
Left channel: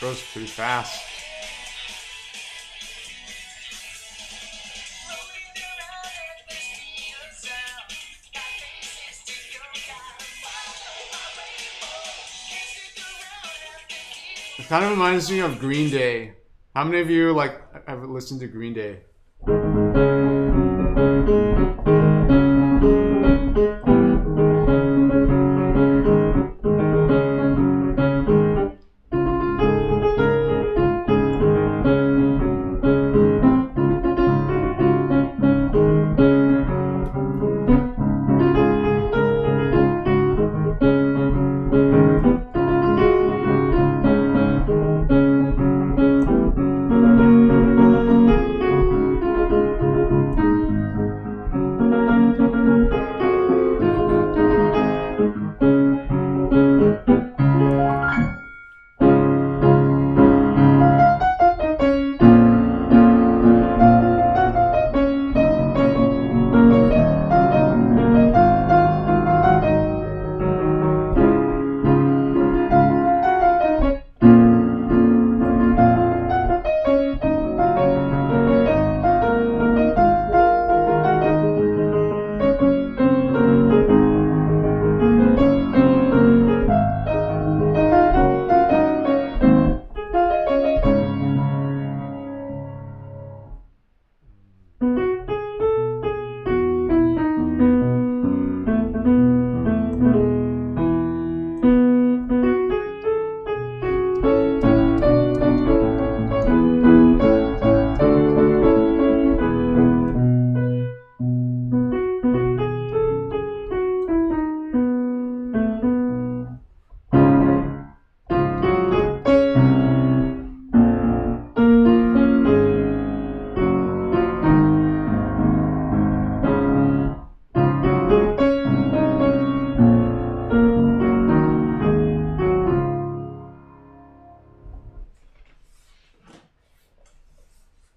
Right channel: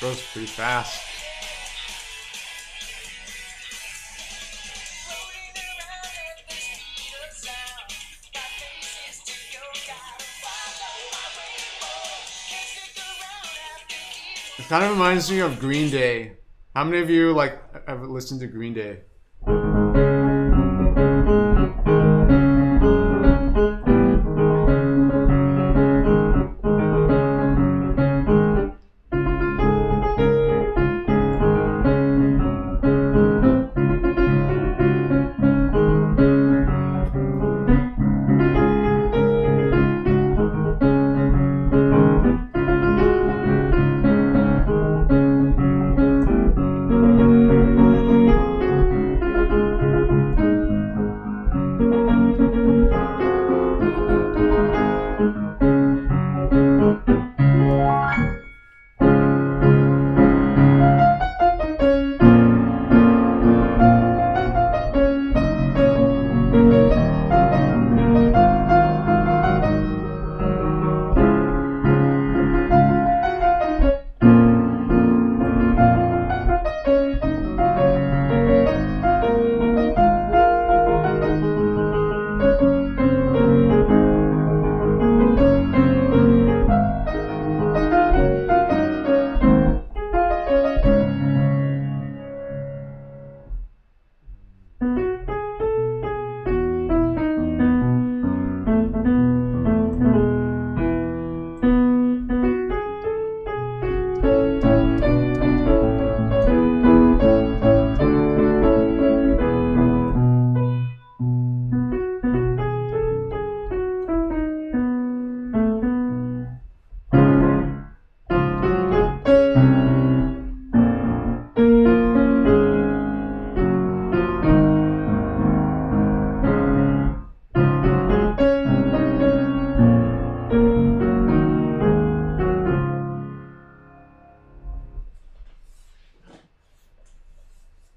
Goes pretty fast. It kind of reminds me of Green Day. How many of you like ever listened to Green Day?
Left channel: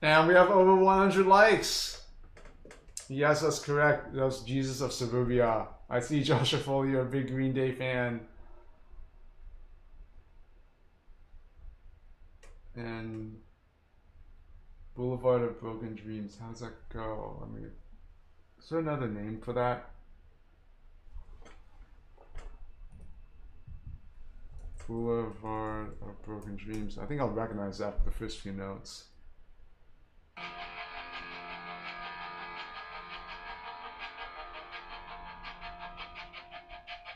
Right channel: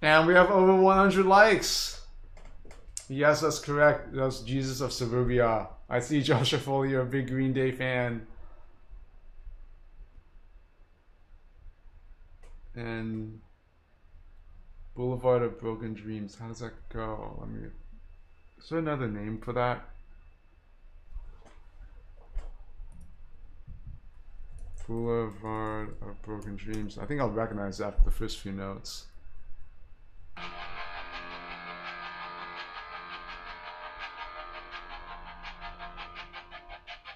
And we have over 100 likes. Yes, that's correct. That's Jesus of Suburbia. I see Joshua Foley, you're a big Green Day fan. And Boulevard of Broken Dreams. How does that go? I mean, is there another name for that? Boulevard of Broken Dreams. I think I'll recognize that for the first few notes.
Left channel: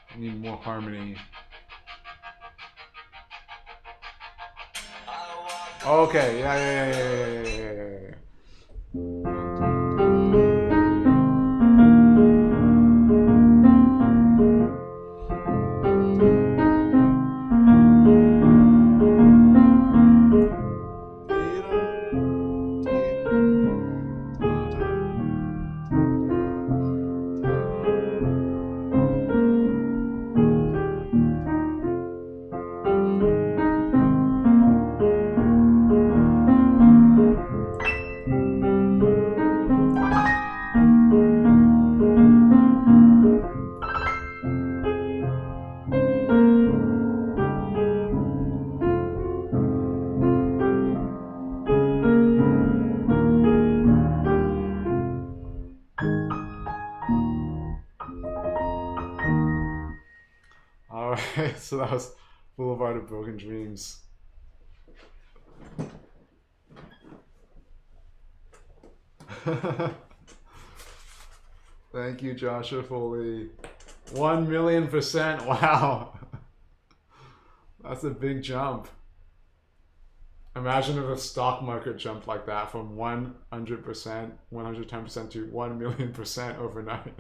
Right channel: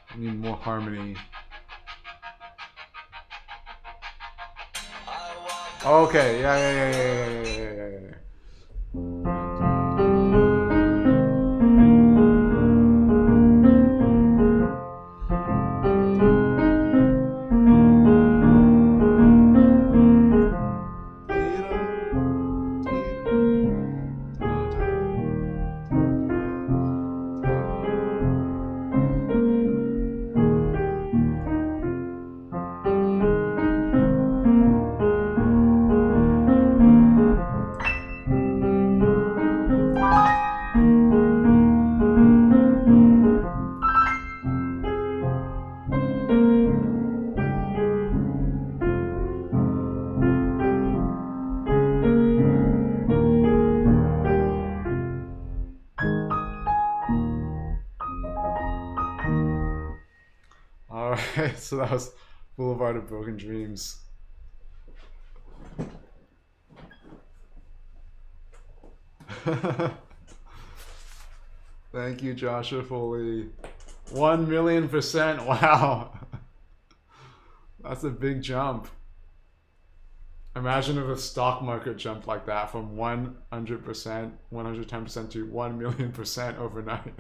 I need more harmony. Okay, yeah. Alright, so that was Boulevard of Broken Dreams. Thank you, Joshua Foley. 1,000,000%. Wow. That's a big jump. Imagine if the stock market jumped like that from 100%, 110% to 1,000,000% overnight.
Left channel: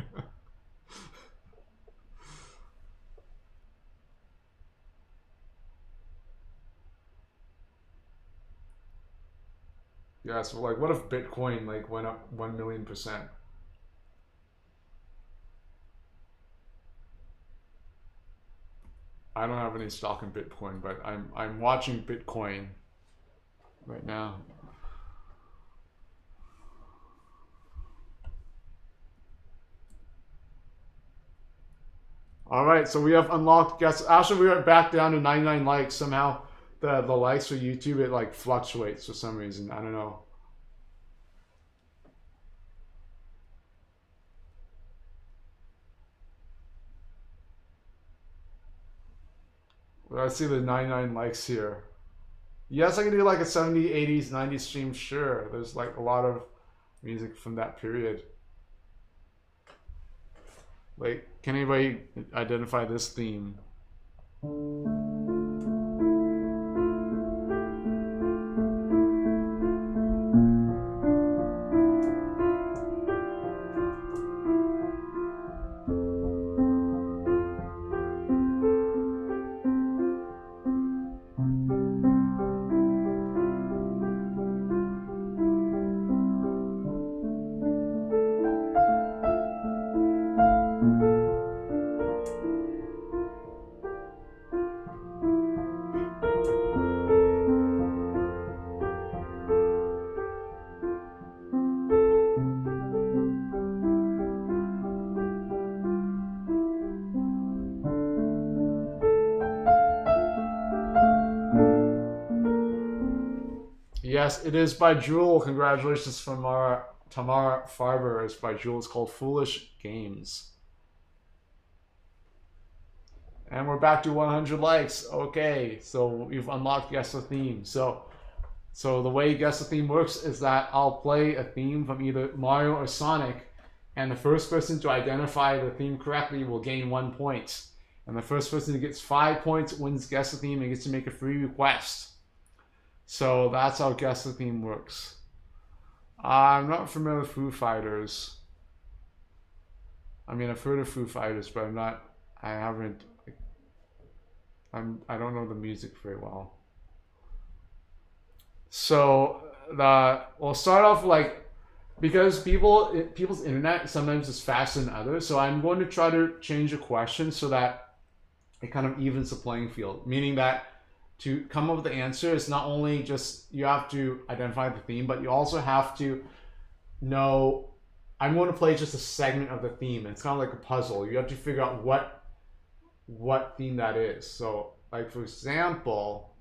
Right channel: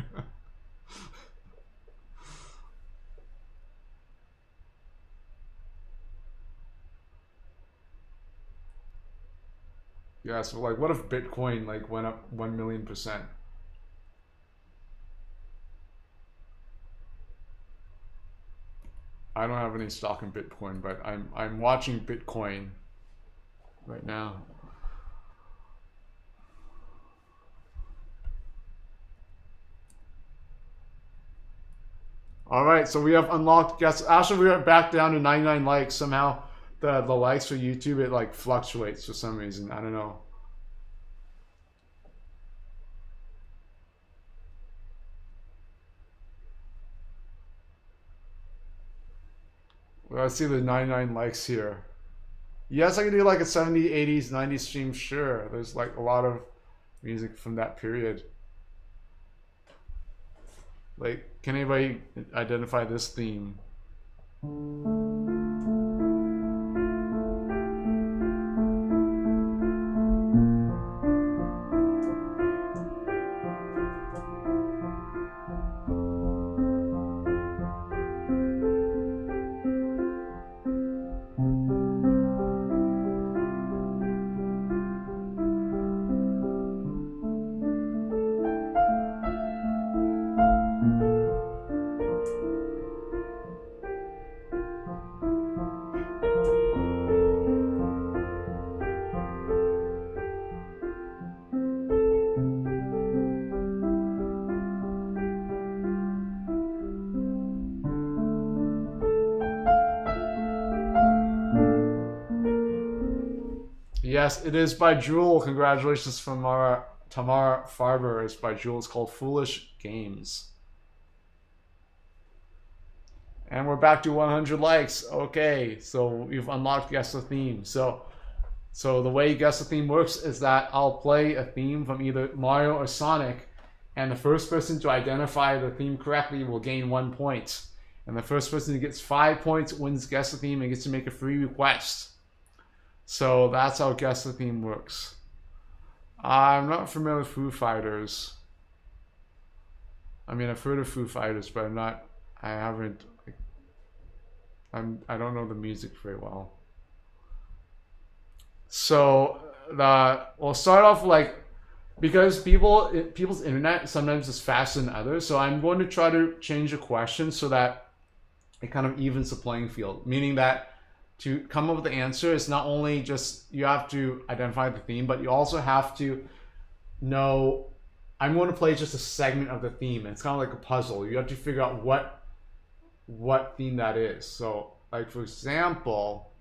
Yeah, so like what if Bitcoin like went up 1,000,000%? I don't have any stock in Bitcoin, but I'm watching Bitcoin right now. All right, so we have unlocked guests. Actually, we are back down to 99 likes. Somehow the likes for YouTube, it like fluctuates for some reason. I don't know. Well, I see the 99 likes here. Yes, I can do like a 70s, 80s, 90s stream. Sure, there's like a lot of music from that period. Like, can anybody identify this theme? Yes, it is by Jewel. Congratulations from Tamara Farber. It's by Jewel. It's called Foolish Games. And we're back to 100 likes. Okay, so we've unlocked Guess the Theme. So the way Guess the Theme works is that I'll play a theme from either Mario or Sonic, and the first person to identify the theme correctly will gain 1 point. And the first person who gets 5 points wins Guess the Theme and gets to make a free request. So that's how Guess the Theme works. I'm not familiar with Foo Fighters. I mean, I've heard of Foo Fighters, but I don't know the music very well. So we'll start off like, because people's internet sometimes is faster than others, so I'm going to try to change the question so that it kind of evens the playing field, meaning that to come up with the answer, it's not only just you have to identify the theme, but you also have to know, I'm going to play just a segment of the theme. It's kind of like a puzzle. You have to figure out what theme that is. So like for example,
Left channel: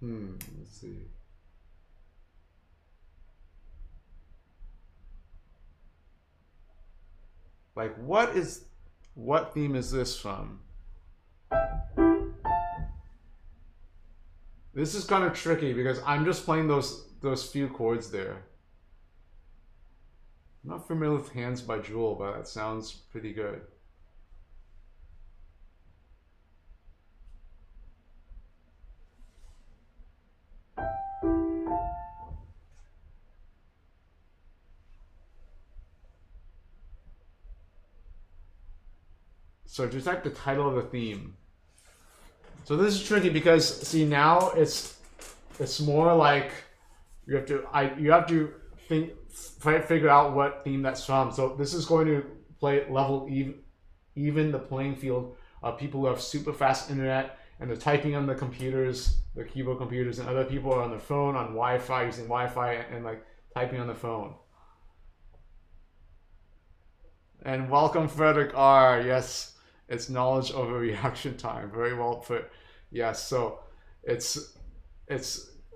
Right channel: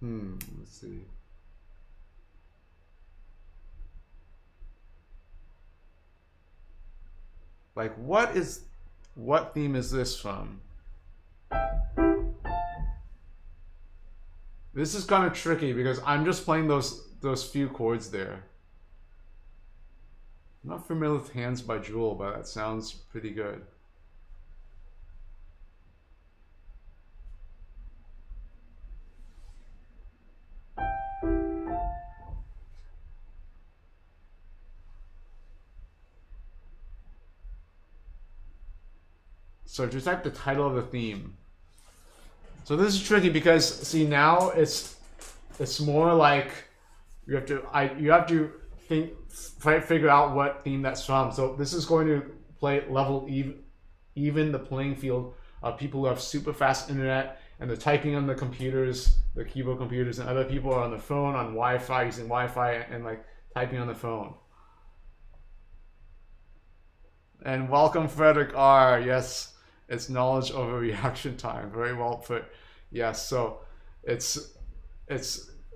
let's see. Like what theme is this from? This is kind of tricky because I'm just playing those few chords there. I'm not familiar with Hands by Jewel, but that sounds pretty good. So just type the title of the theme. So this is tricky because see now it's more like you have to figure out what theme that's from. So this is going to level even the playing field of people who have super fast internet and they're typing on the computers, the keyboard computers, and other people are on their phone, on Wi-Fi, using Wi-Fi and like typing on the phone. And welcome Frederick R. Yes. It's knowledge over reaction time. Very well put. Yes, so it's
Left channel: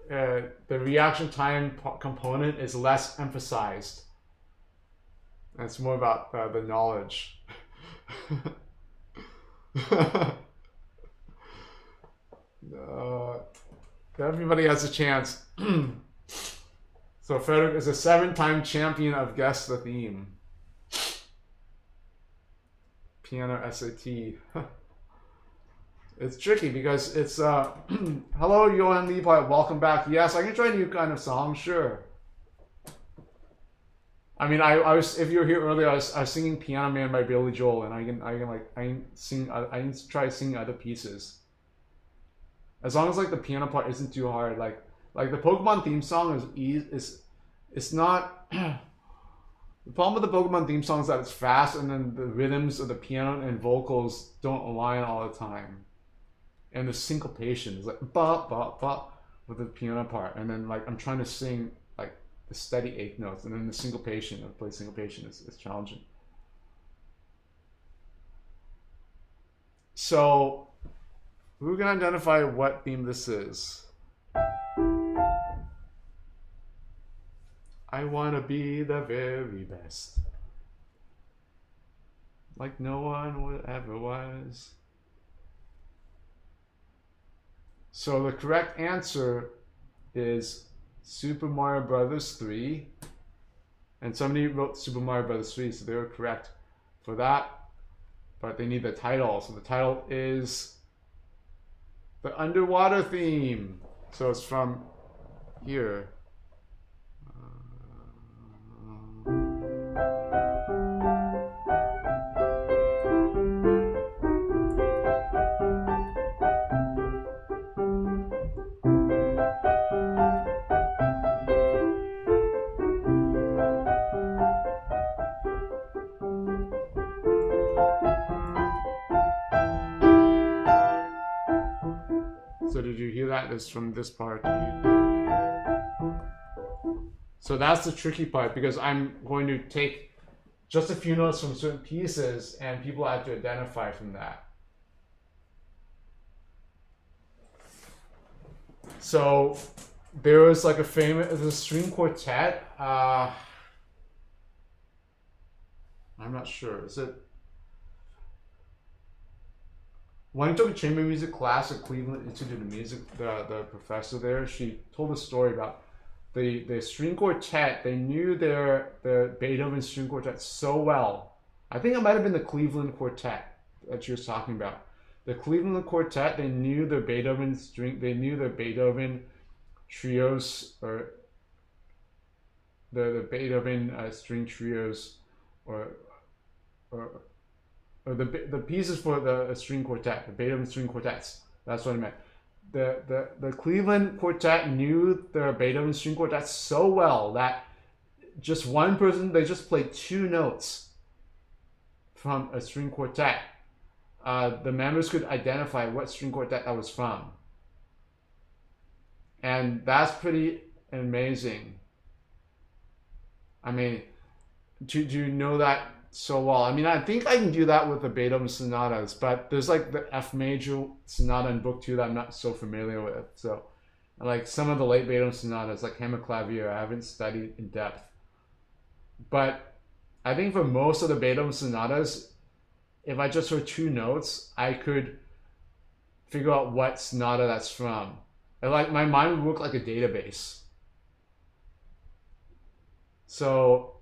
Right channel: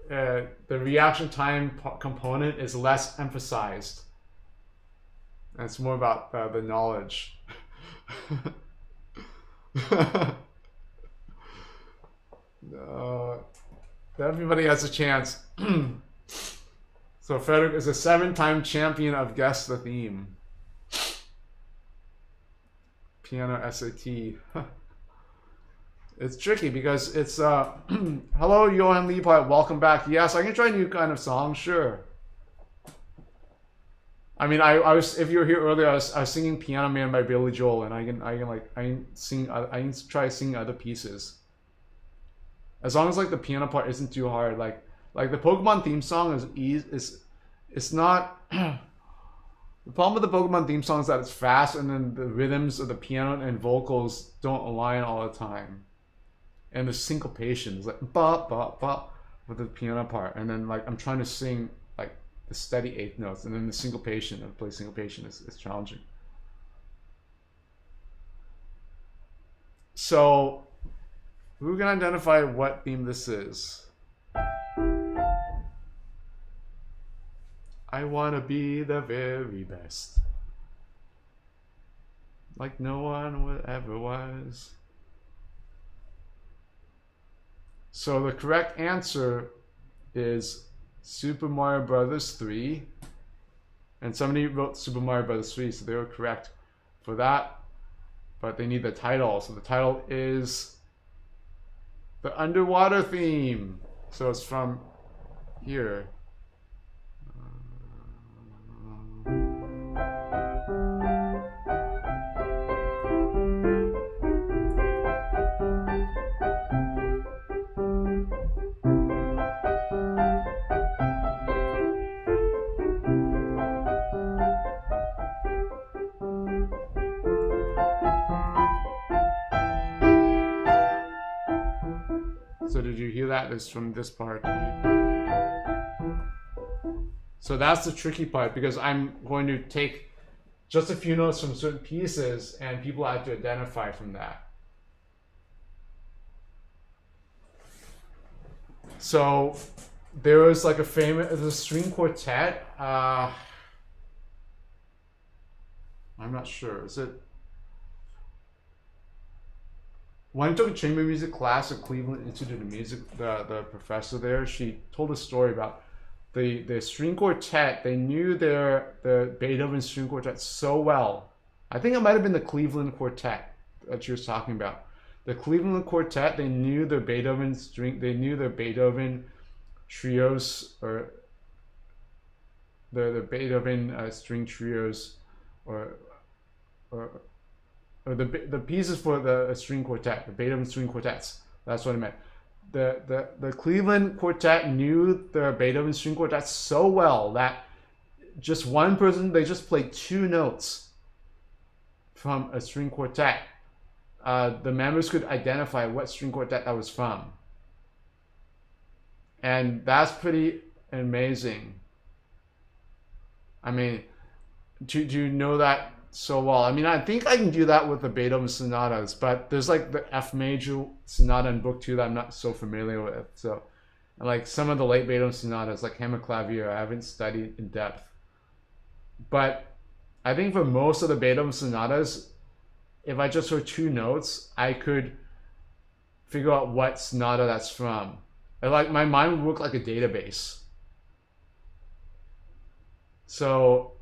the reaction time component is less emphasized. And it's more about the knowledge. Everybody has a chance. So Frederick is a 7-time champion of Guess the Theme. Piano SAT. It's tricky because it's hello Johan Leapart, welcome back. Yes, I can try a new kind of song, sure. I mean, I was, if you were here earlier, I was singing Piano Man by Billy Joel, and I can try singing other pieces. As long as like the piano part isn't too hard, like the Pokemon theme song it's not. The problem with the Pokemon theme song is that it's fast, and then the rhythms of the piano and vocals don't align all the time. And the syncopation is like ba ba ba with the piano part, and then like I'm trying to sing like the steady eighth notes, and then the syncopation of play syncopation is challenging. So we're gonna identify what theme this is. I wanna be the very best, like no one ever was. So the correct answer is Super Mario Brothers 3. And somebody wrote Super Mario Brothers 3, so they were correct for that. But they need the title. So the title is the Underwater theme. So it's from here. So did you hear that? It's from this part. So that's the tricky part, because I'm going to take just a few notes from certain pieces and people have to identify from that. So there was like a string quartet. I'm not sure. Is it? When I took a chamber music class at Cleveland Institute of Music, the professor there, she told a story about the string quartet. They knew the Beethoven string quartet so well. I think it might have been the Cleveland Quartet that she was talking about. The Cleveland Quartet, they knew the Beethoven trios, or the Beethoven string trios, or the pieces for the string quartet, the Beethoven string quartets. That's what I meant. The Cleveland Quartet knew the Beethoven string quartet so well that just one person, they just played two notes from a string quartet. The members could identify what string quartet that was from. And that's pretty amazing. I mean, do you know that so well? I mean, I think I can do that with the Beethoven sonatas, but there's like the F major sonata in Book 2 that I'm not so familiar with. So, and like some of the late Beethoven sonatas, like Hammerklavier, I haven't studied in depth. But I think for most of the Beethoven sonatas, if I just heard two notes, I could figure out what sonata that's from. And like my mind would work like a database. So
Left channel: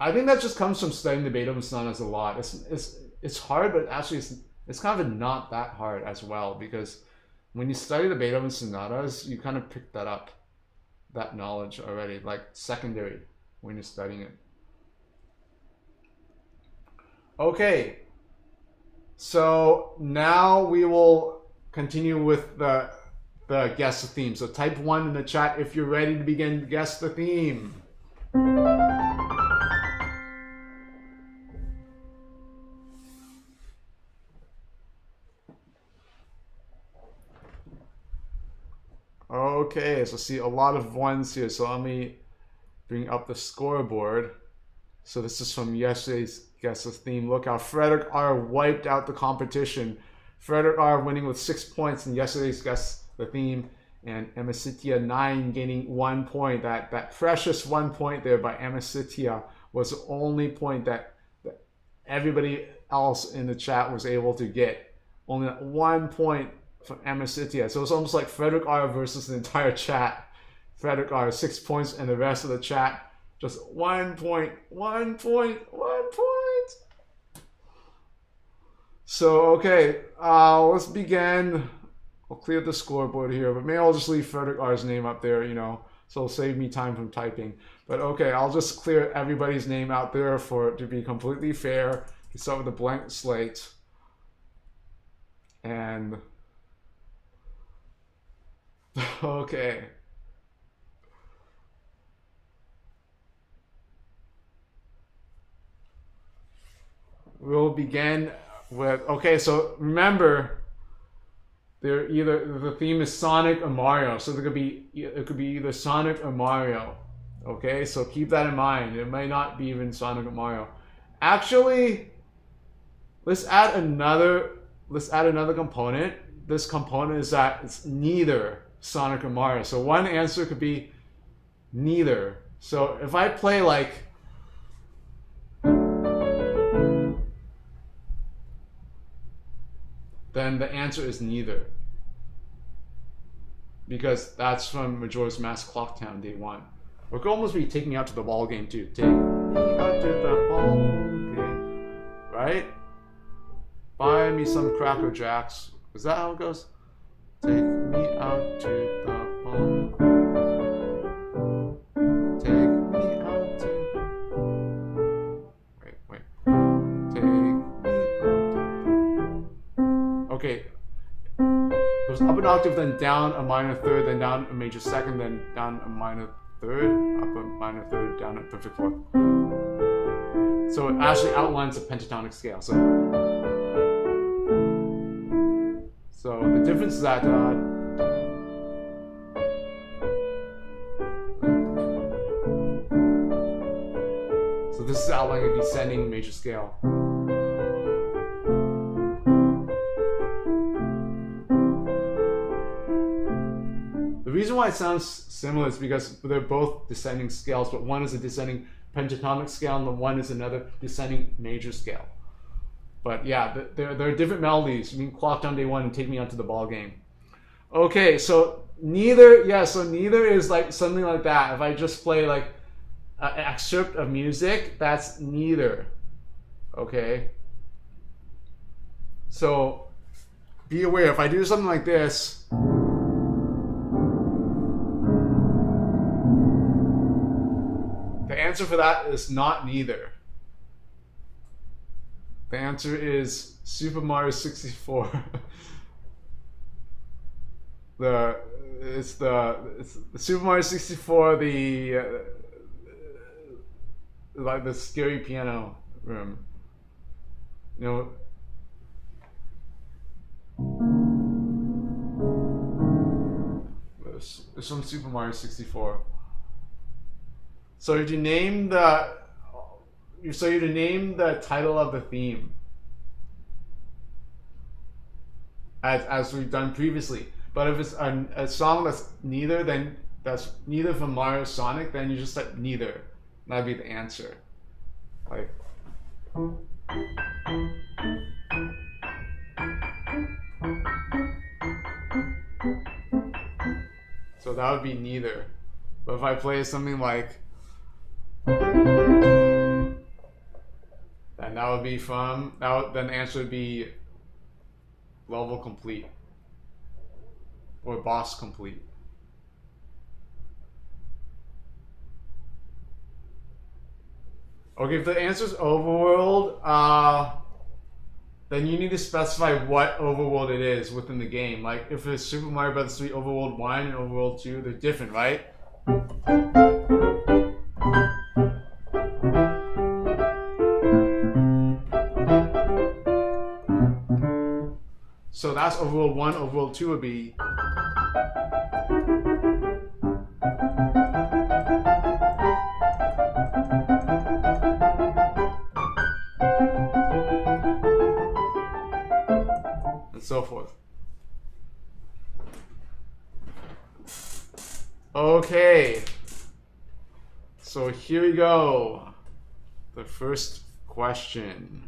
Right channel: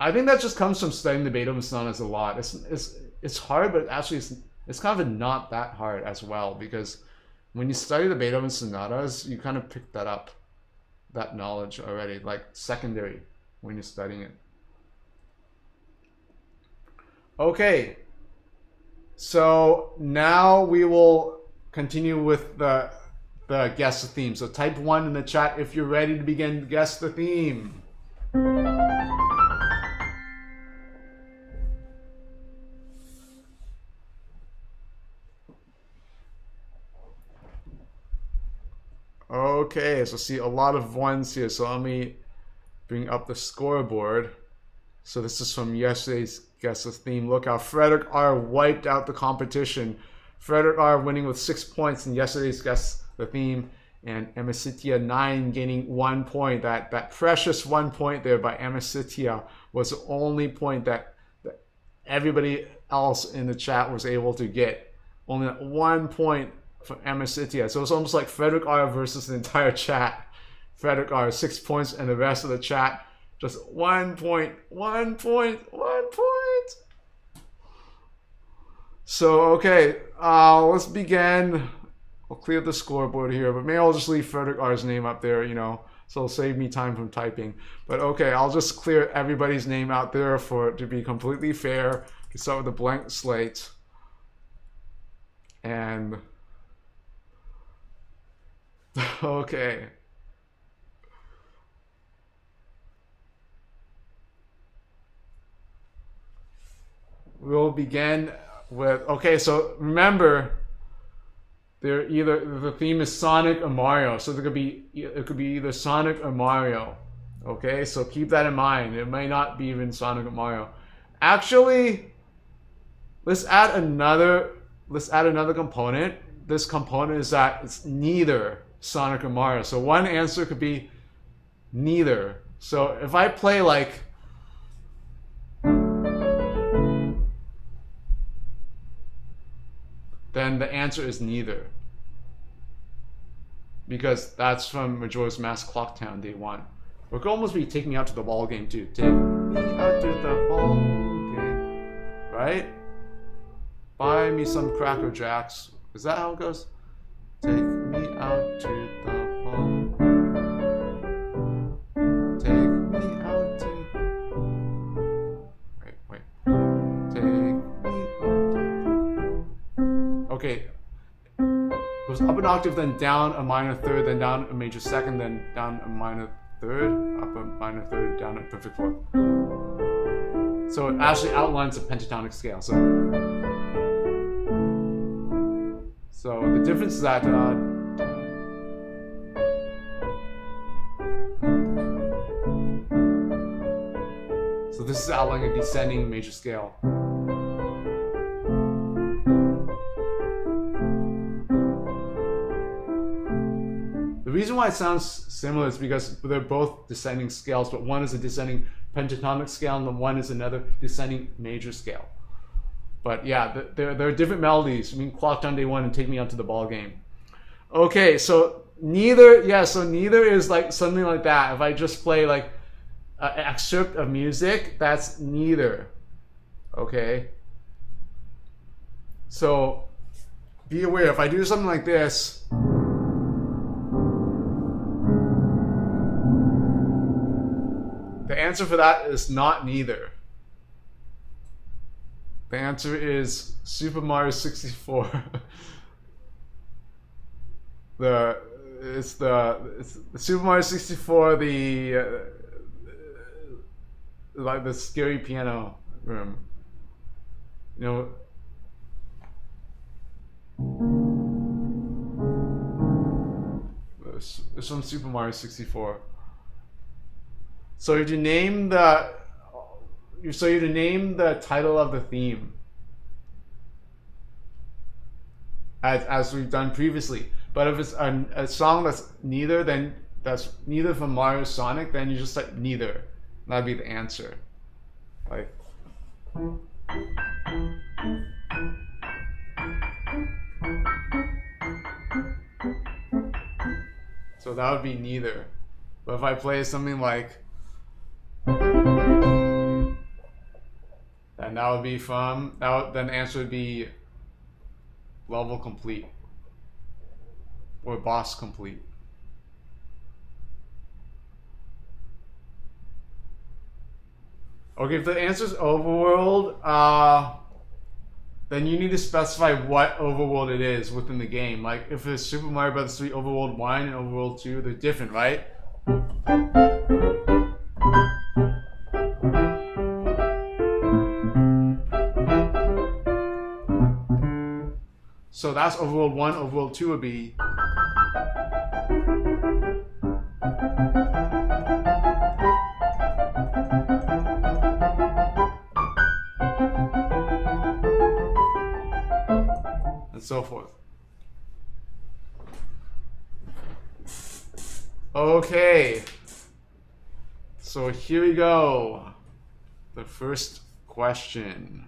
I think that just comes from studying the Beethoven sonatas a lot. It's hard, but actually it's kind of not that hard as well, because when you study the Beethoven sonatas, you kind of pick that up, that knowledge already, like secondary when you're studying it. Okay, so now we will continue with the guess the theme. So type 1 in the chat if you're ready to begin to guess the theme. Okay, so see a lot of ones here. So let me bring up the scoreboard. So this is from yesterday's Guess the Theme. Look how Frederick R. wiped out the competition. Frederick R. winning with 6 points in yesterday's Guess the Theme. And Amicitia 9 gaining 1 point. That precious 1 point there by Amicitia was the only point that everybody else in the chat was able to get. Only that 1 point from Amicitia. So it's almost like Frederick R. versus the entire chat. Frederick R. 6 points, and the rest of the chat just 1 point, 1 point, 1 point. So, okay, let's begin. I'll clear the scoreboard here, but maybe I'll just leave Frederick R's name up there, you know, so it'll save me time from typing. But okay, I'll just clear everybody's name out there for it to be completely fair. We start with a blank slate. And okay. We'll begin with, okay, so remember, they're either, the theme is Sonic or Mario, so it could be either Sonic or Mario. Okay, so keep that in mind. It may not be even Sonic or Mario. Actually, let's add another component. This component is that it's neither Sonic or Mario. So one answer could be neither. So if I play like then the answer is neither. Because that's from Majora's Mask Clocktown Day 1. We could almost be taking me out to the ball game too. Take me out to the ball game. Right? Buy me some Cracker Jacks. Is that how it goes? Take me out to the ball. Take me out to the... Wait. Take me out. Okay. It goes up an octave, then down a minor third, then down a major second, then down a minor third, up a minor third, down a perfect fourth. So it actually outlines a pentatonic scale. So the difference is that so this is outlining a descending major scale. The reason why it sounds similar is because they're both descending scales, but one is a descending pentatonic scale and the one is another descending major scale. But yeah, there are different melodies. I mean, Clocktown Day 1 and Take Me Out to the Ball Game. Okay, so neither is like something like that. If I just play like an excerpt of music, that's neither. Okay? So be aware, if I do something like this, the answer for that is not neither. The answer is Super Mario 64. It's the Super Mario 64, like the scary piano room. You know. It's from Super Mario 64. So you name the title of the theme as we've done previously. But if it's a song that's neither, then that's neither from Mario or Sonic, then you just type neither. That'd be the answer. Like. So that would be neither. But if I play something like, then that would be from, then the answer would be level complete or boss complete. Okay, if the answer is overworld, then you need to specify what overworld it is within the game. Like if it's Super Mario Bros. 3 Overworld 1 and Overworld 2, they're different, right? So that's Overworld 1, Overworld 2 would be. And so forth. Okay. So here we go. The first question.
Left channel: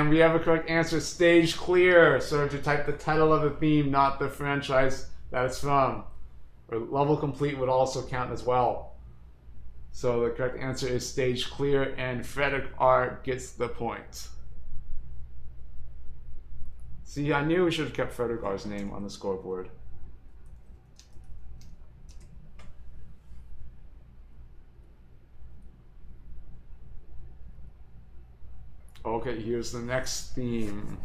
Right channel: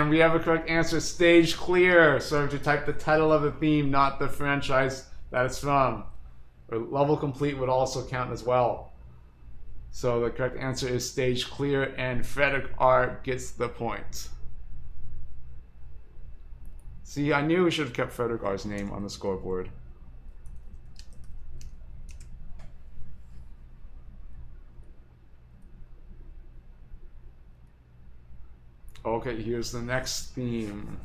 And we have a correct answer, stage clear. So if you type the title of the theme, not the franchise that it's from. Or level complete would also count as well. So the correct answer is stage clear, and Frederick R gets the point. See, I knew we should have kept Frederick R's name on the scoreboard. Okay, here's the next theme.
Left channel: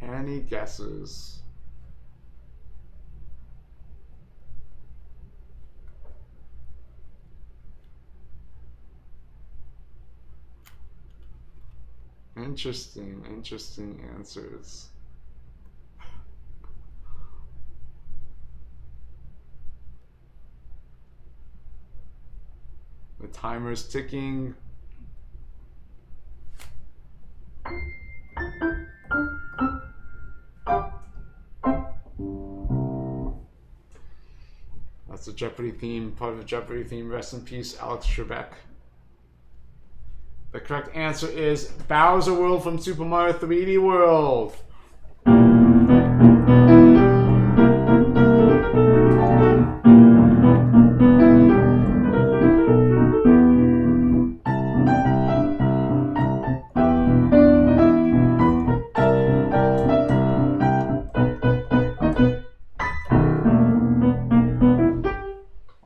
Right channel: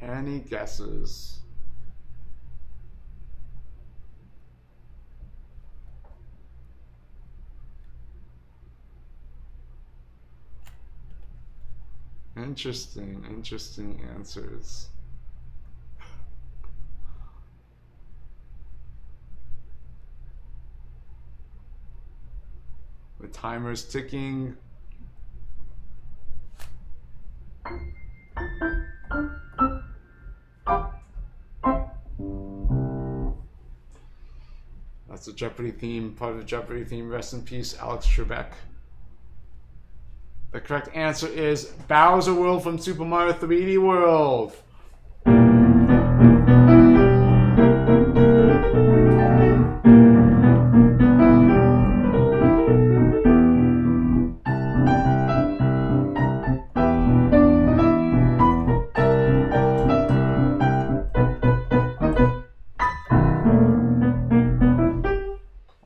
Any guesses? Interesting answers. The timer's ticking. That's the Jeopardy theme, part of the Jeopardy theme. Rest in peace, Alex Trebek. The correct answer is Bowser World from Super Mario 3D World.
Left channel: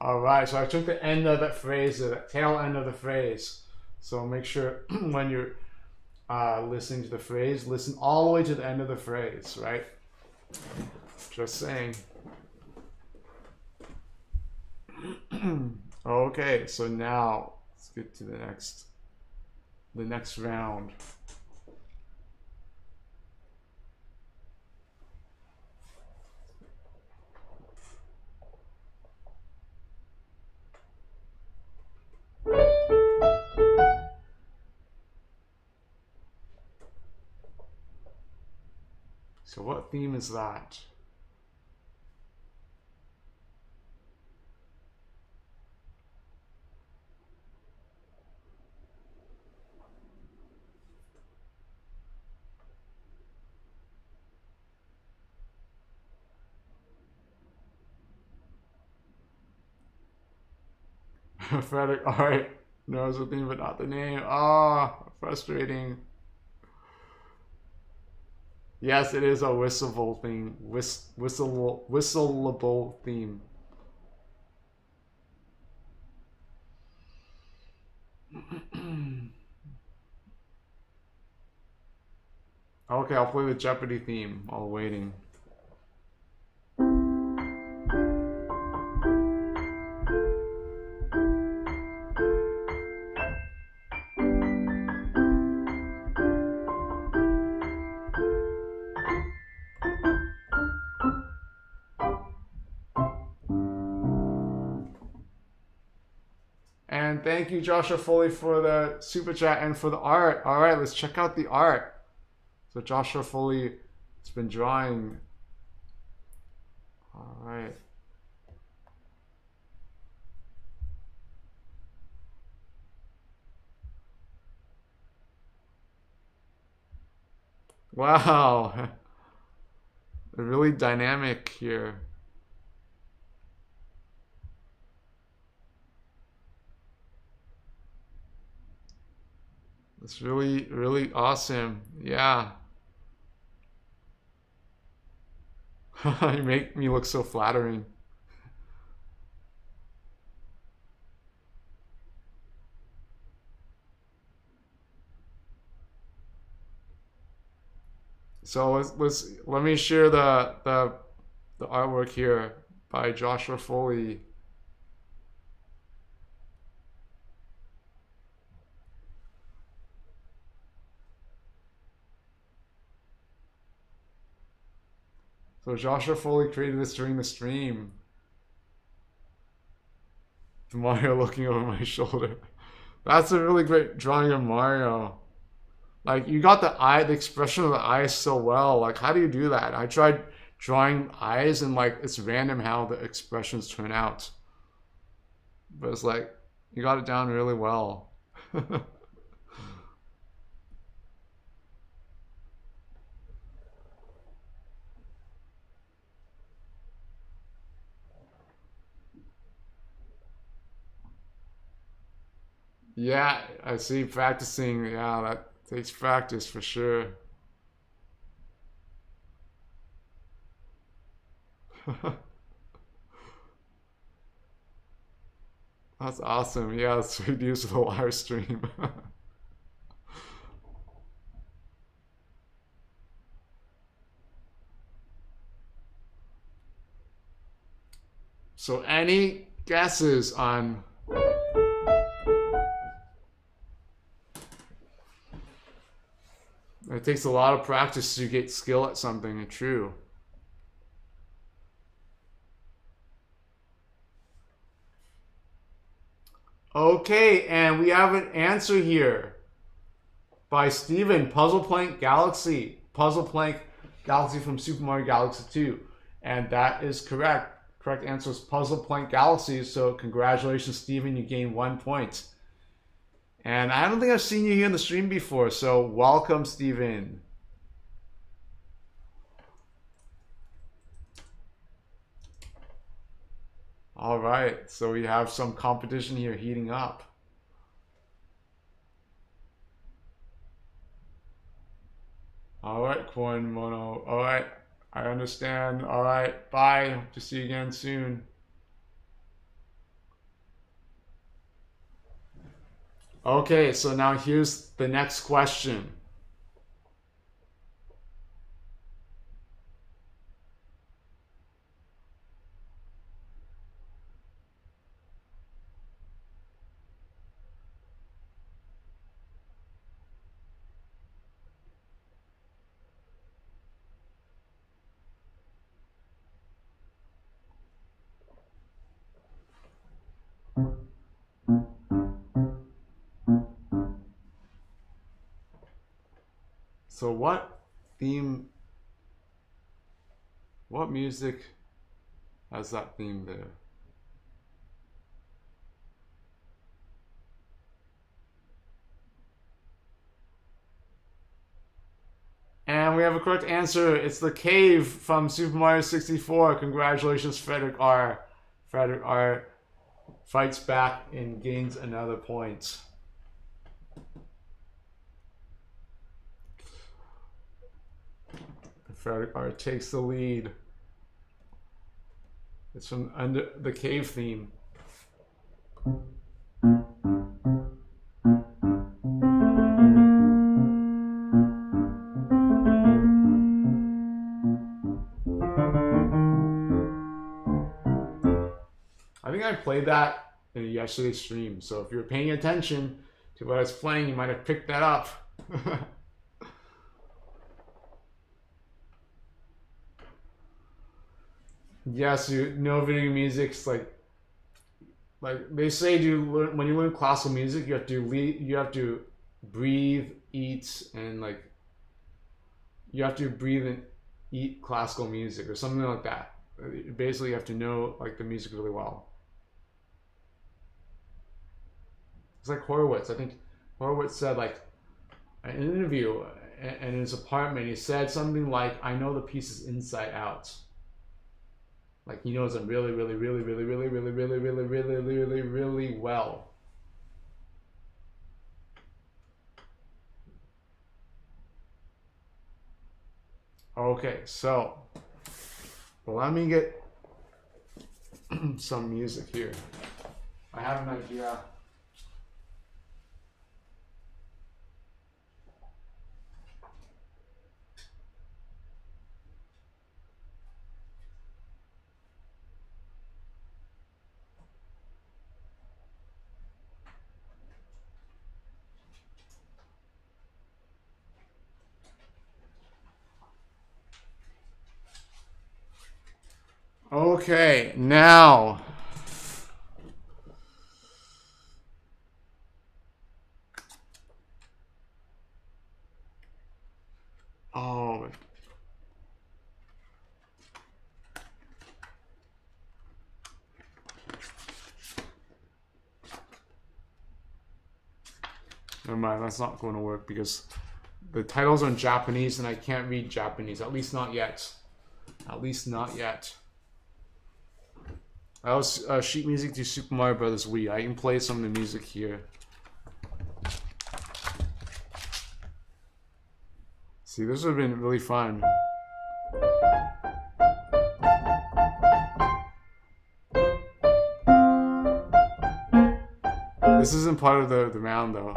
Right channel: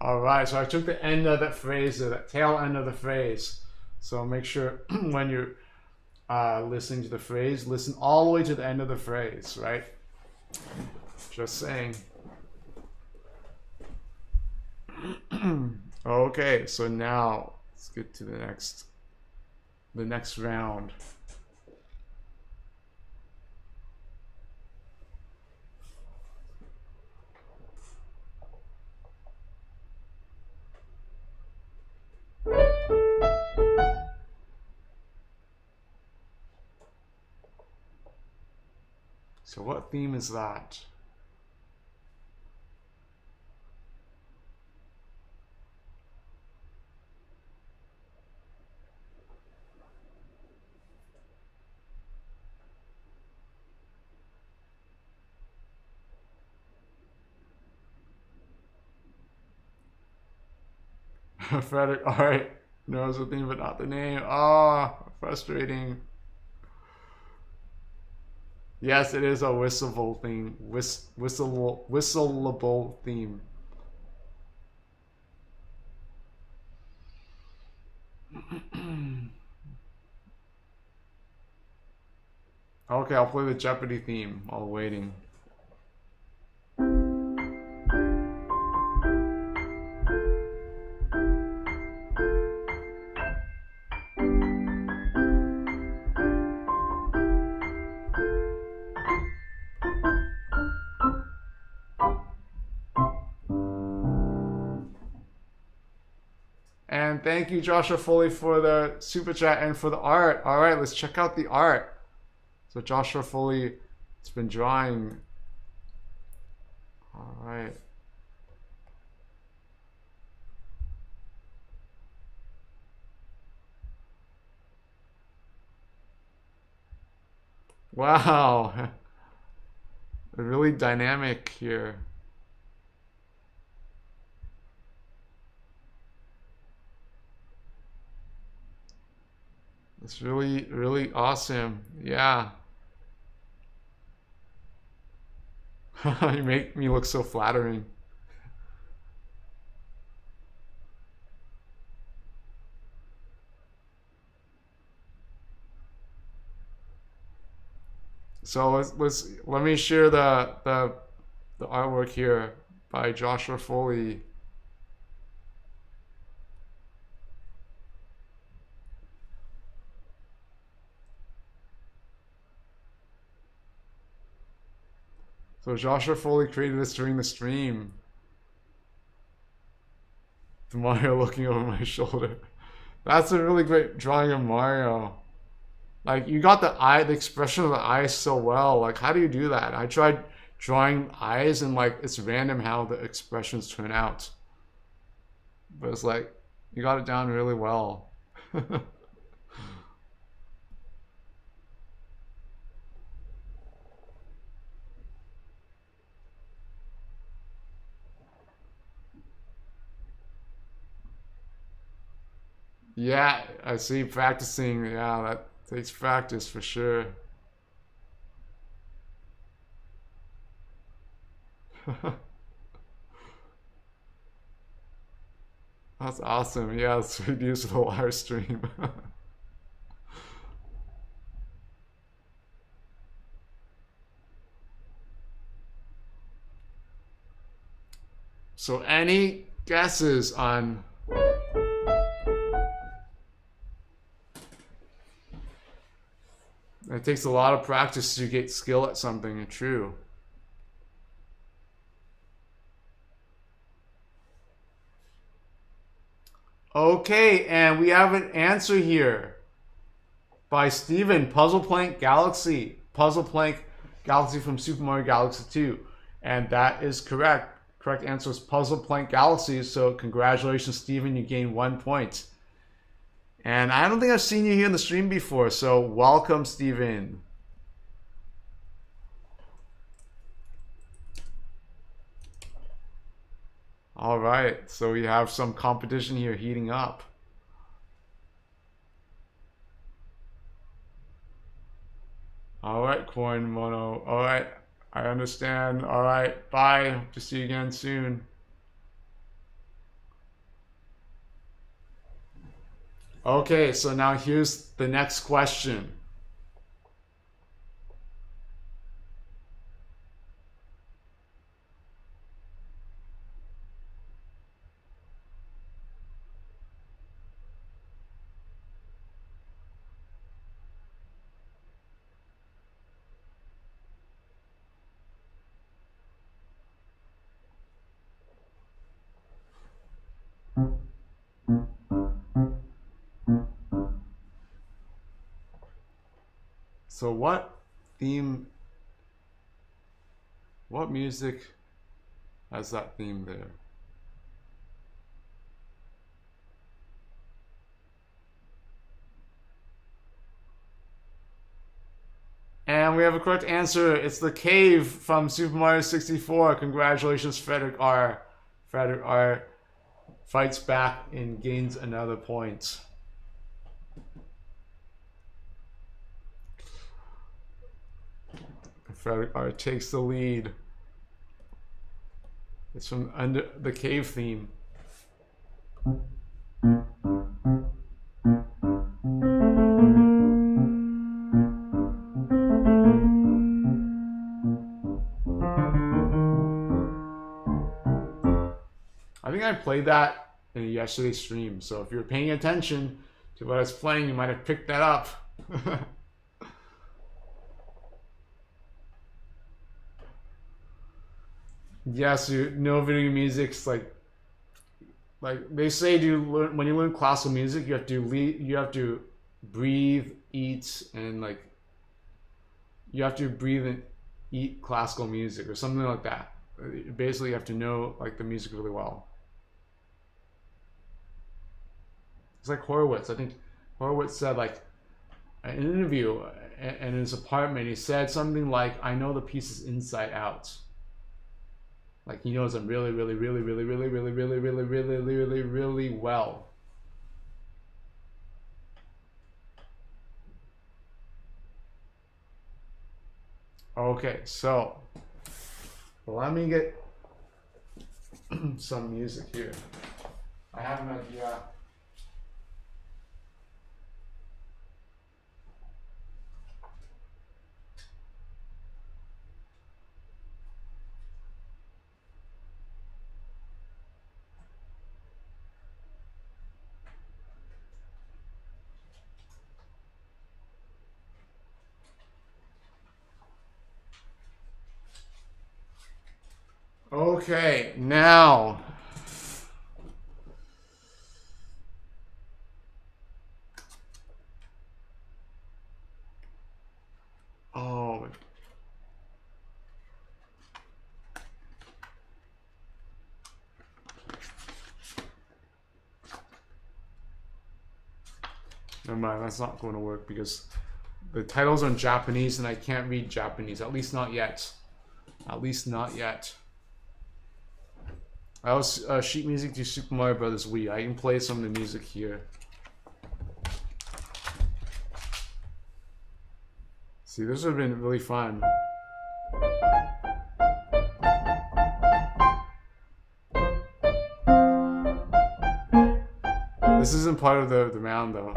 Alright, so I took the end of that phrase, the tail end of the phrase. So make sure when you're listening to the phrase, listen all the way to the end of the phrase, right? Just saying. Okay, so now let's get to the next round. So what theme is that? Frederick, alright, knows the theme but not the name. Ah, oh, frustrating. Yes, it is a whistleable theme. Whistleable theme. Okay, I'll play the Jeopardy theme while waiting. And thank you, Joshua Foley, for the super chat and for the art. All right, let's check out the art. So Joshua Foley has been drawing. All right. Wow. Really dynamic here. It's really, really awesome. Yeah. You make me look so flattering. So let me share the artwork here by Joshua Foley. So Joshua Foley created this during the stream. Mario looking over my shoulder. That's a really great drawing of Mario. Like, you got the expression of the eyes so well. Like, how do you do that? I tried drawing eyes and like it's random how the expressions turn out. But it's like, you got it down really well. Yeah, I see practicing. Yeah, that takes practice for sure. That's awesome. Yeah, let's reduce the live stream. So, any guesses on? It takes a lot of practice to get skill at something. True. Okay, and we have an answer here by Steven. Puzzle Plank Galaxy. Puzzle Plank Galaxy from Super Mario Galaxy 2. And that is correct. Correct answer is Puzzle Plank Galaxy. So congratulations, Steven. You gained 1 point. And I don't think I've seen you here in the stream before. So welcome, Steven. All right, so we have some competition here heating up. All right, Corn Mono. All right, I understand. All right, bye. Hope to see you again soon. Okay, so now here's the next question. So what music has that theme there? And we have a correct answer. It's the cave from Super Mario 64. Congratulations, Frederick R. Frederick R. fights back and gains another point. Frederick R takes the lead. It's from under the cave theme. I think I played that in yesterday's stream, so if you're paying attention to what I was playing, you might have picked that up. Yes, you know, video music's like they say, when you learn classical music, you have to breathe, eat, and like you have to breathe and eat classical music or something like that. Basically, you have to know like the music really well. It's like Horowitz. I think Horowitz said, like, in an interview and in his apartment, he said something like, "I know the pieces inside out." Like, he knows them really, really, really, really, really, really, really, really, really, really, really well. Okay, so let me get some music here. I have an idea. Okay, now Never mind, that's not going to work because the title's in Japanese and I can't read Japanese. At least not yet. At least not yet. That was sheet music to Super Mario Bros. Wii. I can play some of the music here. See, this would have been really fun. This isn't part of the round though.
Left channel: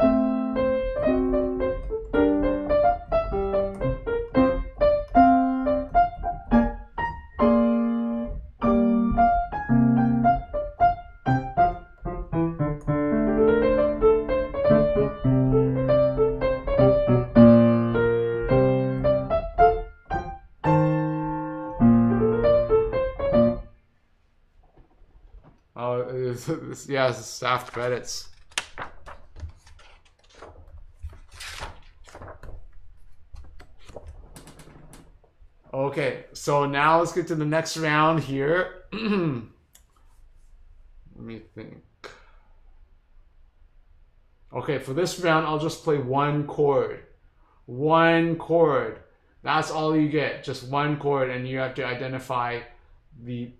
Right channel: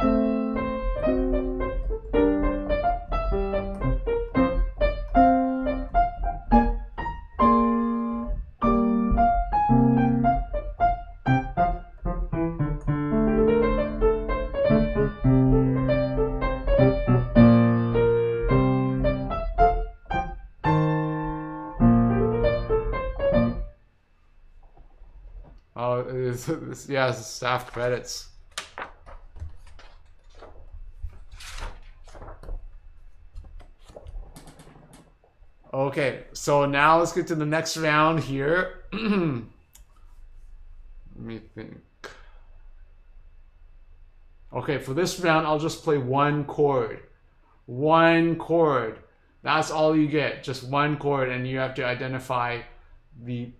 Oh, yeah, it's staff credits. Okay, so now let's get to the next round here. Let me think. Okay, for this round, I'll just play one chord. One chord. That's all you get, just one chord, and you have to identify the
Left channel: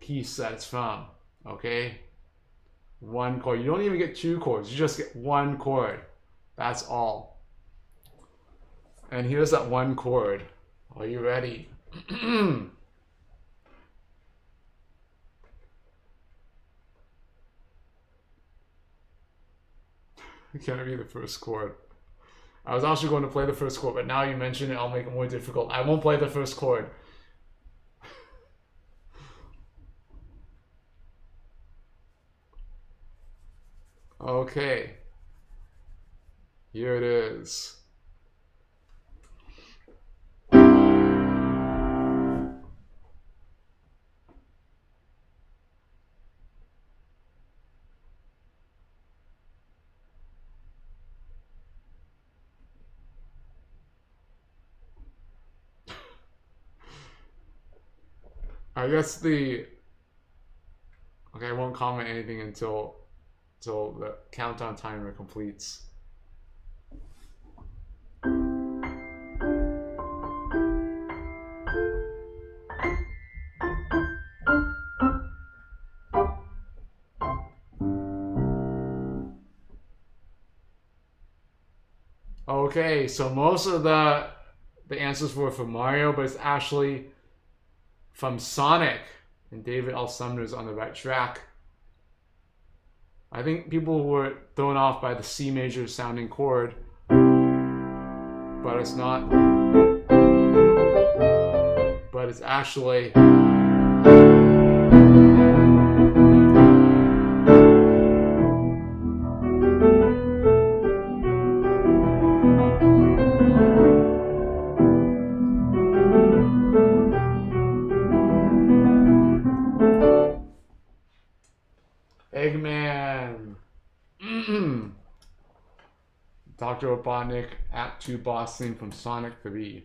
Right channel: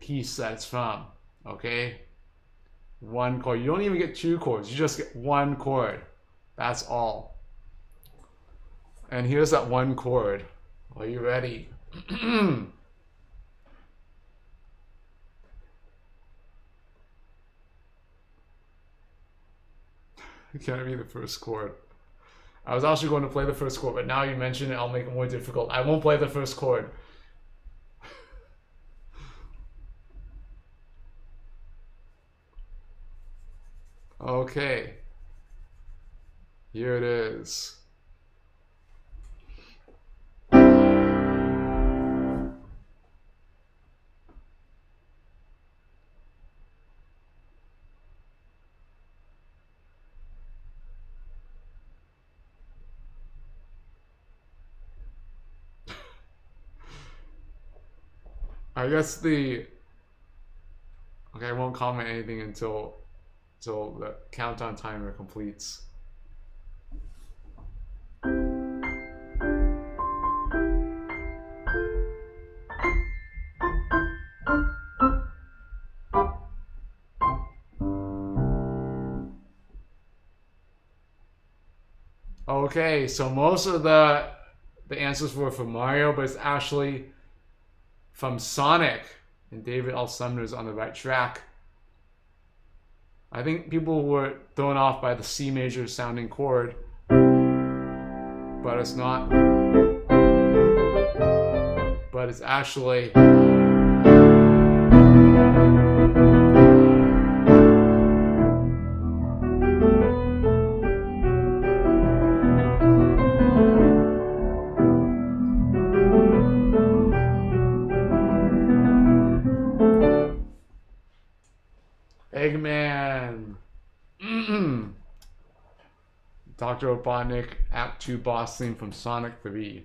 piece that it's from. Okay? One chord. You don't even get two chords, you just get one chord. That's all. And here's that one chord. Are you ready? Can it be the first chord? I was actually going to play the first chord, but now you mention it, I'll make it more difficult. I won't play the first chord. Okay. Here it is. I guess okay, I won't comment anything until the countdown timer completes. Okay, so most of the answers were from Mario, but it's actually from Sonic, and David L. Sumner's on the right track. I think people were thrown off by the C major sounding chord, but it's not. But it's actually Eggman. Dr. Robotnik, Act 2 boss theme from Sonic 3.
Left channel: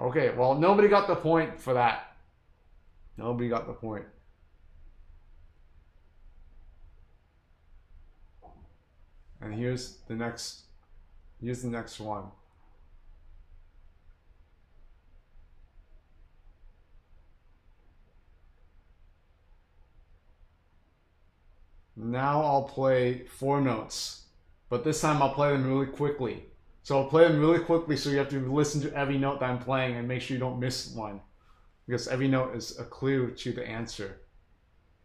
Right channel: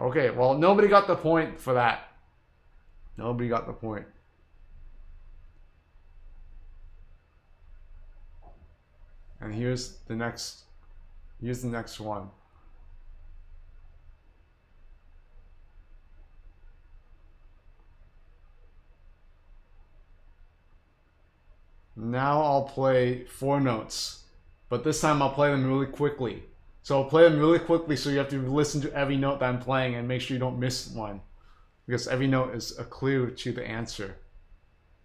Okay, well, nobody got the point for that. Nobody got the point. And here's the next one. Now I'll play 4 notes, but this time I'll play them really quickly. So I'll play them really quickly, so you have to listen to every note that I'm playing and make sure you don't miss one, because every note is a clue to the answer.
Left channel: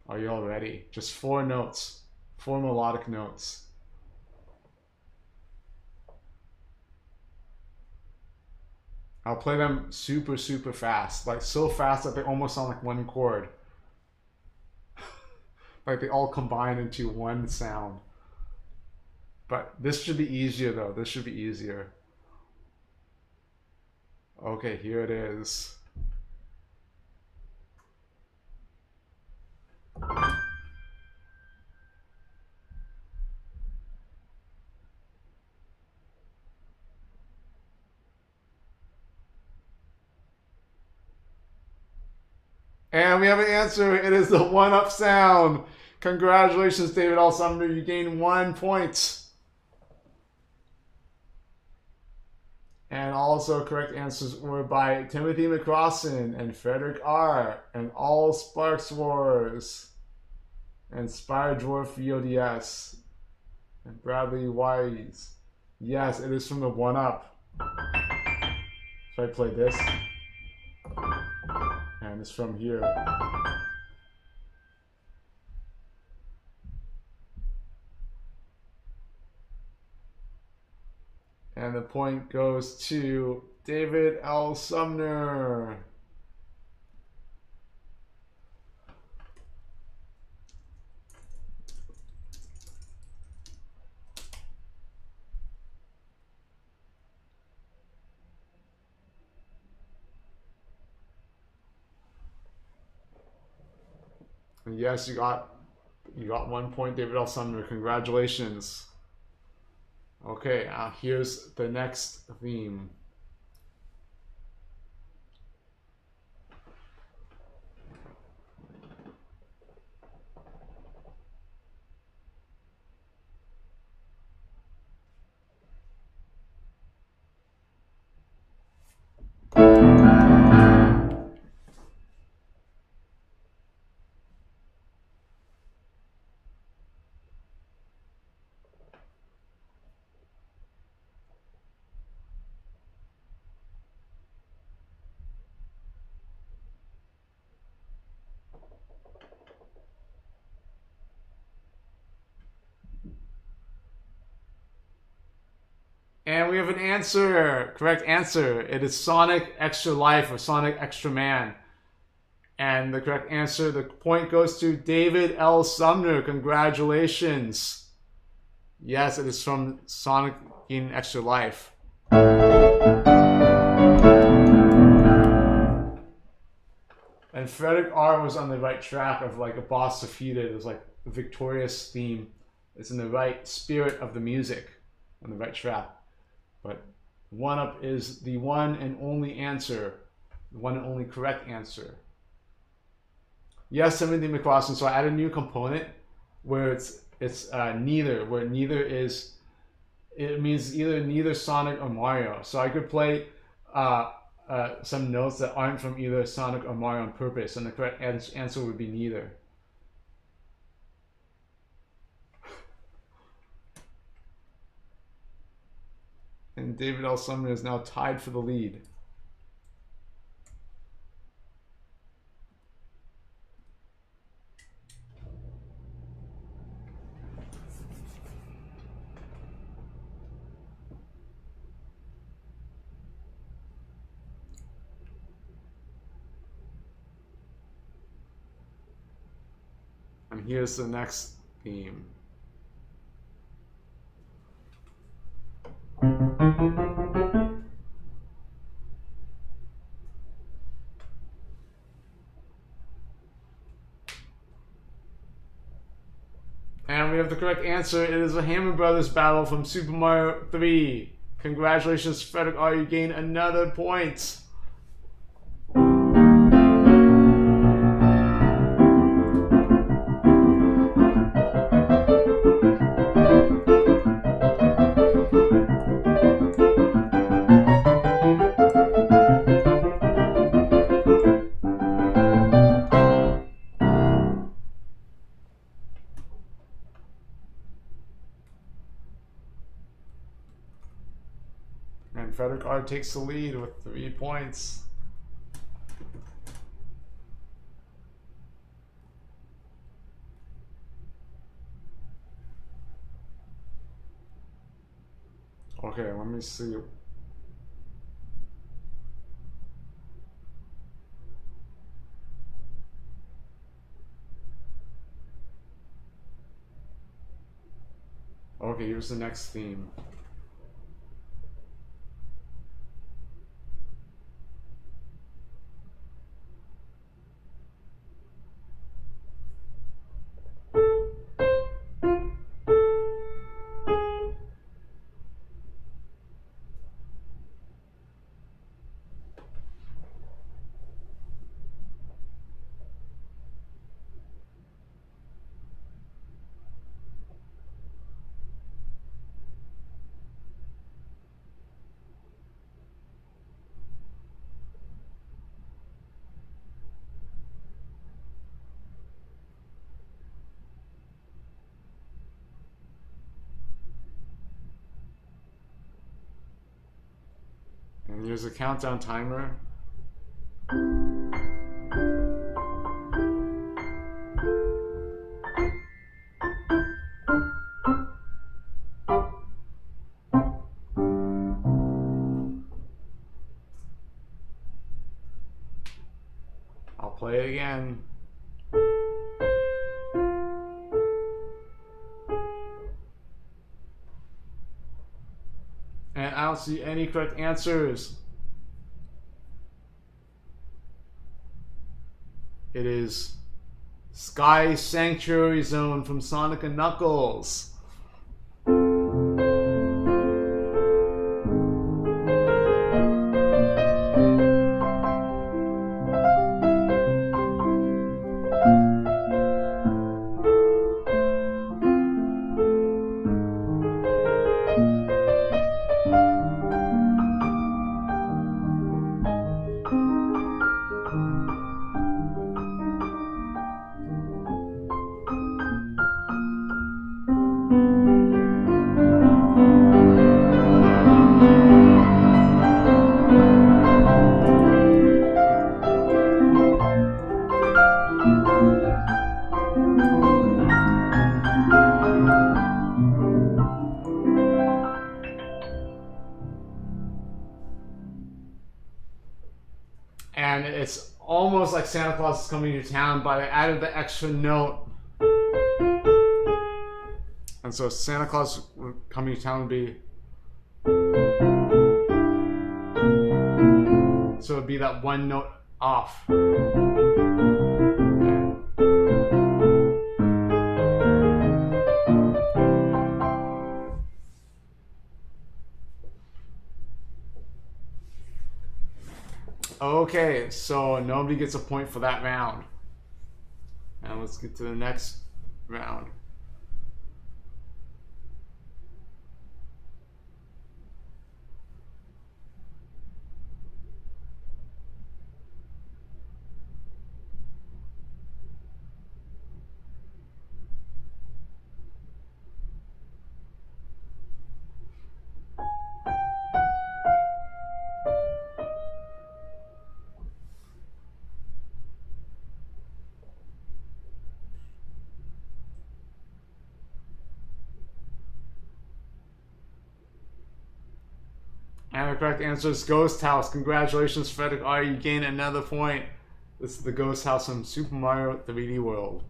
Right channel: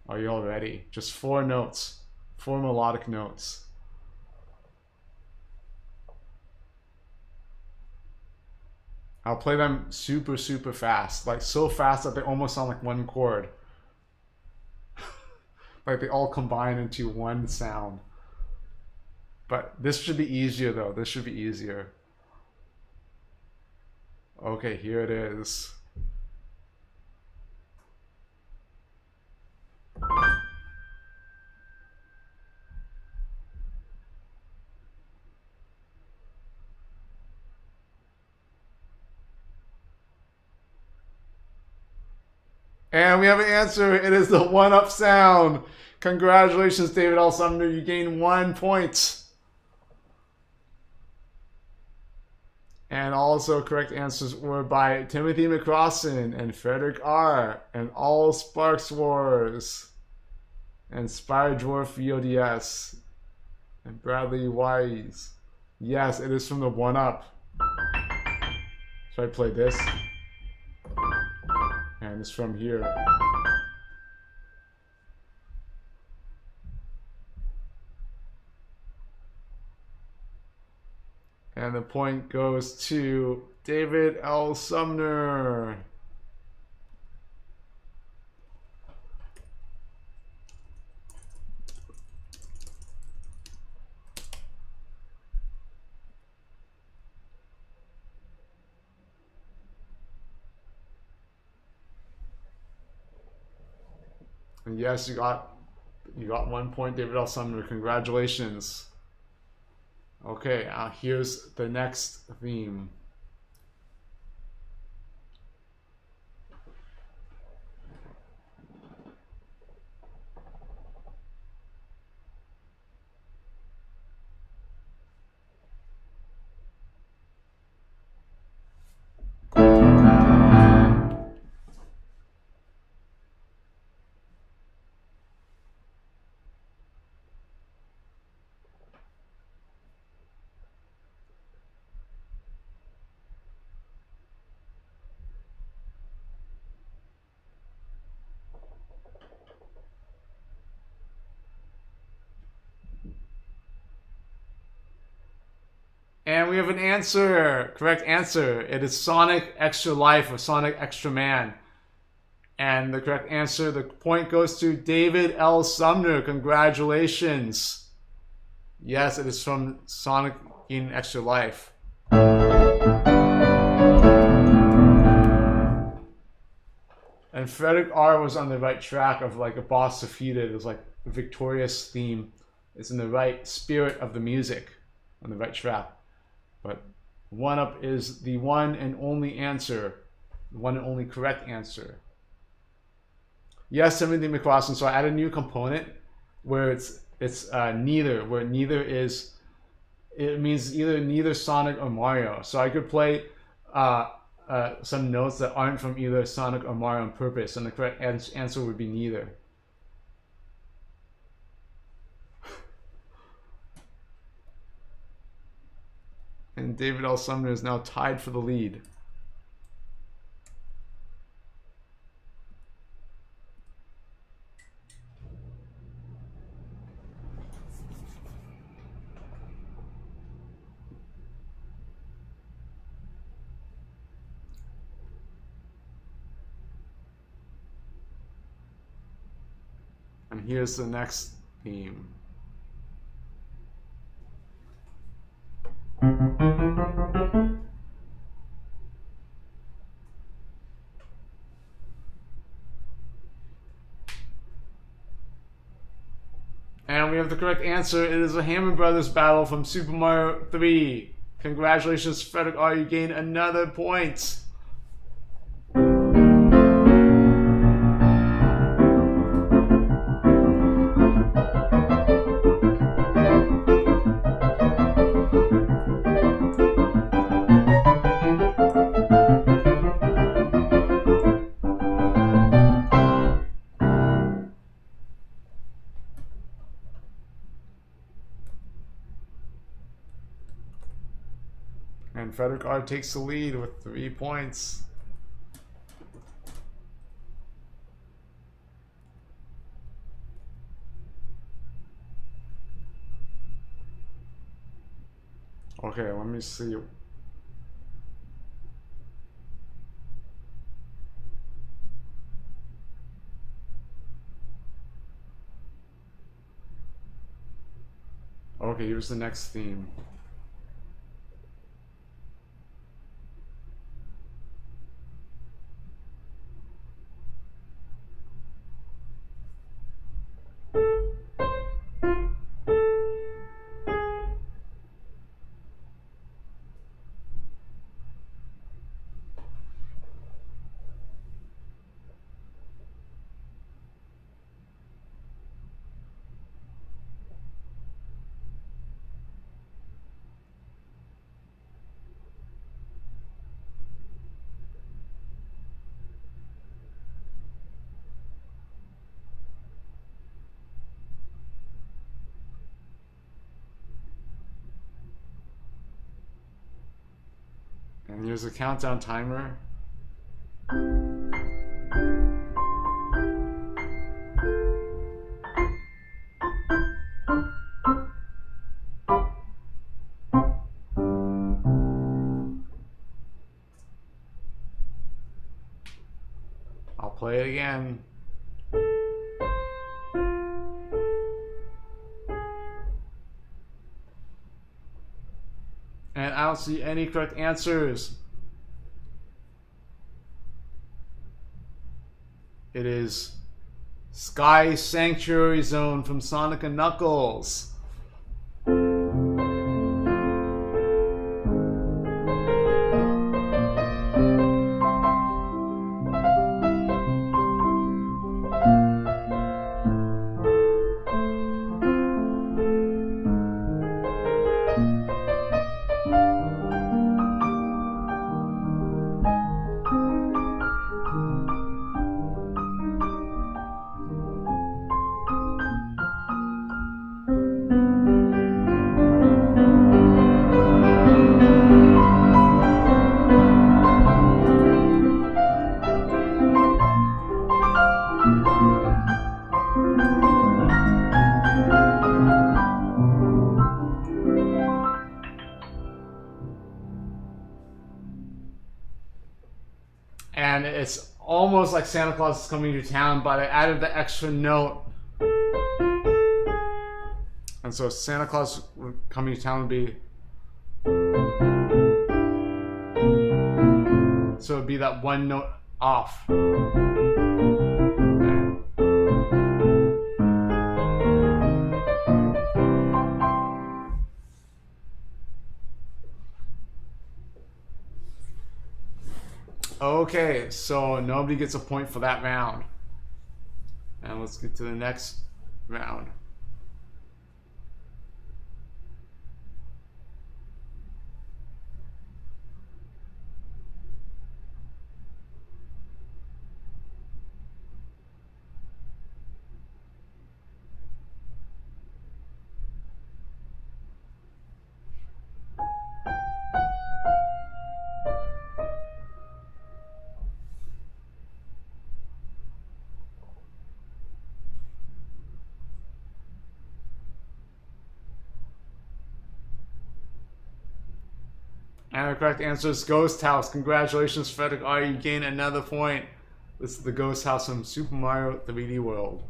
Are you all ready? Just 4 notes, 4 melodic notes. I'll play them super, super fast, like so fast that they almost sound like one chord. Like they all combine into one sound. But this should be easier though. This should be easier. Okay, here it is. And we have an answer. It is the 1-up sound. Congratulations, David L. Sumner. You gained 1 point. And also correct answers were by Timothy McCrossan and Frederick R. and All Sparks Wars and Spire Dwarf VODS and Bradley Wise. Yes, it is from the 1UP. So I play this. And it's from here. And the point goes to David L. Sumner. And yes, you got 1 point, David L. Sumner. Congratulations. Okay, here's the next theme. And we have an answer. Correct answer. It is Sonic Extra Life or Sonic Extra Man. And the correct answer, the point goes to David L. Sumner. Congratulations. Yes, it is from Sonic in Extra Life. And Frederick R. was on the right track of like a boss defeated. It was like a victorious theme. It's in the right spirit of the music, on the right track. But 1UP is the one and only answer, the one and only correct answer. Yes, Timothy McCrossan. So I added a new component where it's neither, where neither is, it means either neither Sonic or Mario. So I could play some notes that aren't from either Sonic or Mario on purpose, and the correct answer would be neither. And David L. Sumner is now tied for the lead. And here's the next theme. And we have the correct answer. It is a Hammer Brothers battle from Super Mario 3. Congratulations, Frederick R. You gain another point. And Frederick R. takes the lead with 3 points. Okay, let me see. Okay, here's the next theme. And here's a countdown timer. I'll play it again. And I don't see any correct answers. It is Sky Sanctuary Zone from Sonic and Knuckles. And it's almost like Santa Claus is coming to town, but I added the extra note. And so Santa Claus coming to town would be... So it would be that one note off. Okay, so nobody gets a point for that round. And let's get to the next round. And the correct answer is Ghost House. Congratulations, Frederick R. You gain another point. This is the Ghost House from Super Mario 3D World.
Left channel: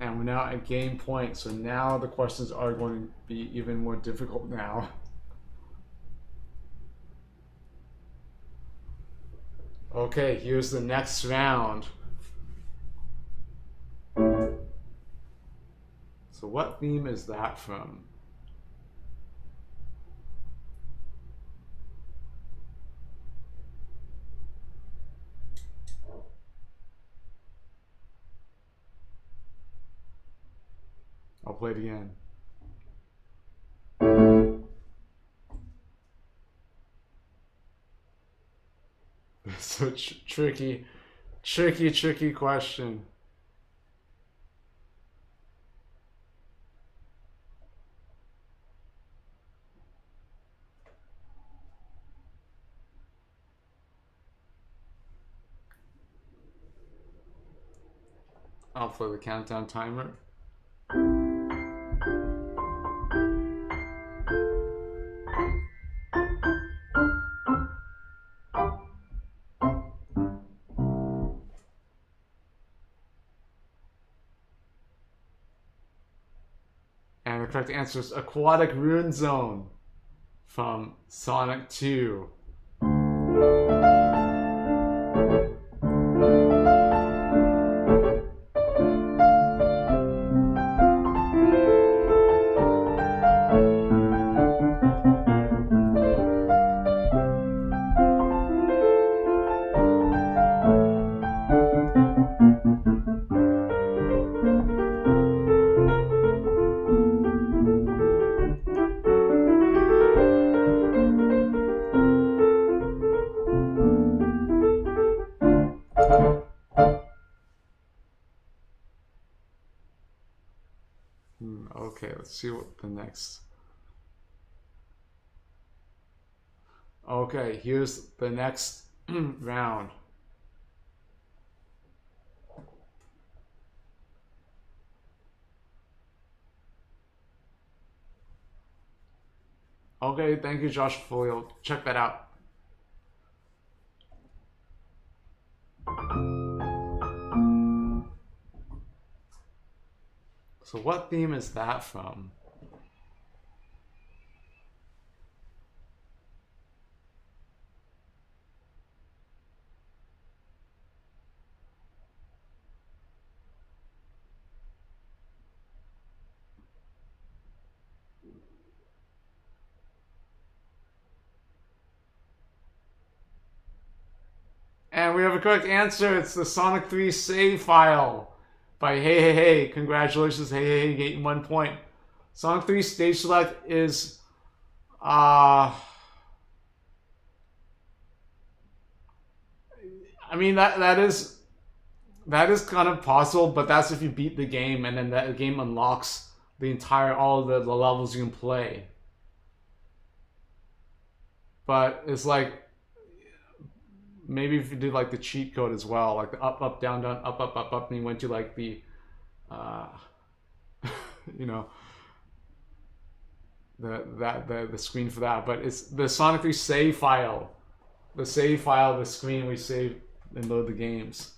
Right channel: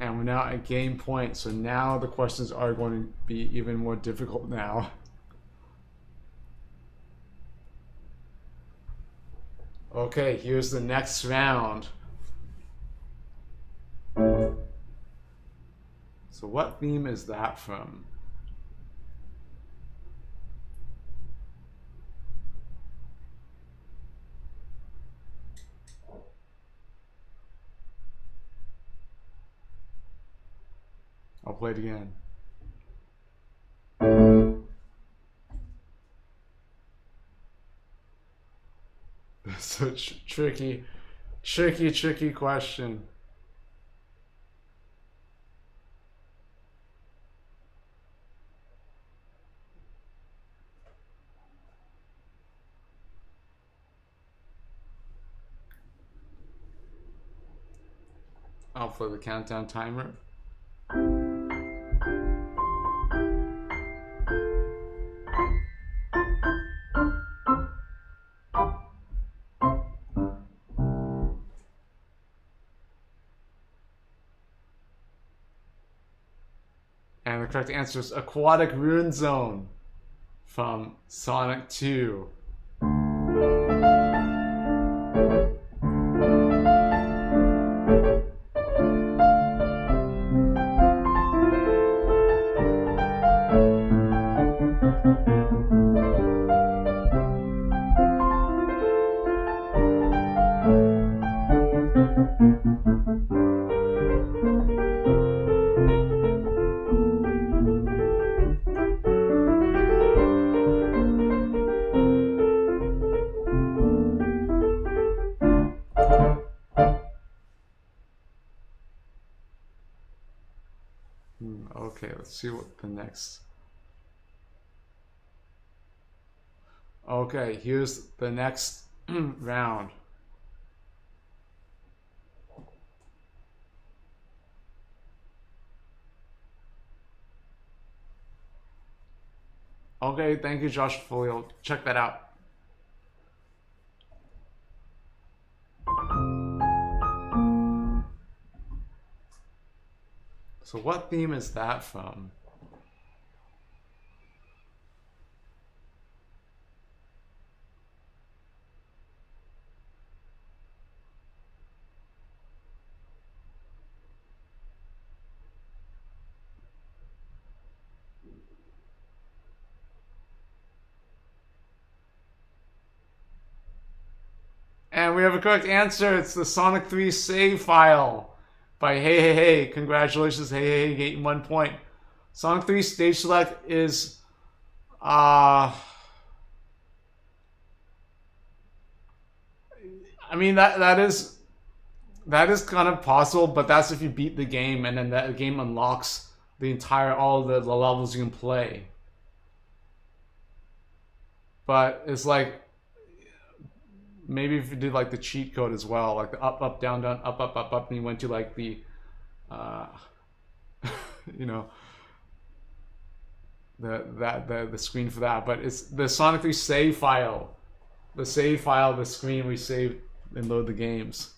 And we're now at game point, so now the questions are going to be even more difficult now. Okay, here's the next round. So what theme is that from? I'll play it again. That's a tricky question. I'll play the countdown timer. And the correct answer is Aquatic Ruin Zone from Sonic 2. Okay, let's see what the next. Okay, here's the next round. Okay, thank you, Josh Folio. Check that out. So what theme is that from? And we have a correct answer. It's the Sonic 3 save file by Hey Hey Hey. Congratulations, Hey Hey Hey, getting 1 point. Sonic 3 stage select is I mean that is kind of possible, but that's if you beat the game and then that game unlocks the entire all the levels you can play. But it's like maybe if you did like the cheat code as well, like the up up down down up up up up, and you went to like the uh you know the screen for that. But it's the Sonic 3 save file. The save file, the screen we save and load the games.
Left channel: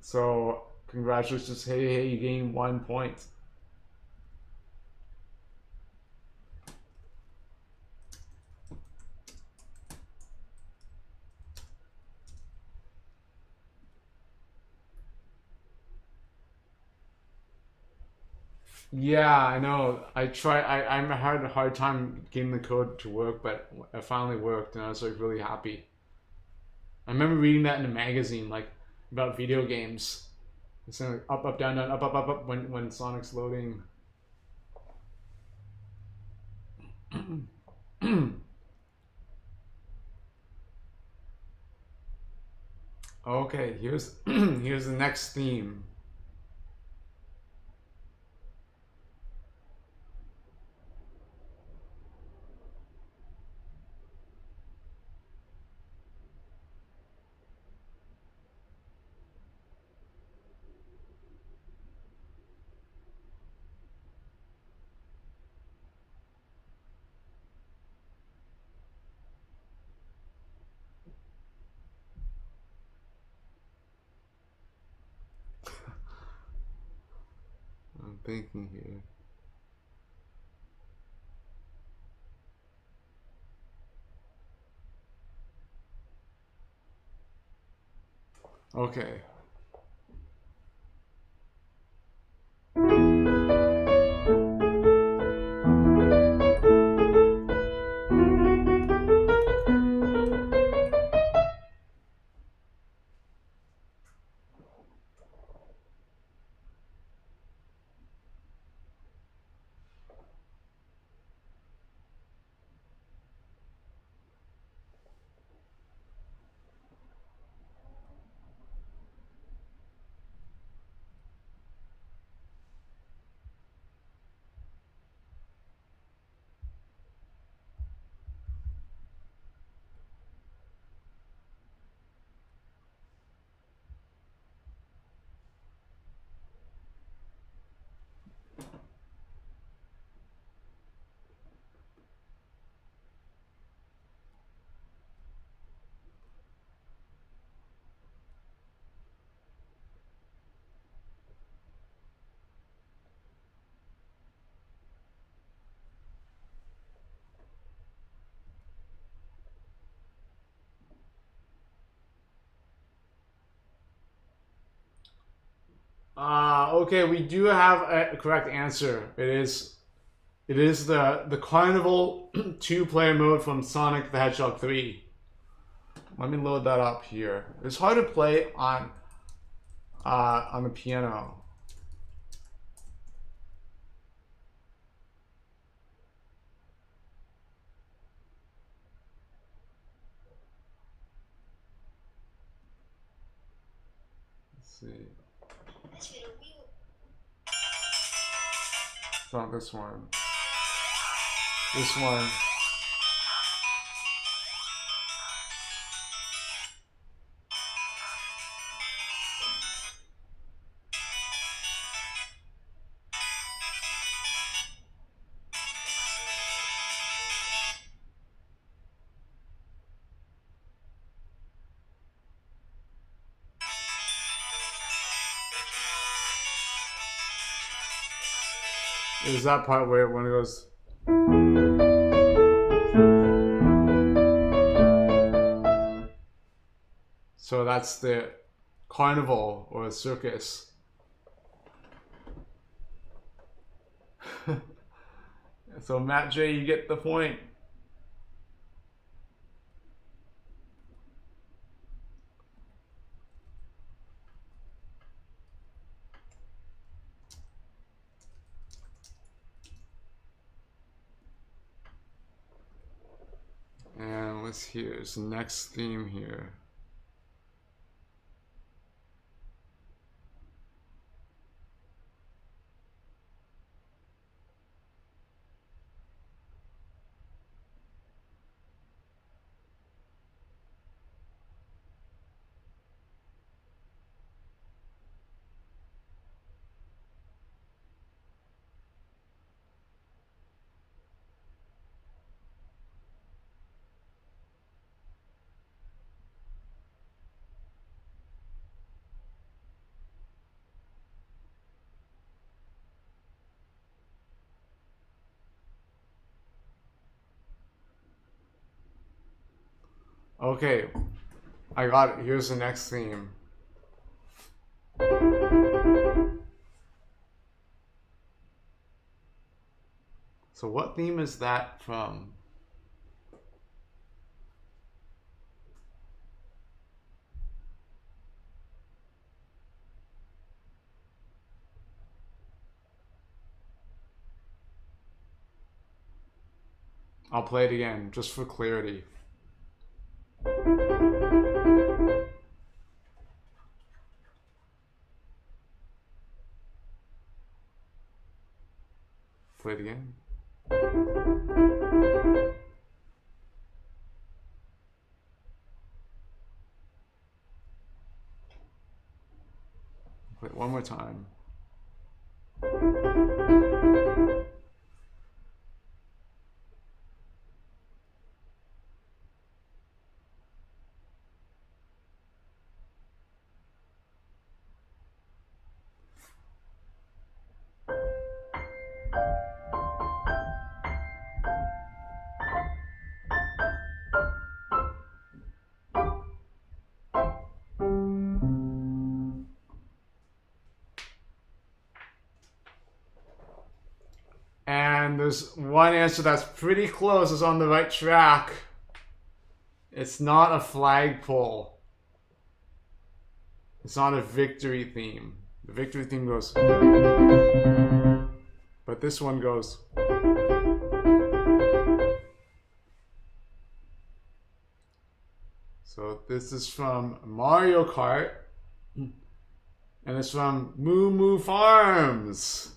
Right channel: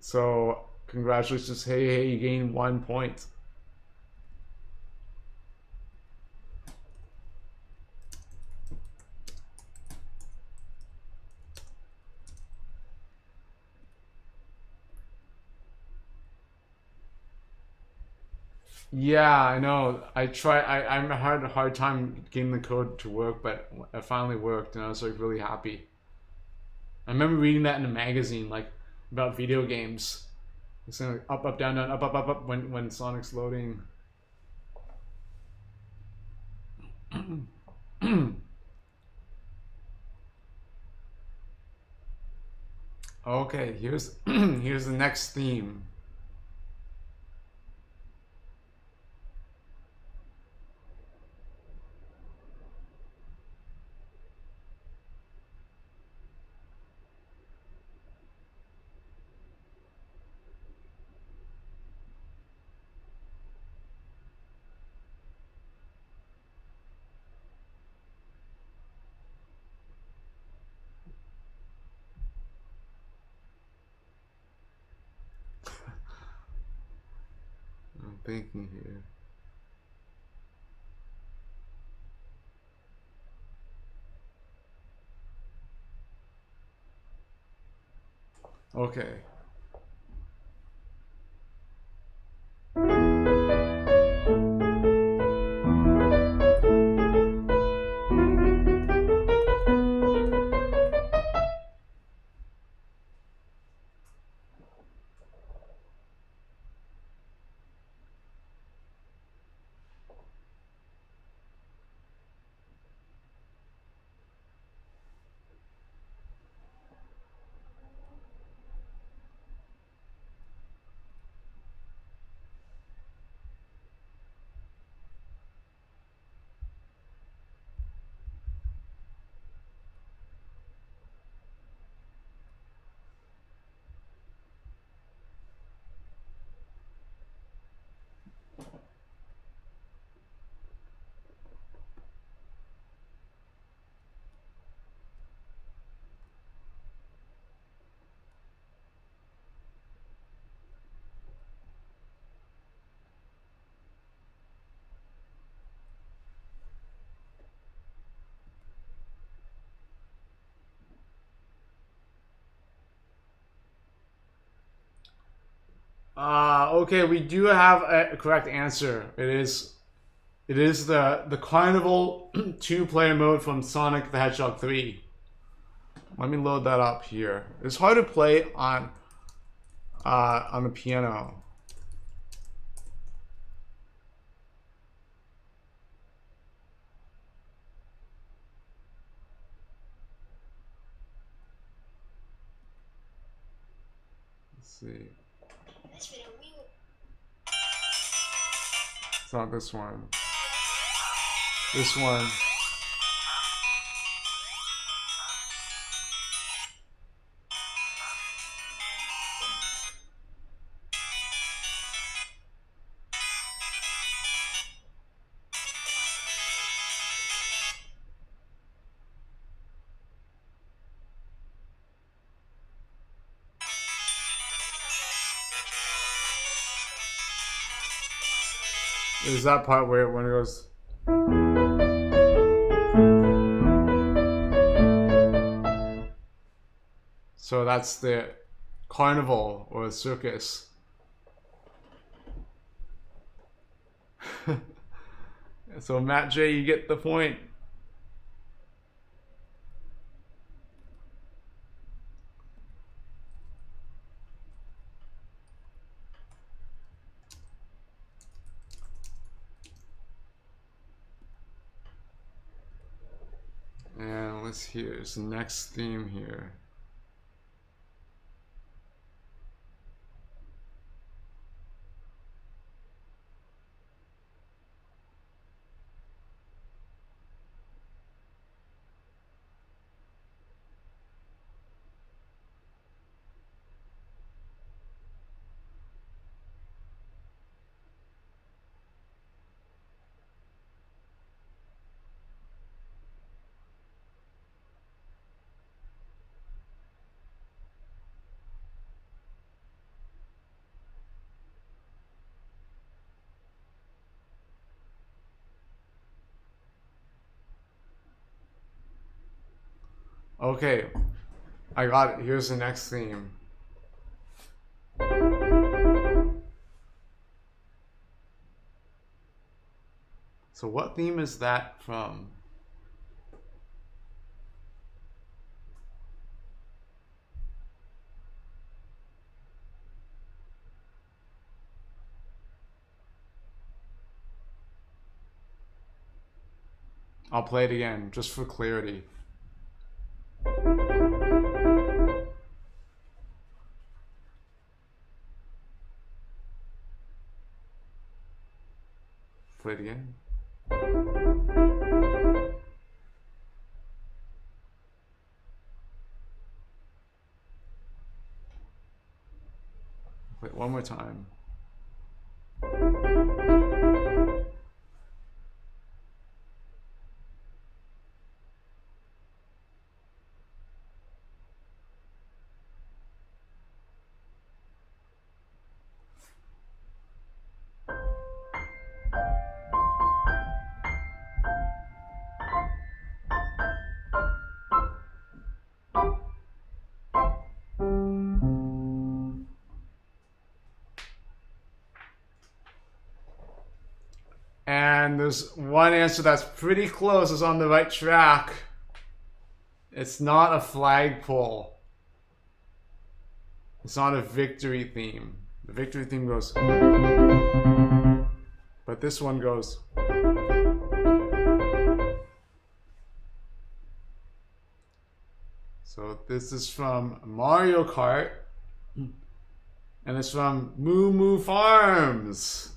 So congratulations, Hey Hey, you gained 1 point. Yeah, I know. I had a hard time getting the code to work, but it finally worked, and I was like really happy. I remember reading that in a magazine, like about video games. It's like up, up, down, down, up, up, up, up when Sonic's loading. Okay, here's here's the next theme. I'm thinking here. Okay. Okay, we do have a correct answer. It is the Carnival 2-player mode from Sonic the Hedgehog 3. Let me load that up here. It's hard to play on the piano. Let's see. It's not this one. This one. Is that part where when it goes. So that's the carnival or circus. So Matt J, you get the point. And let's here's the next theme here. Okay, I got it. Here's the next theme. So what theme is that from? I'll play it again just for clarity. Play it again. Play it one more time. And there's one answer that's pretty close, is on the right track. It's not a flagpole. It's not a victory theme. The victory theme goes. But this one goes. So this is from Mario Kart. And it's from Moo Moo Farms.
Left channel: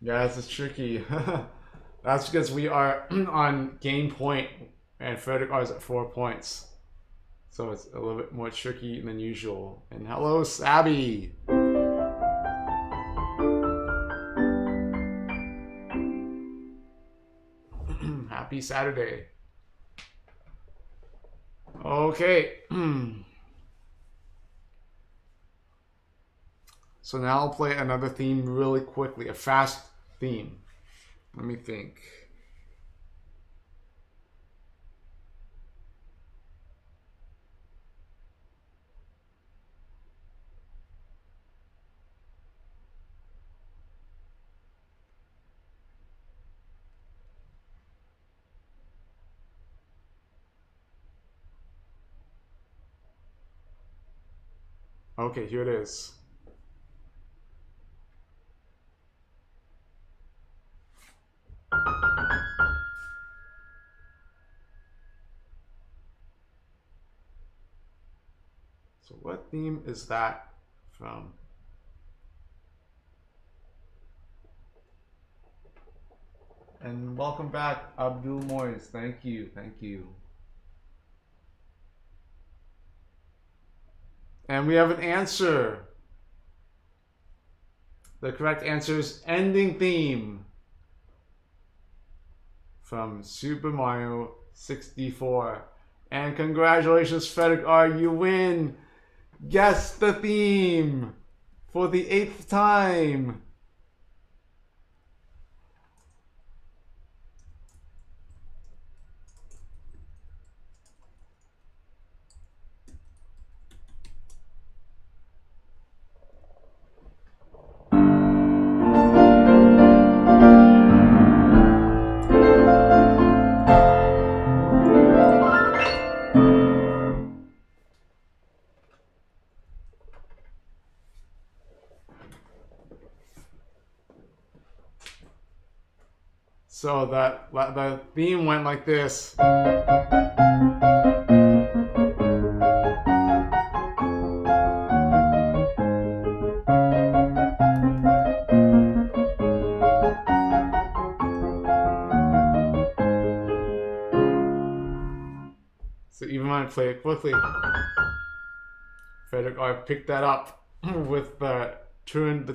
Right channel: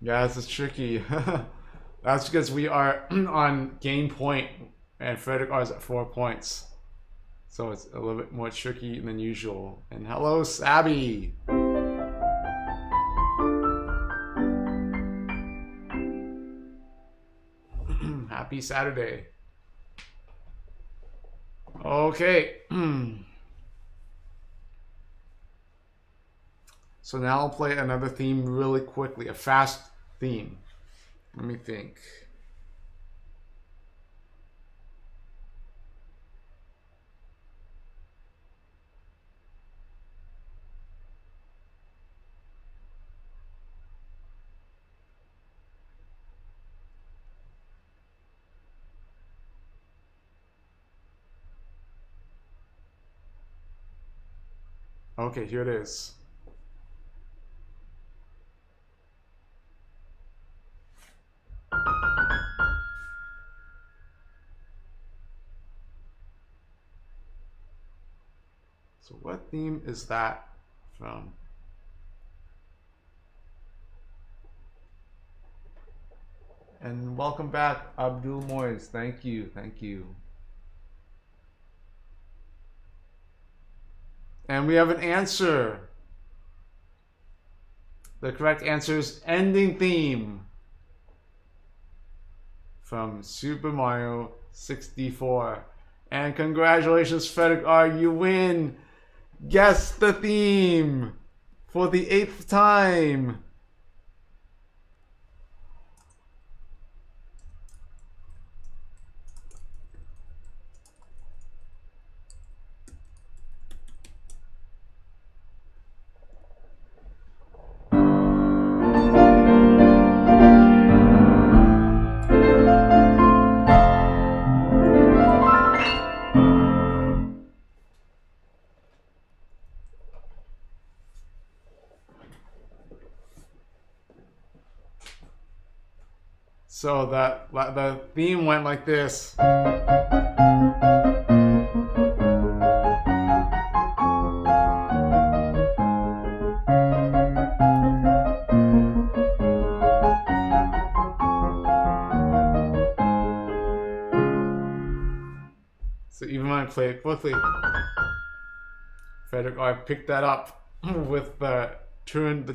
Yeah, this is tricky. That's because we are on game point and Frederick is at 4 points. So it's a little bit more tricky than usual. And hello, Sabby. Happy Saturday. Okay. So now I'll play another theme really quickly, a fast theme. Let me think. Okay, here it is. So what theme is that from? And welcome back, Abdul Moise. Thank you, thank you. And we have an answer. The correct answer is ending theme from Super Mario 64. And congratulations, Frederick R. You win. Guess the theme for the 8th time. So the theme went like this. So even when I play it quickly, Frederick R picked that up with the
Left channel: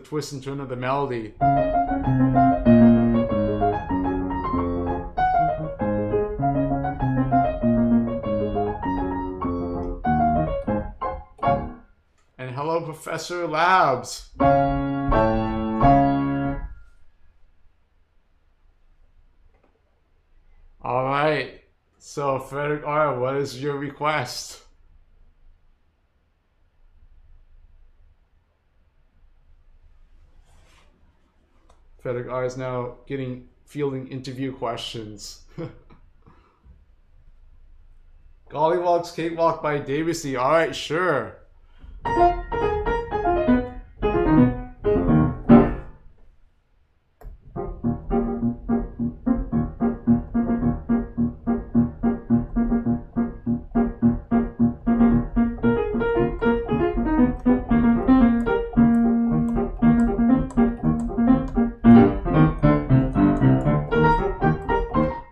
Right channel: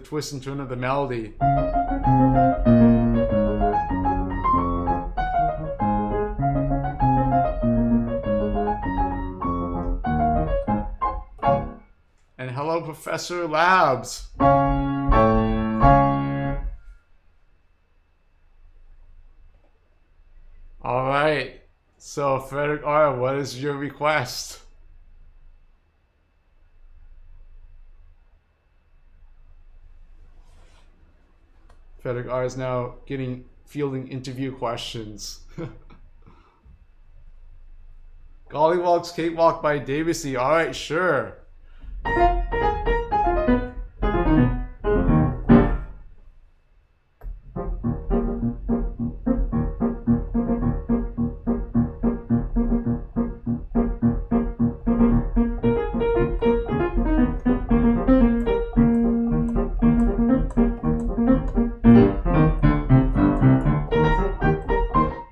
twist and turn of the melody. And hello, Professor Labs. All right. So, Frederick R, what is your request? Frederick R is now fielding interview questions. Gollywog's Cakewalk by Debussy. All right, sure.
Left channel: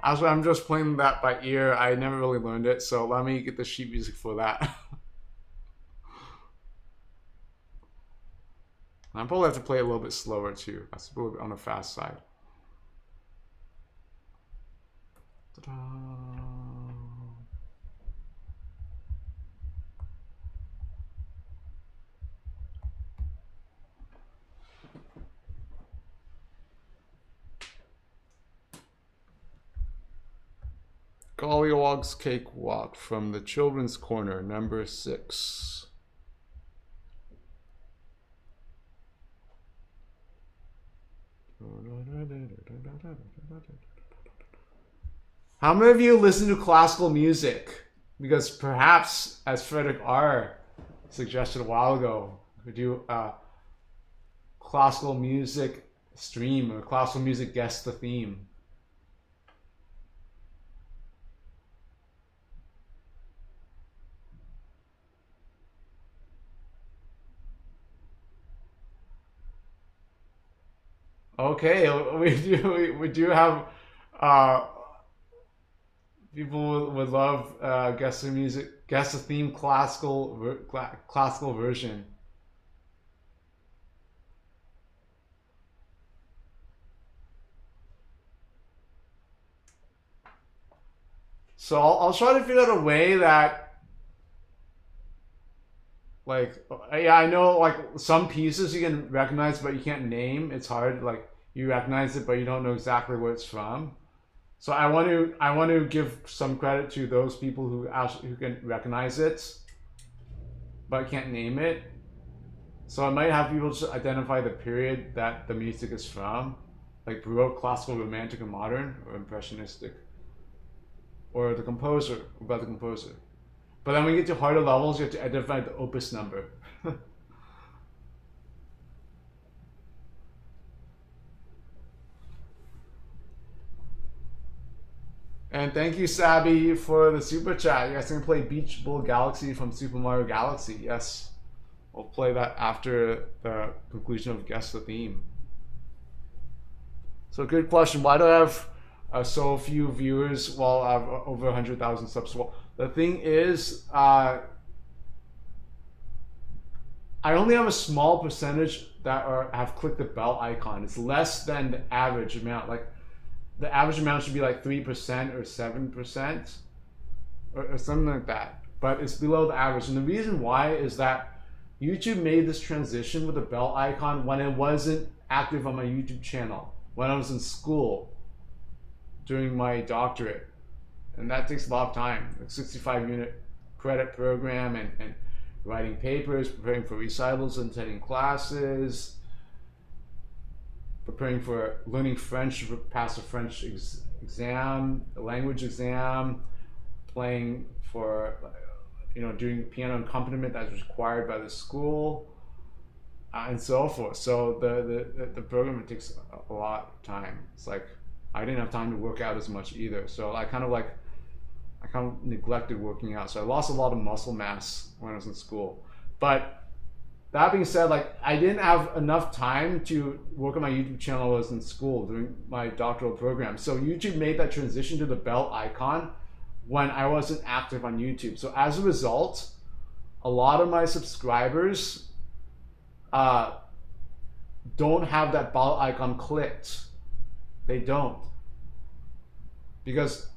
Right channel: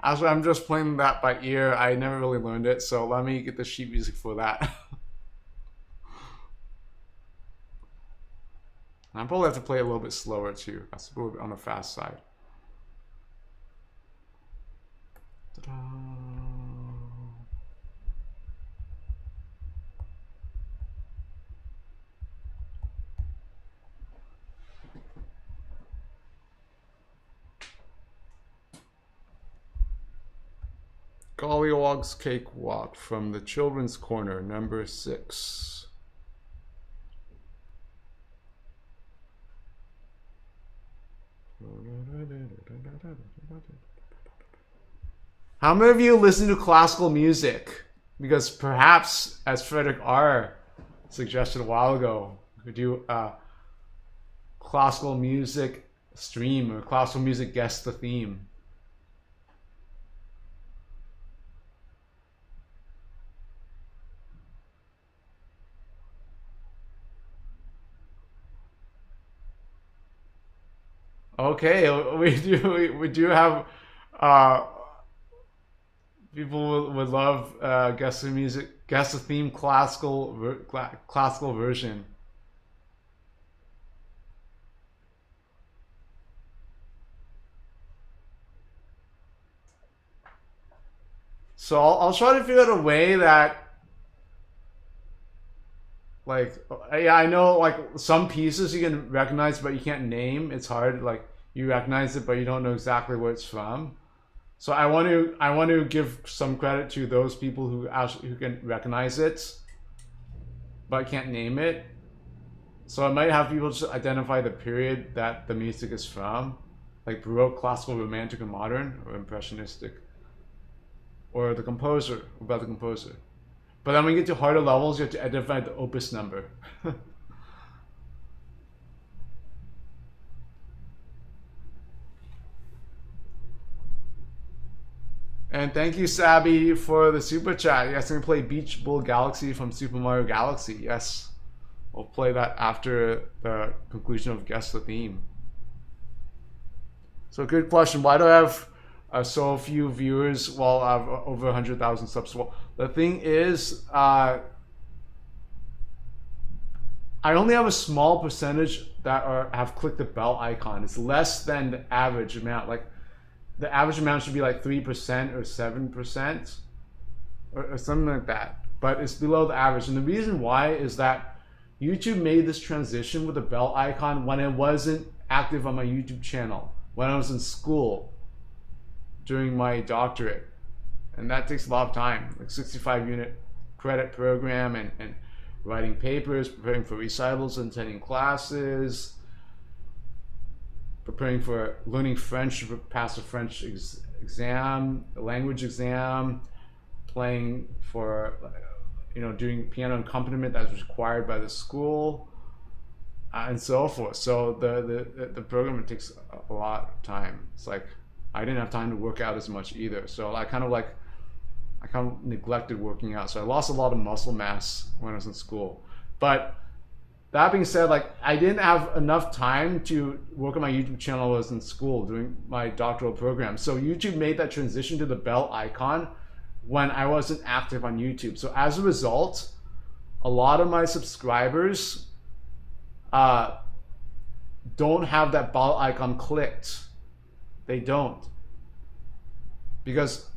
Actually, I'm just playing that by ear. I never really learned it, so let me get the sheet music for that. I probably have to play it a little bit slower too. That's a little bit on the fast side. Ta-da. Gollywog's Cakewalk from the Children's Corner, number 6. How many of you listen to classical music? Because perhaps, as Frederick R suggested a while ago, we could do a classical music stream or classical music guess the theme. Okay, we do have people would love guess the theme classical version. So I'll try to figure out a way that, like, yeah, I know, like, some pieces you can recognize but you can't name. It's hard, like, you recognize it but you don't know exactly where it's from. So I want to give some credit to those people who can recognize it but can't name it. So I might have people just identify the period that the music is from, like Baroque, Classical, Romantic, and Modern, or Impressionistic, or the composer, about the composer. But then when you get to harder levels, you have to identify the opus number. And thank you, Sabby, for the super chat. Yes, I'm gonna play Beach Bull Galaxy from Super Mario Galaxy. Yes, we'll play that after the conclusion of Guess the Theme. So good question. Why do I have so few viewers while I have over 100,000 subs? Well, the thing is, I only have a small percentage that have clicked the bell icon. It's less than the average amount. Like the average amount should be like 3% or 7% or something like that. But it's below the average. And the reason why is that YouTube made this transition with the bell icon when it wasn't active on my YouTube channel, when I was in school during my doctorate. And that takes a lot of time, like 65-unit credit program and writing papers, preparing for recitals, attending classes, preparing for learning French to pass a French exam, a language exam, playing for, doing piano accompaniment that's required by the school, and so forth. So the program, it takes a lot of time. It's like I didn't have time to work out as much either. So I kind of neglected working out. So I lost a lot of muscle mass when I was in school. But that being said, like I didn't have enough time to work on my YouTube channel while I was in school during my doctoral program. So YouTube made that transition to the bell icon when I wasn't active on YouTube. So as a result, a lot of my subscribers don't have that bell icon clicked. They don't. Because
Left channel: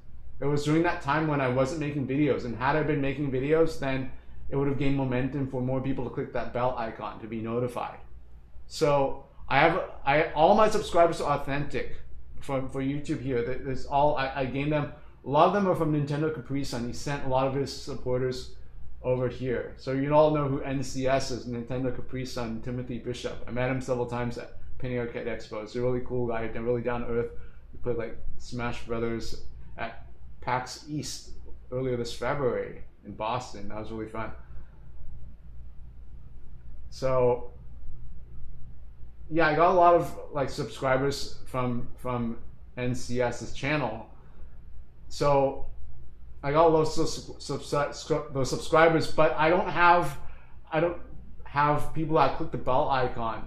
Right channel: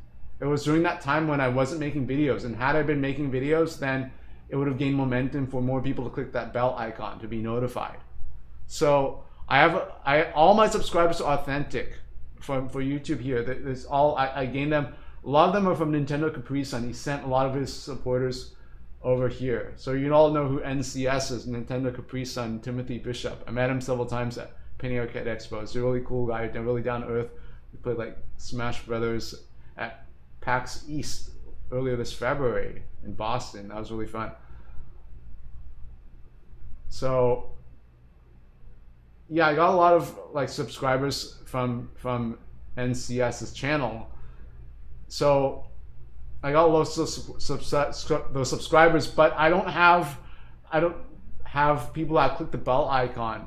it was during that time when I wasn't making videos, and had I been making videos, then it would have gained momentum for more people to click that bell icon to be notified. So all my subscribers are authentic for YouTube here. There's I gained them. A lot of them are from Nintendo Capri Sun. He sent a lot of his supporters over here. So you all know who NCS is, Nintendo Capri Sun, Timothy Bishop. I met him several times at Penny Arcade Expo. He's a really cool guy, really down to earth. We played like Smash Brothers at PAX East earlier this February in Boston. That was really fun. So yeah, I got a lot of like subscribers from NCS's channel. So I got a lot of those subscribers, but I don't have people that click the bell icon.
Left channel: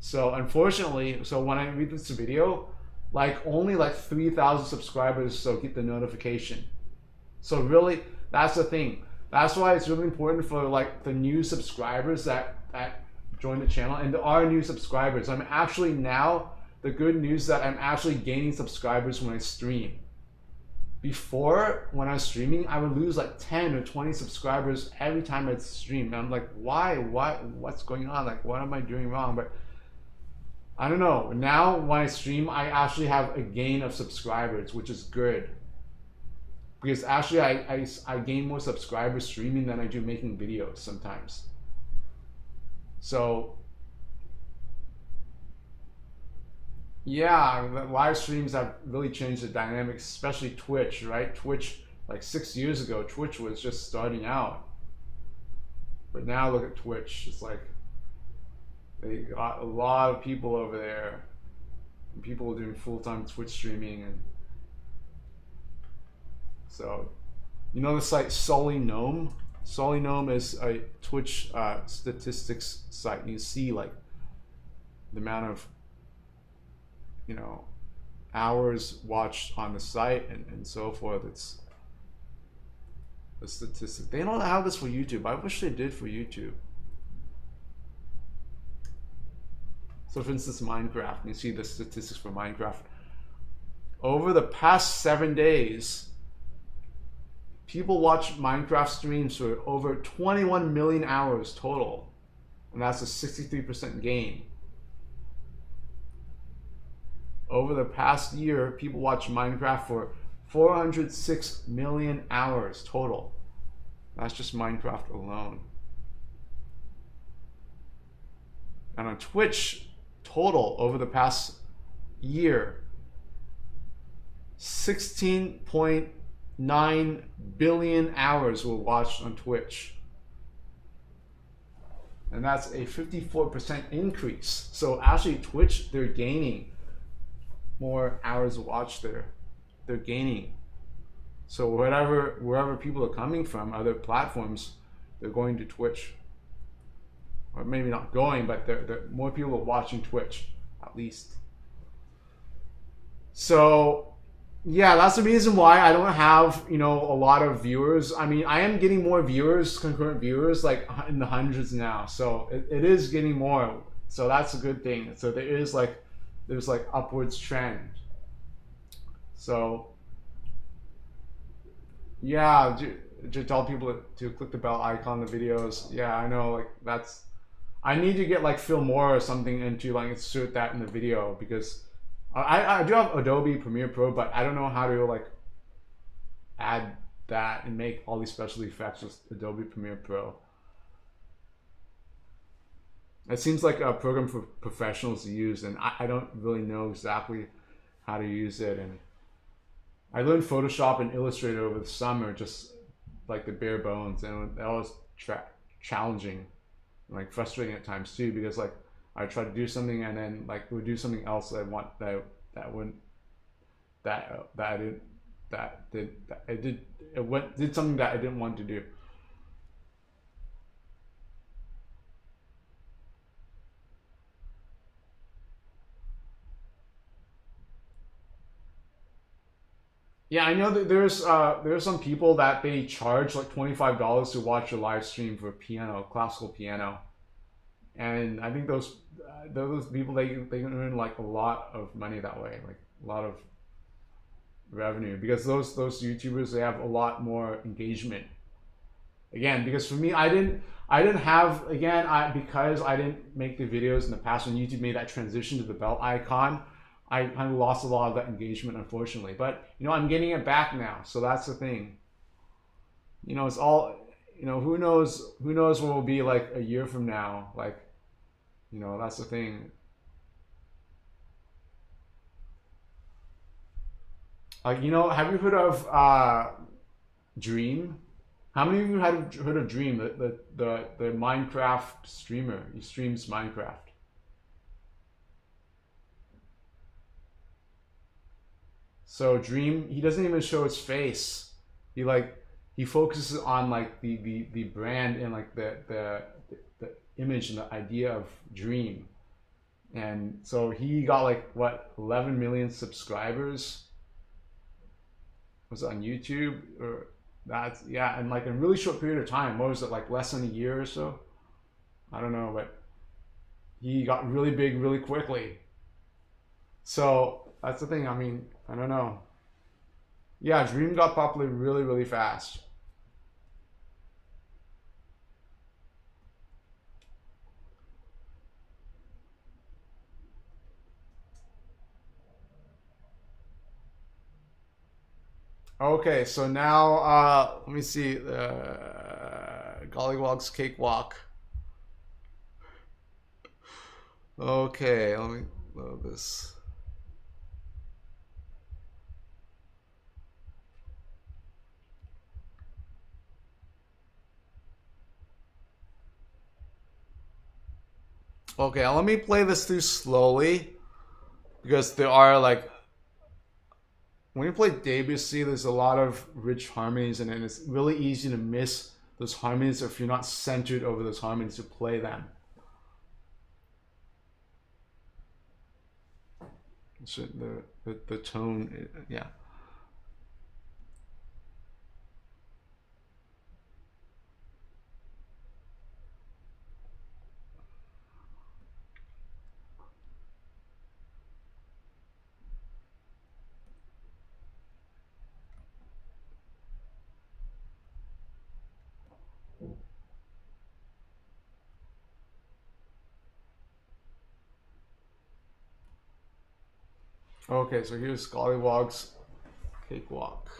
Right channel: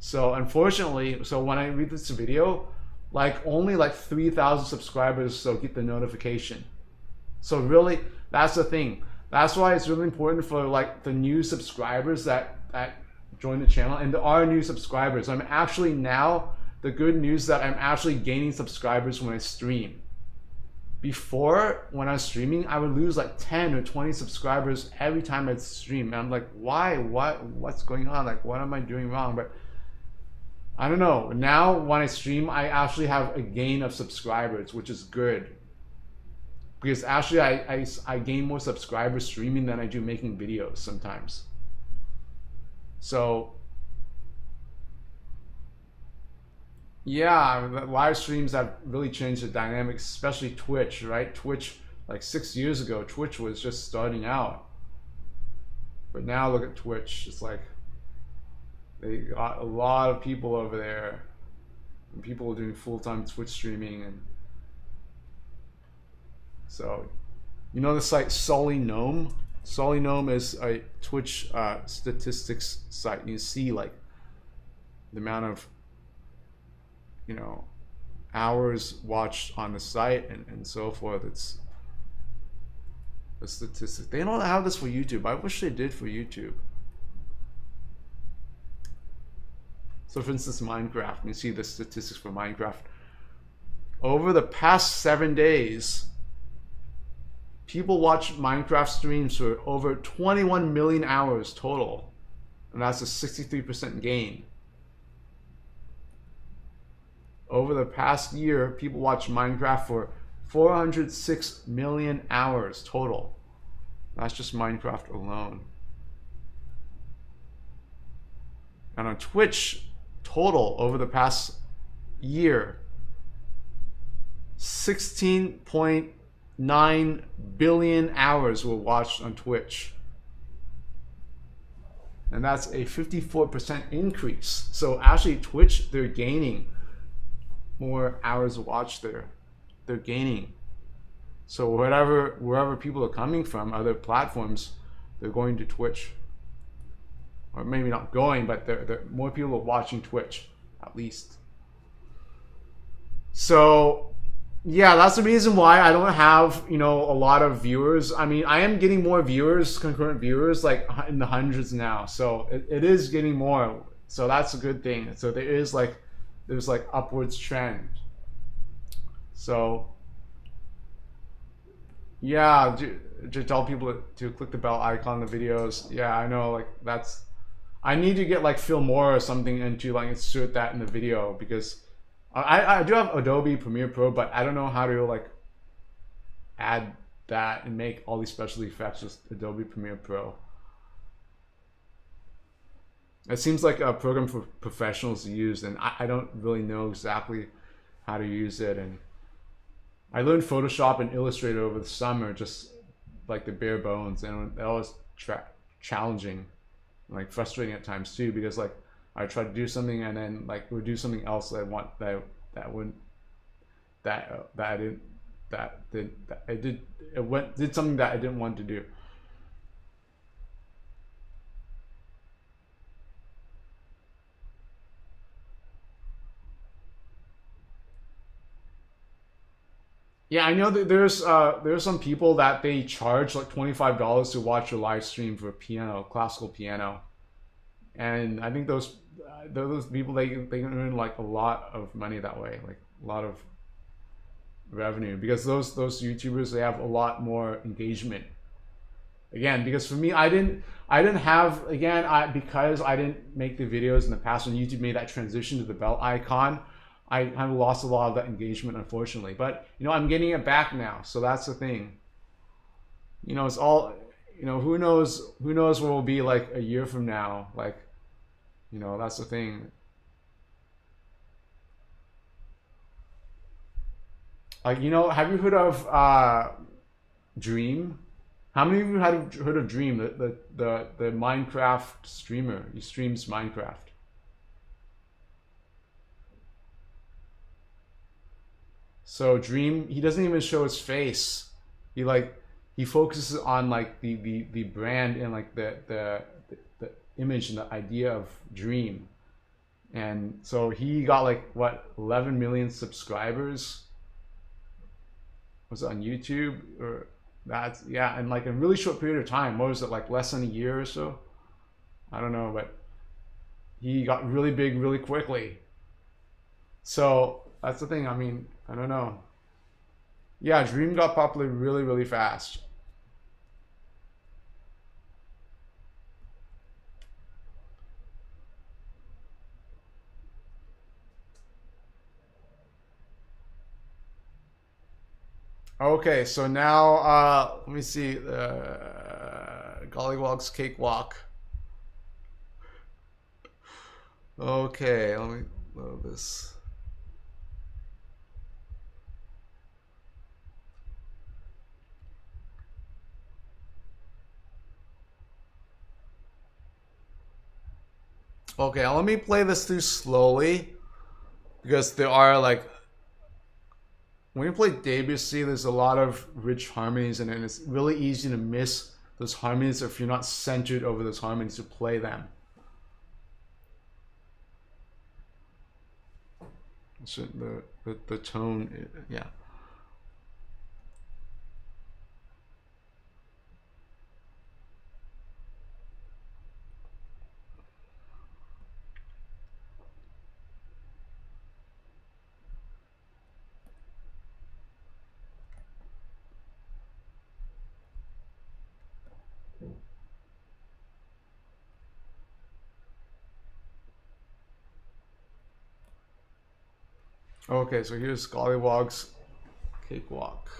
So unfortunately, when I read this video, only 3,000 subscribers so get the notification. So really, that's the thing. That's why it's really important for the new subscribers that join the channel, and there are new subscribers. I'm actually now, the good news that I'm actually gaining subscribers when I stream. Before, when I was streaming, I would lose 10 or 20 subscribers every time I'd stream. And I'm like, why? What's going on? What am I doing wrong? But I don't know. Now, when I stream, I actually have a gain of subscribers, which is good. Because actually, I gain more subscribers streaming than I do making videos sometimes. So, yeah, the live streams have really changed the dynamics, especially Twitch, right? Twitch, 6 years ago, Twitch was just starting out. But now look at Twitch. It's they got a lot of people over there. And people are doing full-time Twitch streaming. And so, you know the site Sully Gnome? Sully Gnome is a Twitch statistics site. You see the amount of hours watched on the site and so forth. It's a statistic. They don't have this for YouTube. I wish they did for YouTube. So for instance, Minecraft, you see the statistics for Minecraft. Over the past 7 days, people watch Minecraft streams for over 21 million hours total. And that's a 63% gain. Over the past year, people watched Minecraft for 406 million hours total. That's just Minecraft alone. And on Twitch, total over the past year, 16.9 billion hours were watched on Twitch. And that's a 54% increase. So actually Twitch, they're gaining more hours watched there. They're gaining. So wherever people are coming from, other platforms, they're going to Twitch. Or maybe not going, but more people are watching Twitch, at least. So yeah, that's the reason why I don't have, a lot of viewers. I mean, I am getting more viewers, concurrent viewers, like in the hundreds now. So it is getting more. So that's a good thing. So there's like upwards trend. So yeah, to tell people to click the bell icon in the videos. Yeah, I know, like I need to get like Phil Moore or something and to like insert that in the video, because I do have Adobe Premiere Pro, but I don't know how to like add that and make all these special effects with Adobe Premiere Pro. It seems like a program for professionals to use, and I don't really know exactly how to use it. And I learned Photoshop and Illustrator over the summer, just like the bare bones, and that was challenging, like frustrating at times too, because like I try to do something and then like would do something else that I want it did something that I didn't want to do. Yeah, I know that there's some people that they charge like $25 to watch a live stream for classical piano, and I think those people, they can earn like a lot of money that way, like a lot of revenue, because those YouTubers, they have a lot more engagement. Again, because for me, I didn't have, because I didn't make the videos in the past when YouTube made that transition to the bell icon. I lost a lot of that engagement, unfortunately. But I'm getting it back now, so that's the thing. It's all, who knows what will be like a year from now. Like, that's the thing. Like, have you heard of Dream? How many of you have heard of Dream, the Minecraft streamer? He streams Minecraft. So Dream, he doesn't even show his face. He focuses on like the brand and like the image and the idea of Dream. And so he got like 11 million subscribers. Was it on YouTube? Or that's, yeah, in like a really short period of time. What was it, like less than a year or so? I don't know, but he got really big really quickly. So that's the thing. I mean, I don't know. Yeah, Dream got popular really, really fast. Okay, so now let me see. Gollywog's Cakewalk. Okay, let me load this. Okay, let me play this through slowly, because there are like, when you play Debussy, there's a lot of rich harmonies in it, and it's really easy to miss those harmonies if you're not centered over those harmonies to play them. So the tone, yeah. Okay, so here's Gollywog's Cakewalk.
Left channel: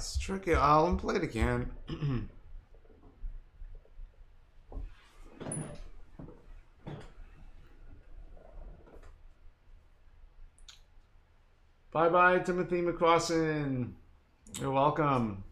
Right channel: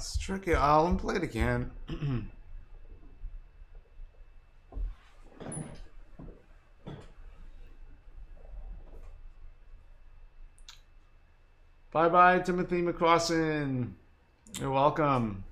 It's tricky. I'll play it again. Bye-bye, Timothy McCrossan. You're welcome.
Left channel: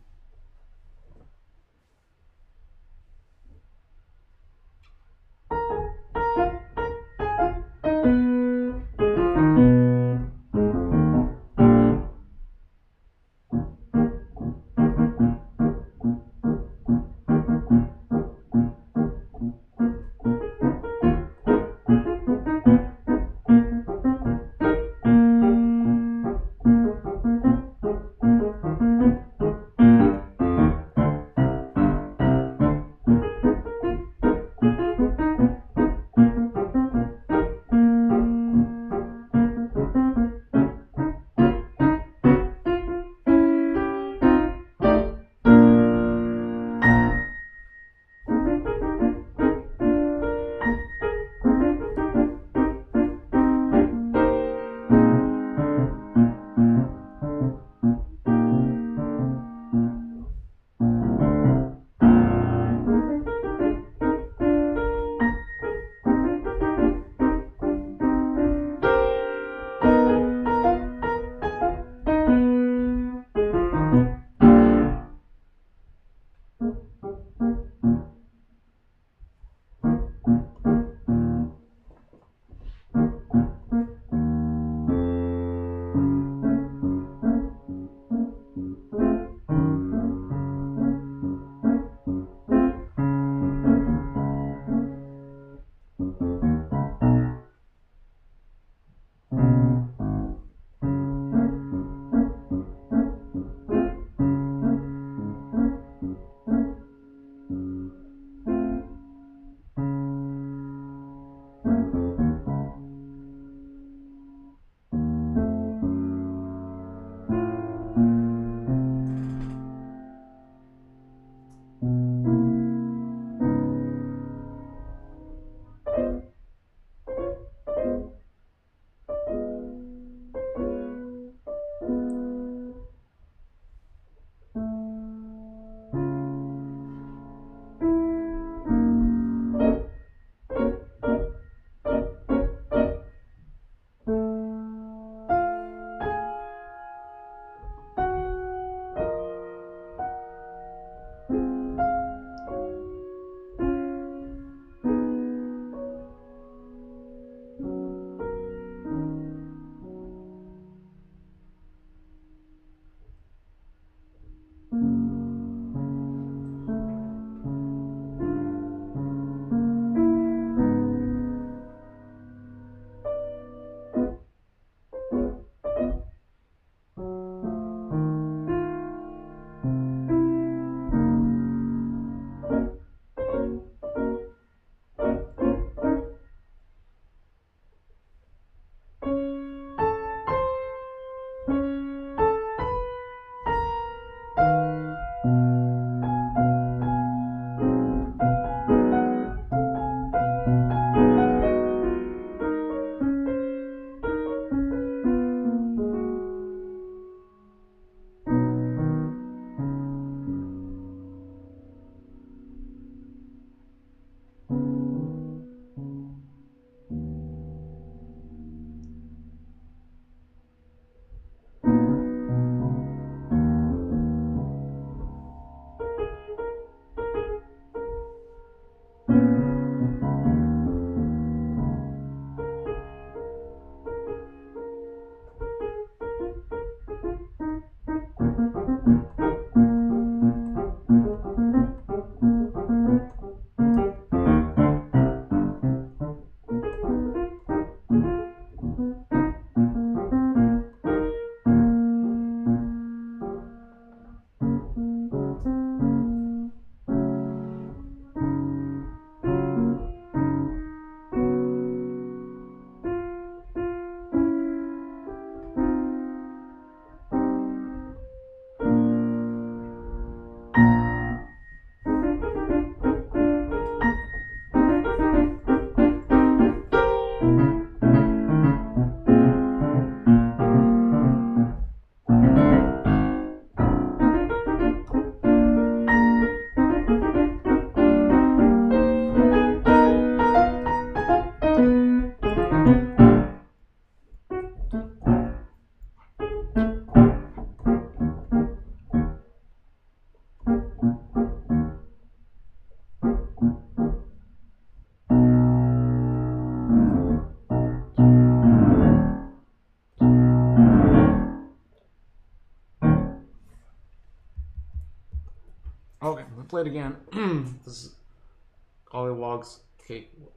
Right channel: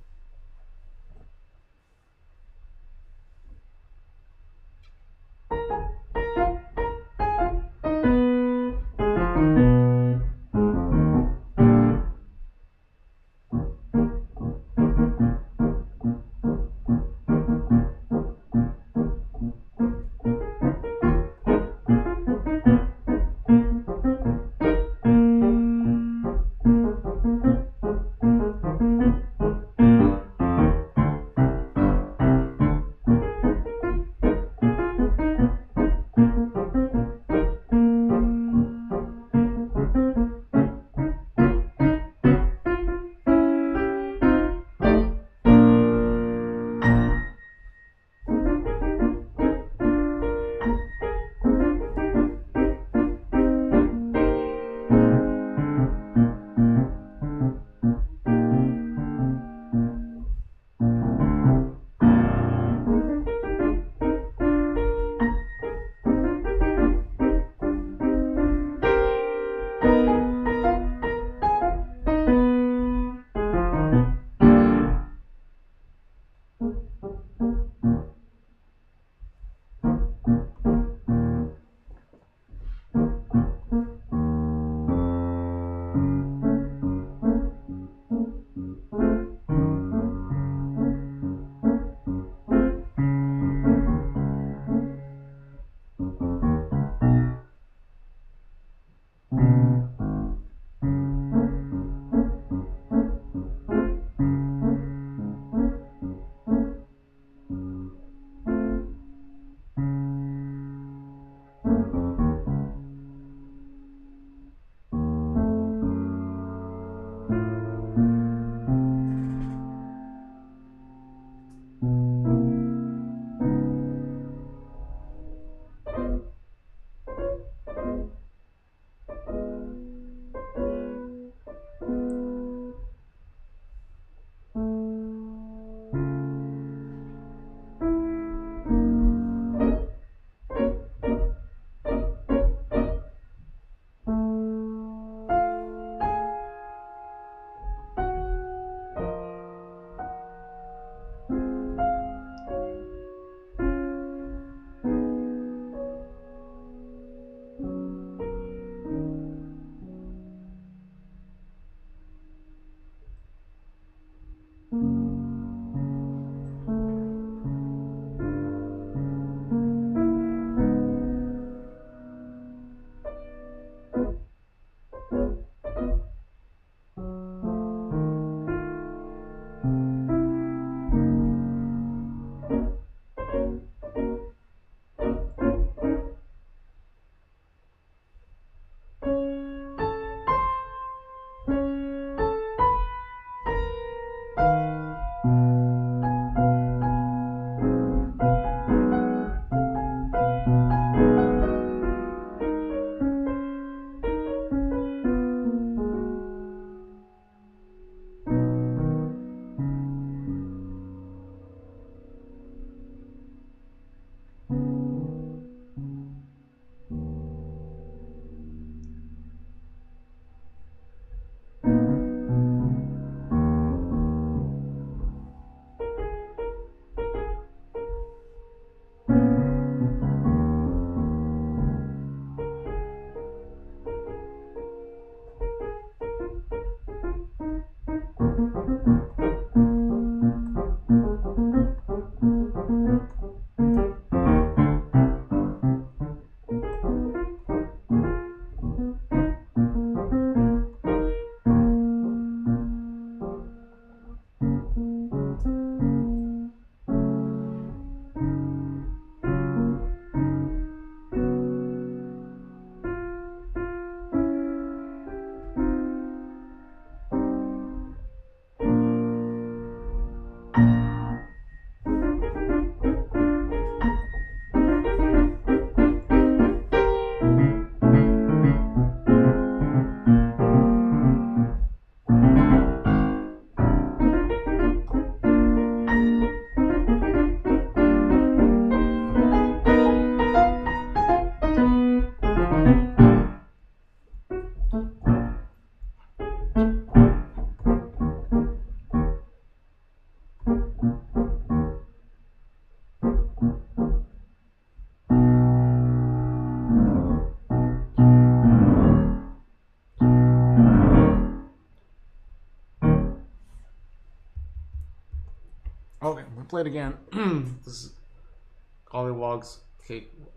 I'm gonna play it again. This is Gollywog's Cakewalk.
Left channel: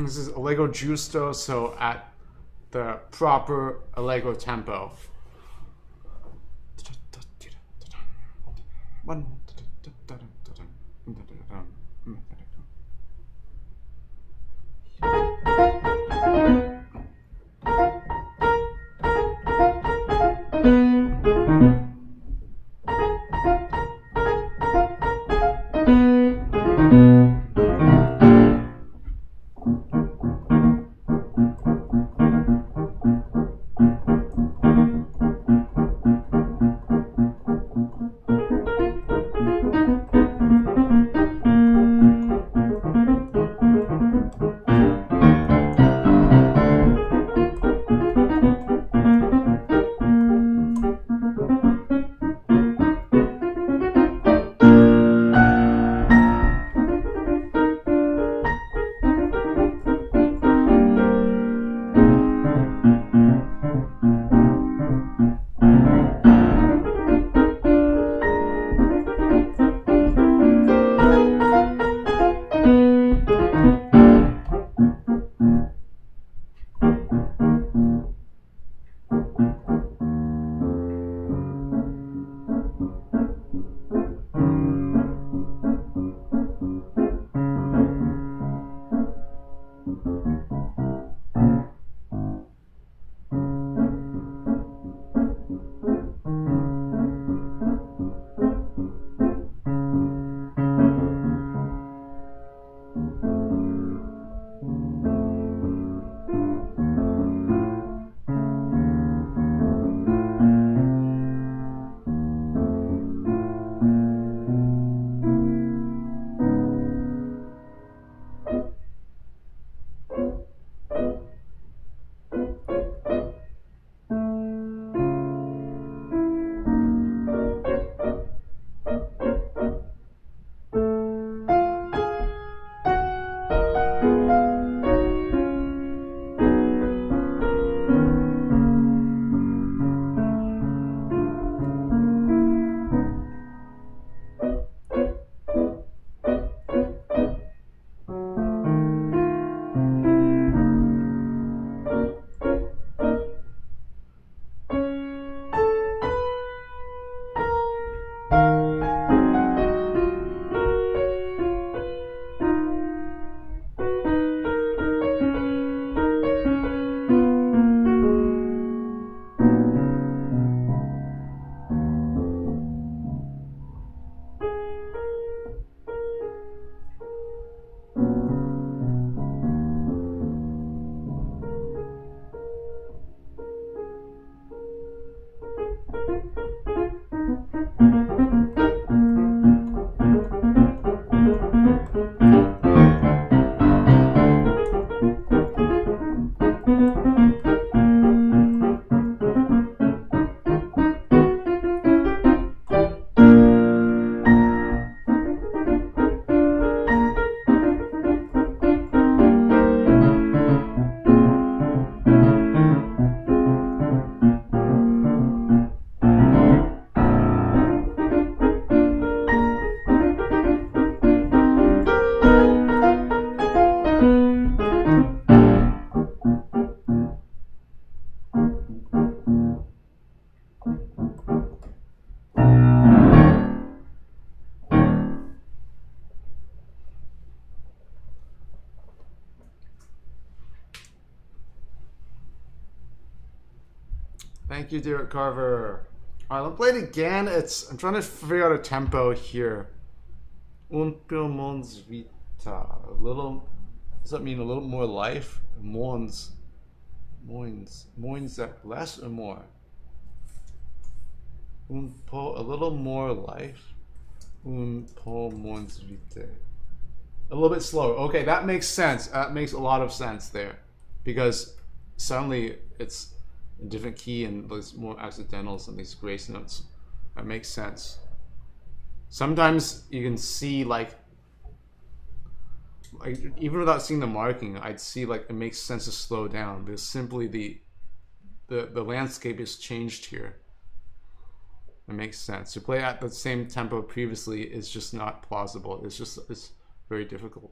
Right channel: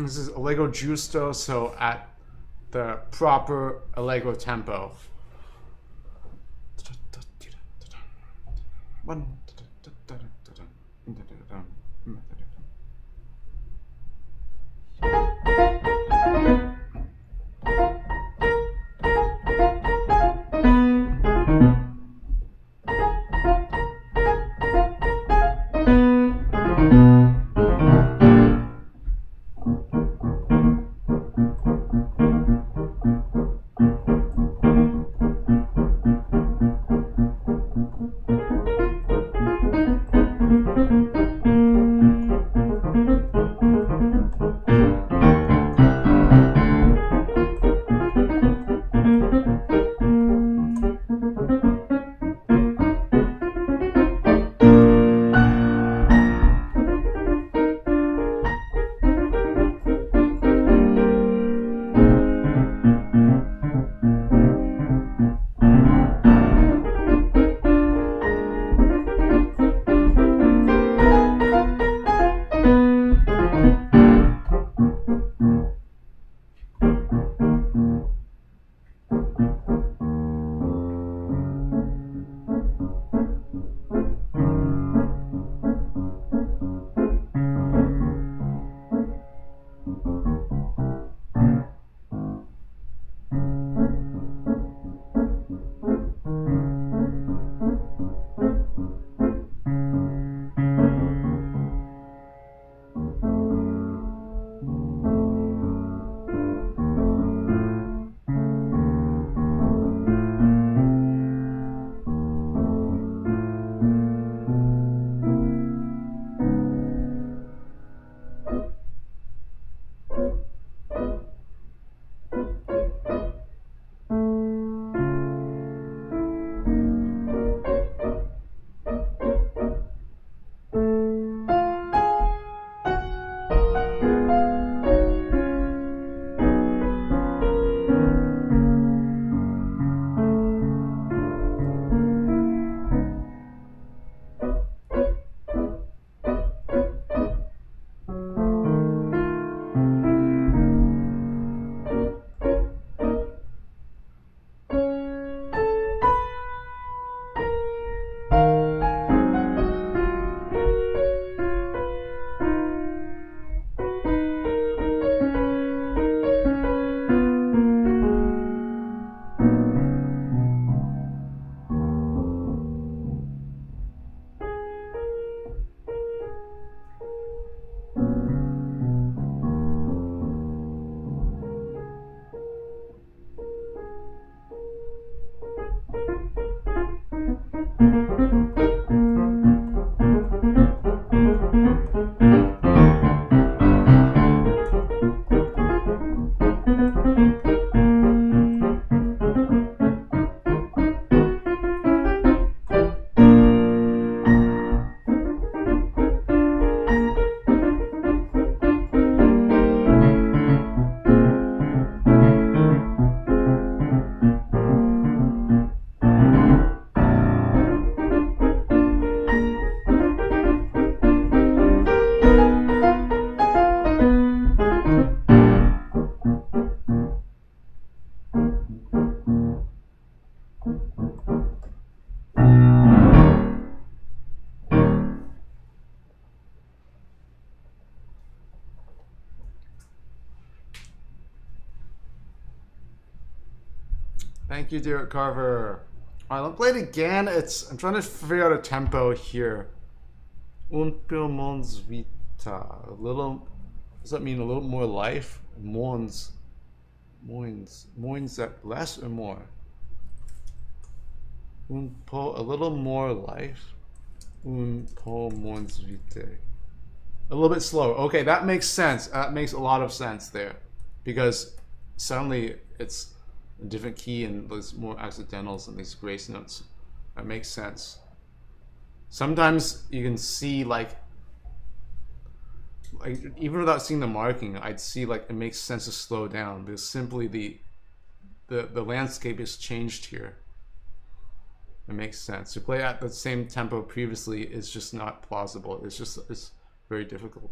This is Allegro giusto, so at the proper Allegro tempo. One. Thank you, Derek Carver. All right, let's play it again. I'm trying to figure out a tempo here. Un peu moins vita. A little. Does that mean a little more life? Moins. That less or more? A little more life. Un peu moins vite. A little bit slower. Okay, that makes sense. That makes a lot of sense there, because suddenly it's a different key and there's more accidentals and these grace notes. That makes sense. Sometimes you can see like even without seeing the marking, I'd see like it makes sense to slow down because simply the landscape is changed here. It makes sense. To play at the same tempo previously is just not plausible. It's very difficult.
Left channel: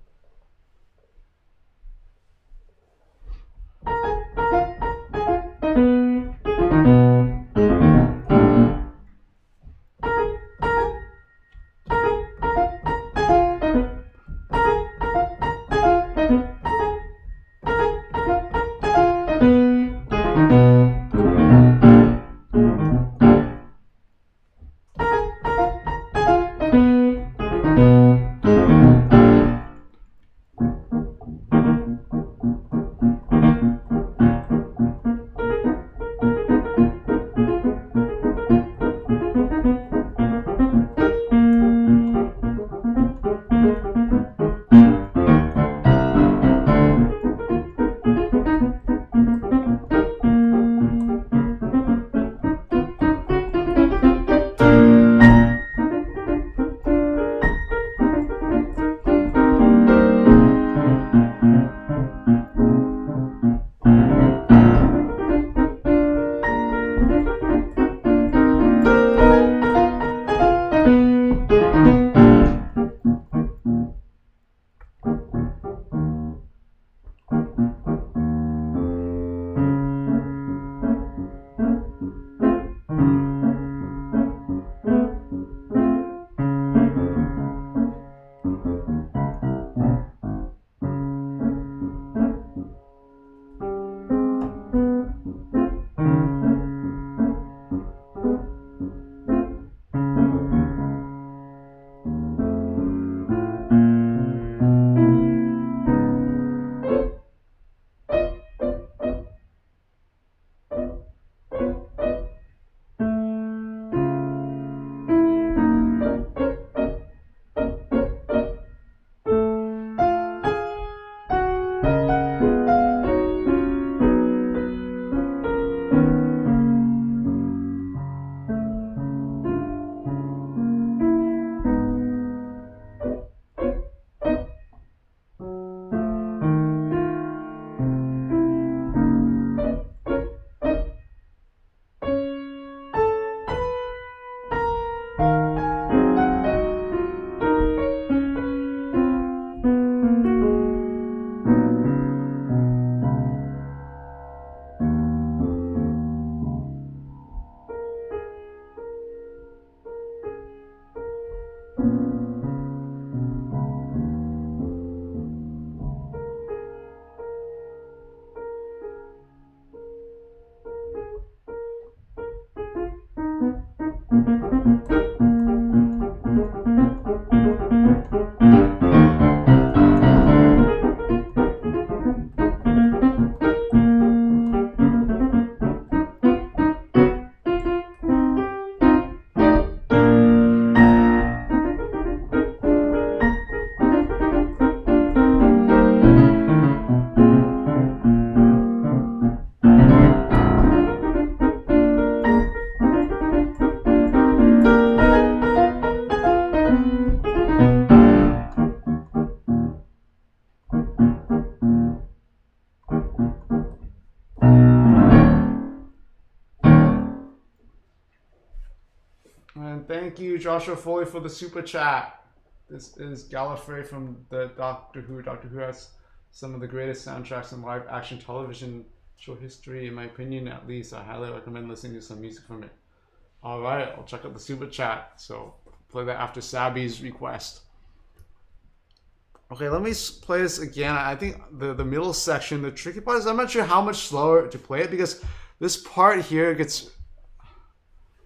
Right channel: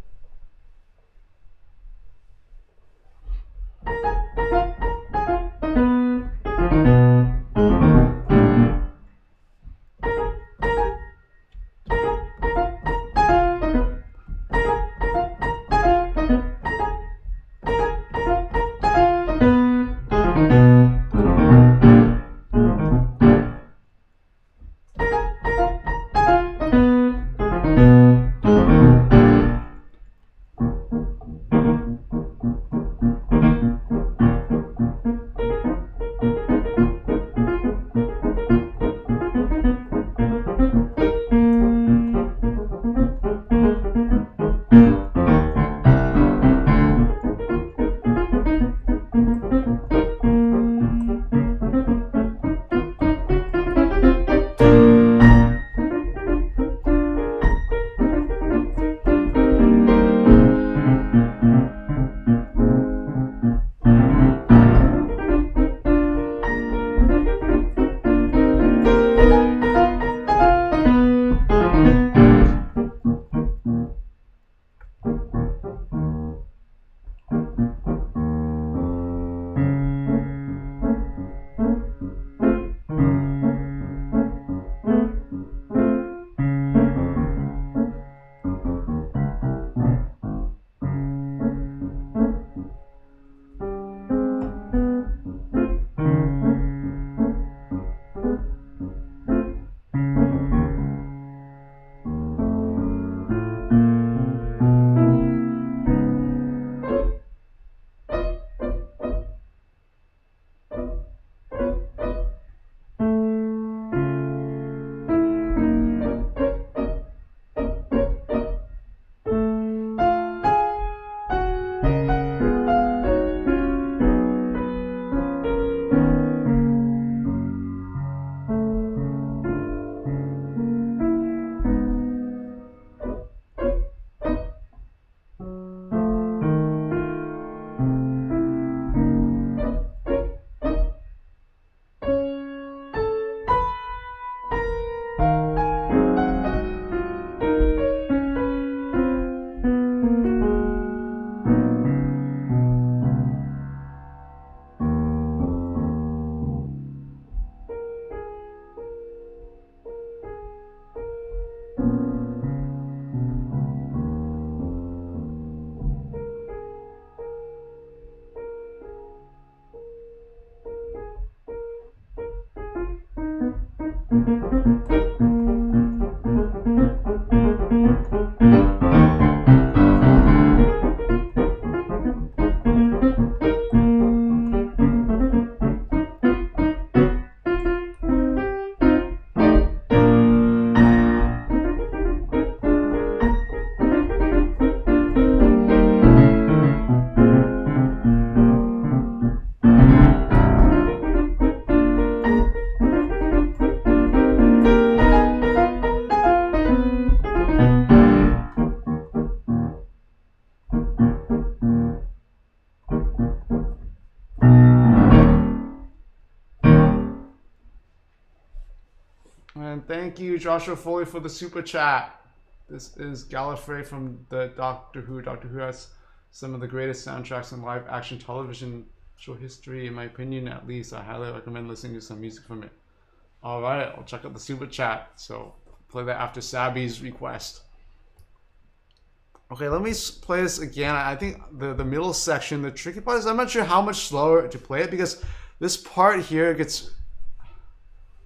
And thank you, Joshua Foley, for the super chat. This is Gallifrey from the Doctor Who. Doctor Who has some of the greatest soundtracks in live action television show history, in my opinion, at least. I highly recommend listening to some music from it. All right, I'll check out the super chat. So play that after Sabi's request. Okay, let me play this again. I think the middle section, the tricky part is I'm not sure how much slower to play it, because This part here gets...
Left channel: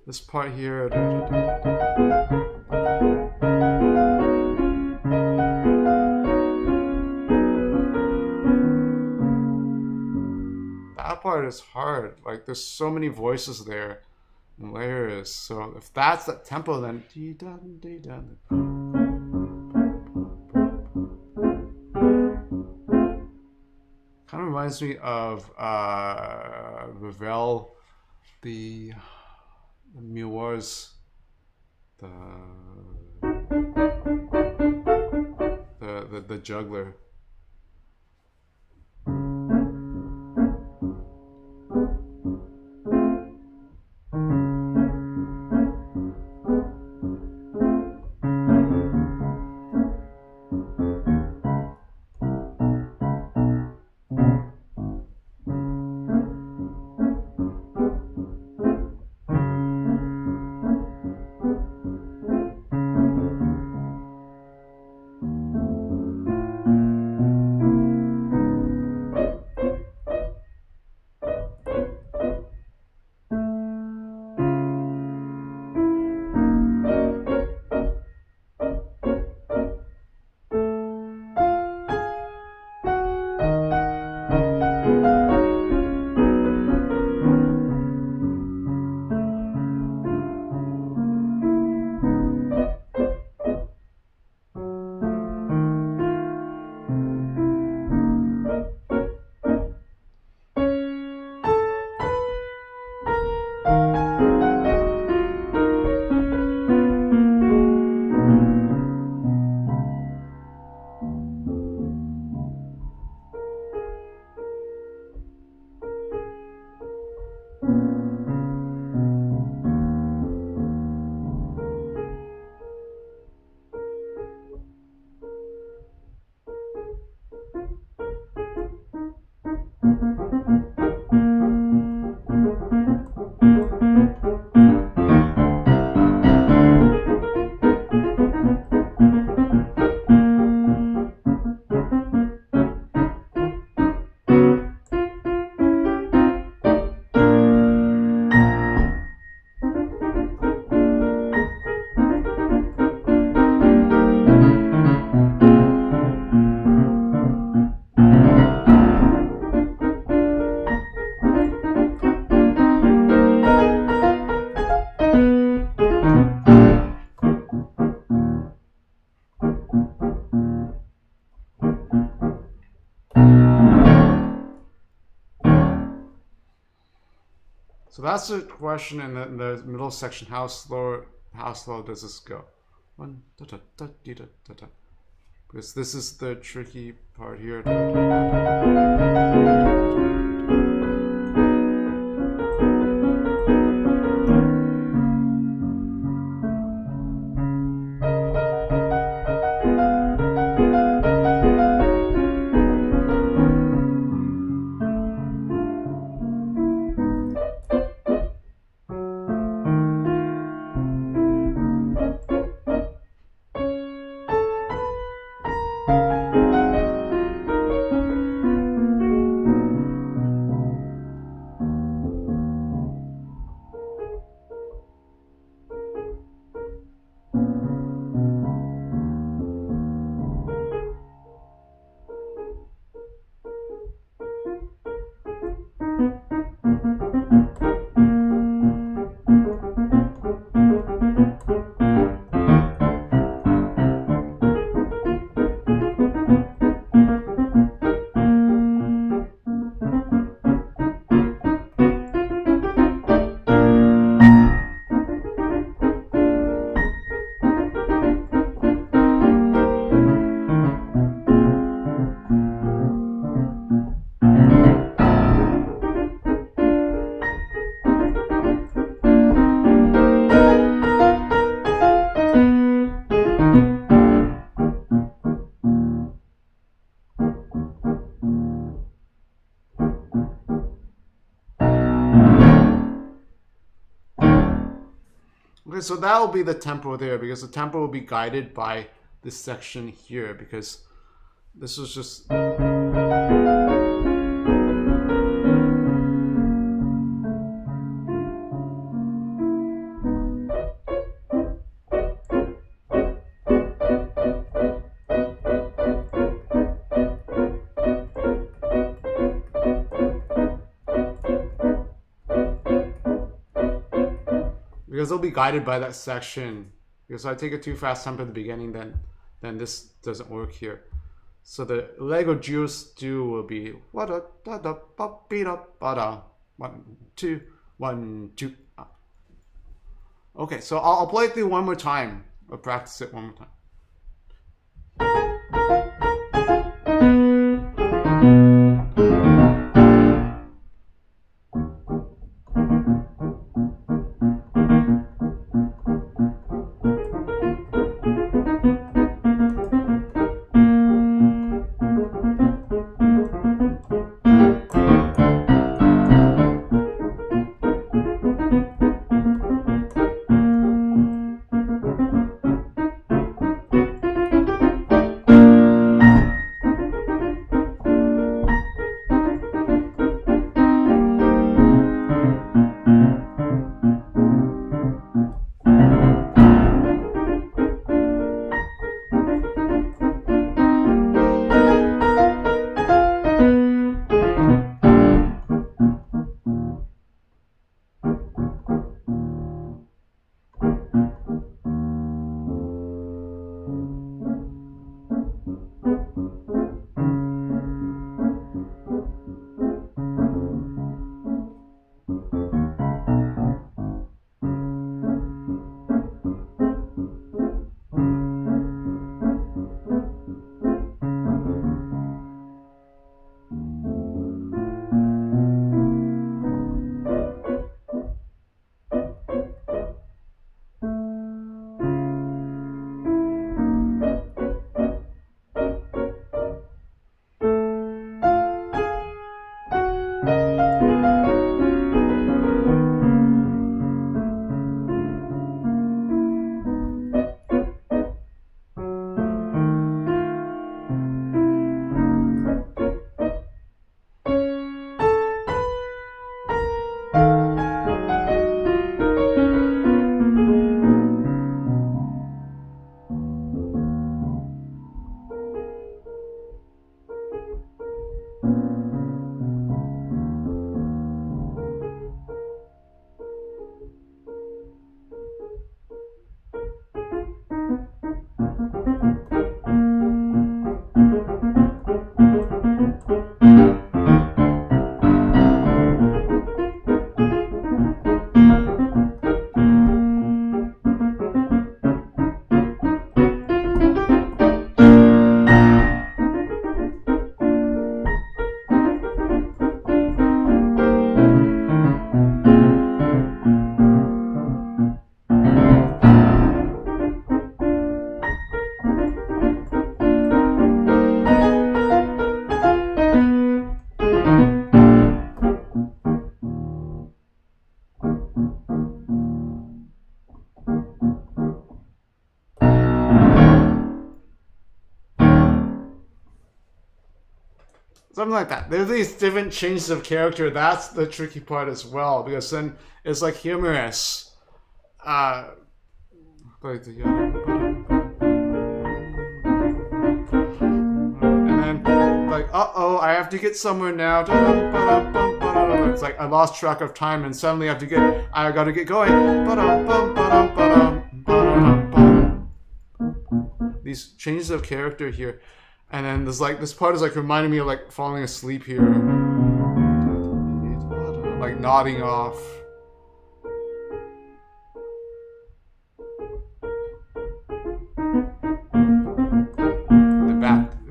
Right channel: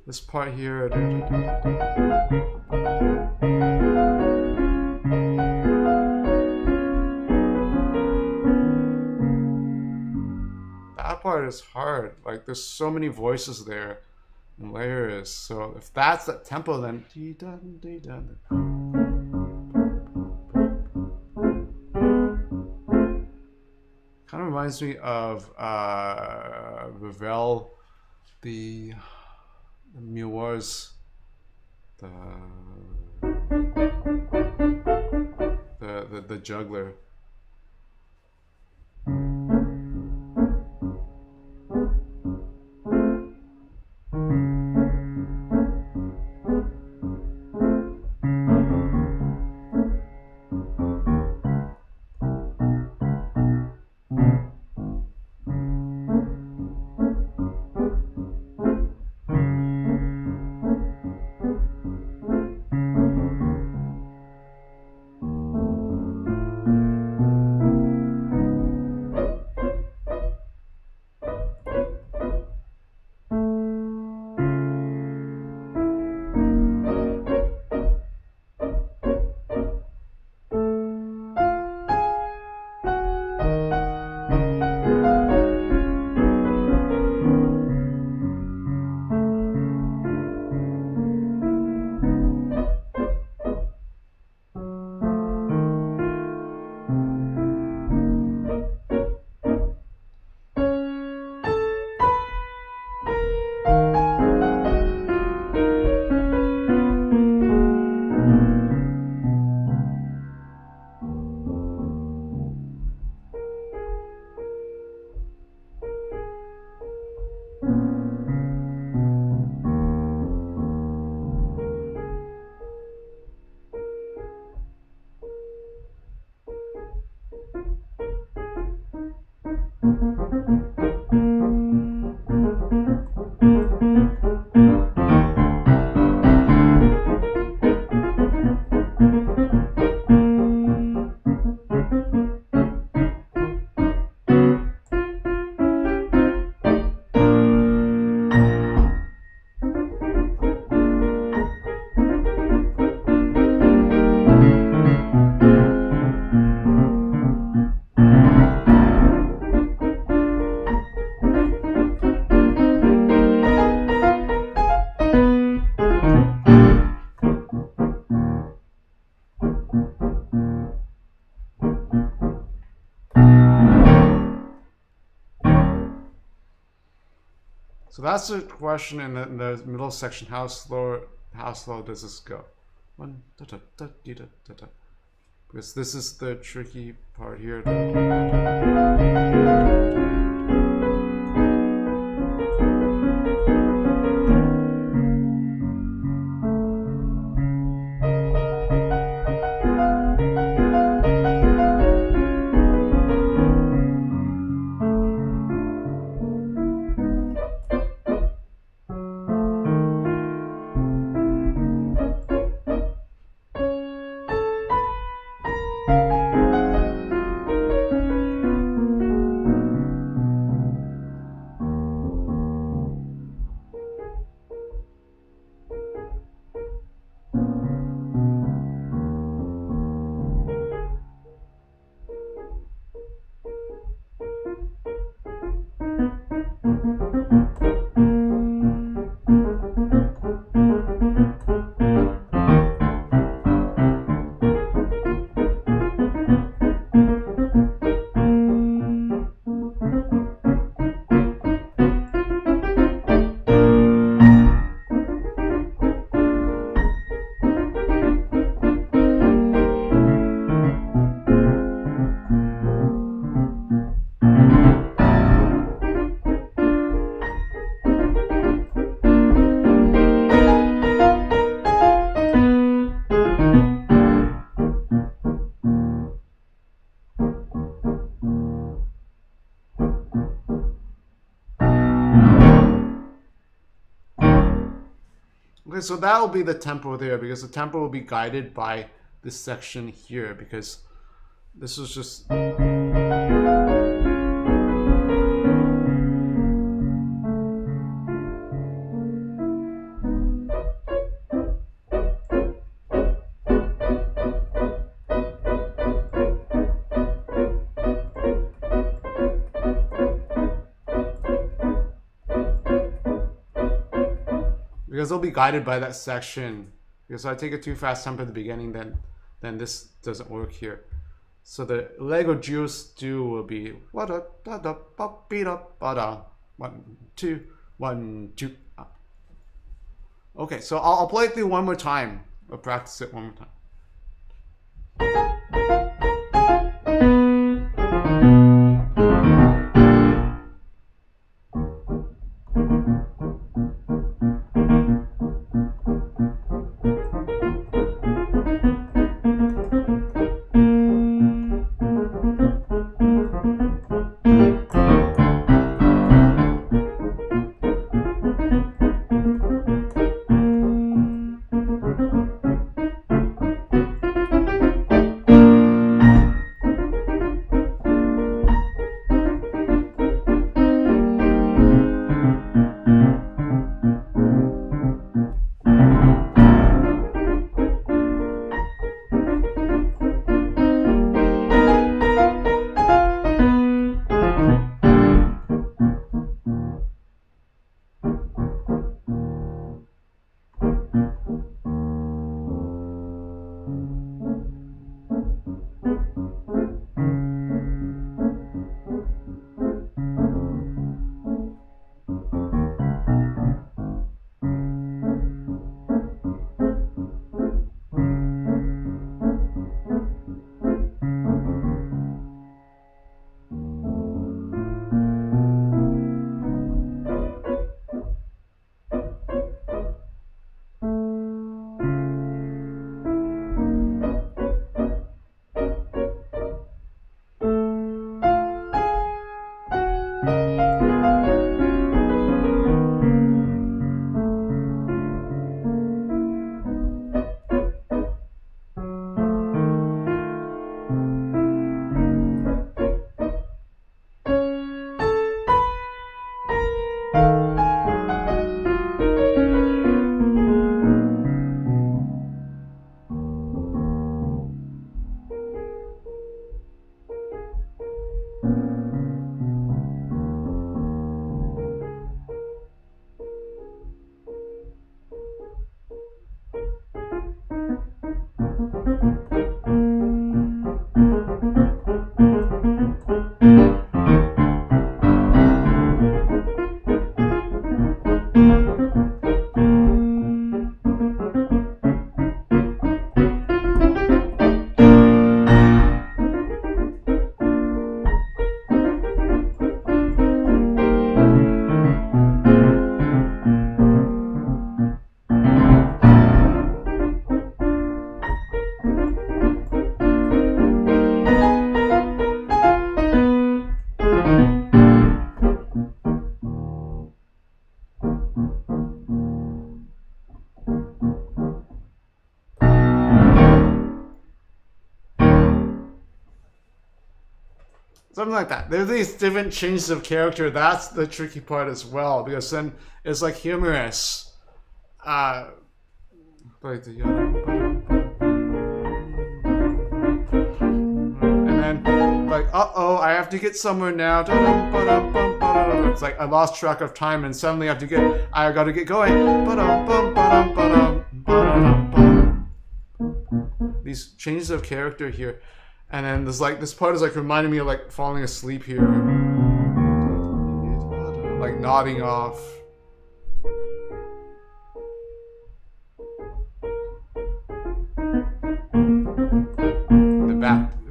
This part here... That part is hard. Like, there's so many voices there and layers. So if that's the tempo, then... Kind of reminds me of Ravel, the Muir's, the juggler. So that's the question in the middle section. How slow does this go? One, da, da, da, da, da, da. Because this is the tricky part here. Okay, so that will be the tempo there, because the tempo will be guided by this section here, because this was just... because they'll be guided by that section. Because if I take a too fast tempo at the beginning, then this doesn't work here. So the Lego juice do will be 1, 2, 1, 2. Okay, so I'll play it through one more time, or practice it one more time. Something like that. There's these different changes of character. That's the tricky part as well, because then it's like humorous. And then like, uh-oh, I have to get somewhere now. It's like I lost track of time, and suddenly I gotta get going. These changes of character here. And then there's like, this part is like reminding me of like falling asleep here. Like nodding off.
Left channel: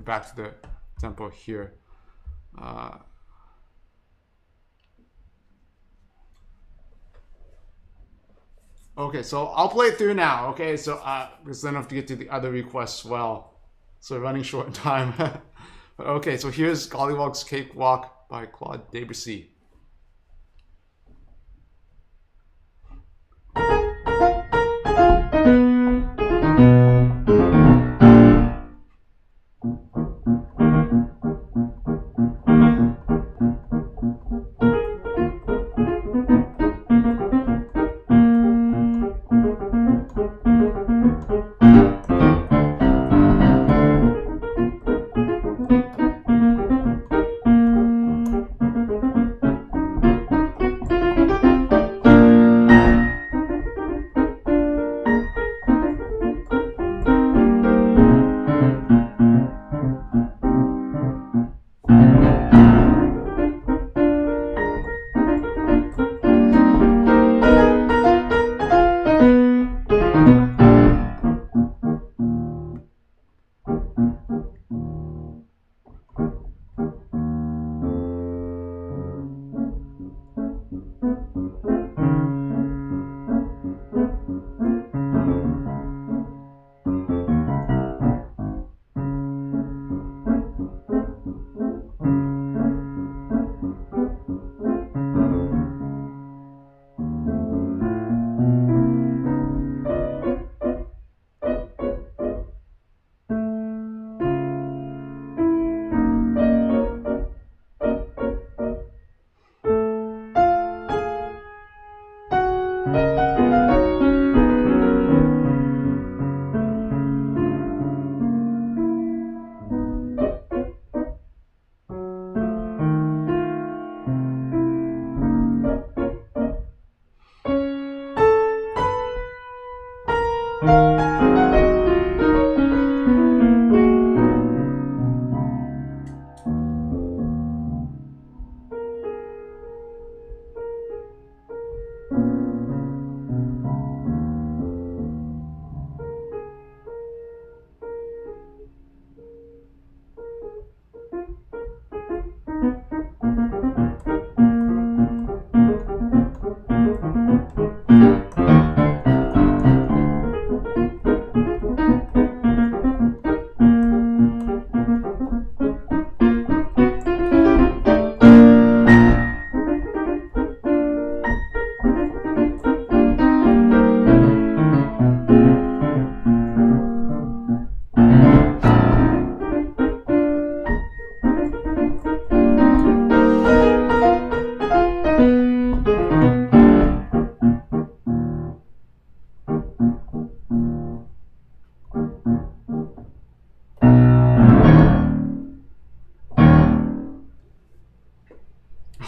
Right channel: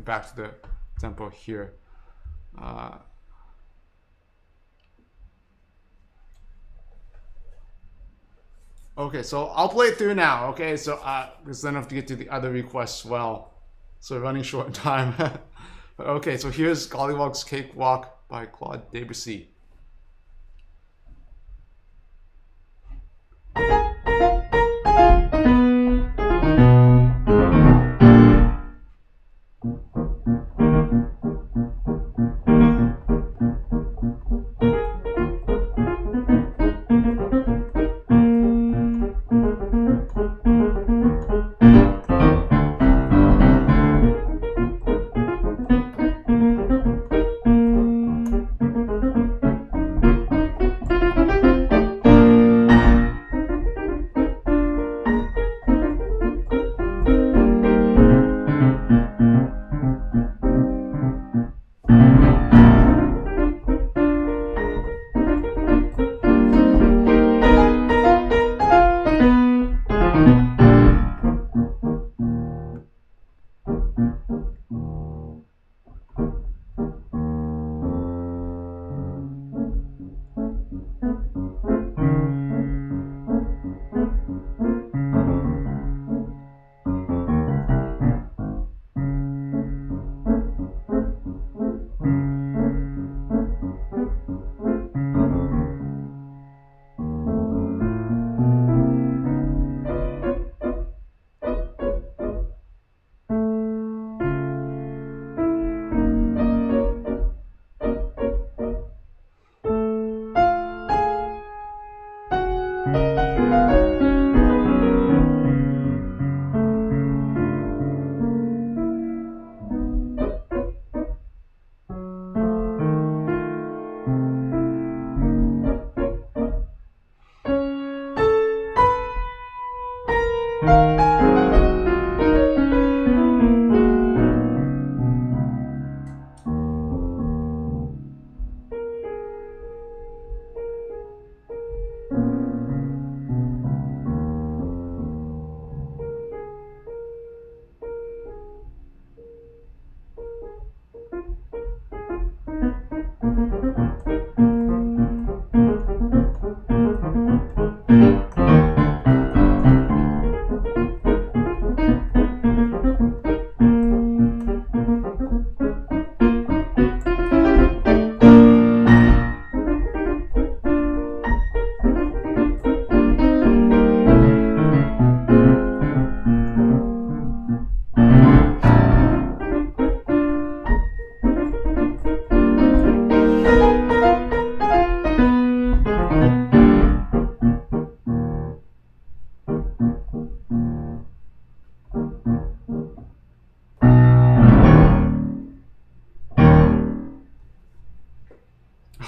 Back to the tempo here. Okay, so I'll play it through now. Okay, so because then I have to get to the other requests as well. So we're running short on time. Okay, so here's Gollywog's Cakewalk by Claude Debussy.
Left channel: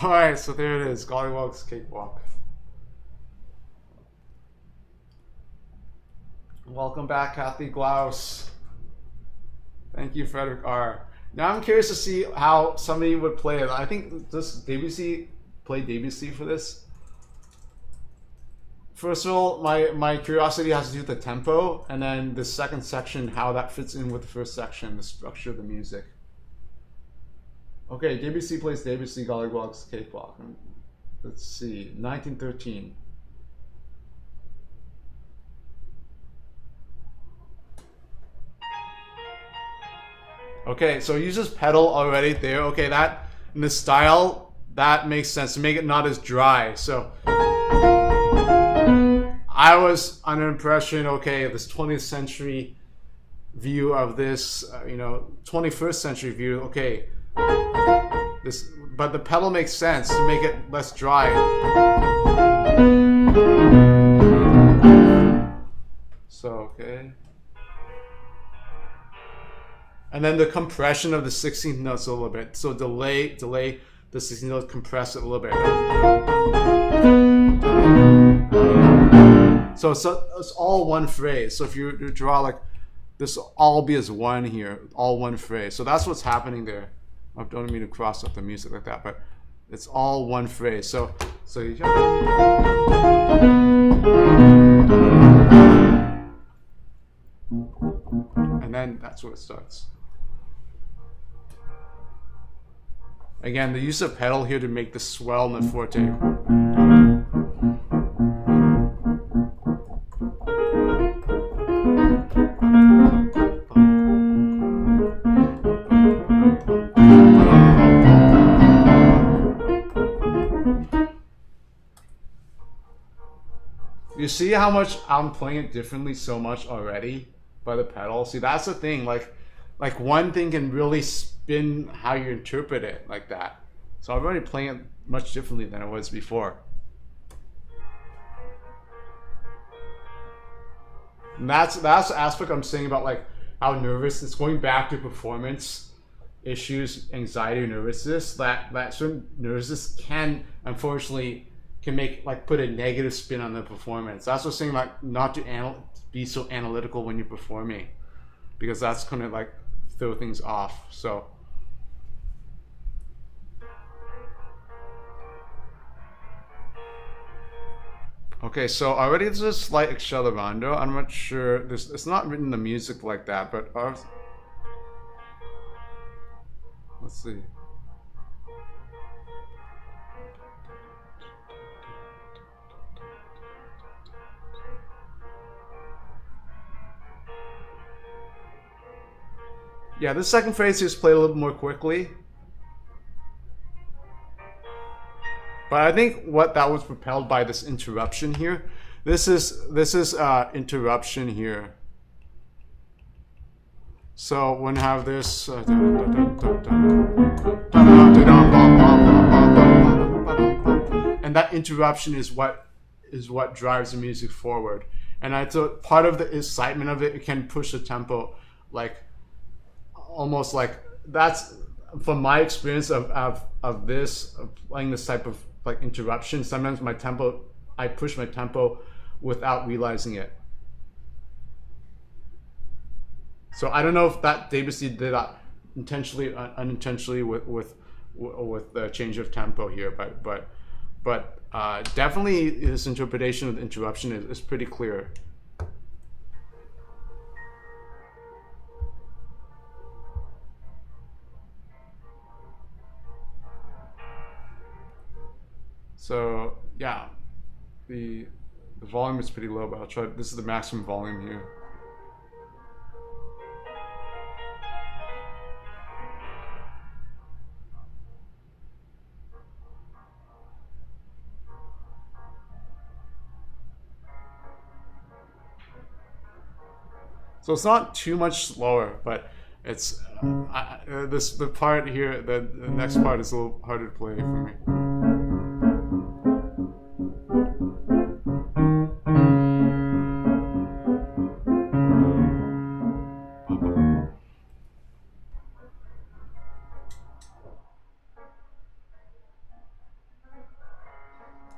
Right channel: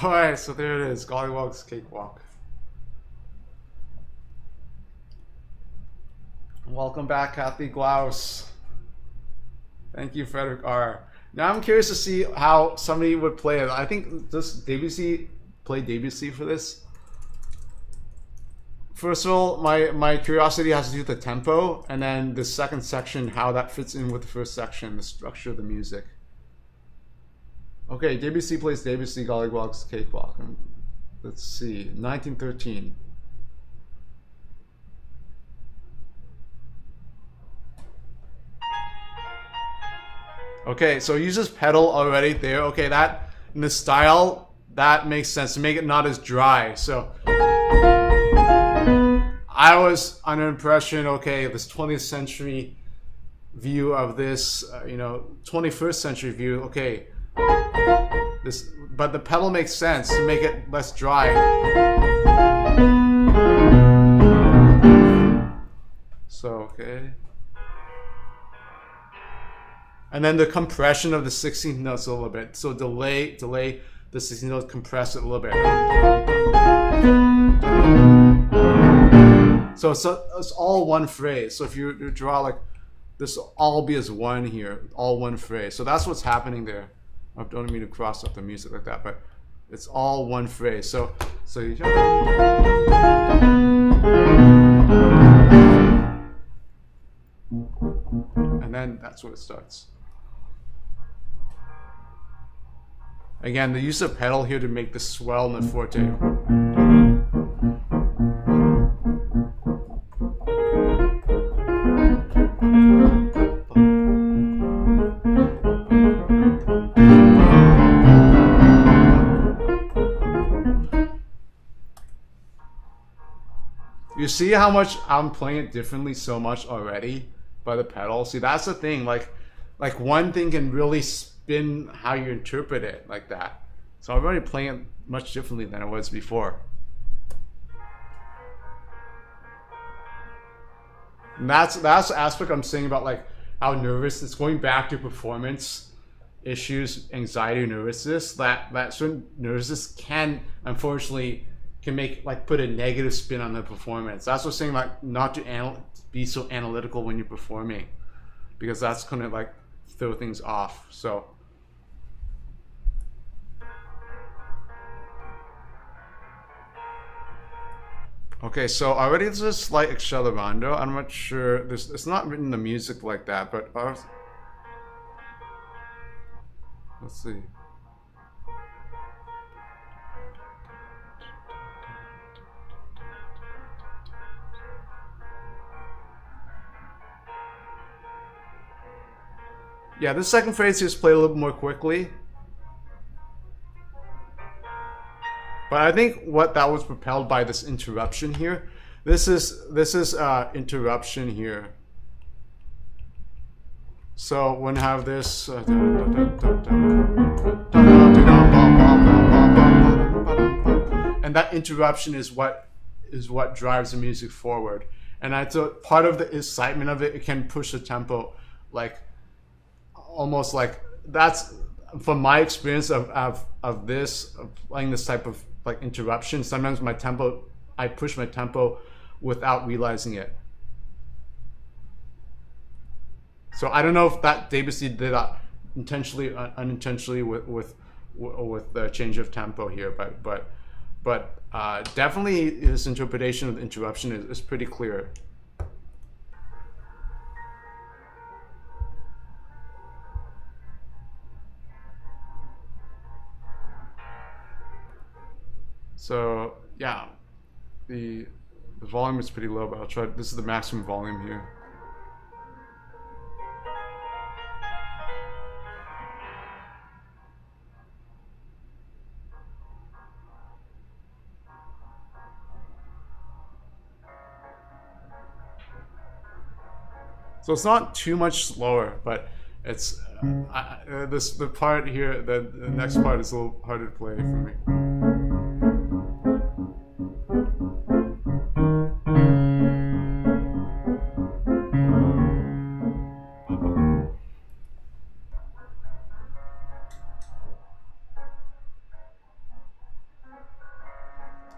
Alright, so there it is. Gollywog's Cakewalk. Welcome back, Kathy Glaus. Thank you, Frederick R. Now I'm curious to see how somebody would play it. I think, does Debussy play Debussy for this? First of all, my curiosity has to do with the tempo, and then the second section, how that fits in with the first section, the structure of the music. Okay, Debussy plays Debussy, Gollywog's Cakewalk. Let's see, 1913. Okay, so it uses pedal already there. Okay, that in the style, that makes sense to make it not as dry. So I was under impression, okay, this 20th century view of this, 21st century view, okay, this, but the pedal makes sense to make it less dry. So, okay. And then the compression of the 16th notes a little bit. So delay the 16th notes, compress it a little bit. So it's all one phrase. So if you draw like this, all be as one here, all one phrase. So that's what's happening there. I don't mean to cross up the music like that, but it's all one phrase. So you and then that's where it starts. Again, the use of pedal here to make the swell and the forte. You see how much I'm playing it differently so much already by the pedal? See, that's the thing. Like one thing can really spin how you interpret it like that. So I'm already playing it much differently than it was before. And that's the aspect I'm saying about like how nervous it's going back to performance issues, anxiety, nervousness. That certain nervousness can unfortunately make like put a negative spin on the performance. That's what I'm saying, like not to be so analytical when you're performing, because that's gonna like throw things off. So okay, so already there's a slight accelerando. I'm not sure. It's not written in the music like that, but let's see. Yeah, this second phrase is played a little more quickly. But I think what that was propelled by this interruption here. This is interruption here. So when I have this and that interruption is what drives the music forward. And I thought part of the excitement of it can push the tempo like almost like that's from my experience of playing this type of like interruption. Sometimes I push my tempo without realizing it. So I don't know if that Debussy did that intentionally, unintentionally with the change of tempo here, but definitely his interpretation of the interruption is pretty clear. So yeah, the volume is pretty low, but I'll try. This is the maximum volume here. So it's not too much slower, but it's the part here. The next part is a little harder to play for me.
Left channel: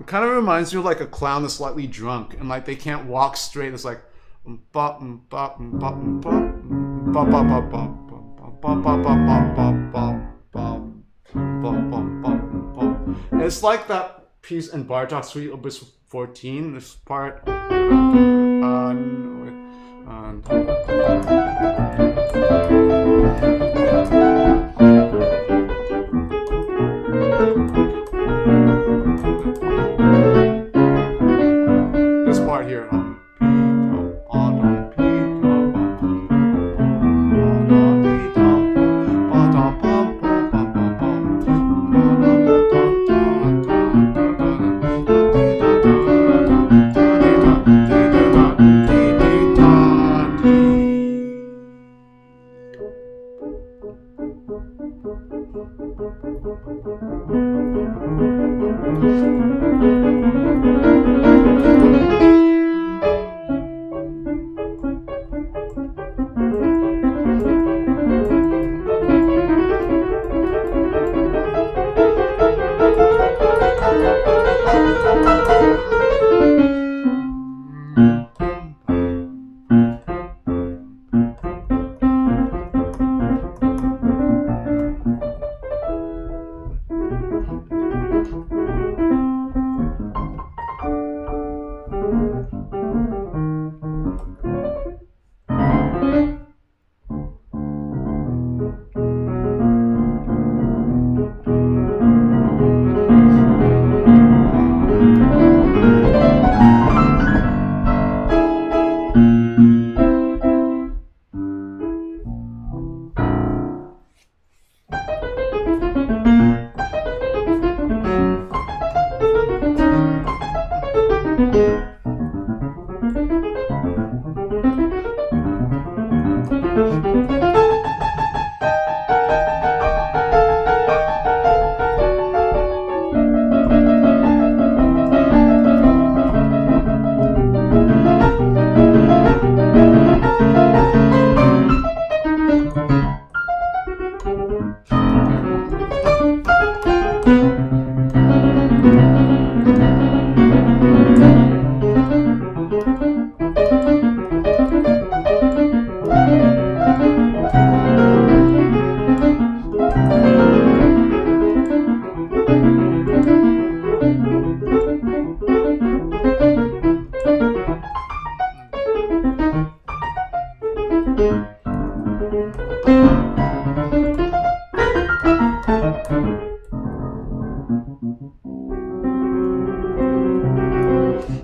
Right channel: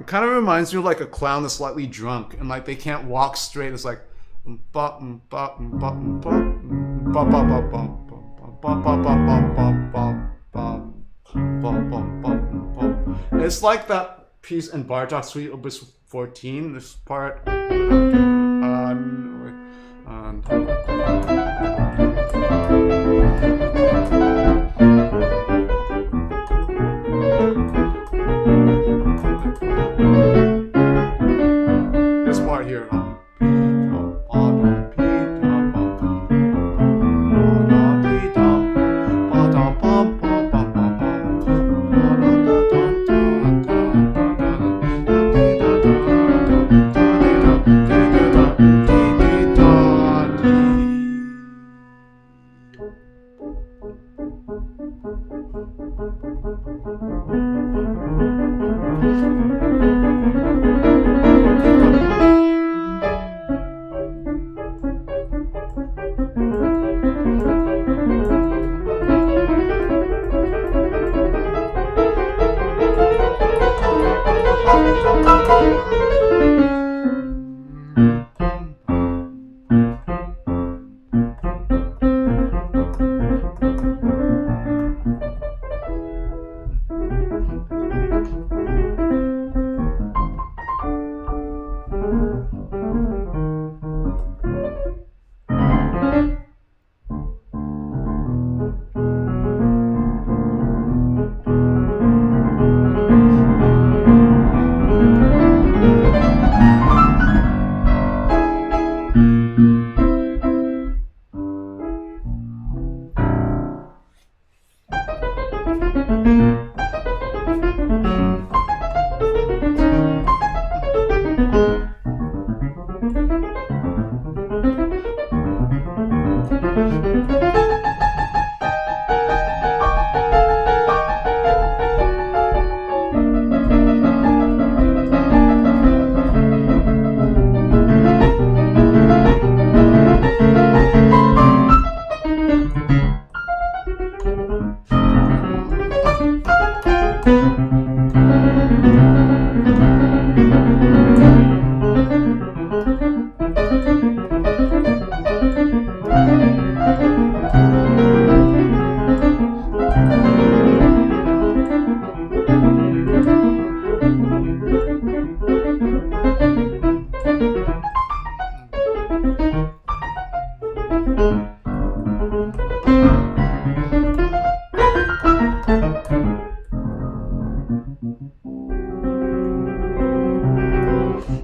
It kind of reminds me of like a clown that's slightly drunk and like they can't walk straight. It's like it's like that piece in Bartok Suite Opus 14. This part. This part here.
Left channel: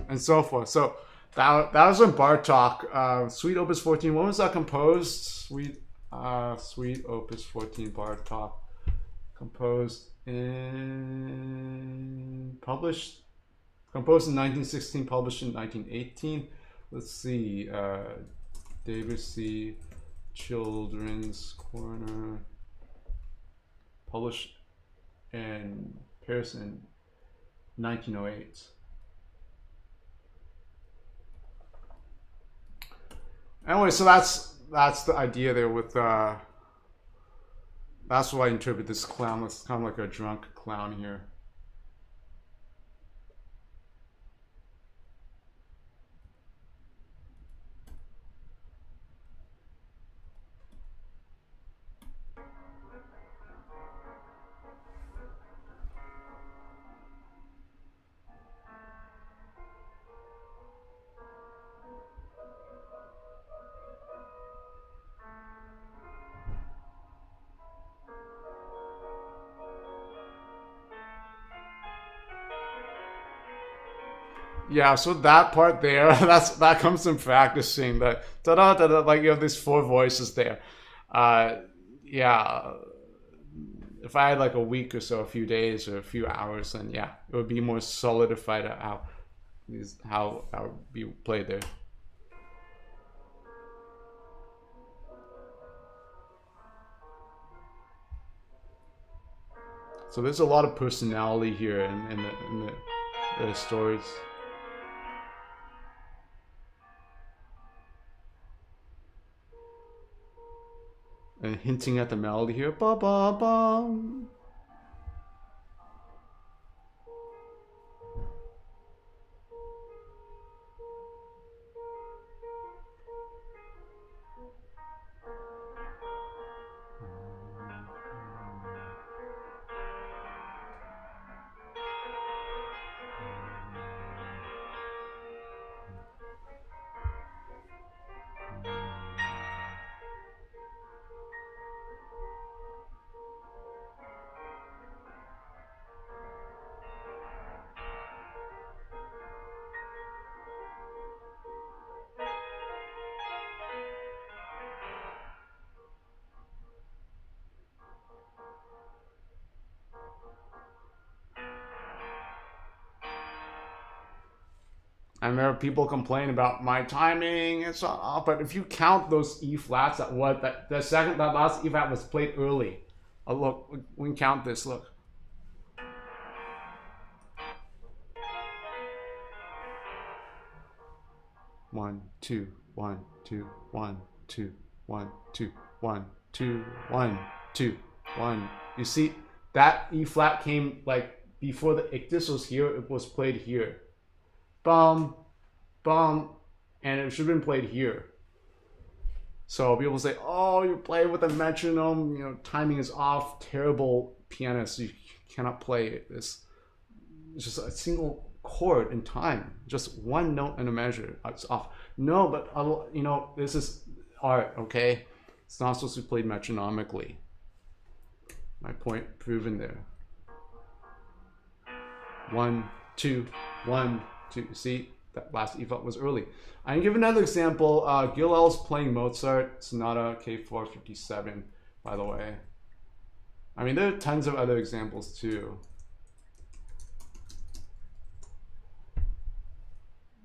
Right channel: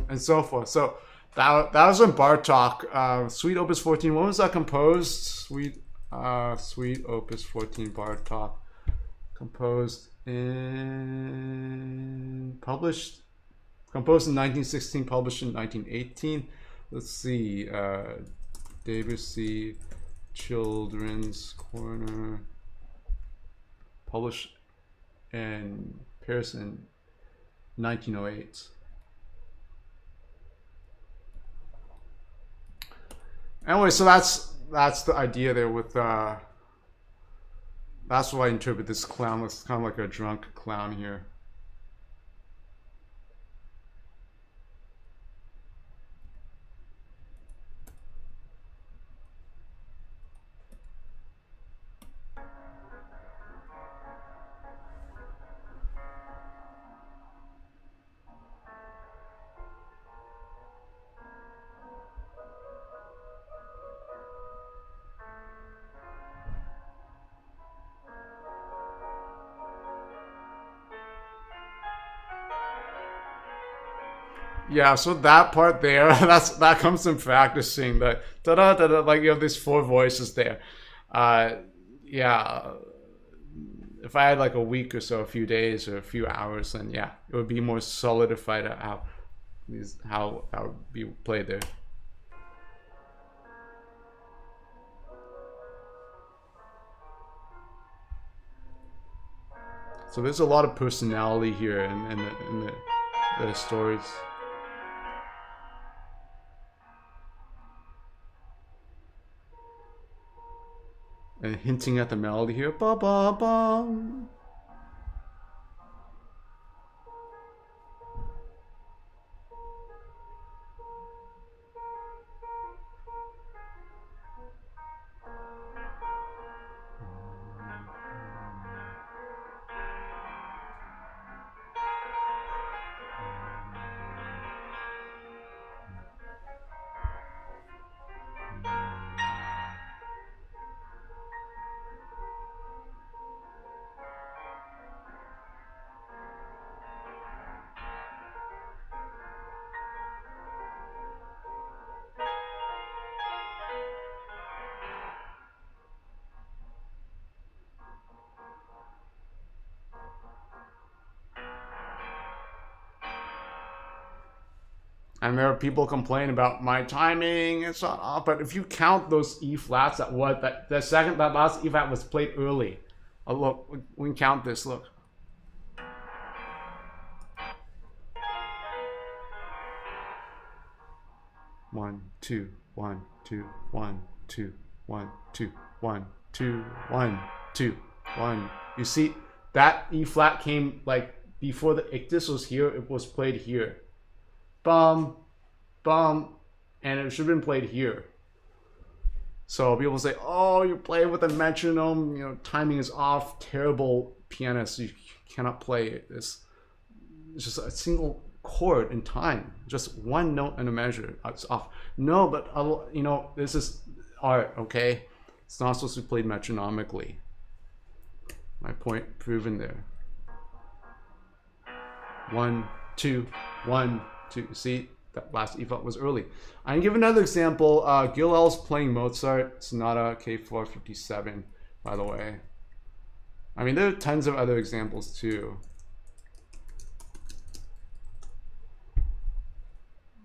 And so forth. So that was in Bartok. Suite Opus 14. When was that composed? Suite Opus 14 Bartok. Composed in 1916, published in 1918. Let's see. Debussy, Children's Corner. Published in Paris in 1908. Anyway, so that's the idea there with that's what I interpret this clown. It's kind of like a drunk clown here. Yeah, so that part there, that comes from practicing that da da da da. Like you have these four voices there. Yeah, if I had like a week or so, a few days or a few hours, then yeah, it would be more solidified how would be played there. So there's a lot of personality here in the stories. And hinting at the melody here. Ba ba ba. And there are people complaining about my timing and so on. But if you count those E flats, that last E flat was played early. Oh, look, we can count this. Look. One, two, 1, 2, 1, 2, 1, 2, 1, 2, 1, 2, 1. You see, that E flat came like before the ictus was here. It was played here. Bum, bum, and it should have been played here. So people say, "Oh, you're playing with a metronome. You know, timing is off. Terrible pianist. You cannot play this. It's just a single chord in time, just one note and a measure. It's off." No, but you know, this is art. Okay, it's not supposed to be played metronomically. My point proven there. 1, 2, 1, 2. See, that last E flat was early. I can give another example. Gilels playing Mozart Sonata K457, by the way. I mean, there are tons of other examples too.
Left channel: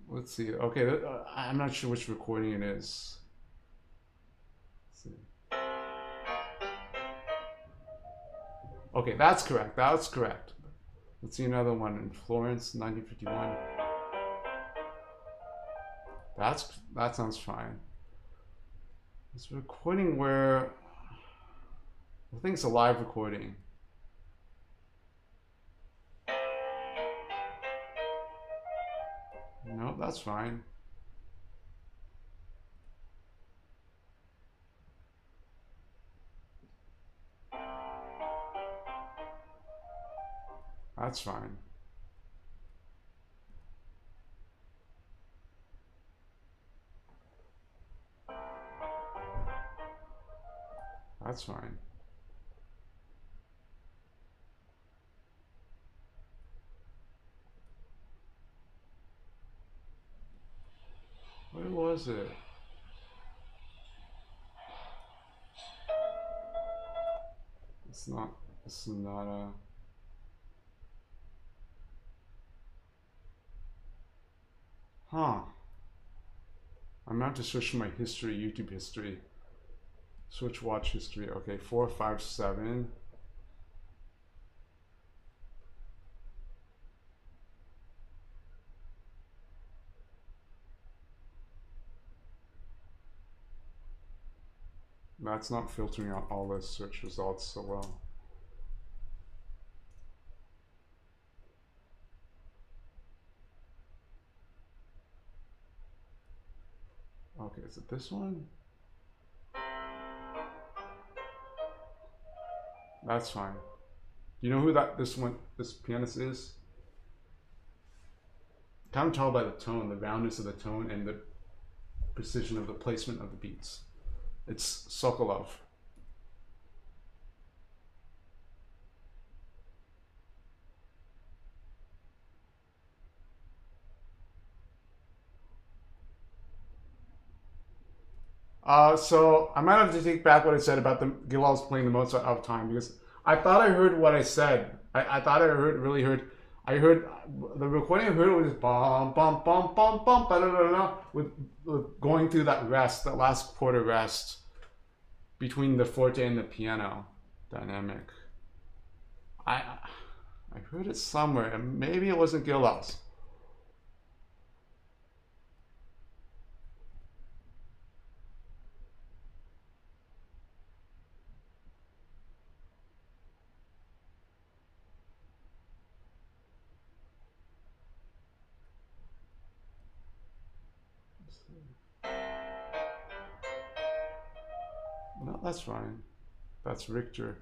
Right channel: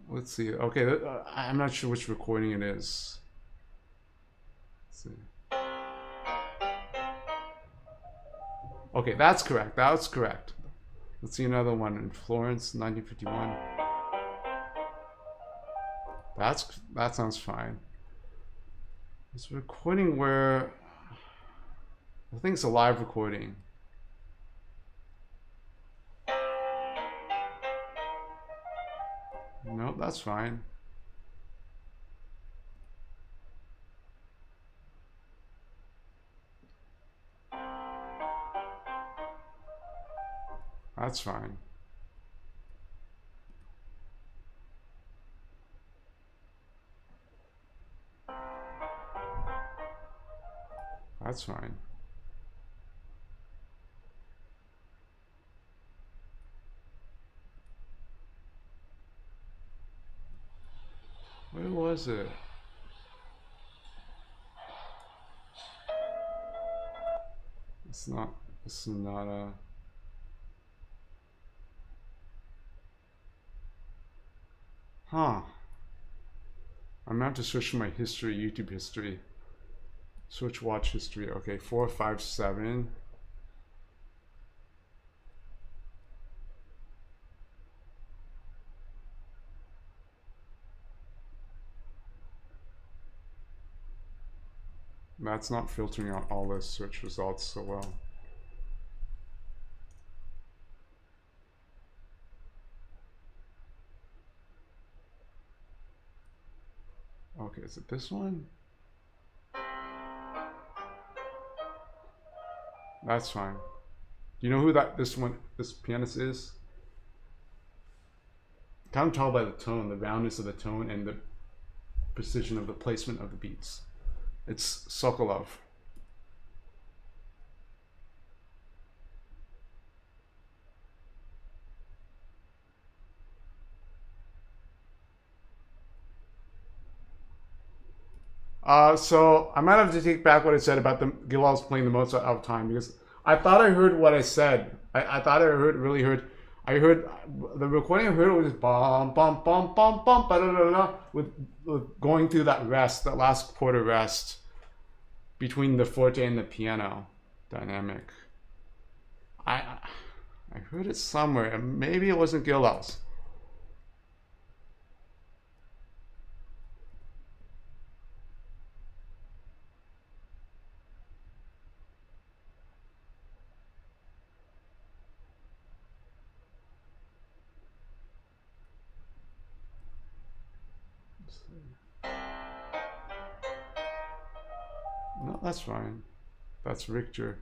Let's see. Okay, I'm not sure which recording it is. Let's see. Okay, that's correct. That's correct. Let's see another one in Florence, 1951. That sounds fine. It's a recording where I think it's a live recording. Nope, that's fine. That's fine. That's fine. Where was it? It's not a sonata. Huh. I'm gonna have to switch to my history, YouTube history. Switch watch history. Okay, 4, 5, 7. That's not filtering out all the search results so well. Okay, is it this one? That's fine. Do you know who this pianist is? Can't tell by the tone, the roundness of the tone, and the precision of the placement of the beats. It's Sokolov. So I might have to take back what I said about the Gilels playing the Mozart out of time, because I thought I heard what I said. I thought I really heard. I heard the recording. I heard it was bum bum bum bum bum ba, da, da, da, with going through that rest, that last quarter rest between the forte and the piano dynamic. I heard it somewhere, and maybe it wasn't Gilels. No, that's fine. That's Richter.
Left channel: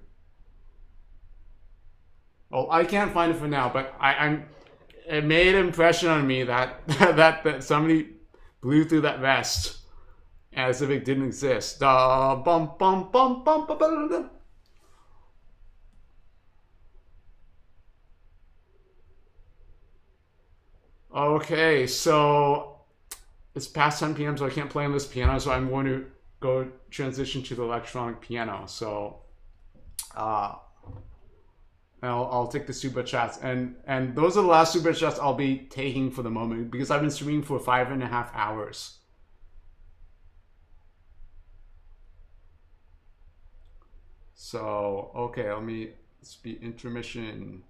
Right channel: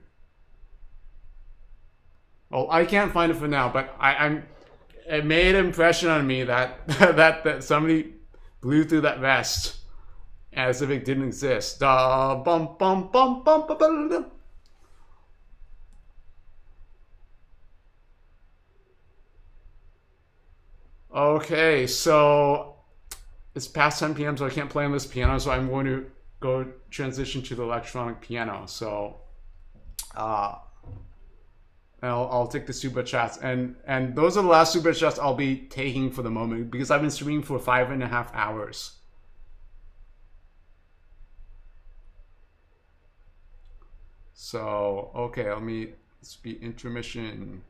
Oh, I can't find it for now, but it made an impression on me that that somebody blew through that rest as if it didn't exist. Bum bum bum bum bum bum. Okay, so it's past 10 p.m., so I can't play on this piano, so I'm going to go transition to the electronic piano. So I'll take the super chats, and those are the last super chats I'll be taking for the moment because I've been streaming for 5.5 hours. So okay, let's be intermission.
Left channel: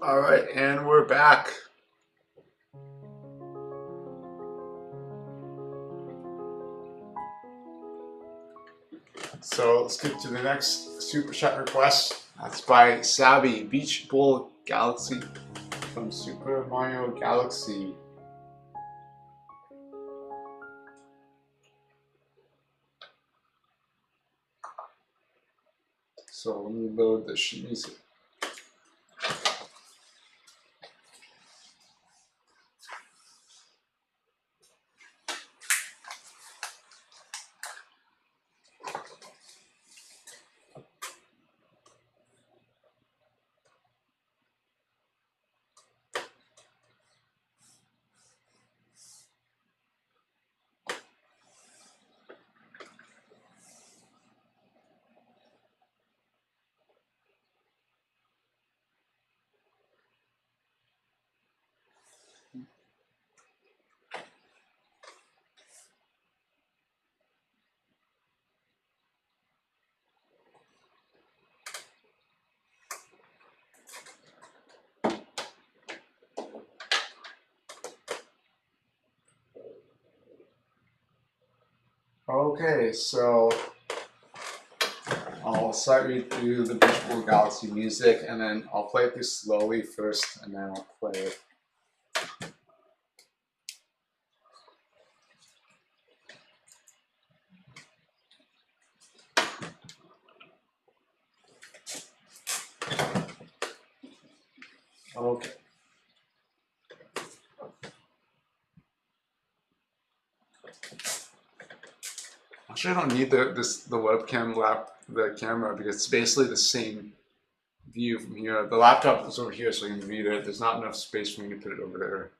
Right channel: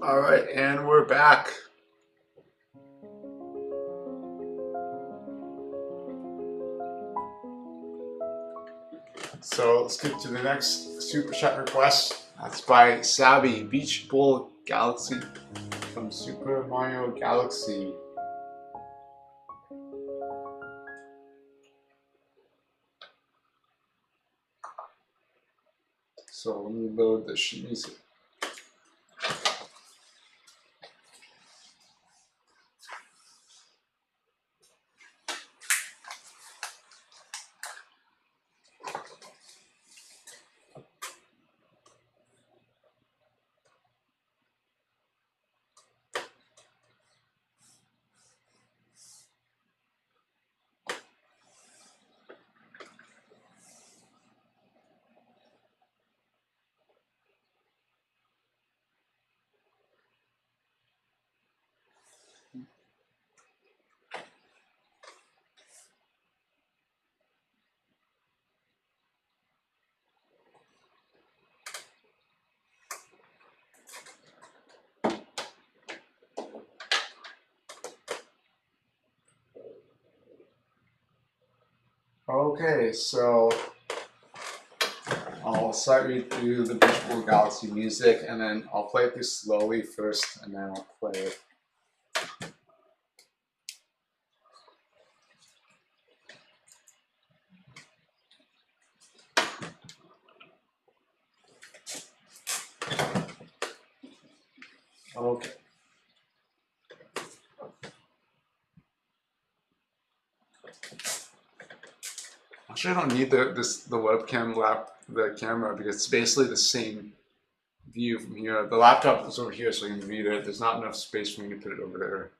All right, and we're back. So let's get to the next super chat request. That's by Savvy Beach Bowl Galaxy from Super Mario Galaxy. So let me load the sheet music. Okay, so I'll start you through the Beach Bowl Galaxy music, and then I'll play it through slowly first, and then I'll play it. Okay. Actually, I don't need the webcam the camera, because it's basically the same view from here. The laptop is over here, so you can read it. There's not enough space for me to put it over there.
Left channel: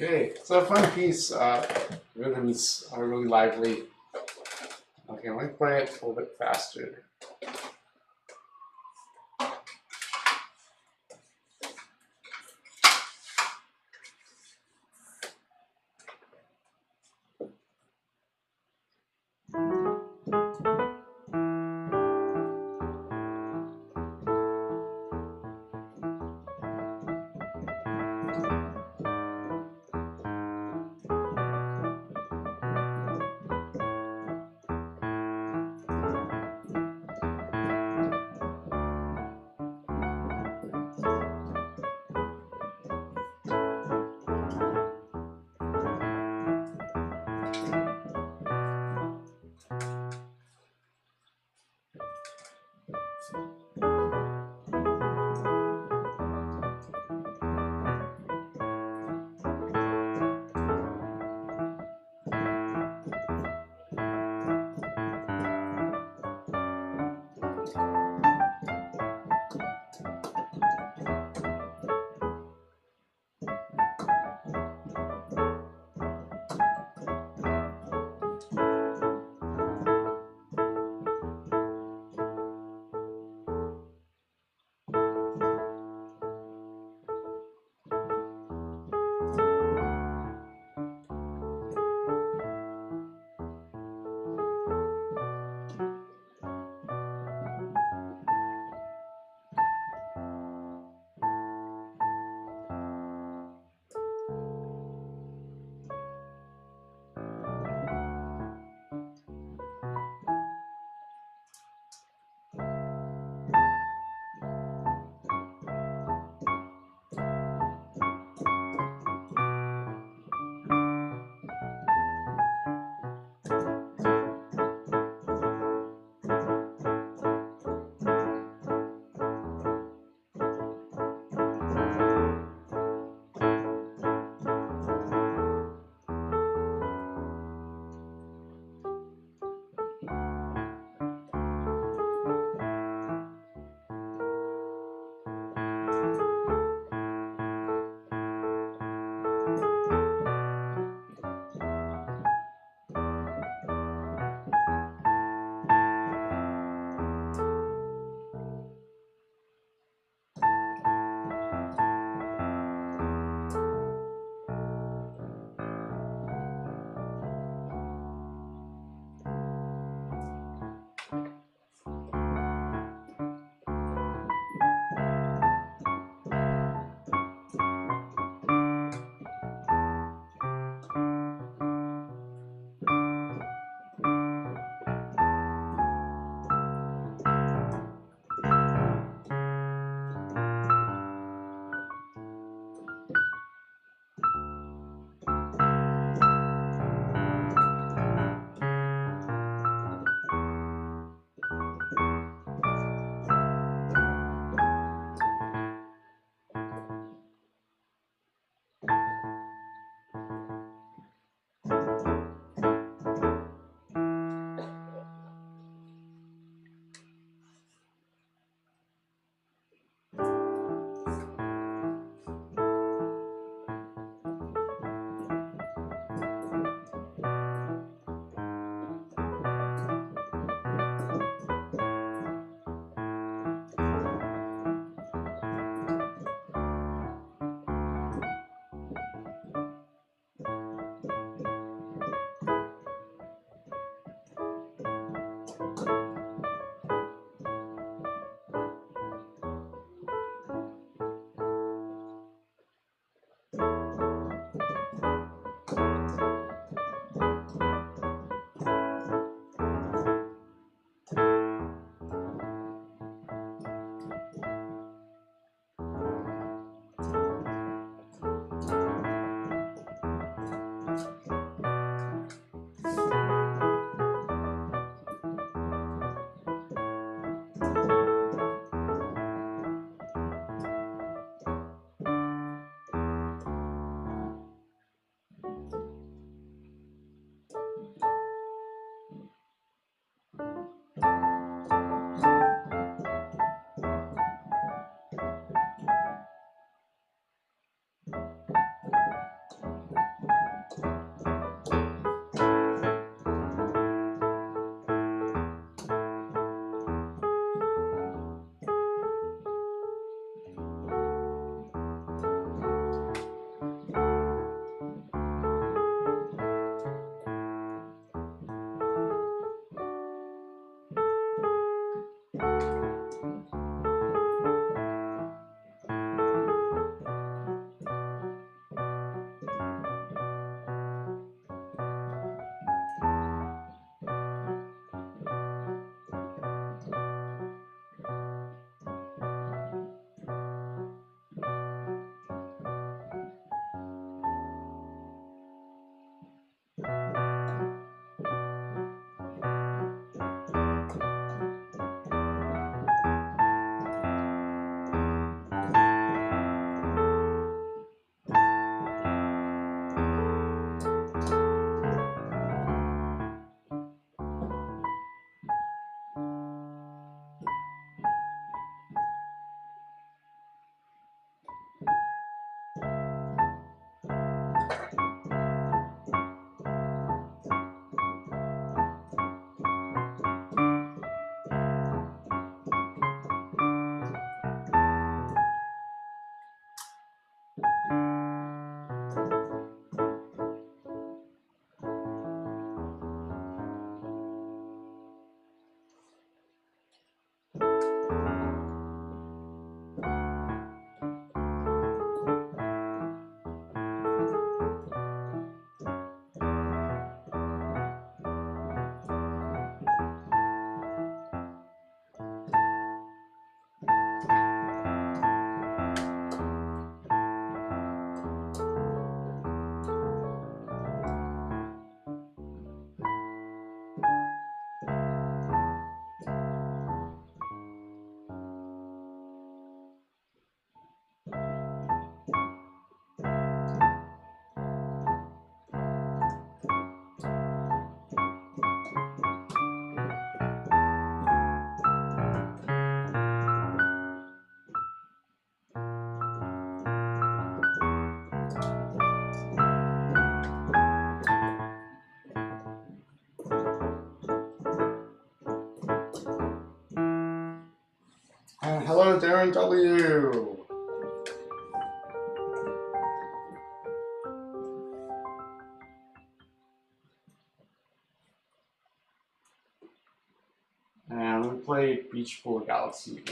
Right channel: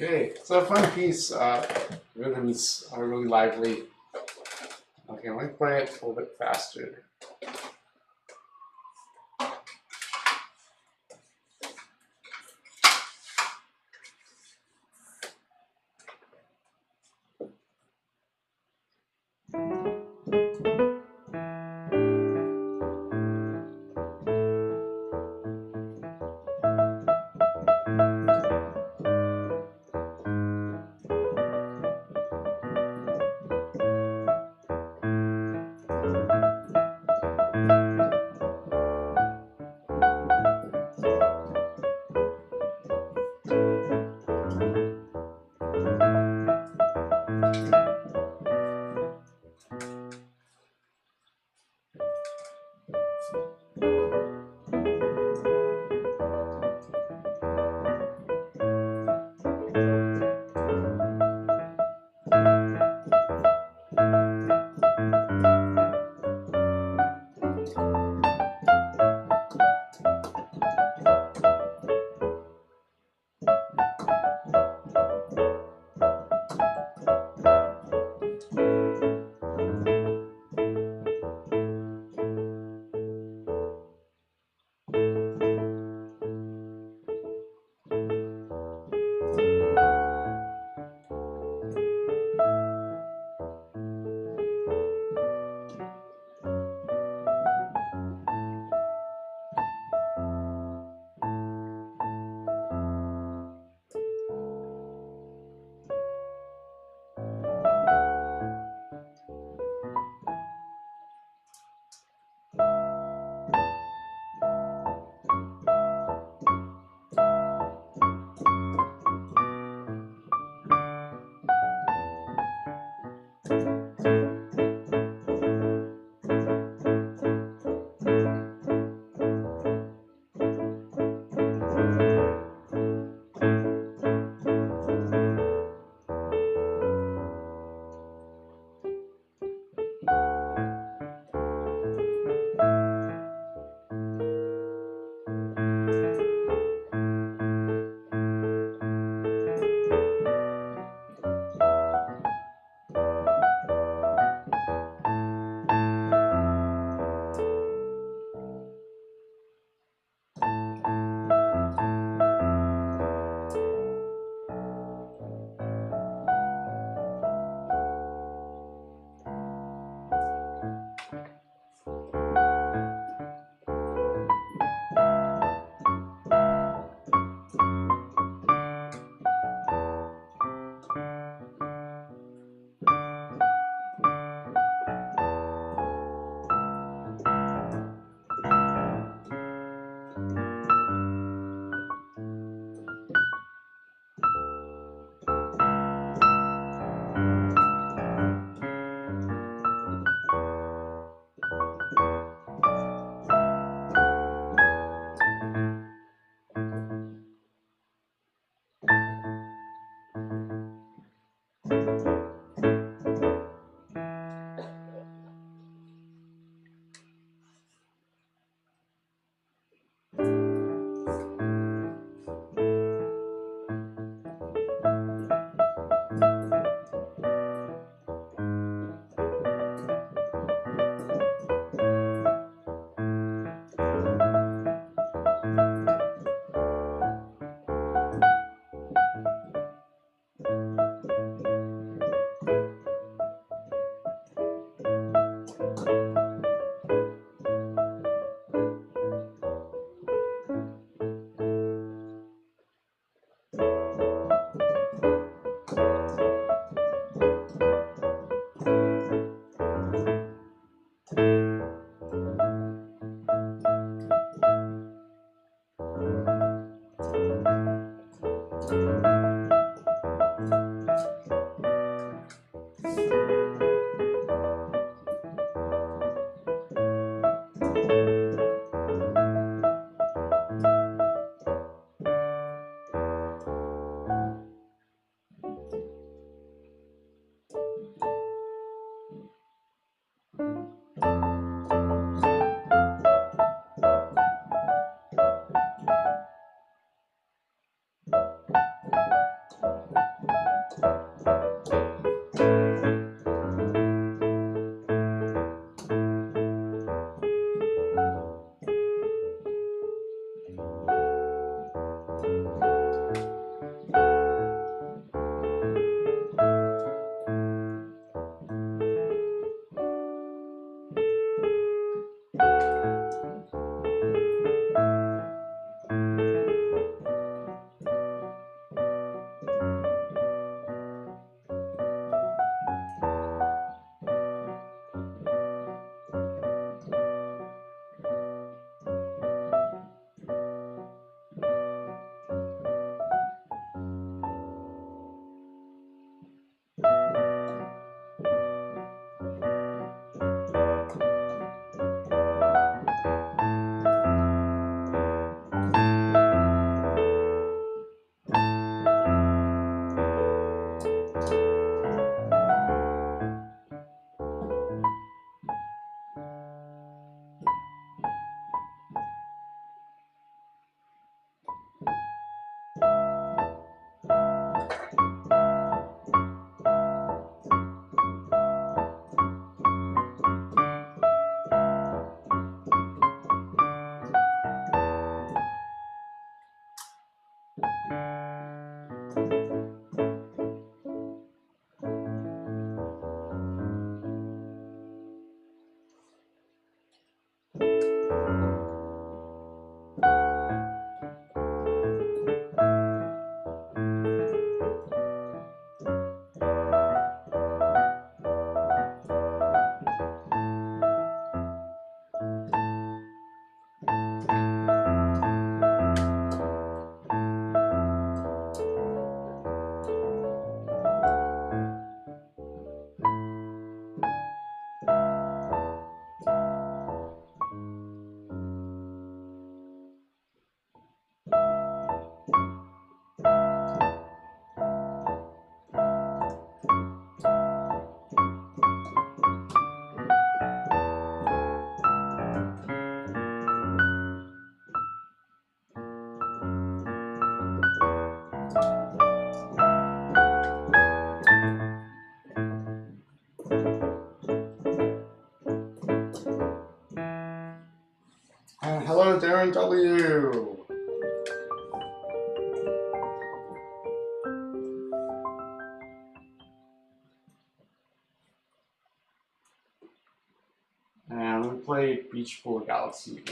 Okay, so a fun piece. Rhythms are really lively. Okay, let me play it a little bit faster. Turn W. And we play Beach Pool Galaxy.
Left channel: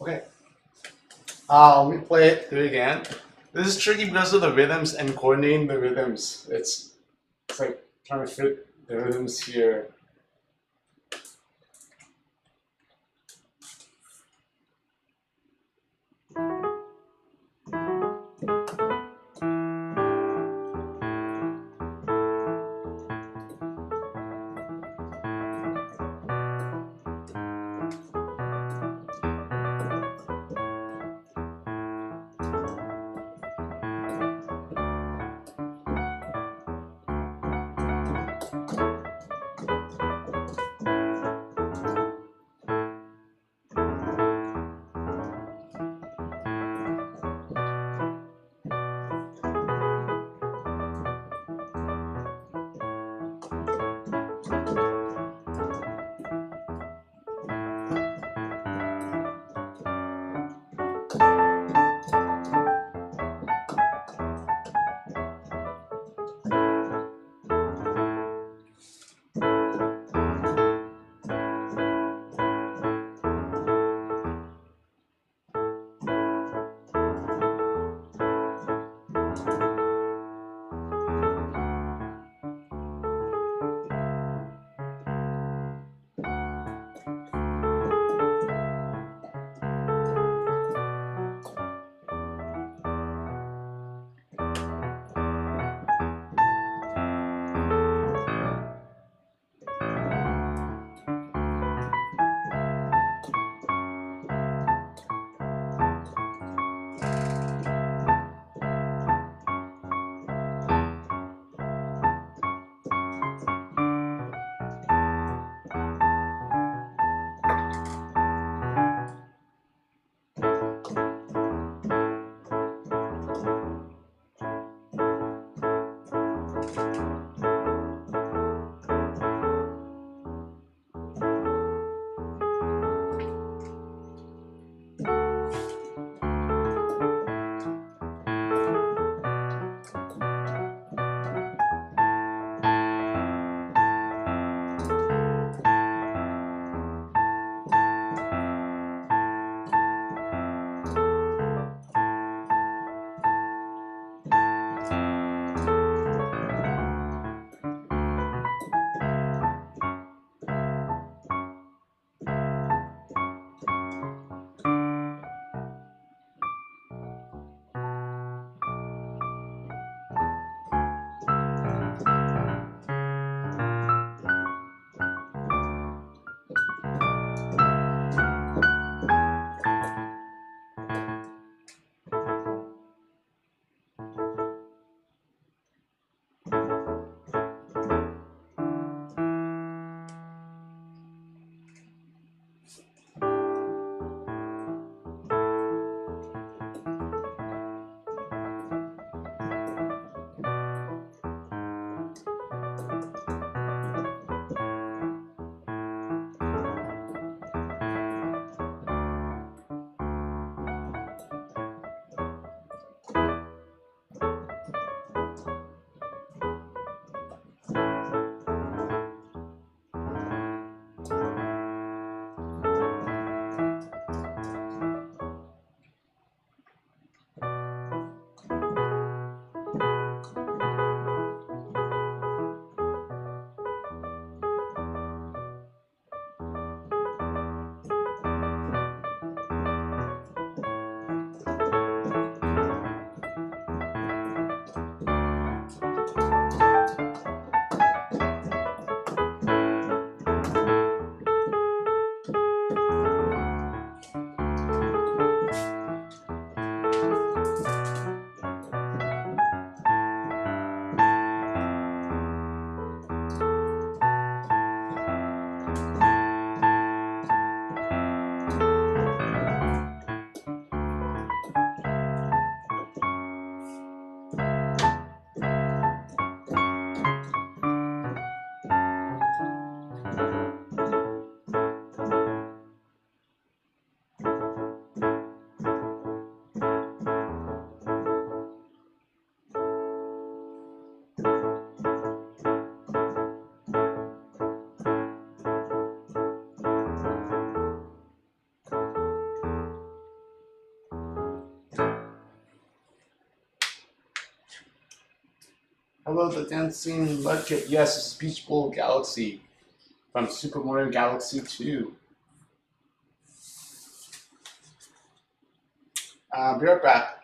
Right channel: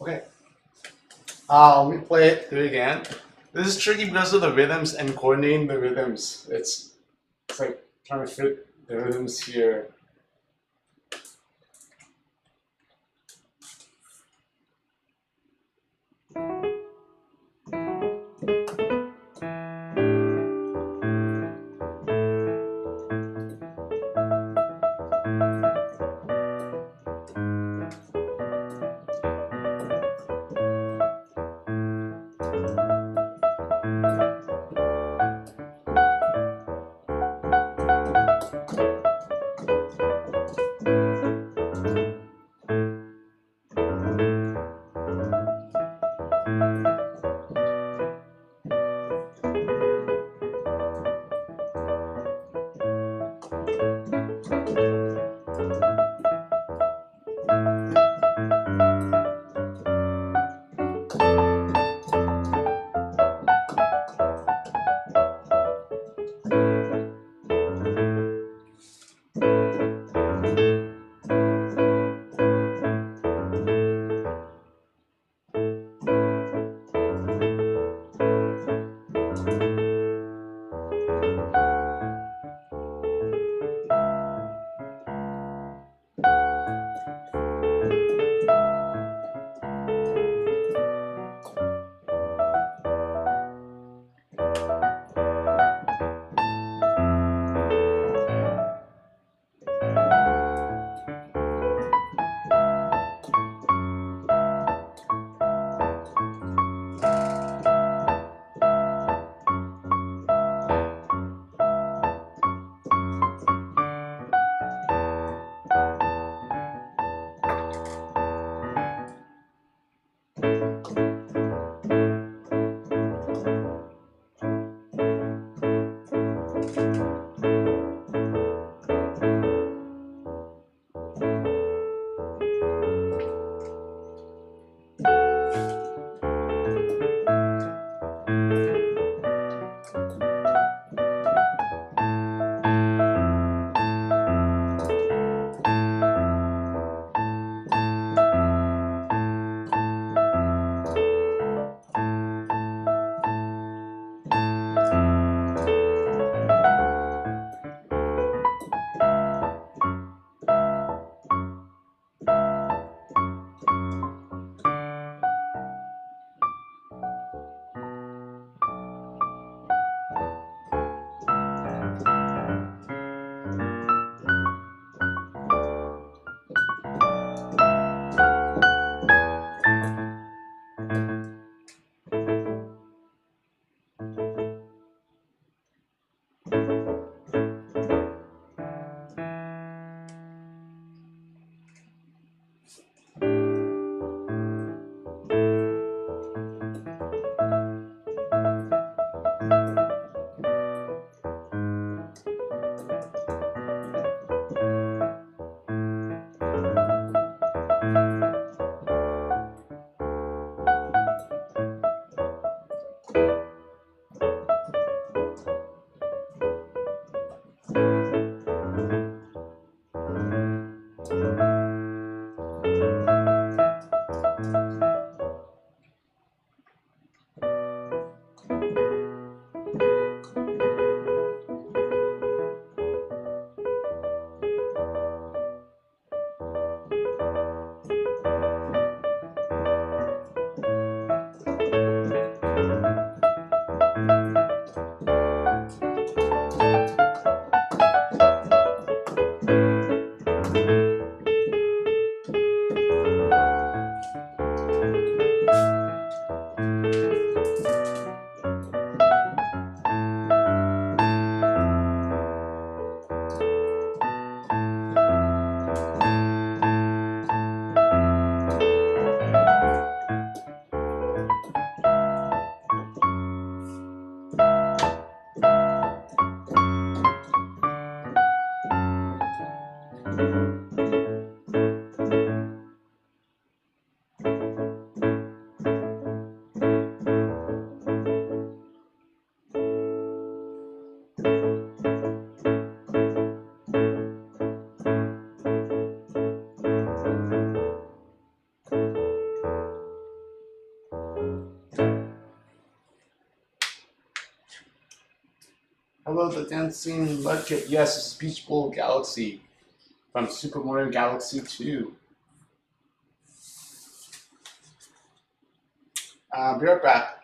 Okay. Let me play it through again. This is tricky because of the rhythms and coordinating the rhythms. It's like trying to fit the rhythms here. Hello, the dancing mud kid. Yes, this is Beach Bowl Galaxy from Super Mario Galaxy 2. Be right back.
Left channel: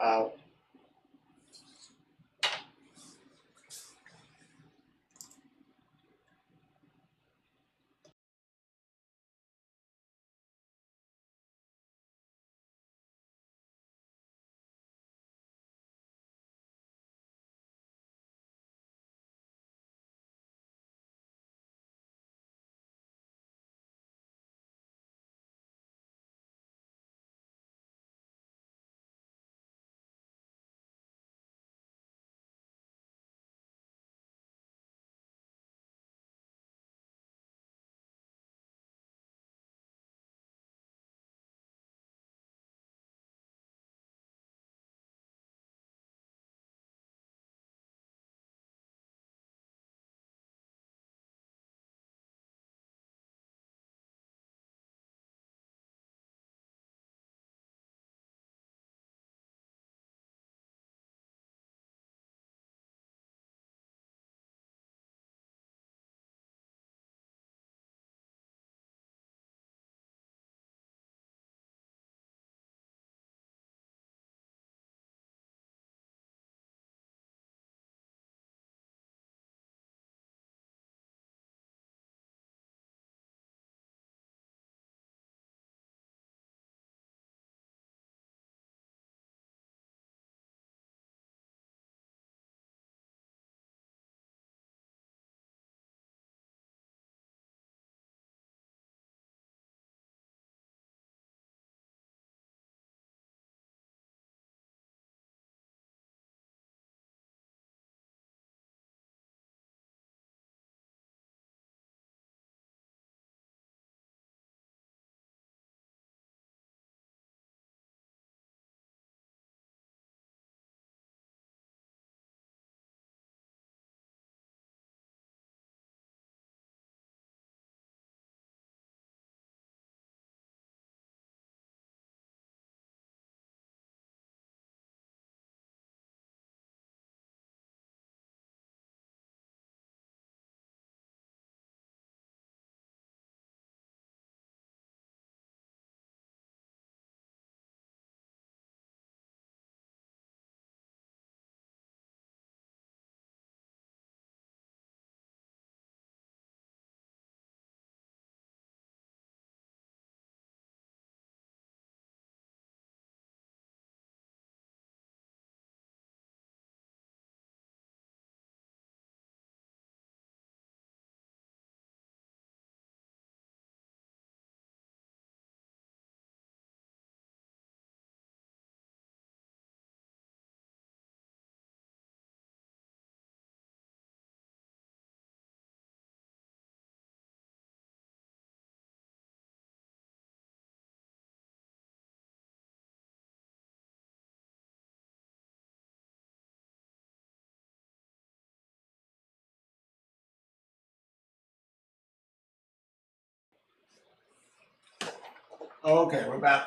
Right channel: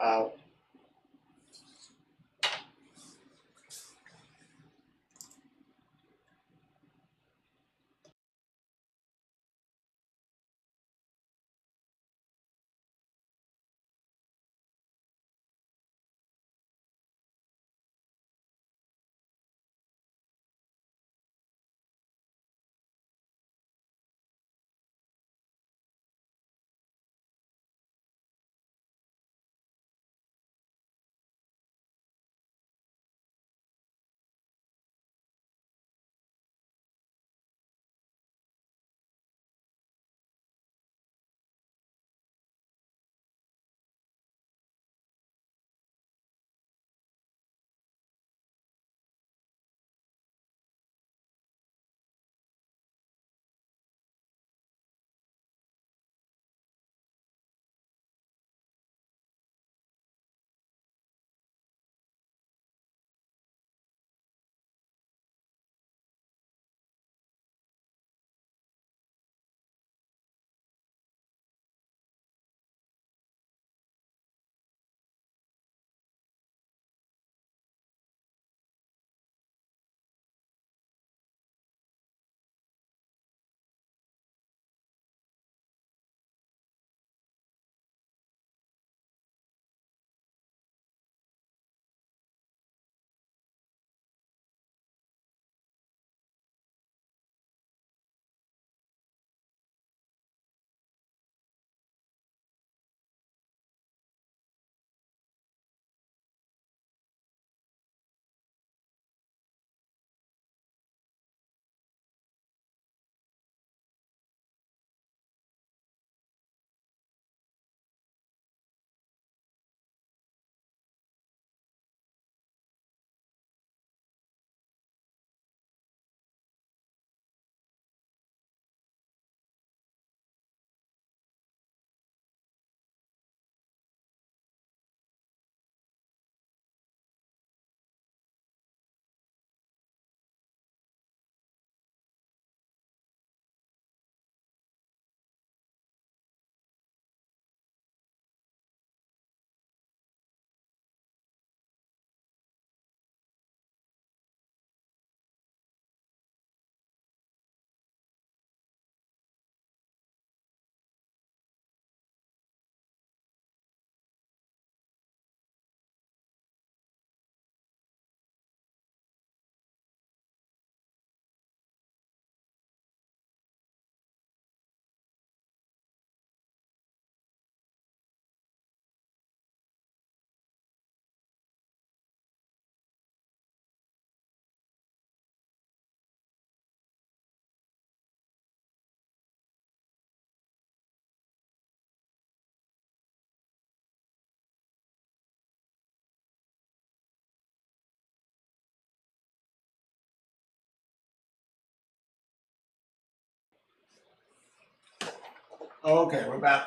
Okay, we're back.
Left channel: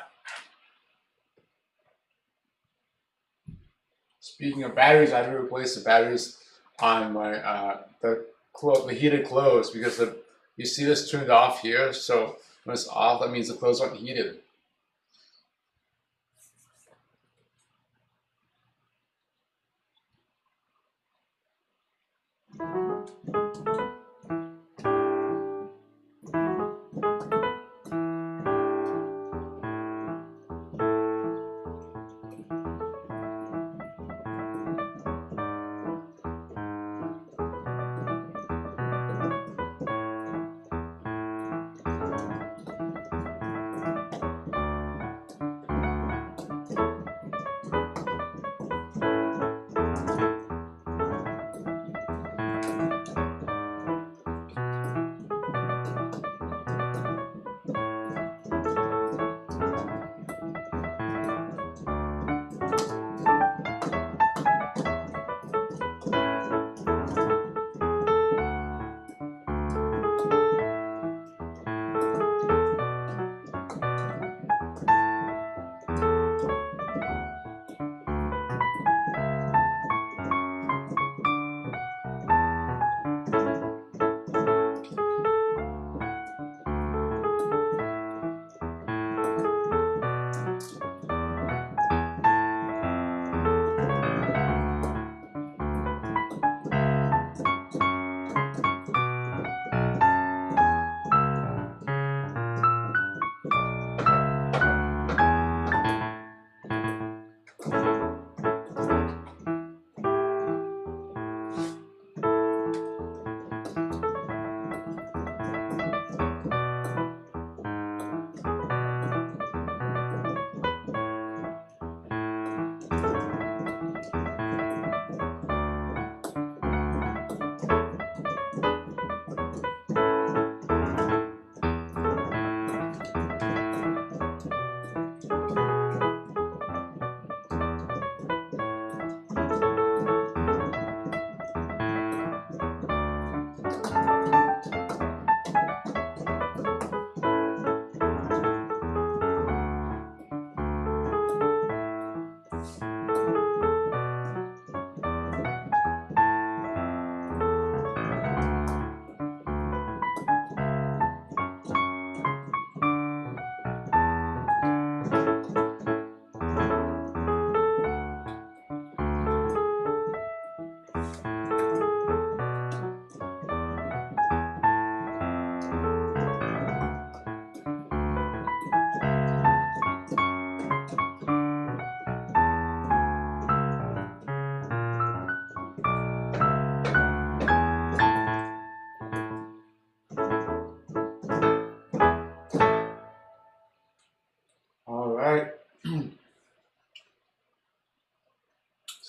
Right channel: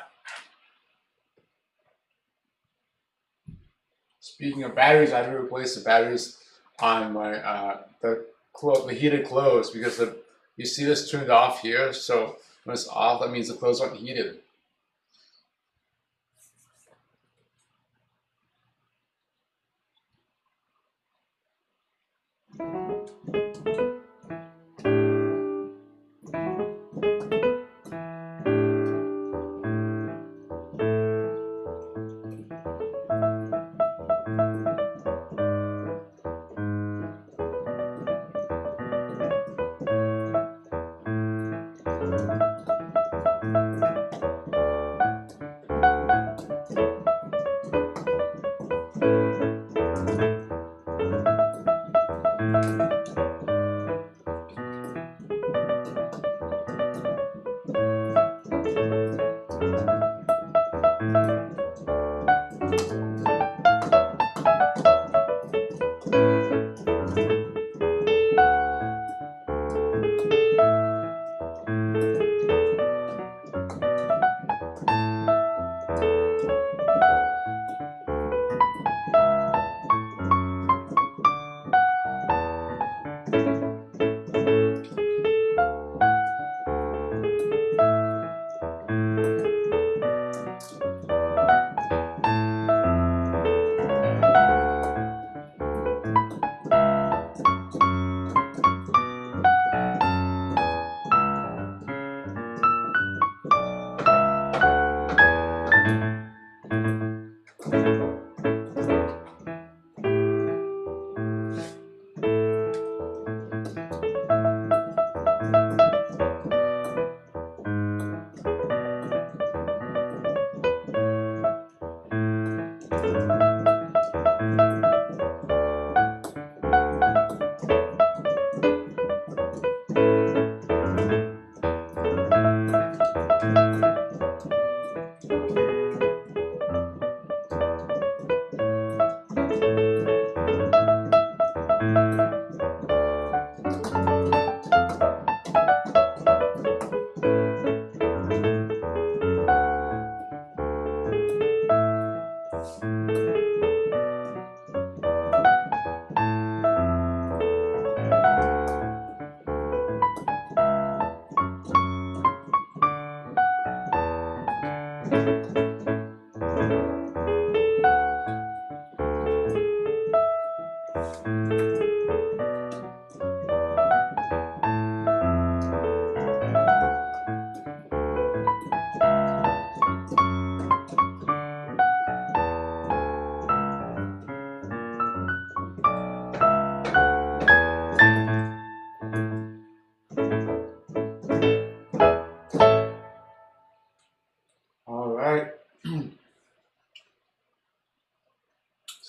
Speaking of batteries, I had to replace the batteries on my the heated clothes because you see this turned off here. So when it's off, that means the clothes aren't heated.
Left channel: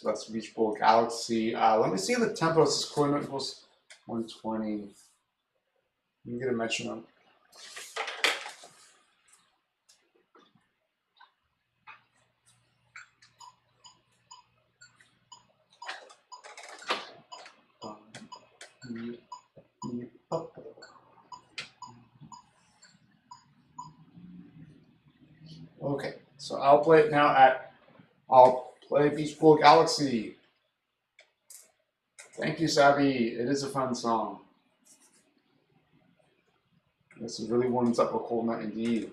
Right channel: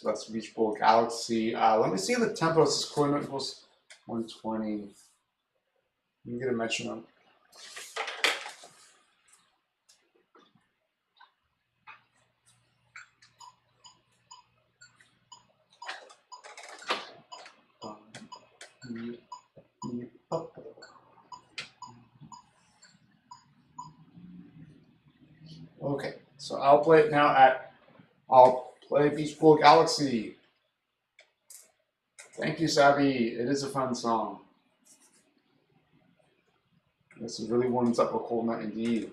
So that's Beach Bowl Galaxy. Let me see the tempo. This is coordinate equals 120. Let me get a metronom. Okay, so I'll play it now I'll play Beach Bowl Galaxy. Thank you, Savvy. It is a fun song. This really warms up a cold night indeed.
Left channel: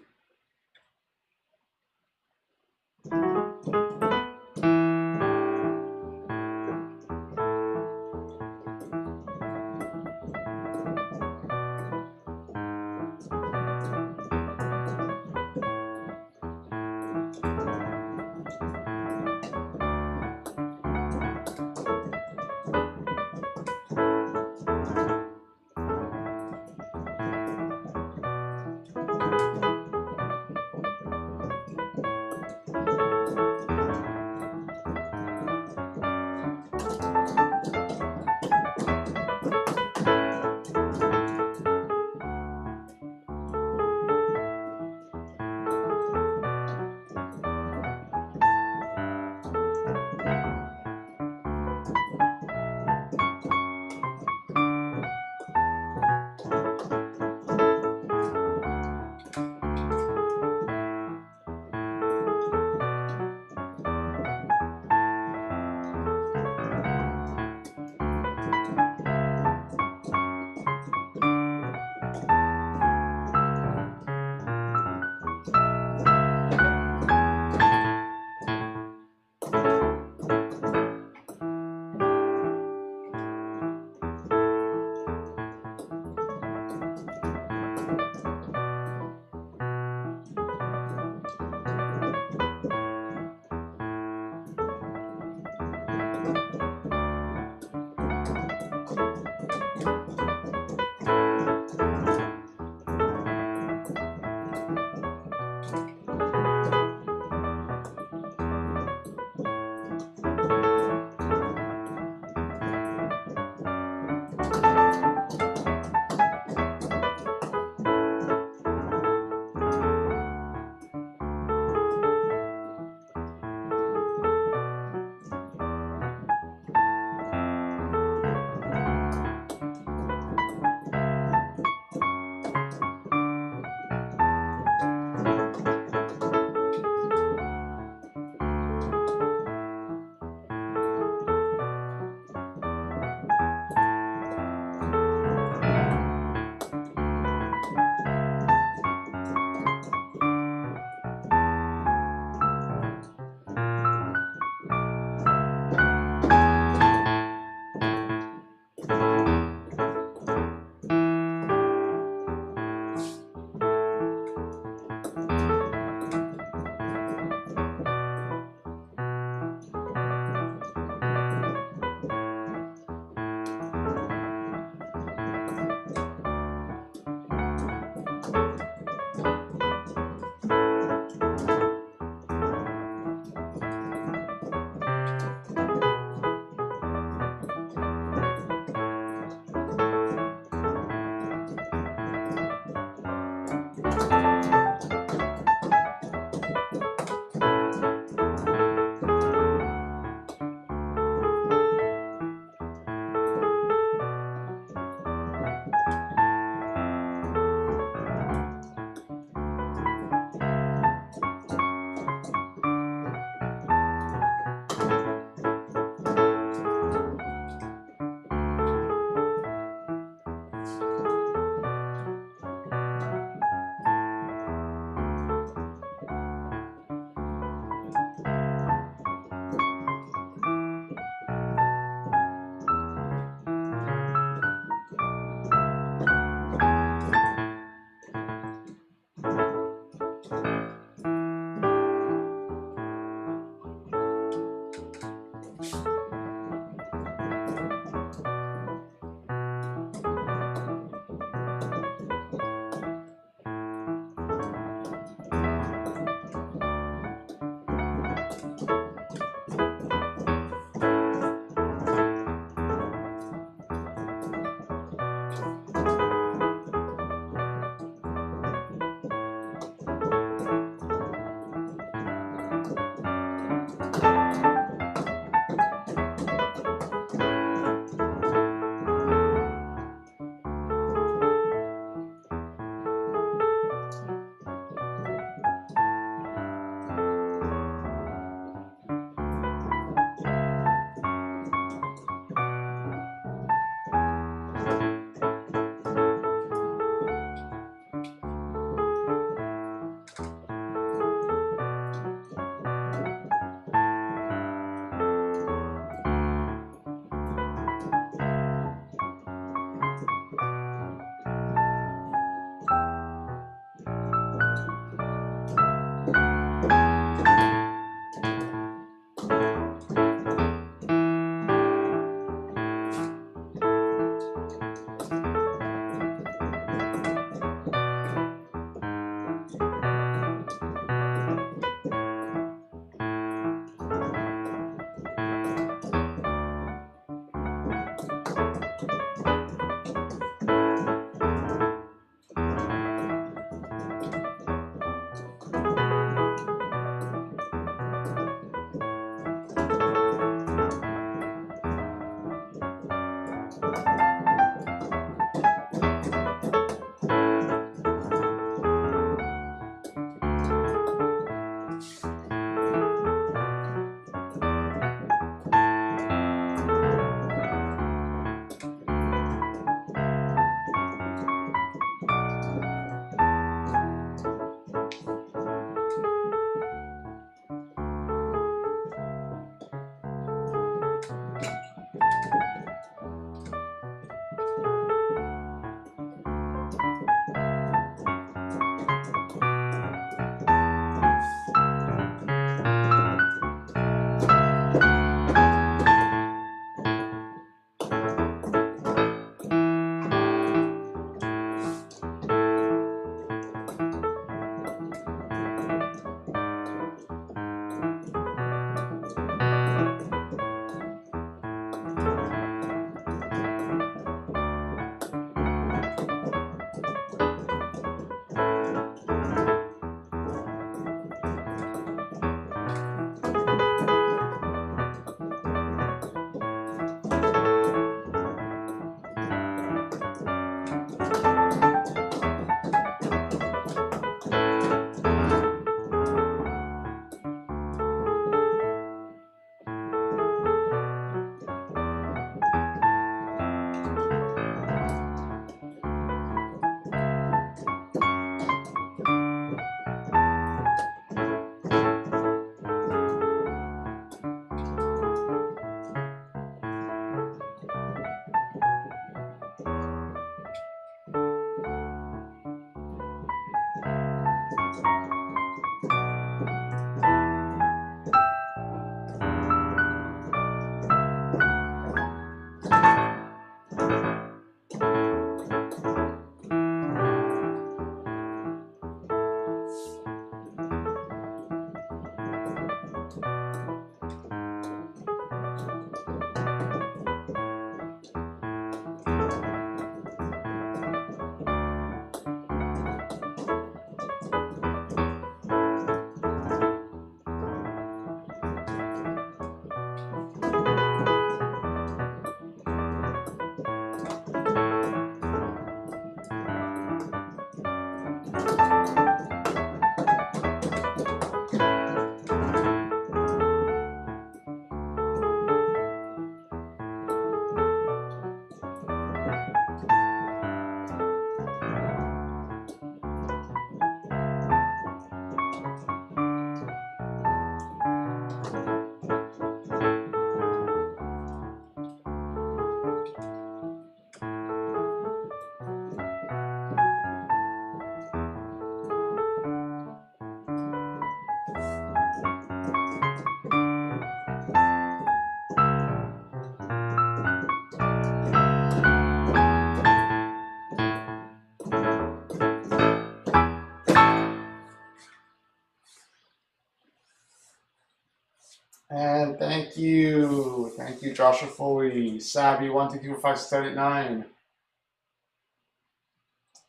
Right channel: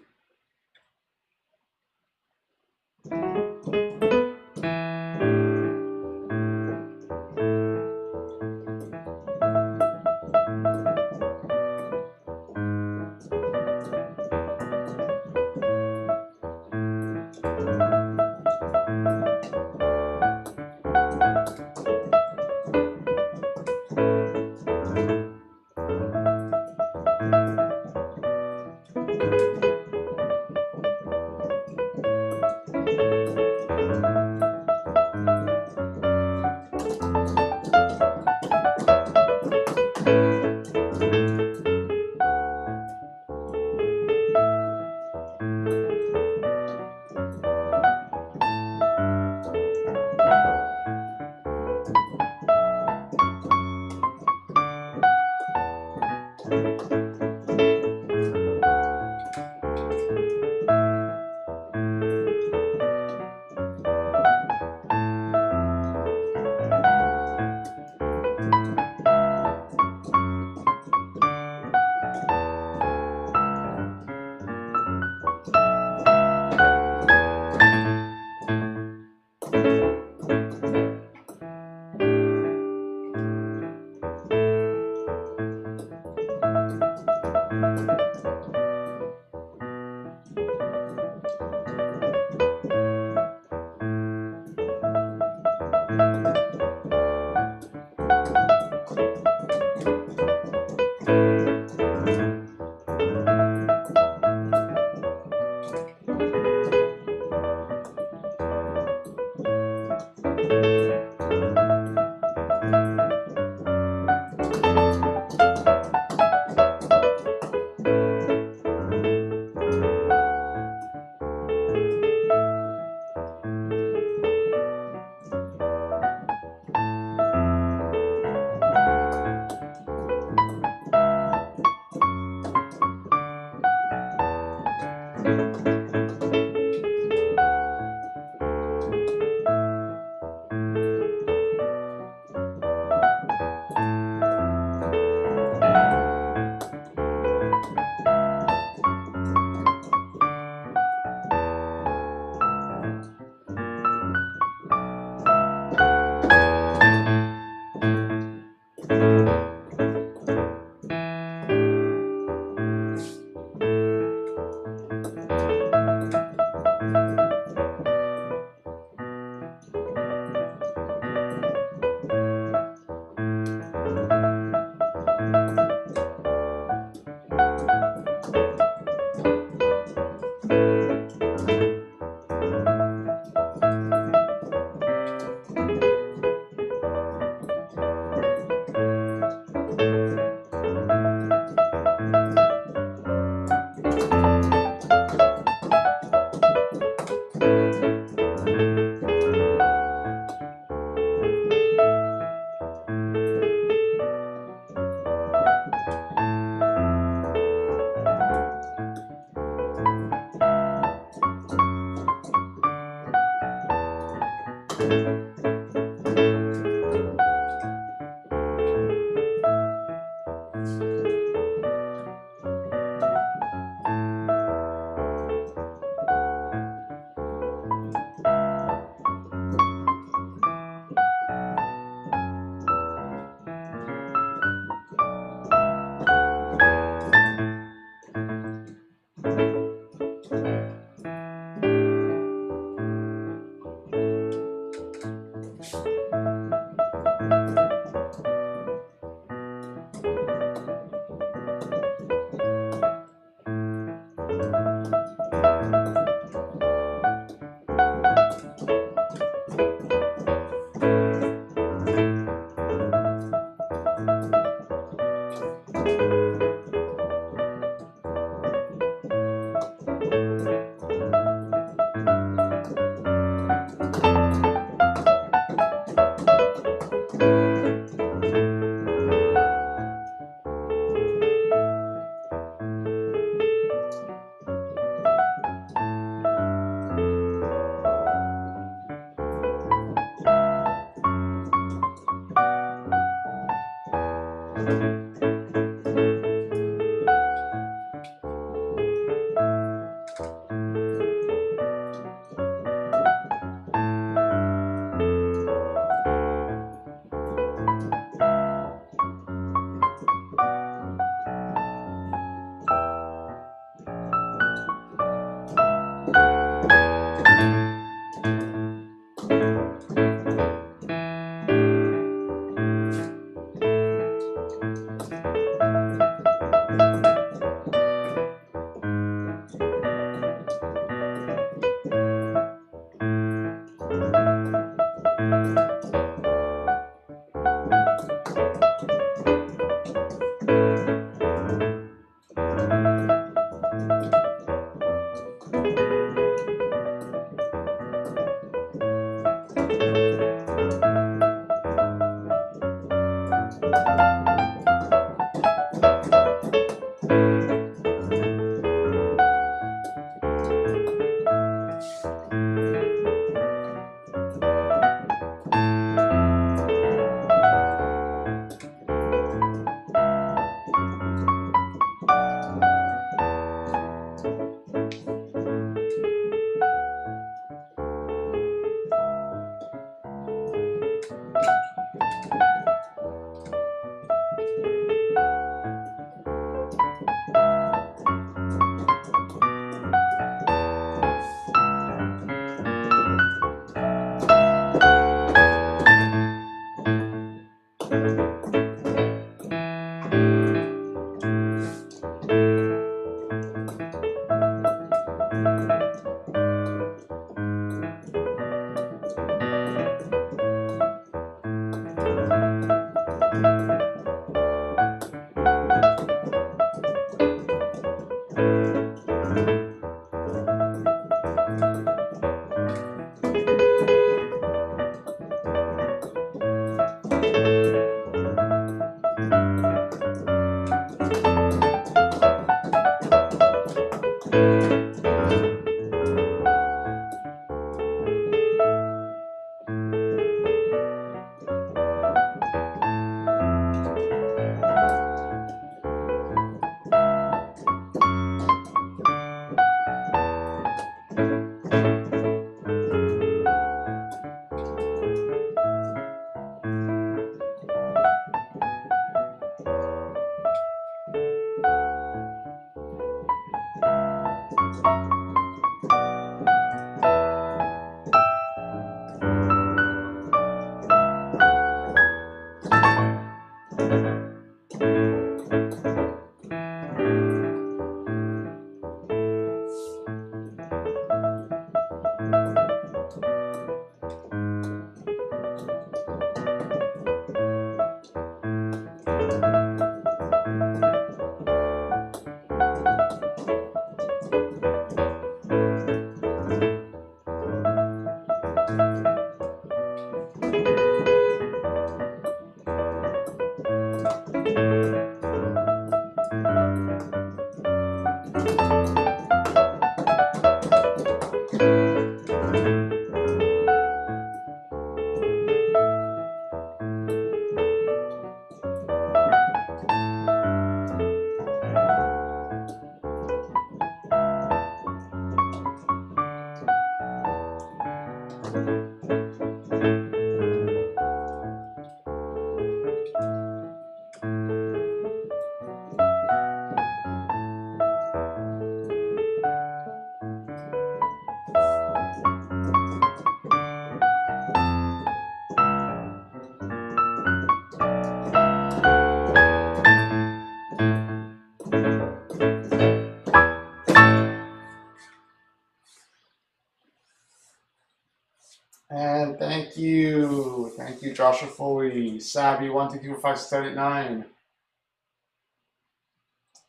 And thank you, Joshua Foley, Savvy 1 2 3 4 5 6 7 8 9.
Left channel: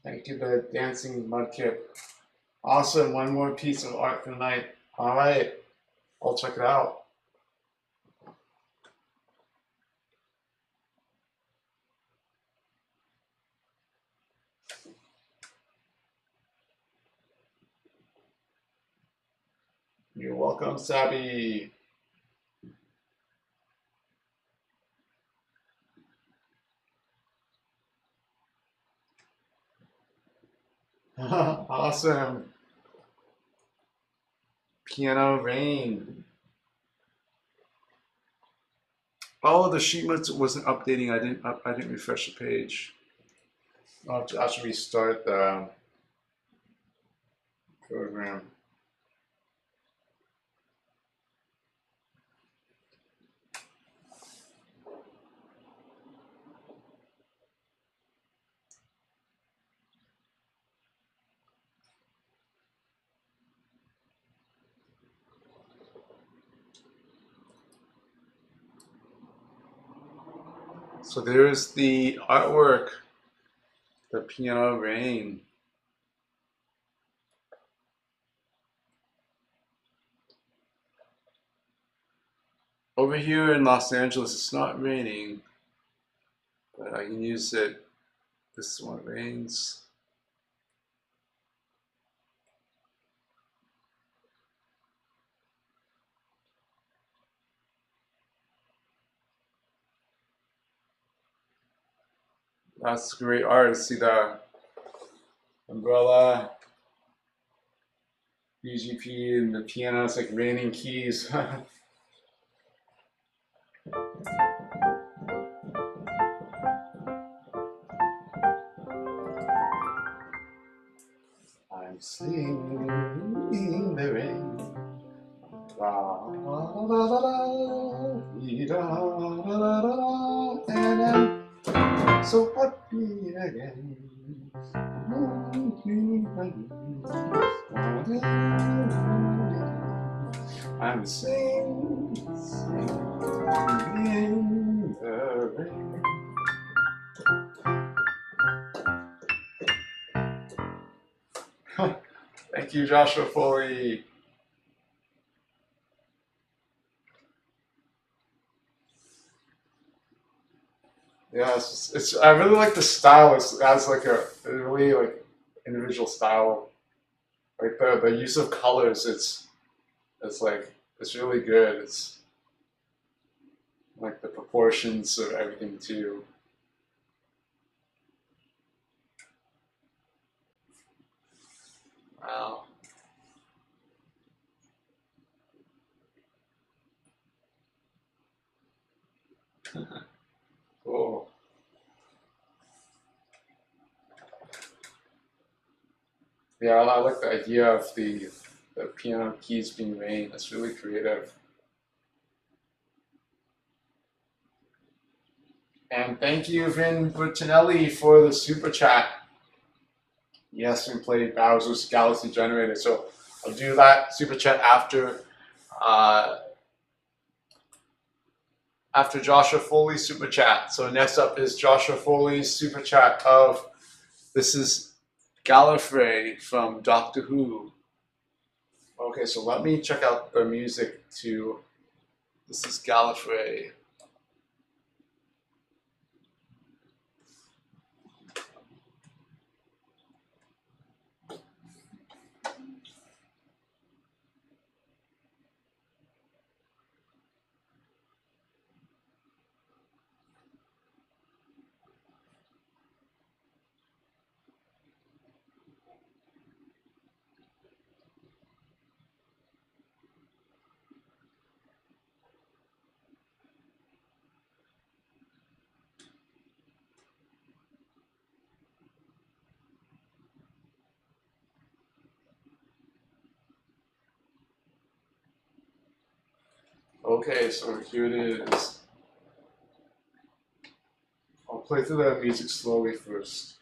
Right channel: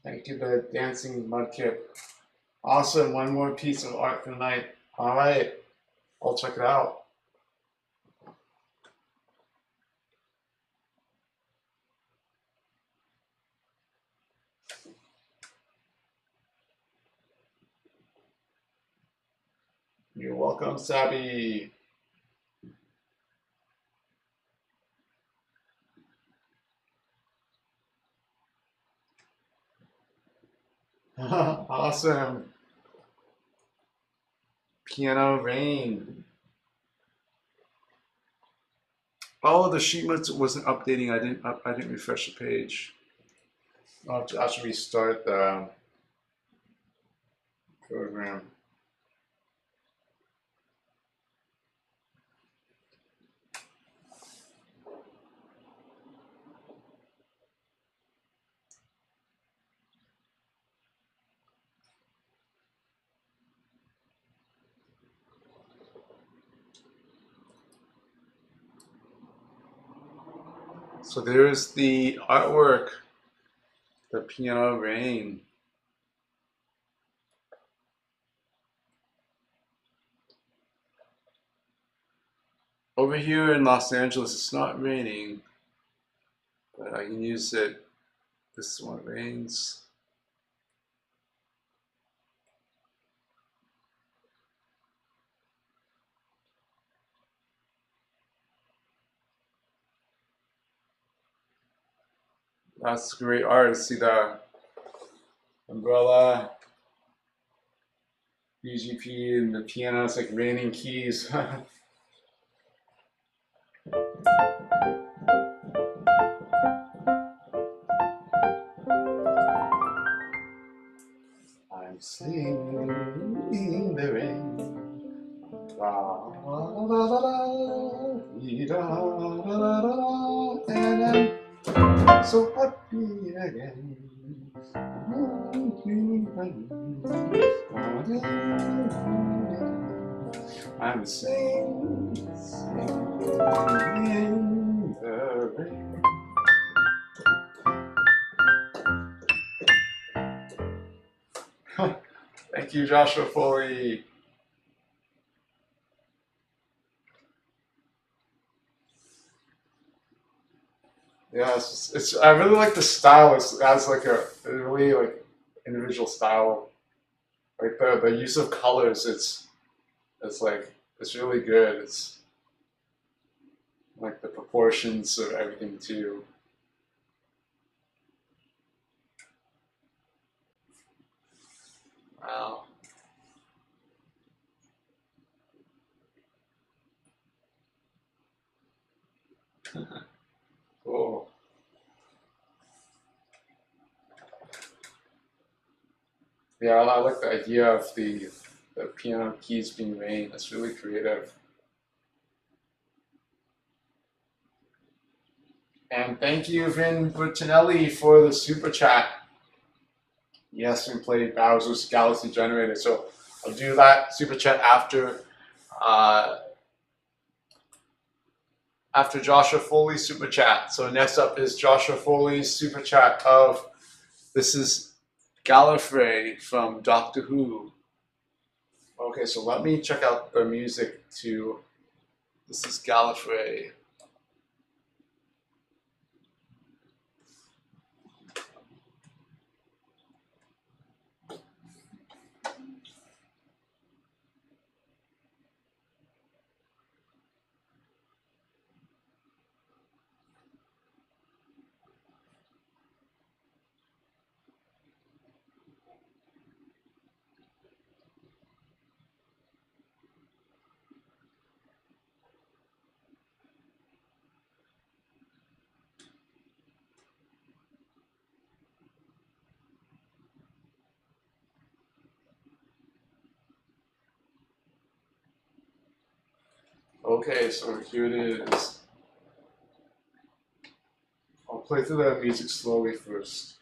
Thank you, the dancing mudkip. Awesome, one more piece of art for the night. All right, I'll check it out. You're welcome, Savvy. Awesome. Piano Rain. Oh, the sheet wasn't updating. I didn't refresh the page. I'll have to actually restart the program. So there's the artwork, the Piano Rain. Over here in Los Angeles, it's not raining, but I can use it. This is when it rains. That's great art. See the umbrella, VGP, and the piano. It's like raining keys. I'm singing in the rain. La, la, la, la, la, dee, da, da, da, da, da, and I'm so happy again. I'm singing, singing in the rain. Thank you, Joshua Foley. Yeah, it's I really like the style. It has like a really like individual style. Like the use of colors. It's like it's really good. It's like the proportions of everything too. Wow. Cool. Yeah, I like the idea of the piano keys being rain. That's really creative. And thank you, Vin Bertinelli, for the super chat. Yes, we played Bowser's Galaxy Generator. So I'll do that super chat uh, after Joshua Foley's super chat. So next up is Joshua Foley's super chat of this is Gallifrey from Doctor Who. Okay, so let me check out the music to this is Gallifrey. Okay, so here it is. I'll play through the music slowly first.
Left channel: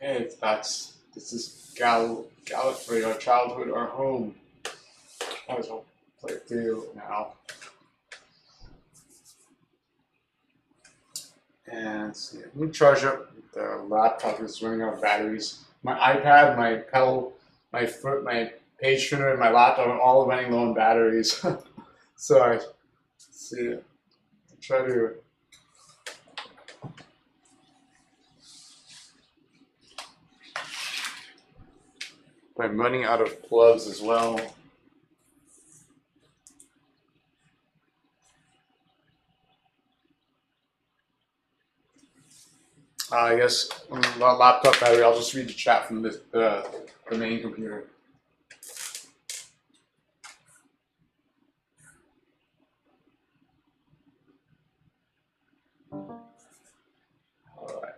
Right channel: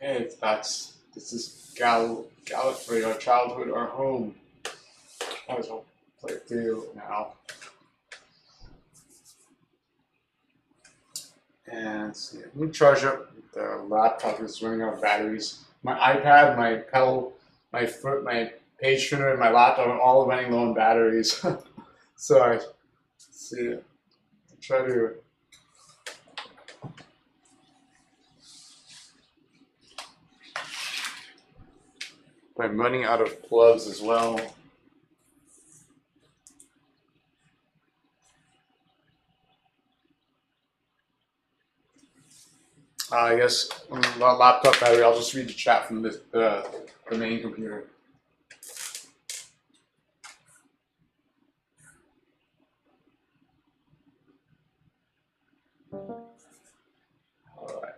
Okay, this is Gallifrey, our childhood, our home. Might as well play through now. And see, let me charge up the laptop that's running out of batteries. My iPad, my pedal, my page turner, and my laptop are all running low on batteries. So I see. Try to. I'm running out of plugs as well. I guess on the laptop battery, I'll just read the chat from the main computer. All right.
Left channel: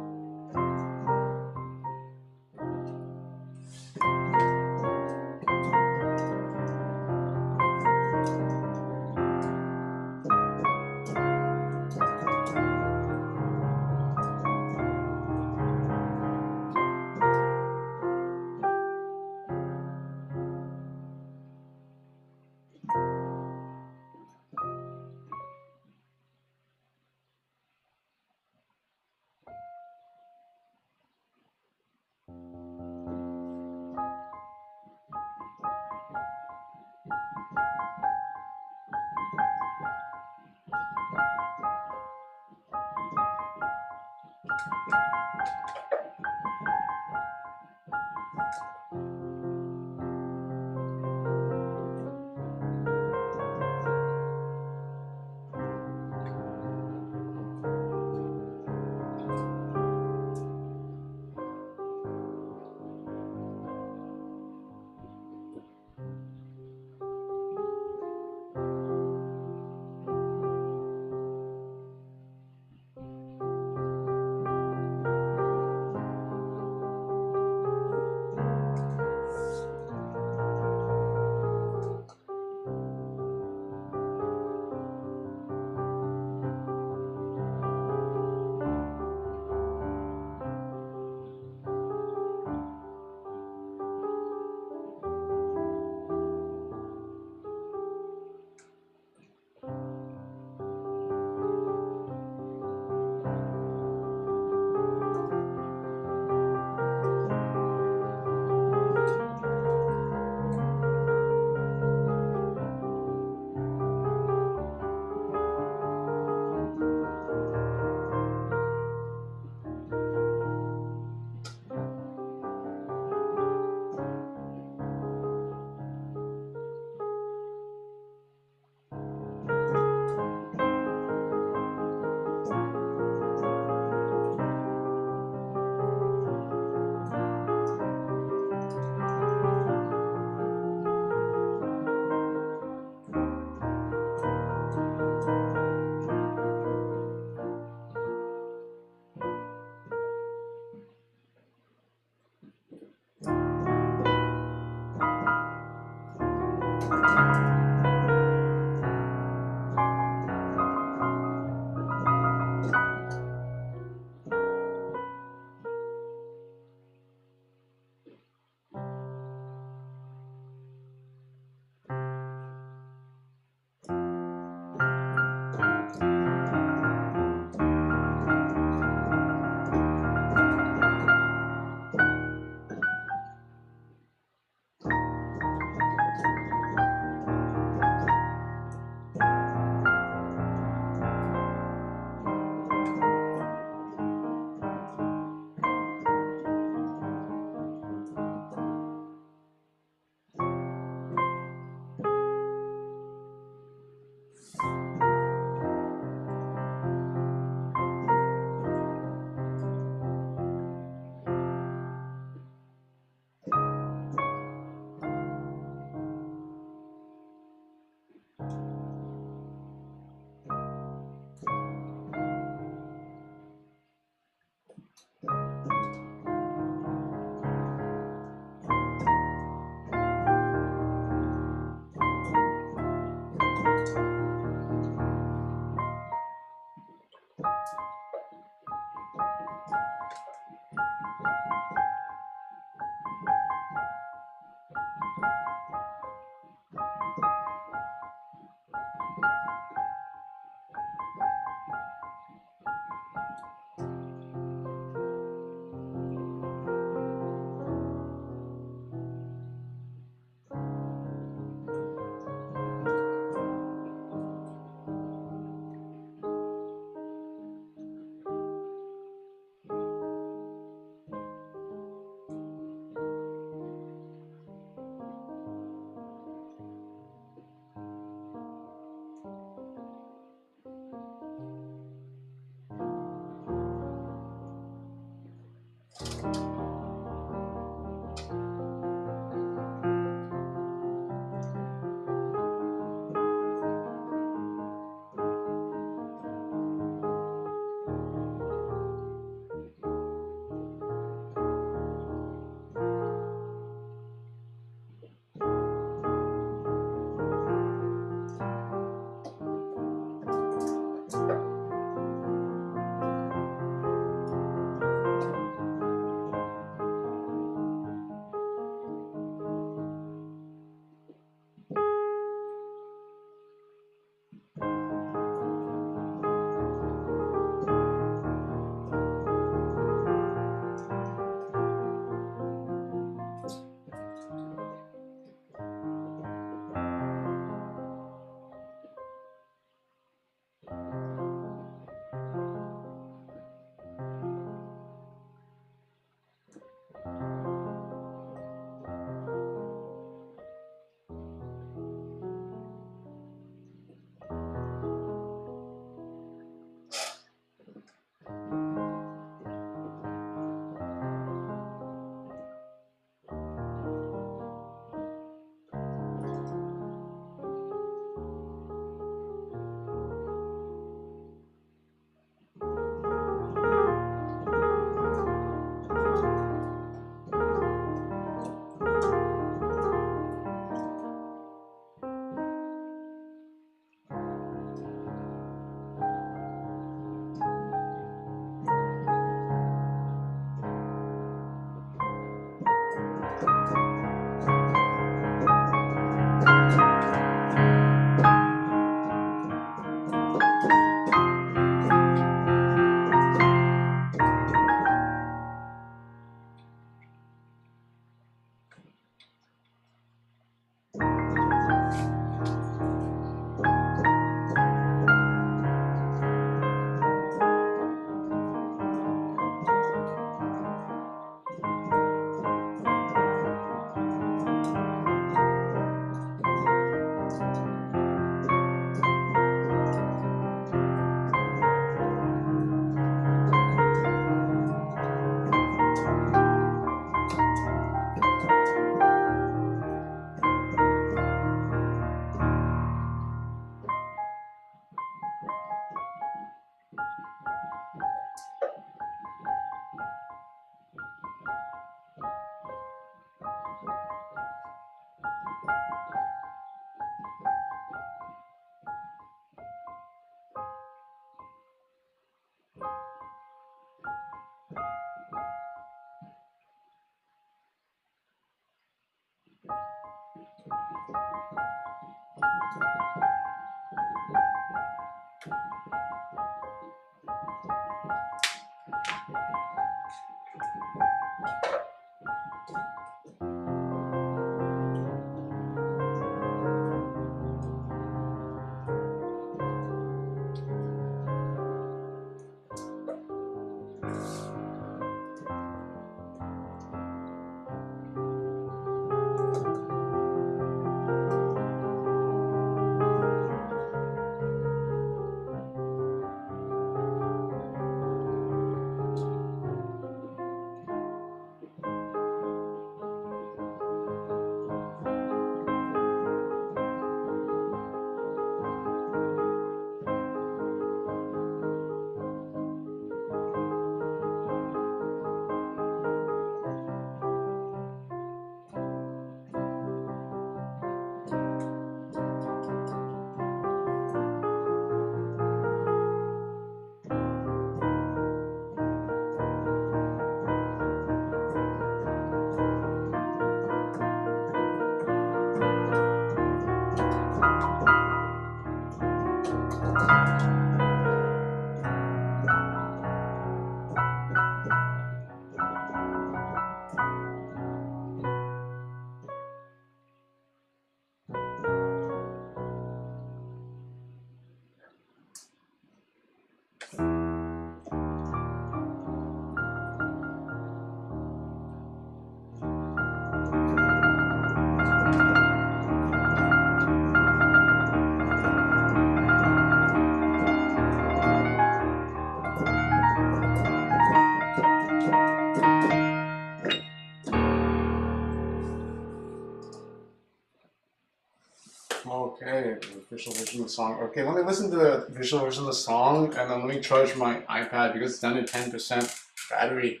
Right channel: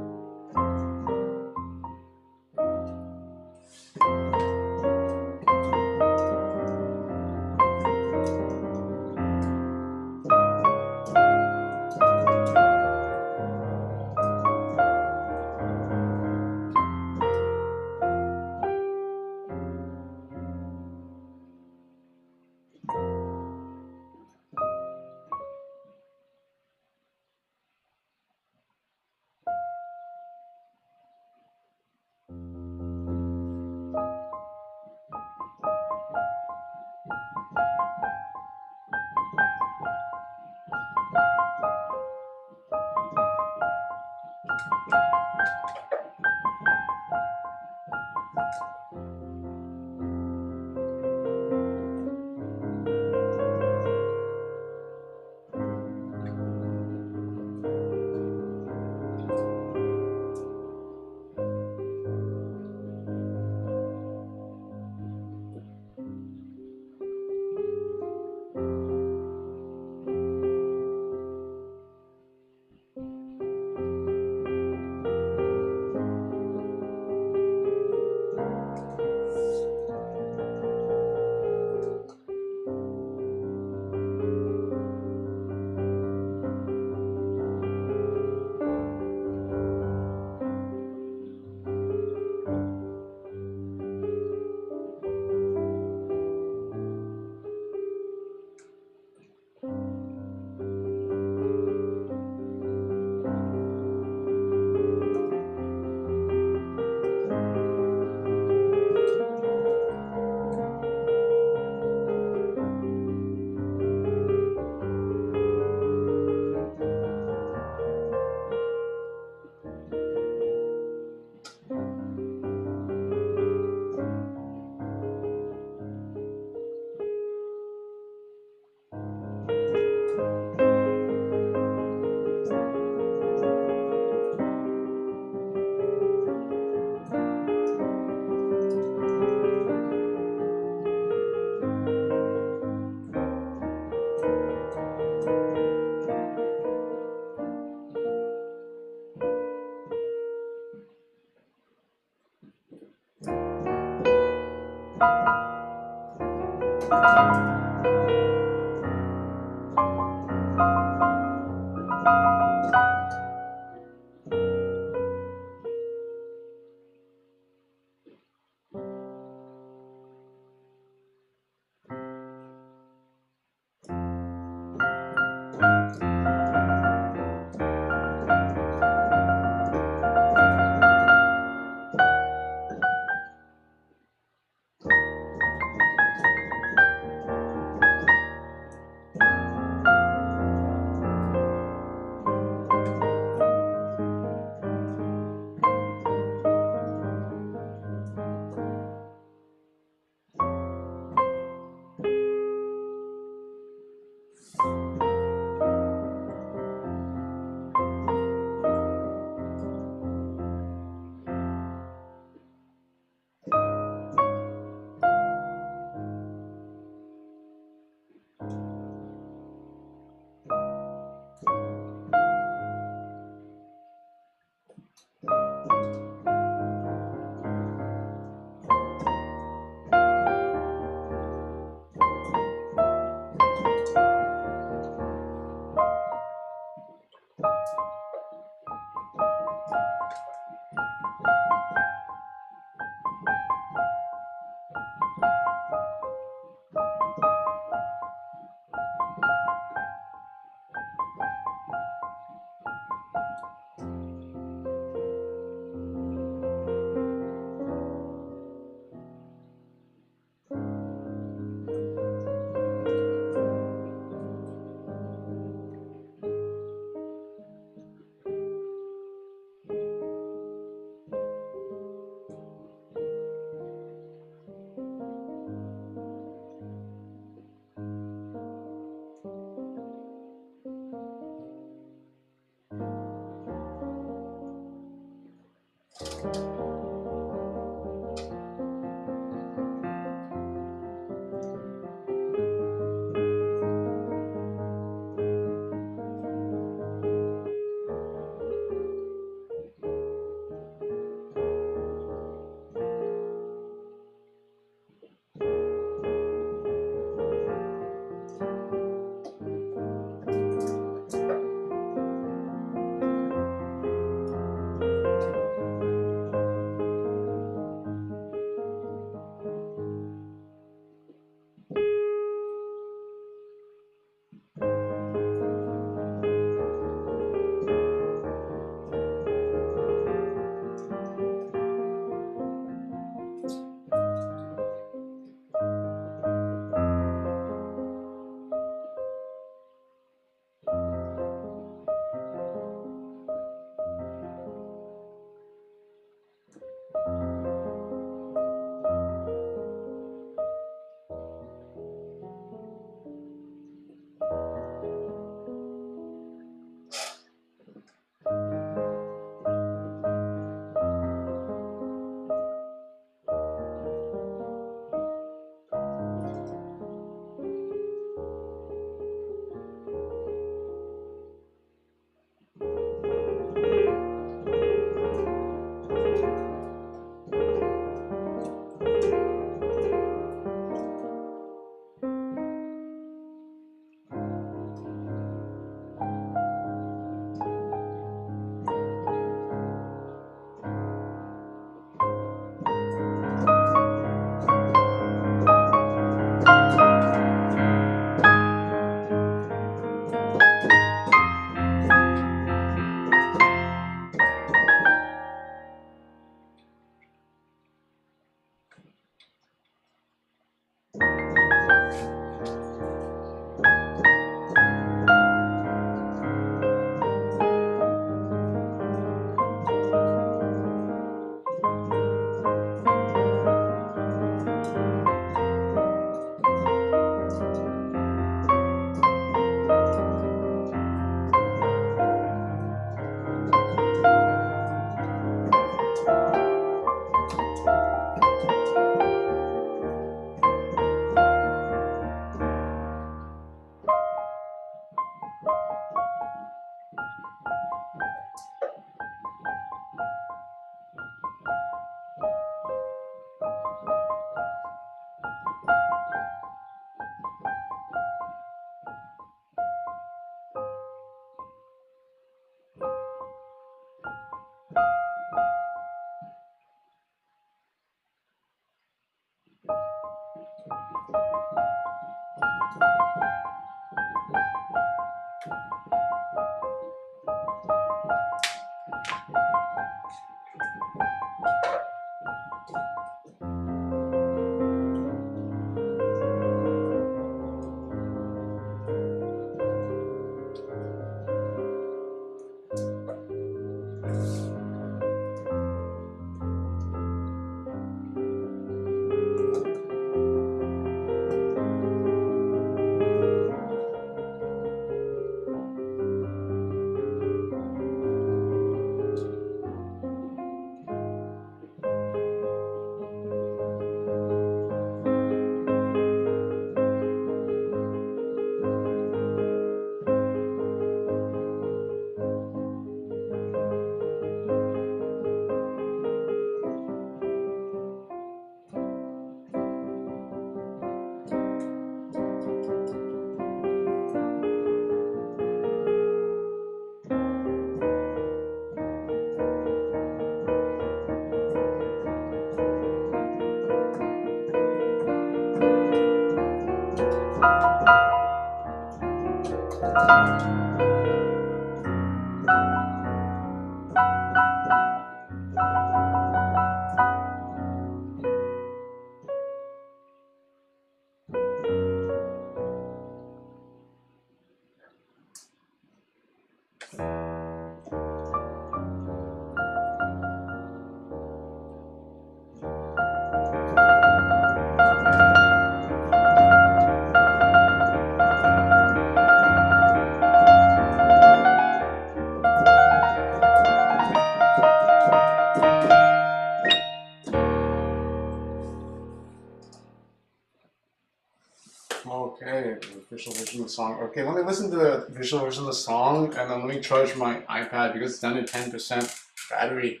Okay, the official version of the song. Okay, let me listen to the official version of the song, and then let me charge my iPad because it's down to 10% battery.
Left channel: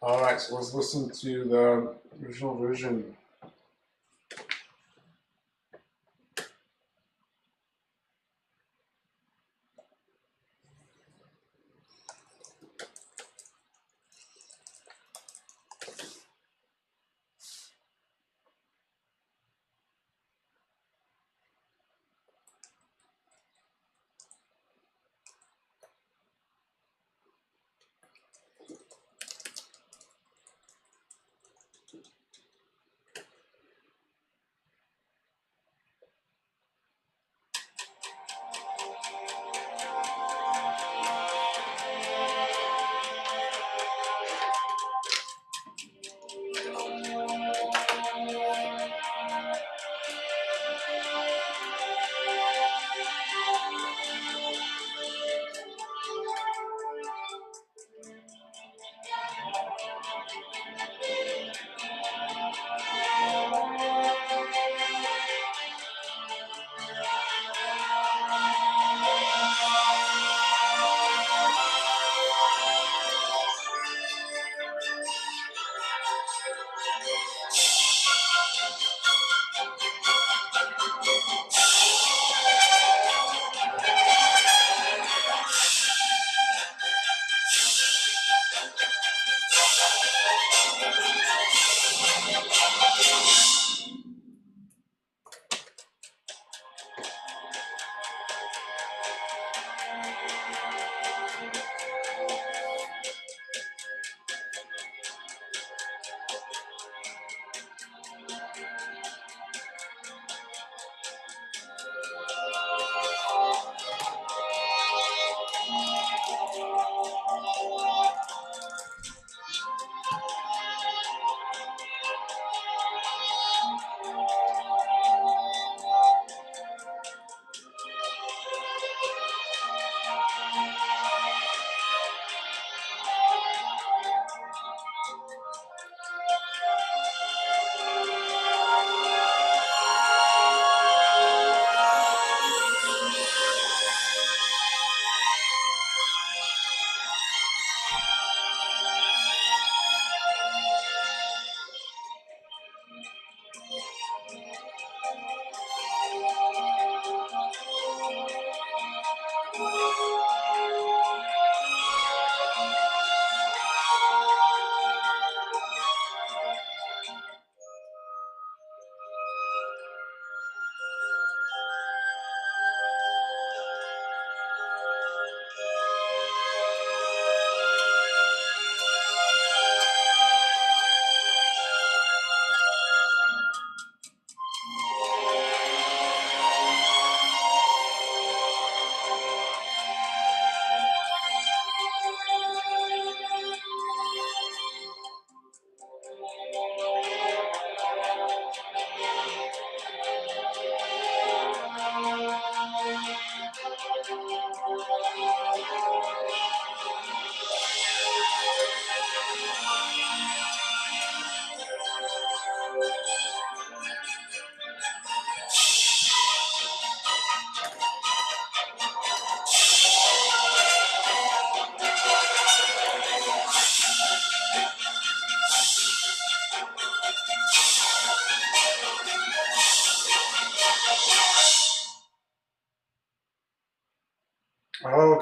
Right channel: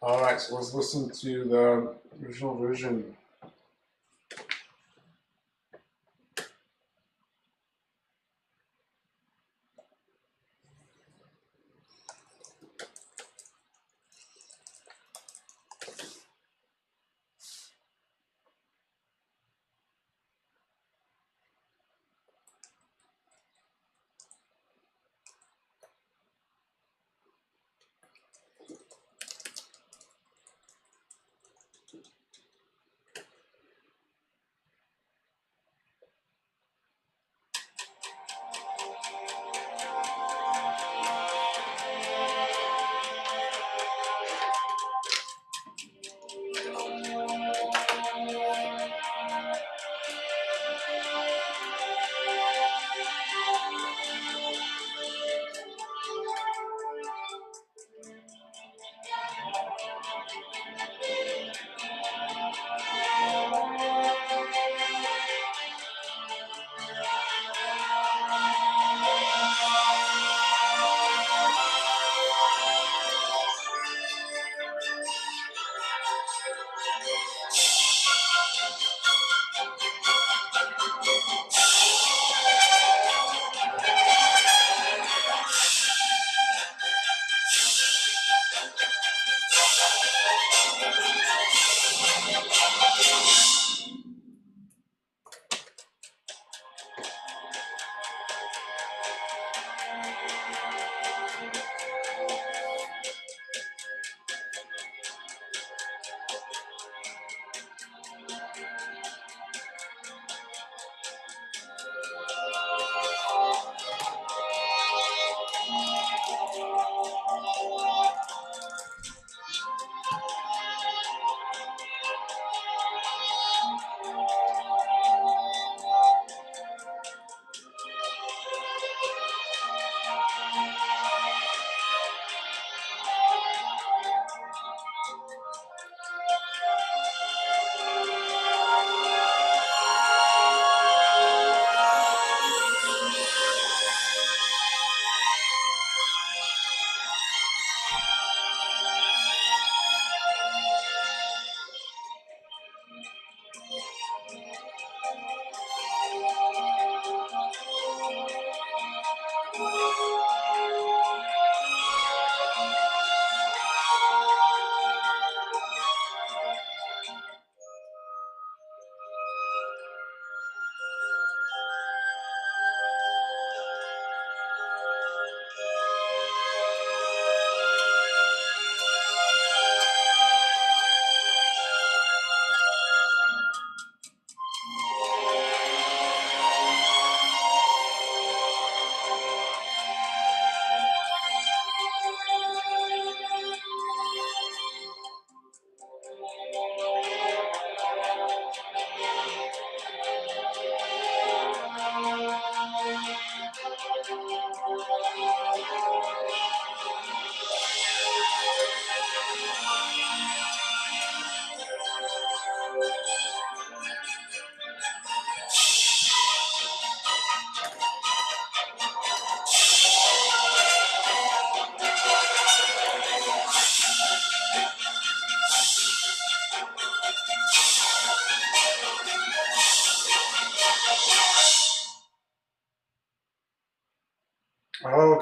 Alright, so let's listen to the original version.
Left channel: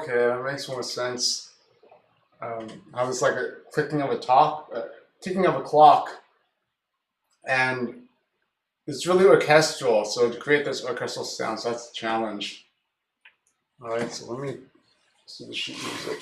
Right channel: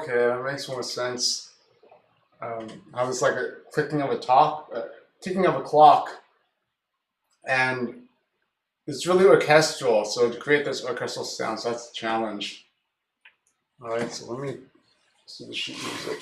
Okay, that makes more sense. How it's like a ticking of ticking of a clock, and it's really orchestral. So to create this orchestral sounds, that's the challenge. All right, so let me see the sheet music.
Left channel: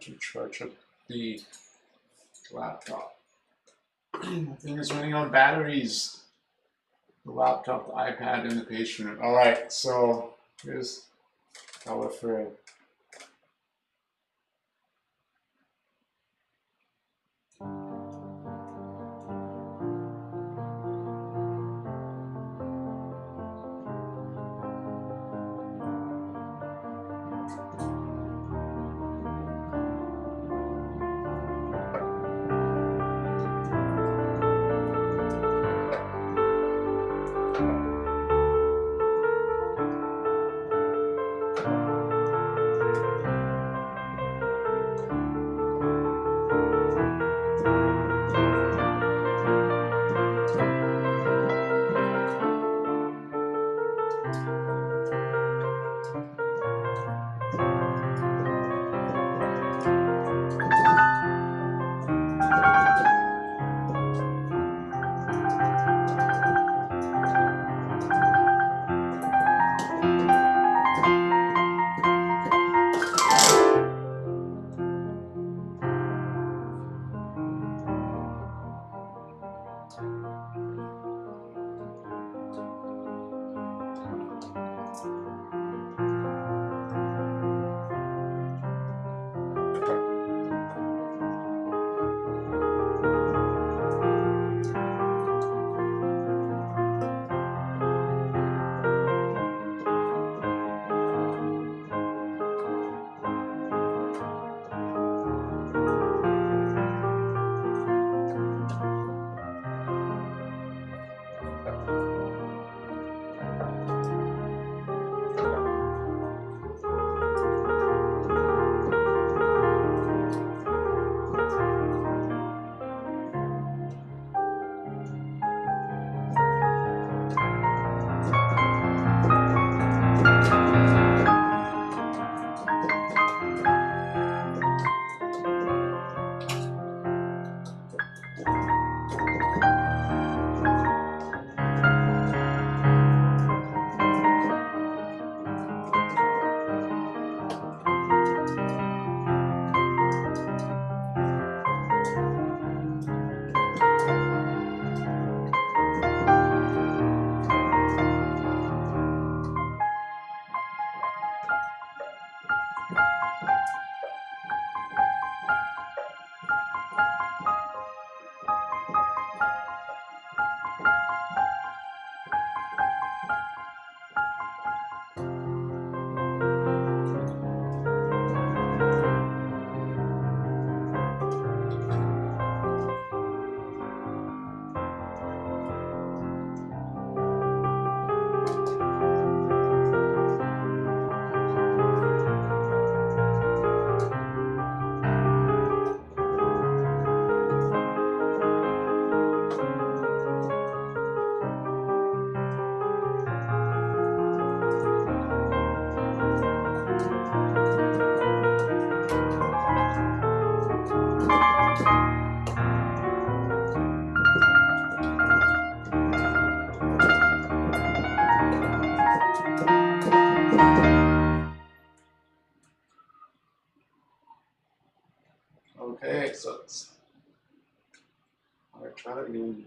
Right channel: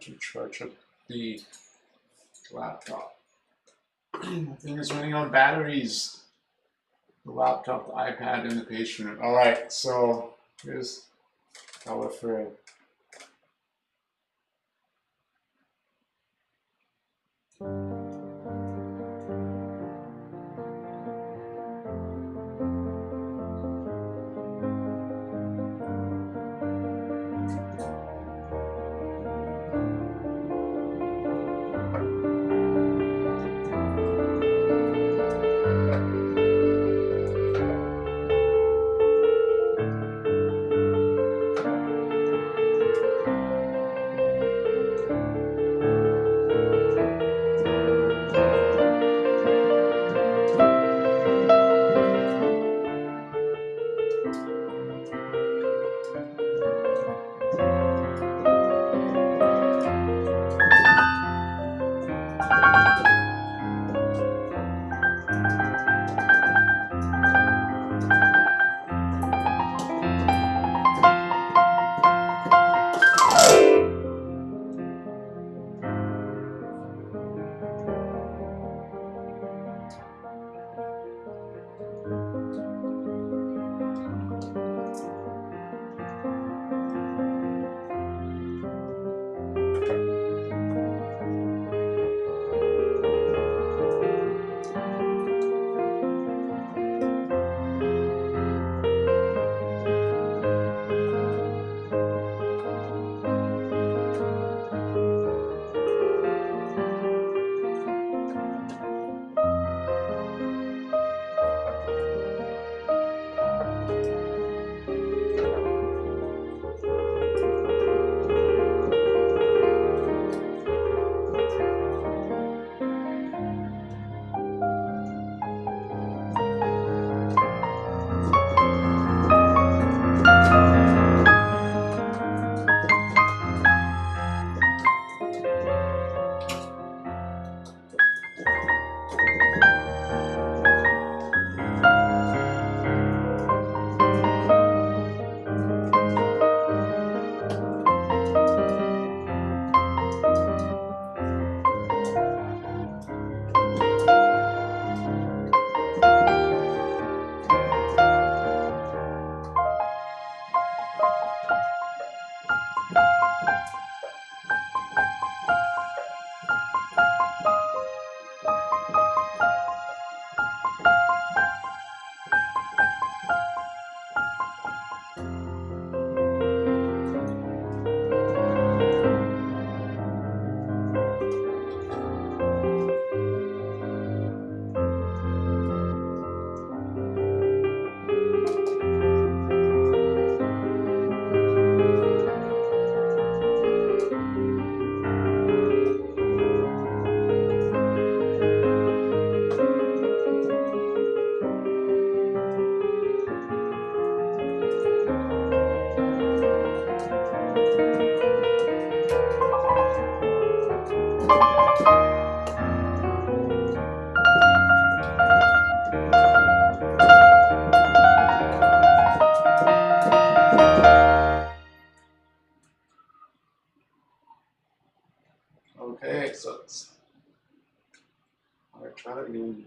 To charge up the laptop. The thing is running on batteries. The laptop, the iPad, and the patient. All right, so here's Gallifrey. Okay, so alright, try that again.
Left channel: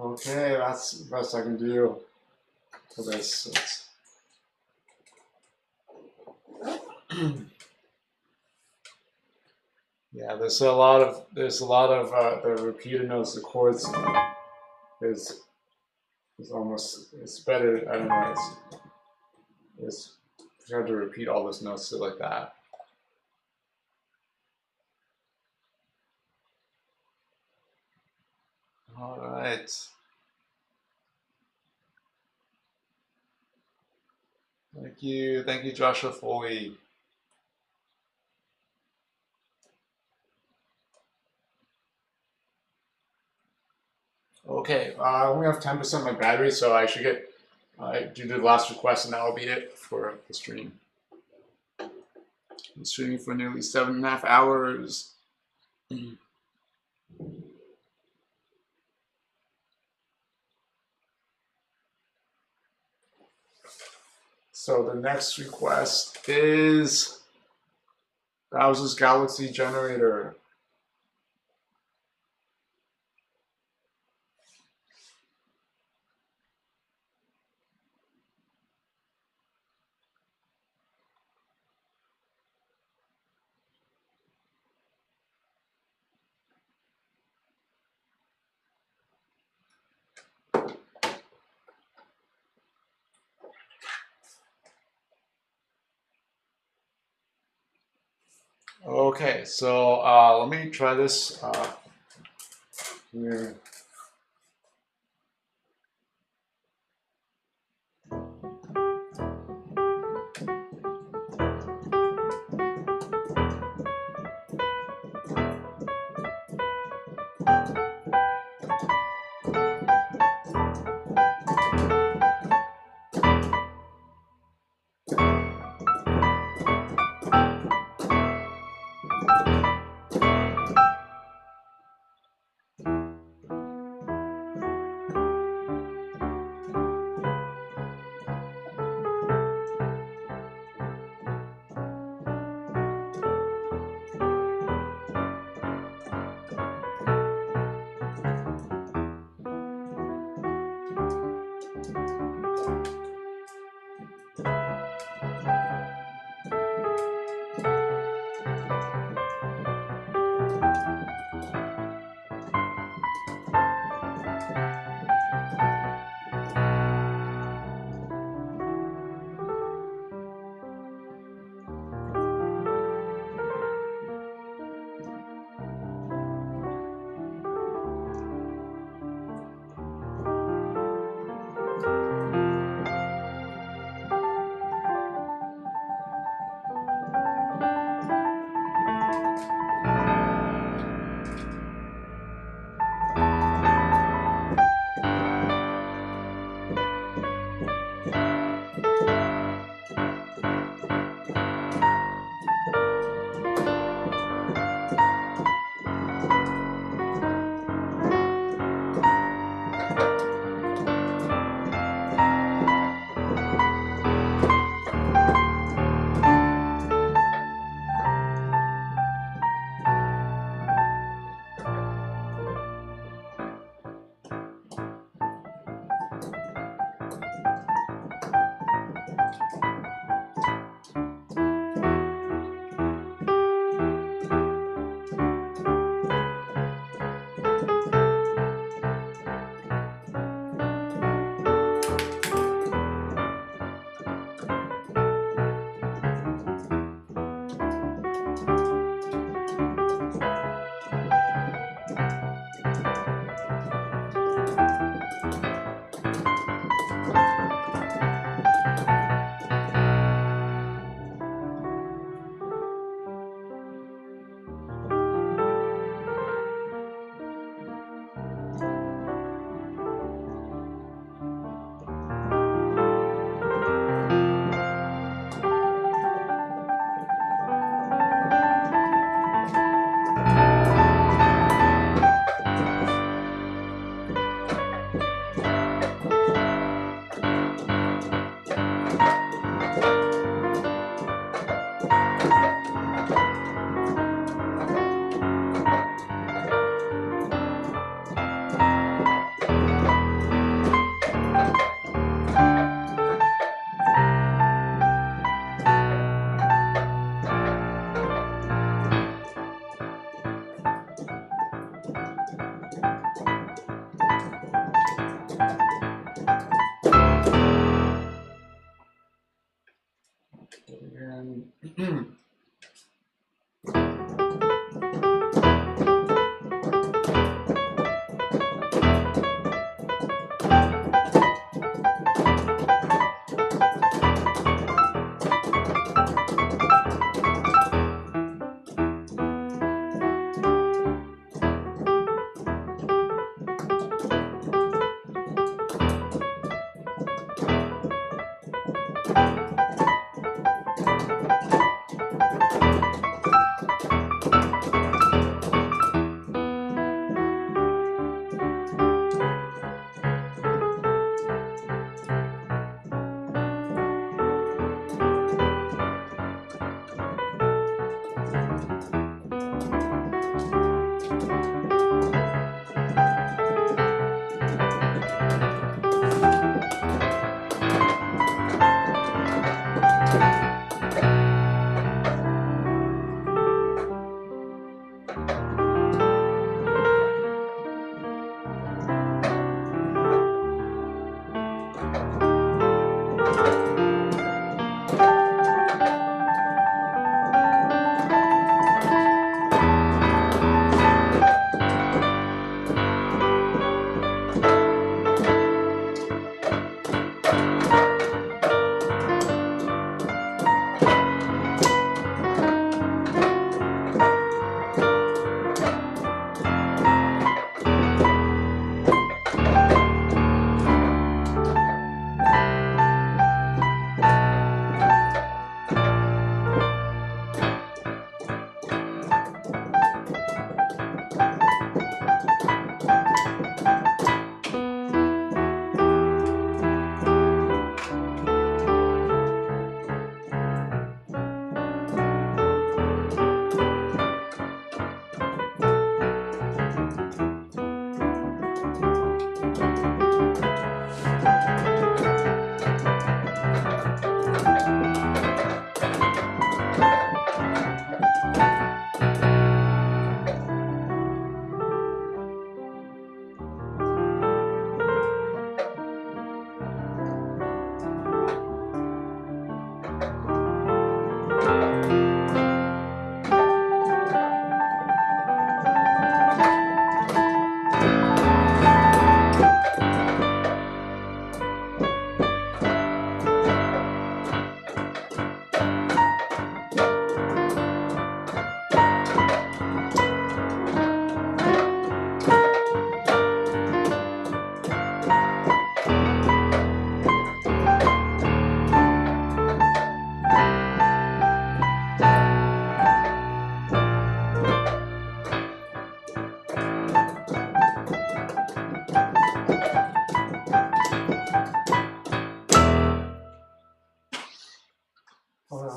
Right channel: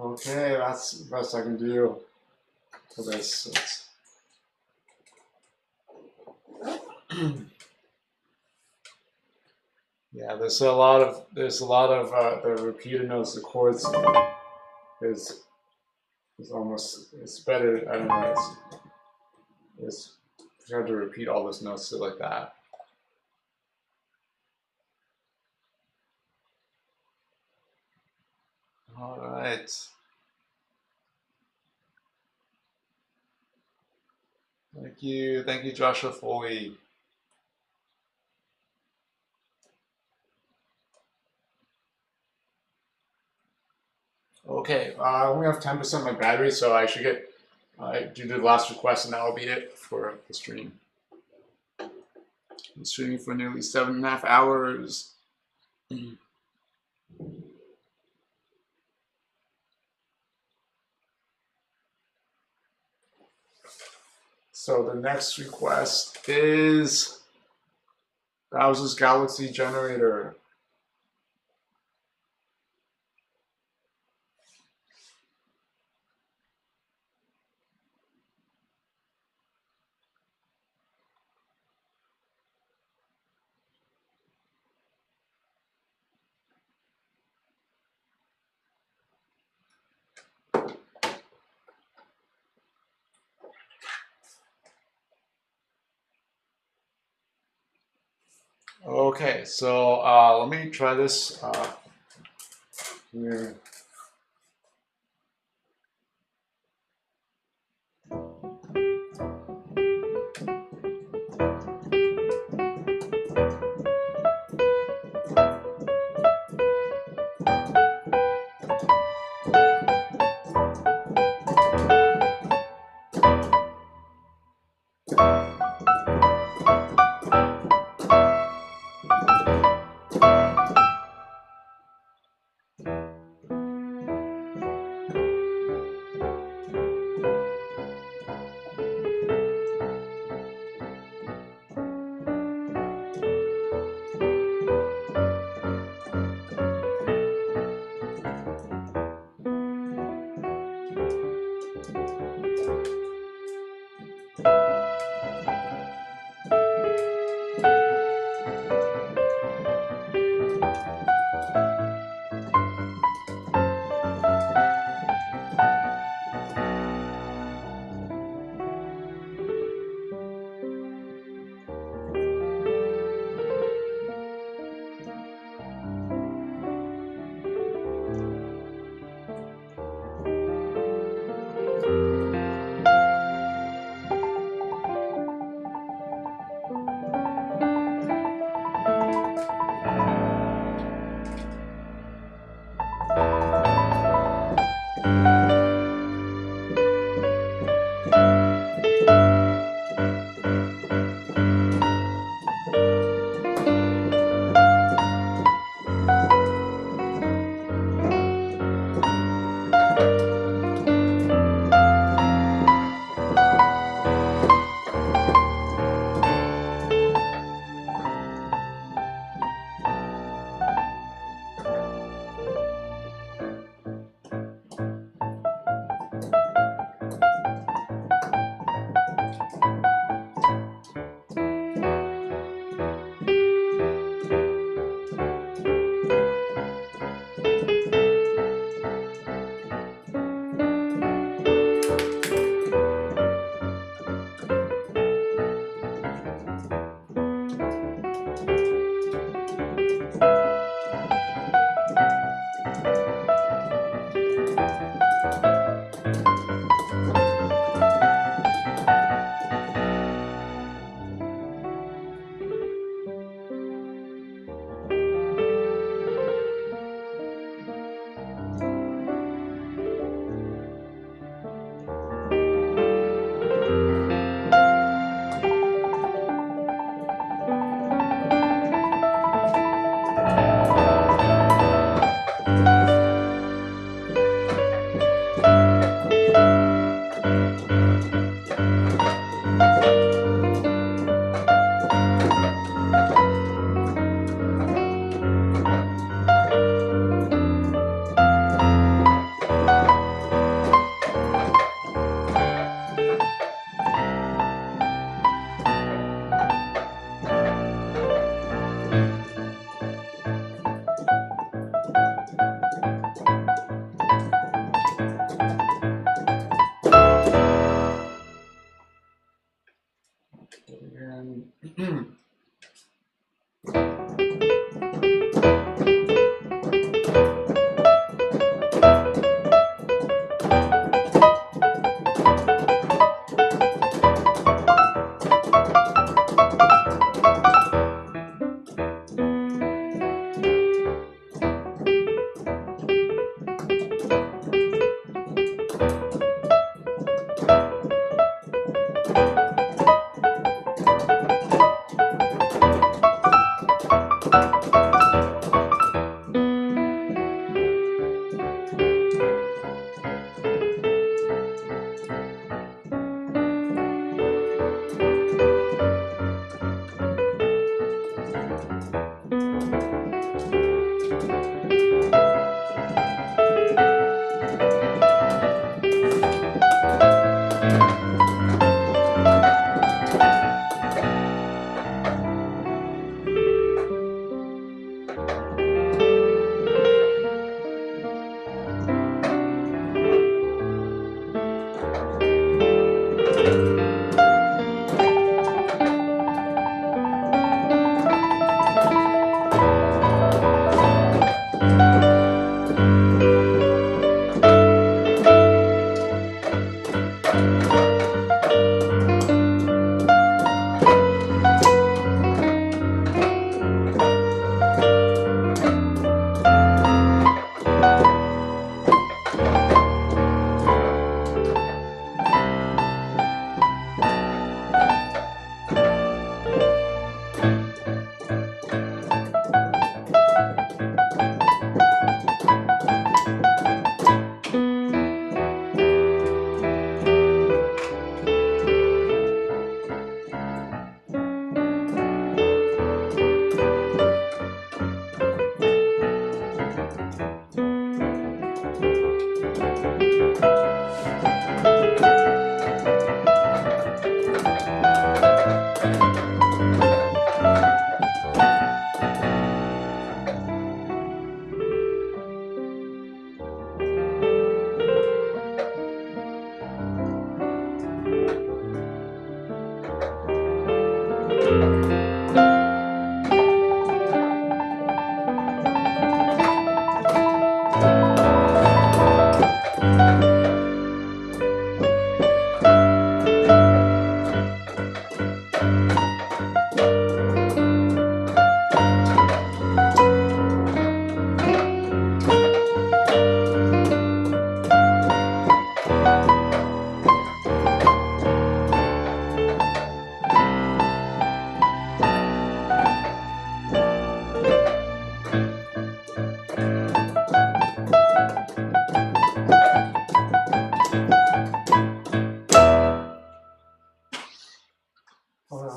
Okay, that's the best I can do for this. Yeah, there's a lot of the repeated notes, the chords is almost, it's better. I don't know. It's hard to repeat all those notes like that. All right. Thank you, Joshua Foley. Okay, I only have 10% of my battery, so I should get do the last request, and that will be it for the stream. I'm streaming for nearly 7.5 hours. So the next request is Bowser's Galaxy Generator. Okay, so let me try this here.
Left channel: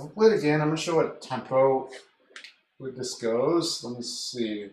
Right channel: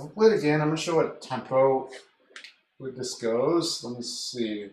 I'll play it again. I'm gonna show what tempo with this goes. Let me see.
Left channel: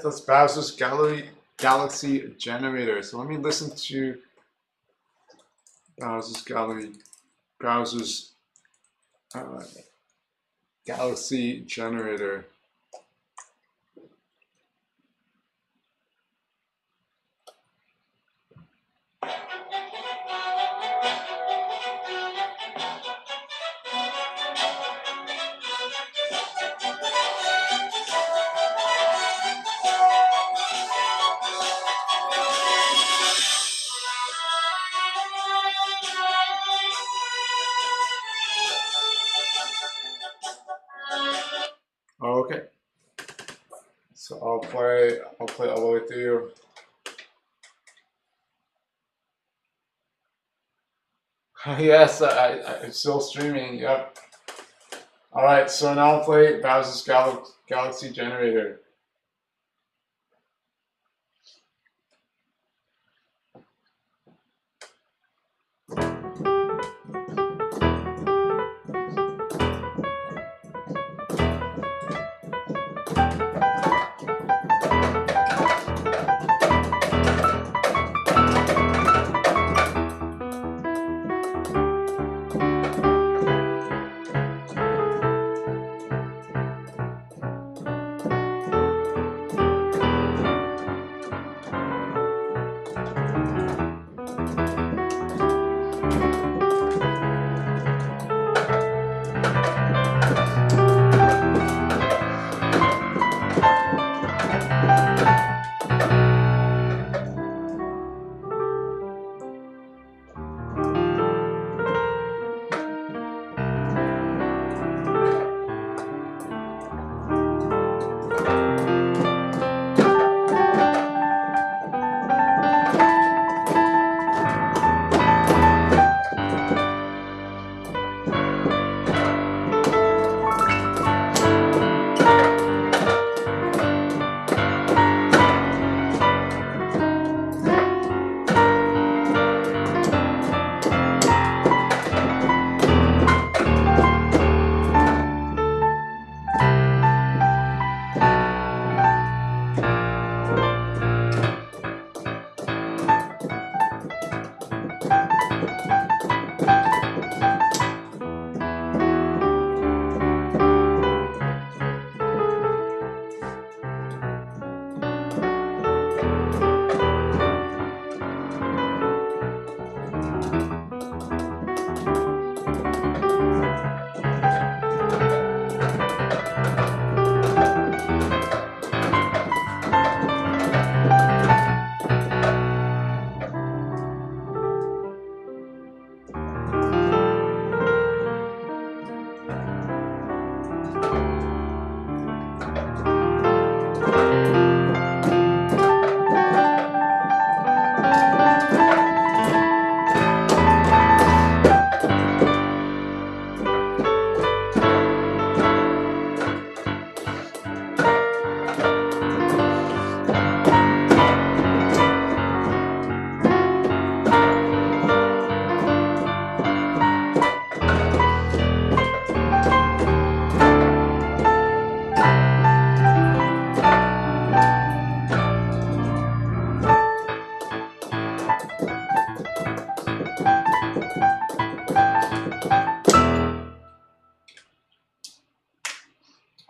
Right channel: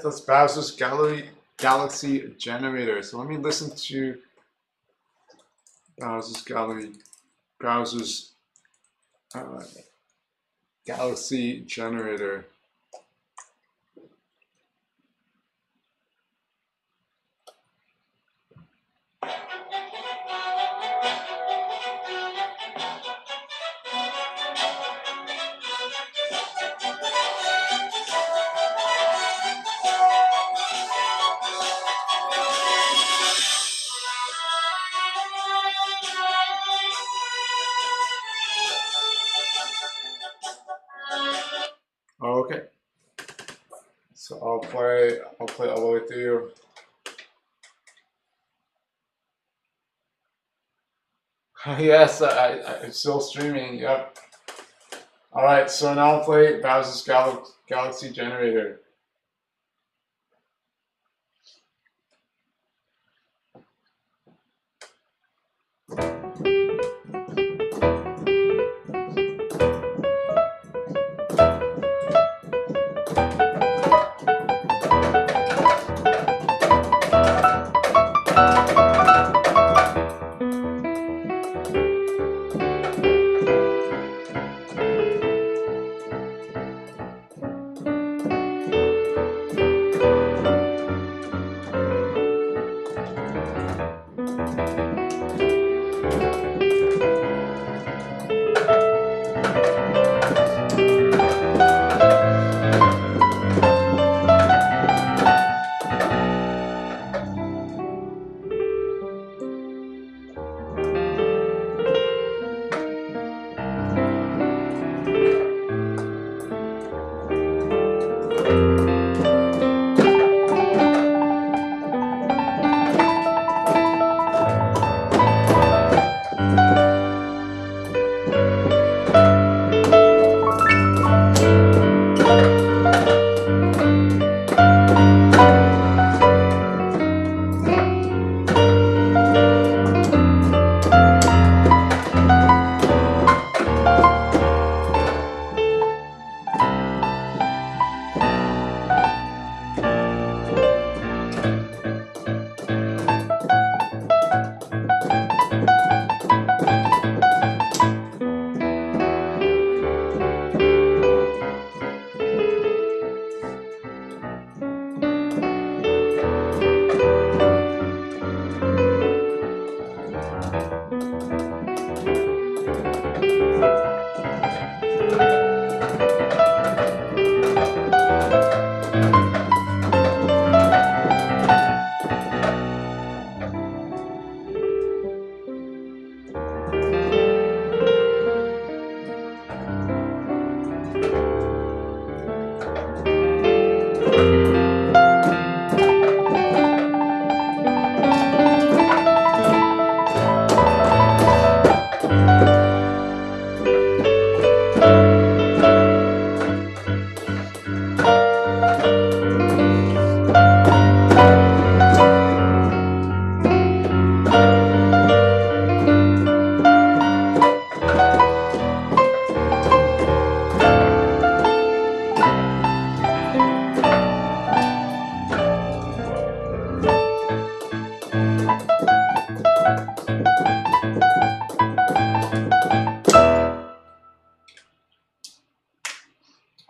right, that's Bowser's Galaxy Generator. So let me listen to Bowser's Galaxy Generator. Okay. So I'll play all the way through. Yes, I'm still streaming. Yep. All right. So now I'll play Bowser's Galaxy Generator.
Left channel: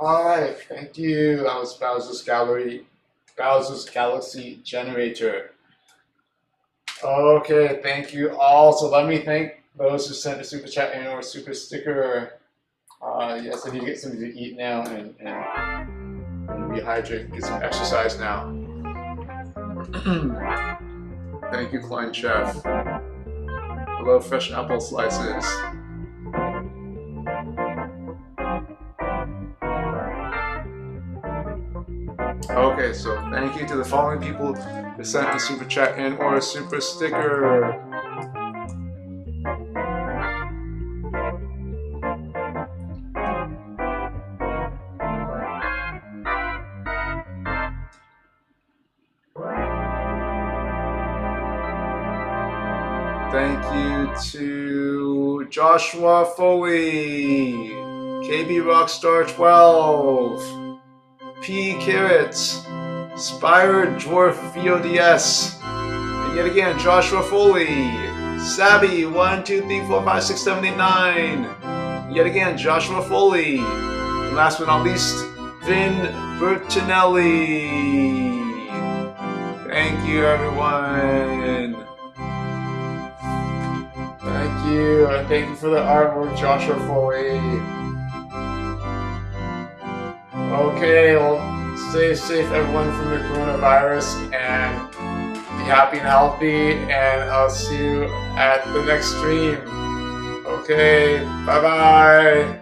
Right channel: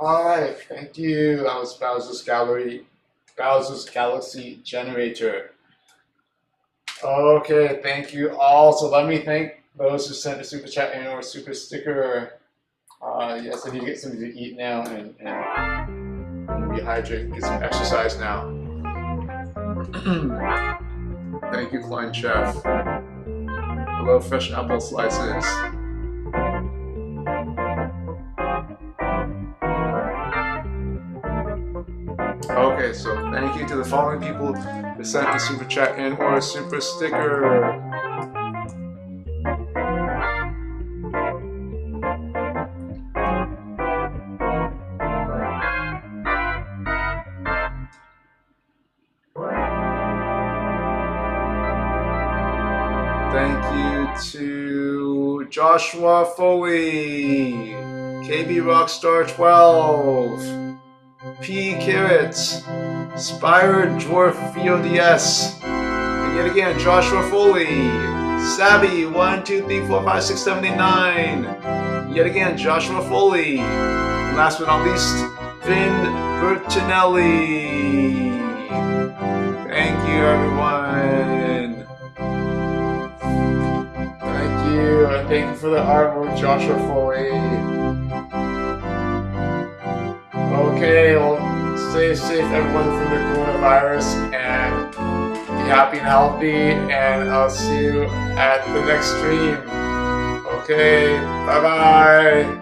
All right, thank you. That was Bowser's Galaxy Generator. Okay, thank you all. So let me thank those who sent a super chat and or super sticker. Yes, I need to get something to eat now and rehydrate, get some exercise now. Thank you, Flying Chef. I love fresh apple slices. Okay, so thank you to the following people who sent the super chat and or a super sticker. Thank you to Joshua Foley, KB Rockstar 12, P Carrots, Spire Dwarf VODS. And yet again, Joshua Foley. Sabby 1, 2, 3, 4, 5, 6, 7, 8, 9. Yet again, Joshua Foley. And last but not least, Vin Bertinelli. Thank you, everyone. Thank you. And thank you for the artwork, Joshua Foley. Okay, well, stay safe, everyone, from the coronavirus, and be happy and healthy, and I'll see you at the next stream. Okay, bye-bye.